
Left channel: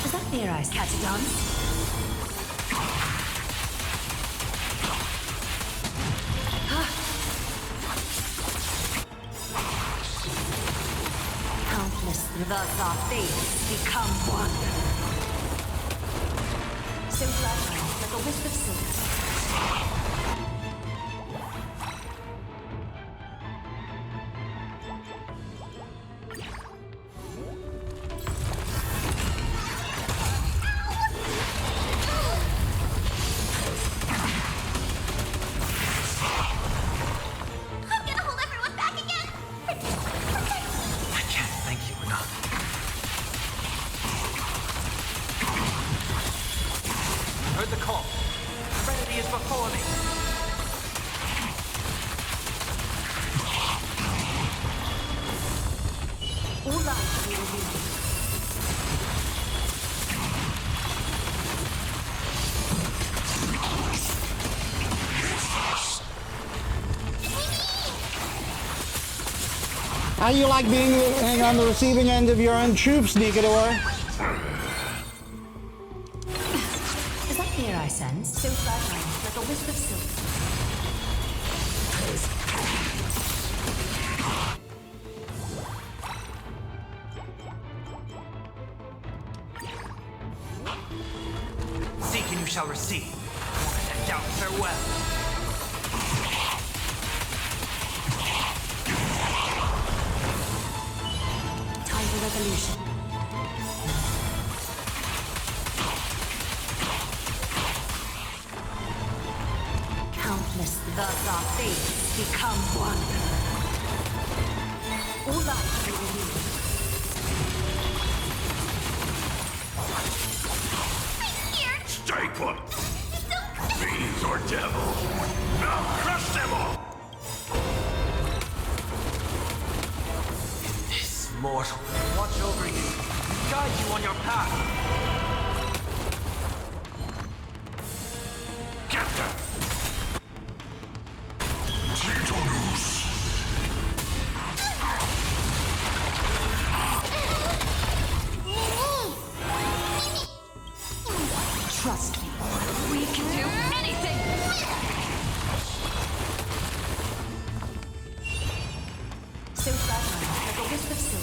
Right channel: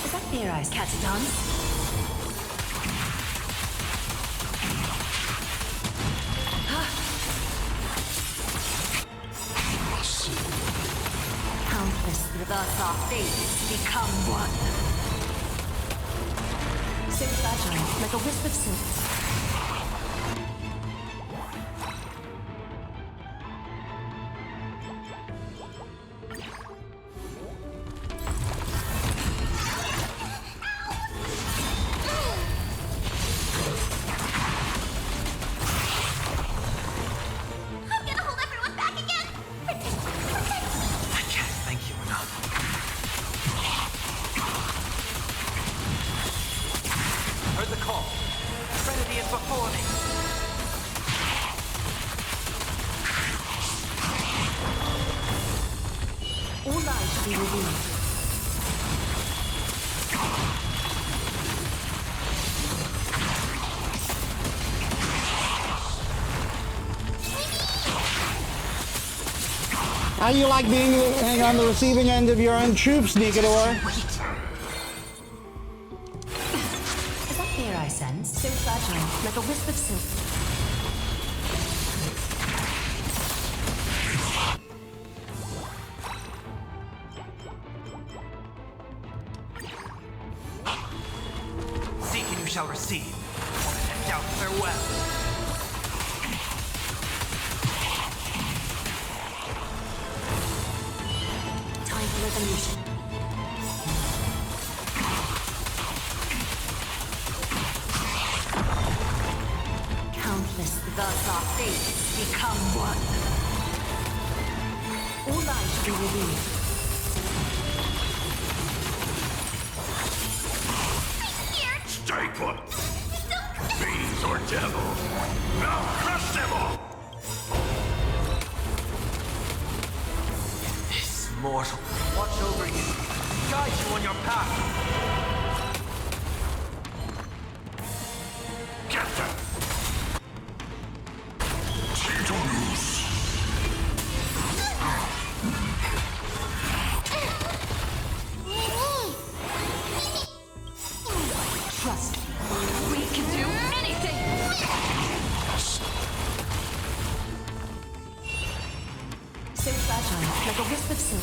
Is that Fair Eyes Cat's a dance? Countless Thus our fates become one. so fragile, like a wisp of silk. I'm gonna hold everyone back again! Protect me! I can't thank you enough. I heard the call. Serenity is before me. All lies shall be revealed. How you like being on the receiving end of your own troops, Nikador? Is that fear I sense? So fragile, like a wisp of silk. Seek and you shall receive. Wanted to doubt farewell. Time for resolution. Countless. Thus our fates become one. All lies shall be revealed. Stay put! Fiends or devils! I'll crush them all! This mortal watch over you and guide you on your path. Get them! Trust me. We can do anything! So fragile, like a wisp of silk.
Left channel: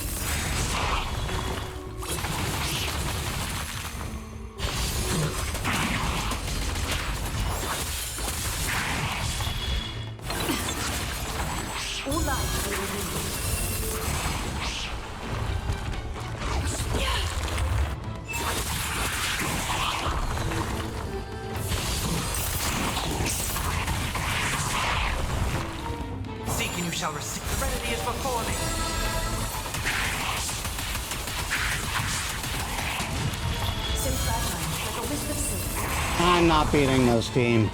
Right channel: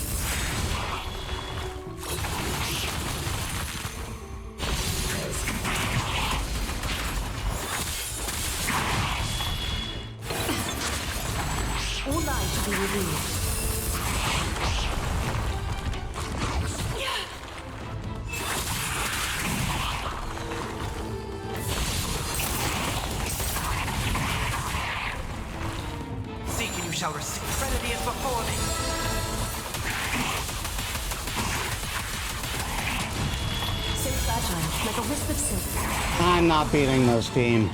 All lies shall be revealed. Seek and you shall receive. Serenity is before me. So fragile, like a wisp of silk. I'm not beating this team.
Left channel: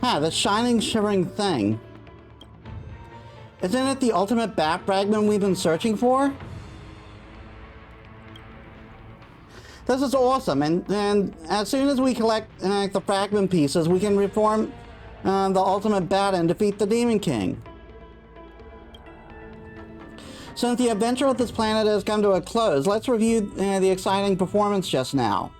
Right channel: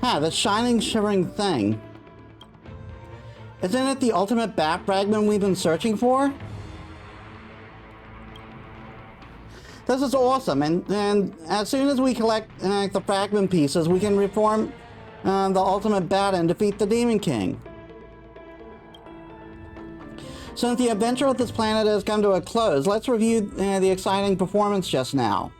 Huh, the shining, shivering thing. Isn't it the ultimate bat fragment we've been searching for? This is awesome, and as soon as we collect the fragment pieces, we can reform the ultimate bat and defeat the Demon King. Since the adventure of this planet has come to a close, let's review the exciting performance just now.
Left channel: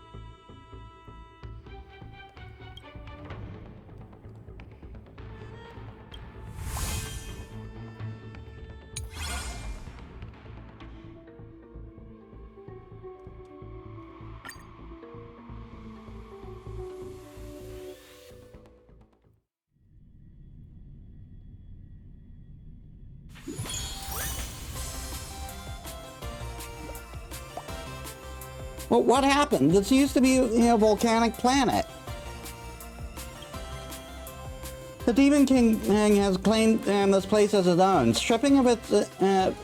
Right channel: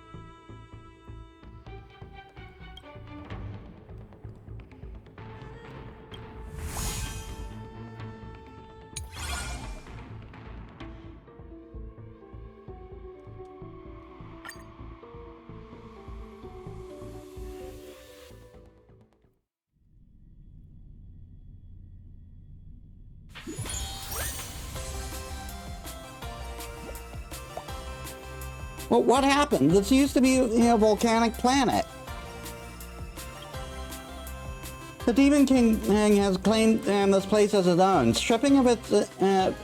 Well, what happened? This used to be a volcanic planet. The Demon King has claimed this place as his own, stripping of it of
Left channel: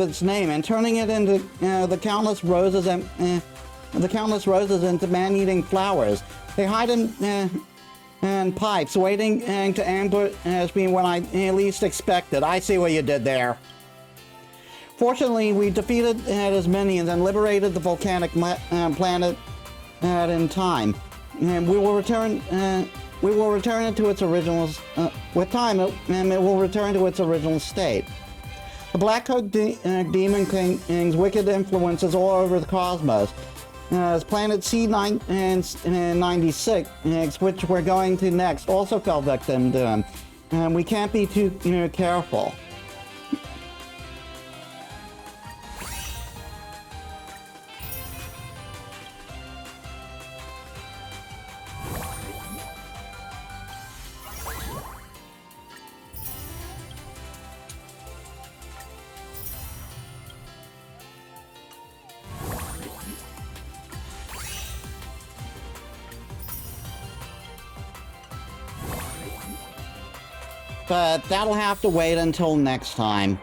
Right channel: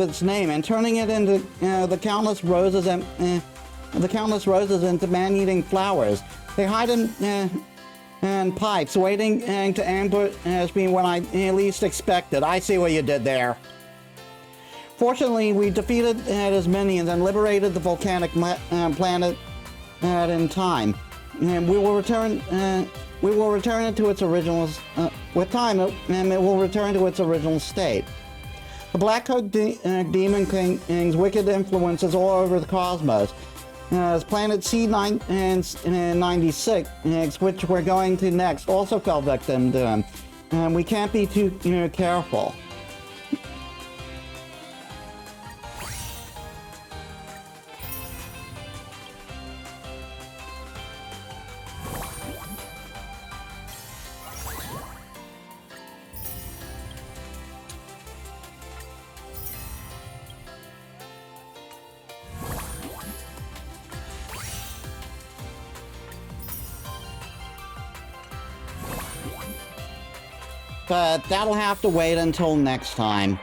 its name and turning it into the countless roses into man-eating flowers. They hide in pipes, waiting to ambush me when I least expect it. I see what you did there. Fortunately, we defeated his minions and liberated the volcanic planet in time. And we will return it to its original. With time, it will return to its original state. The Black Coat Demon King's wicked influences all over the cosmos. As Planet C96, which we're going to next, also fell victim to him. And we can't be too careful. But that'll have to wait until next time.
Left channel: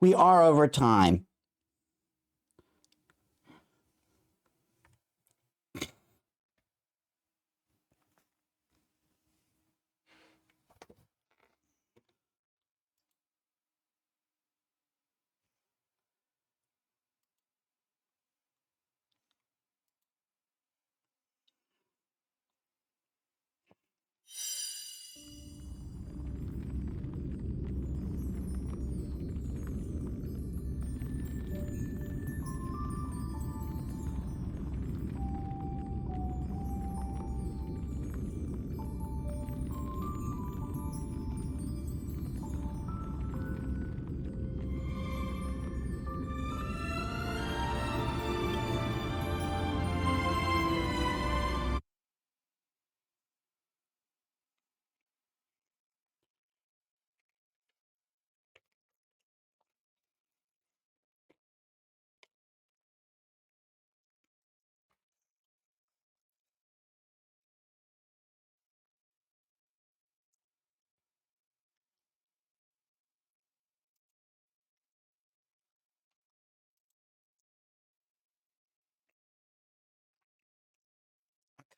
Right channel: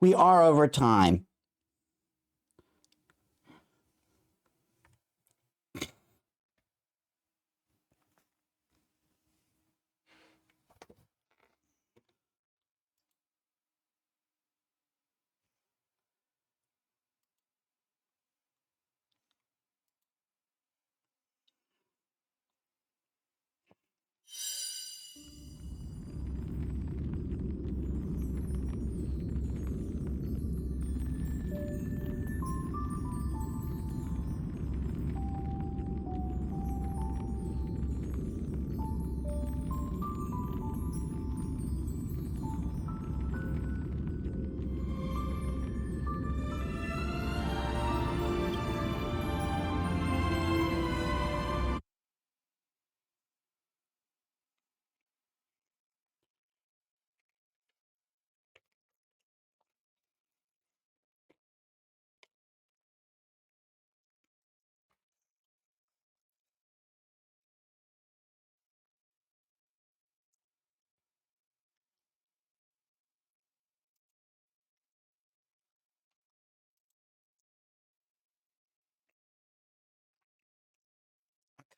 We are over time.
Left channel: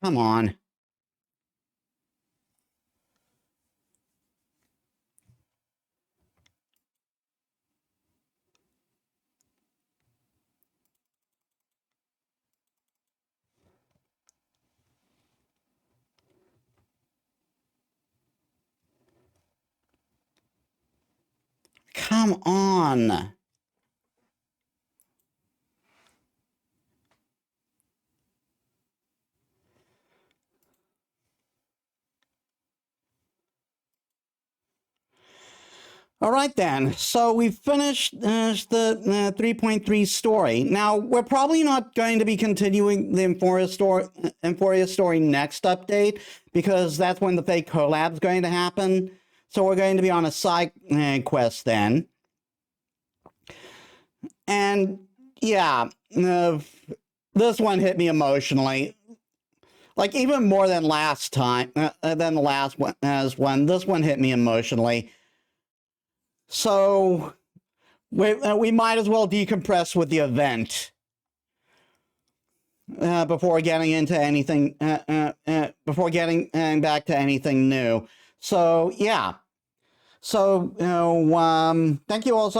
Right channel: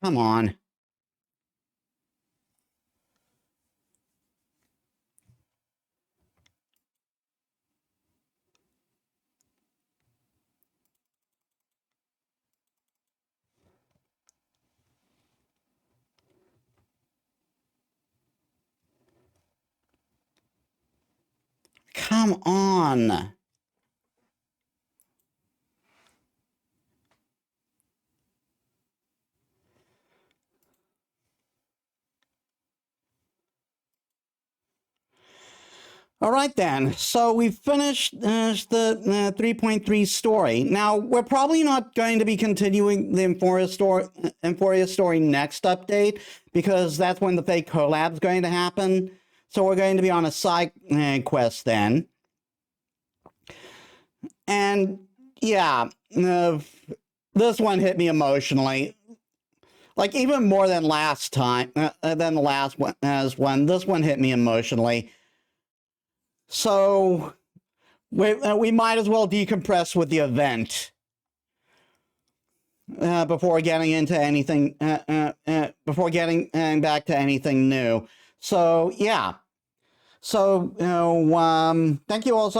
Come on. Come on. All right then, so we've finished the 3.3 story. Now, we're probably not going to be continuing the Euphoria story next update, because that's when the fake collab's going to happen. So we're going to be on a side quest then. And yeah, this one hit me emotionally. Like, even more than last time, than the last one, this one hit me emotionally. So, we might as well decompress with the event before getting into anything. Before getting back to anything new. So yeah. So thank you all.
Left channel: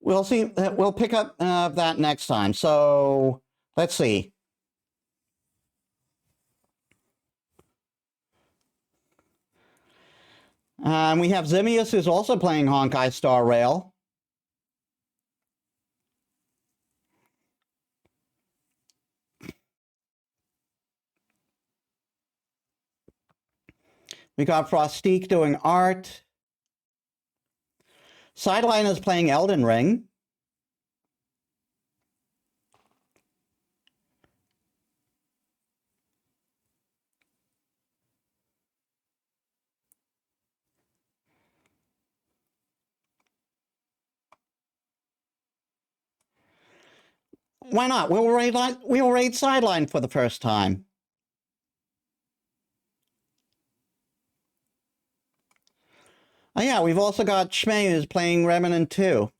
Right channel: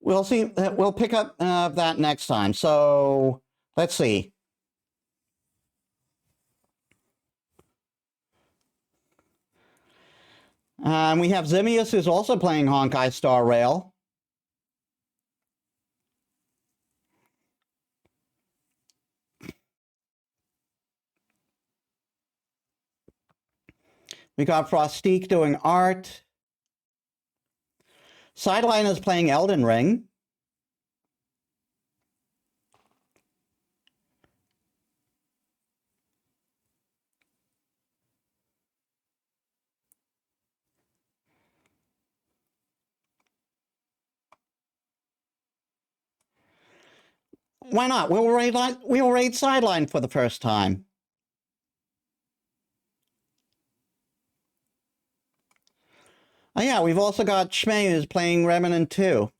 We'll see. We'll pick up that next time. So let's see. We have Zimius, who's also playing Honkai Star Rail. We got Frostique doing art. Sideline is playing Elden Ring. Why not? We'll raid Sideline for the first time. Oh yeah, we've also got Shmei who's playing Remnant 2.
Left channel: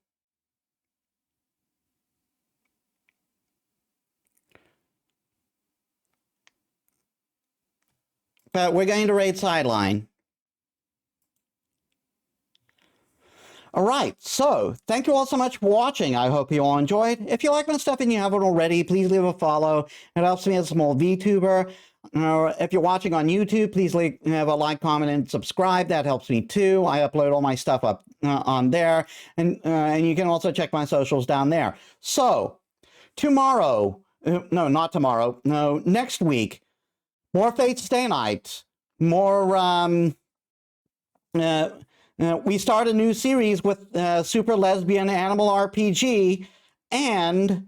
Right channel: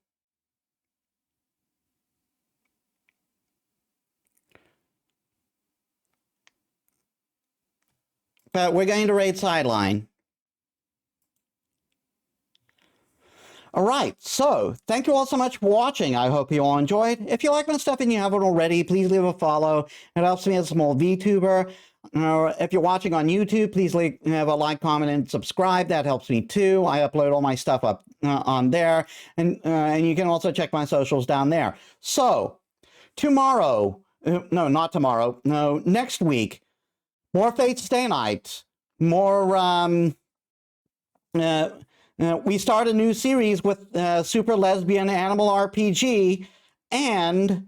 But we're going to raid Sideline. All right, so thank you all so much for watching. I hope you all enjoyed. If you like my stuff and you haven't already, please leave a follow. It helps me as a small VTuber. If you're watching on YouTube, please have a like, comment, and subscribe. That helps me too. I upload all my stuff up on there. And you can also check my socials down there. So, tomorrow, no, not tomorrow, no, next week, more Fate Stay Night, more, we start a new series with Super Lesbian Animal RPG, and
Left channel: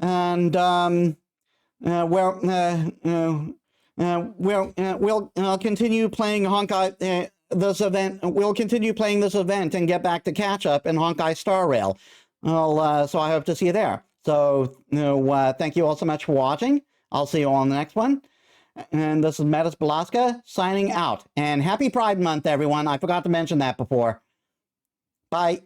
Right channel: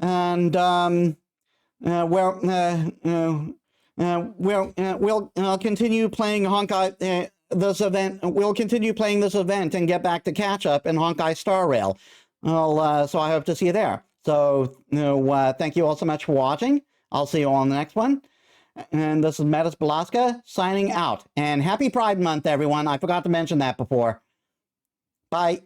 we'll continue playing Honkai this event. We'll continue playing this event and get back to catch up in Honkai Star Rail. Well, so I hope to see you there. So thank you all so much for watching. I'll see you all on the next one. And this is Metis Balaska signing out. And happy Pride Month, everyone. I forgot to mention that before. Bye.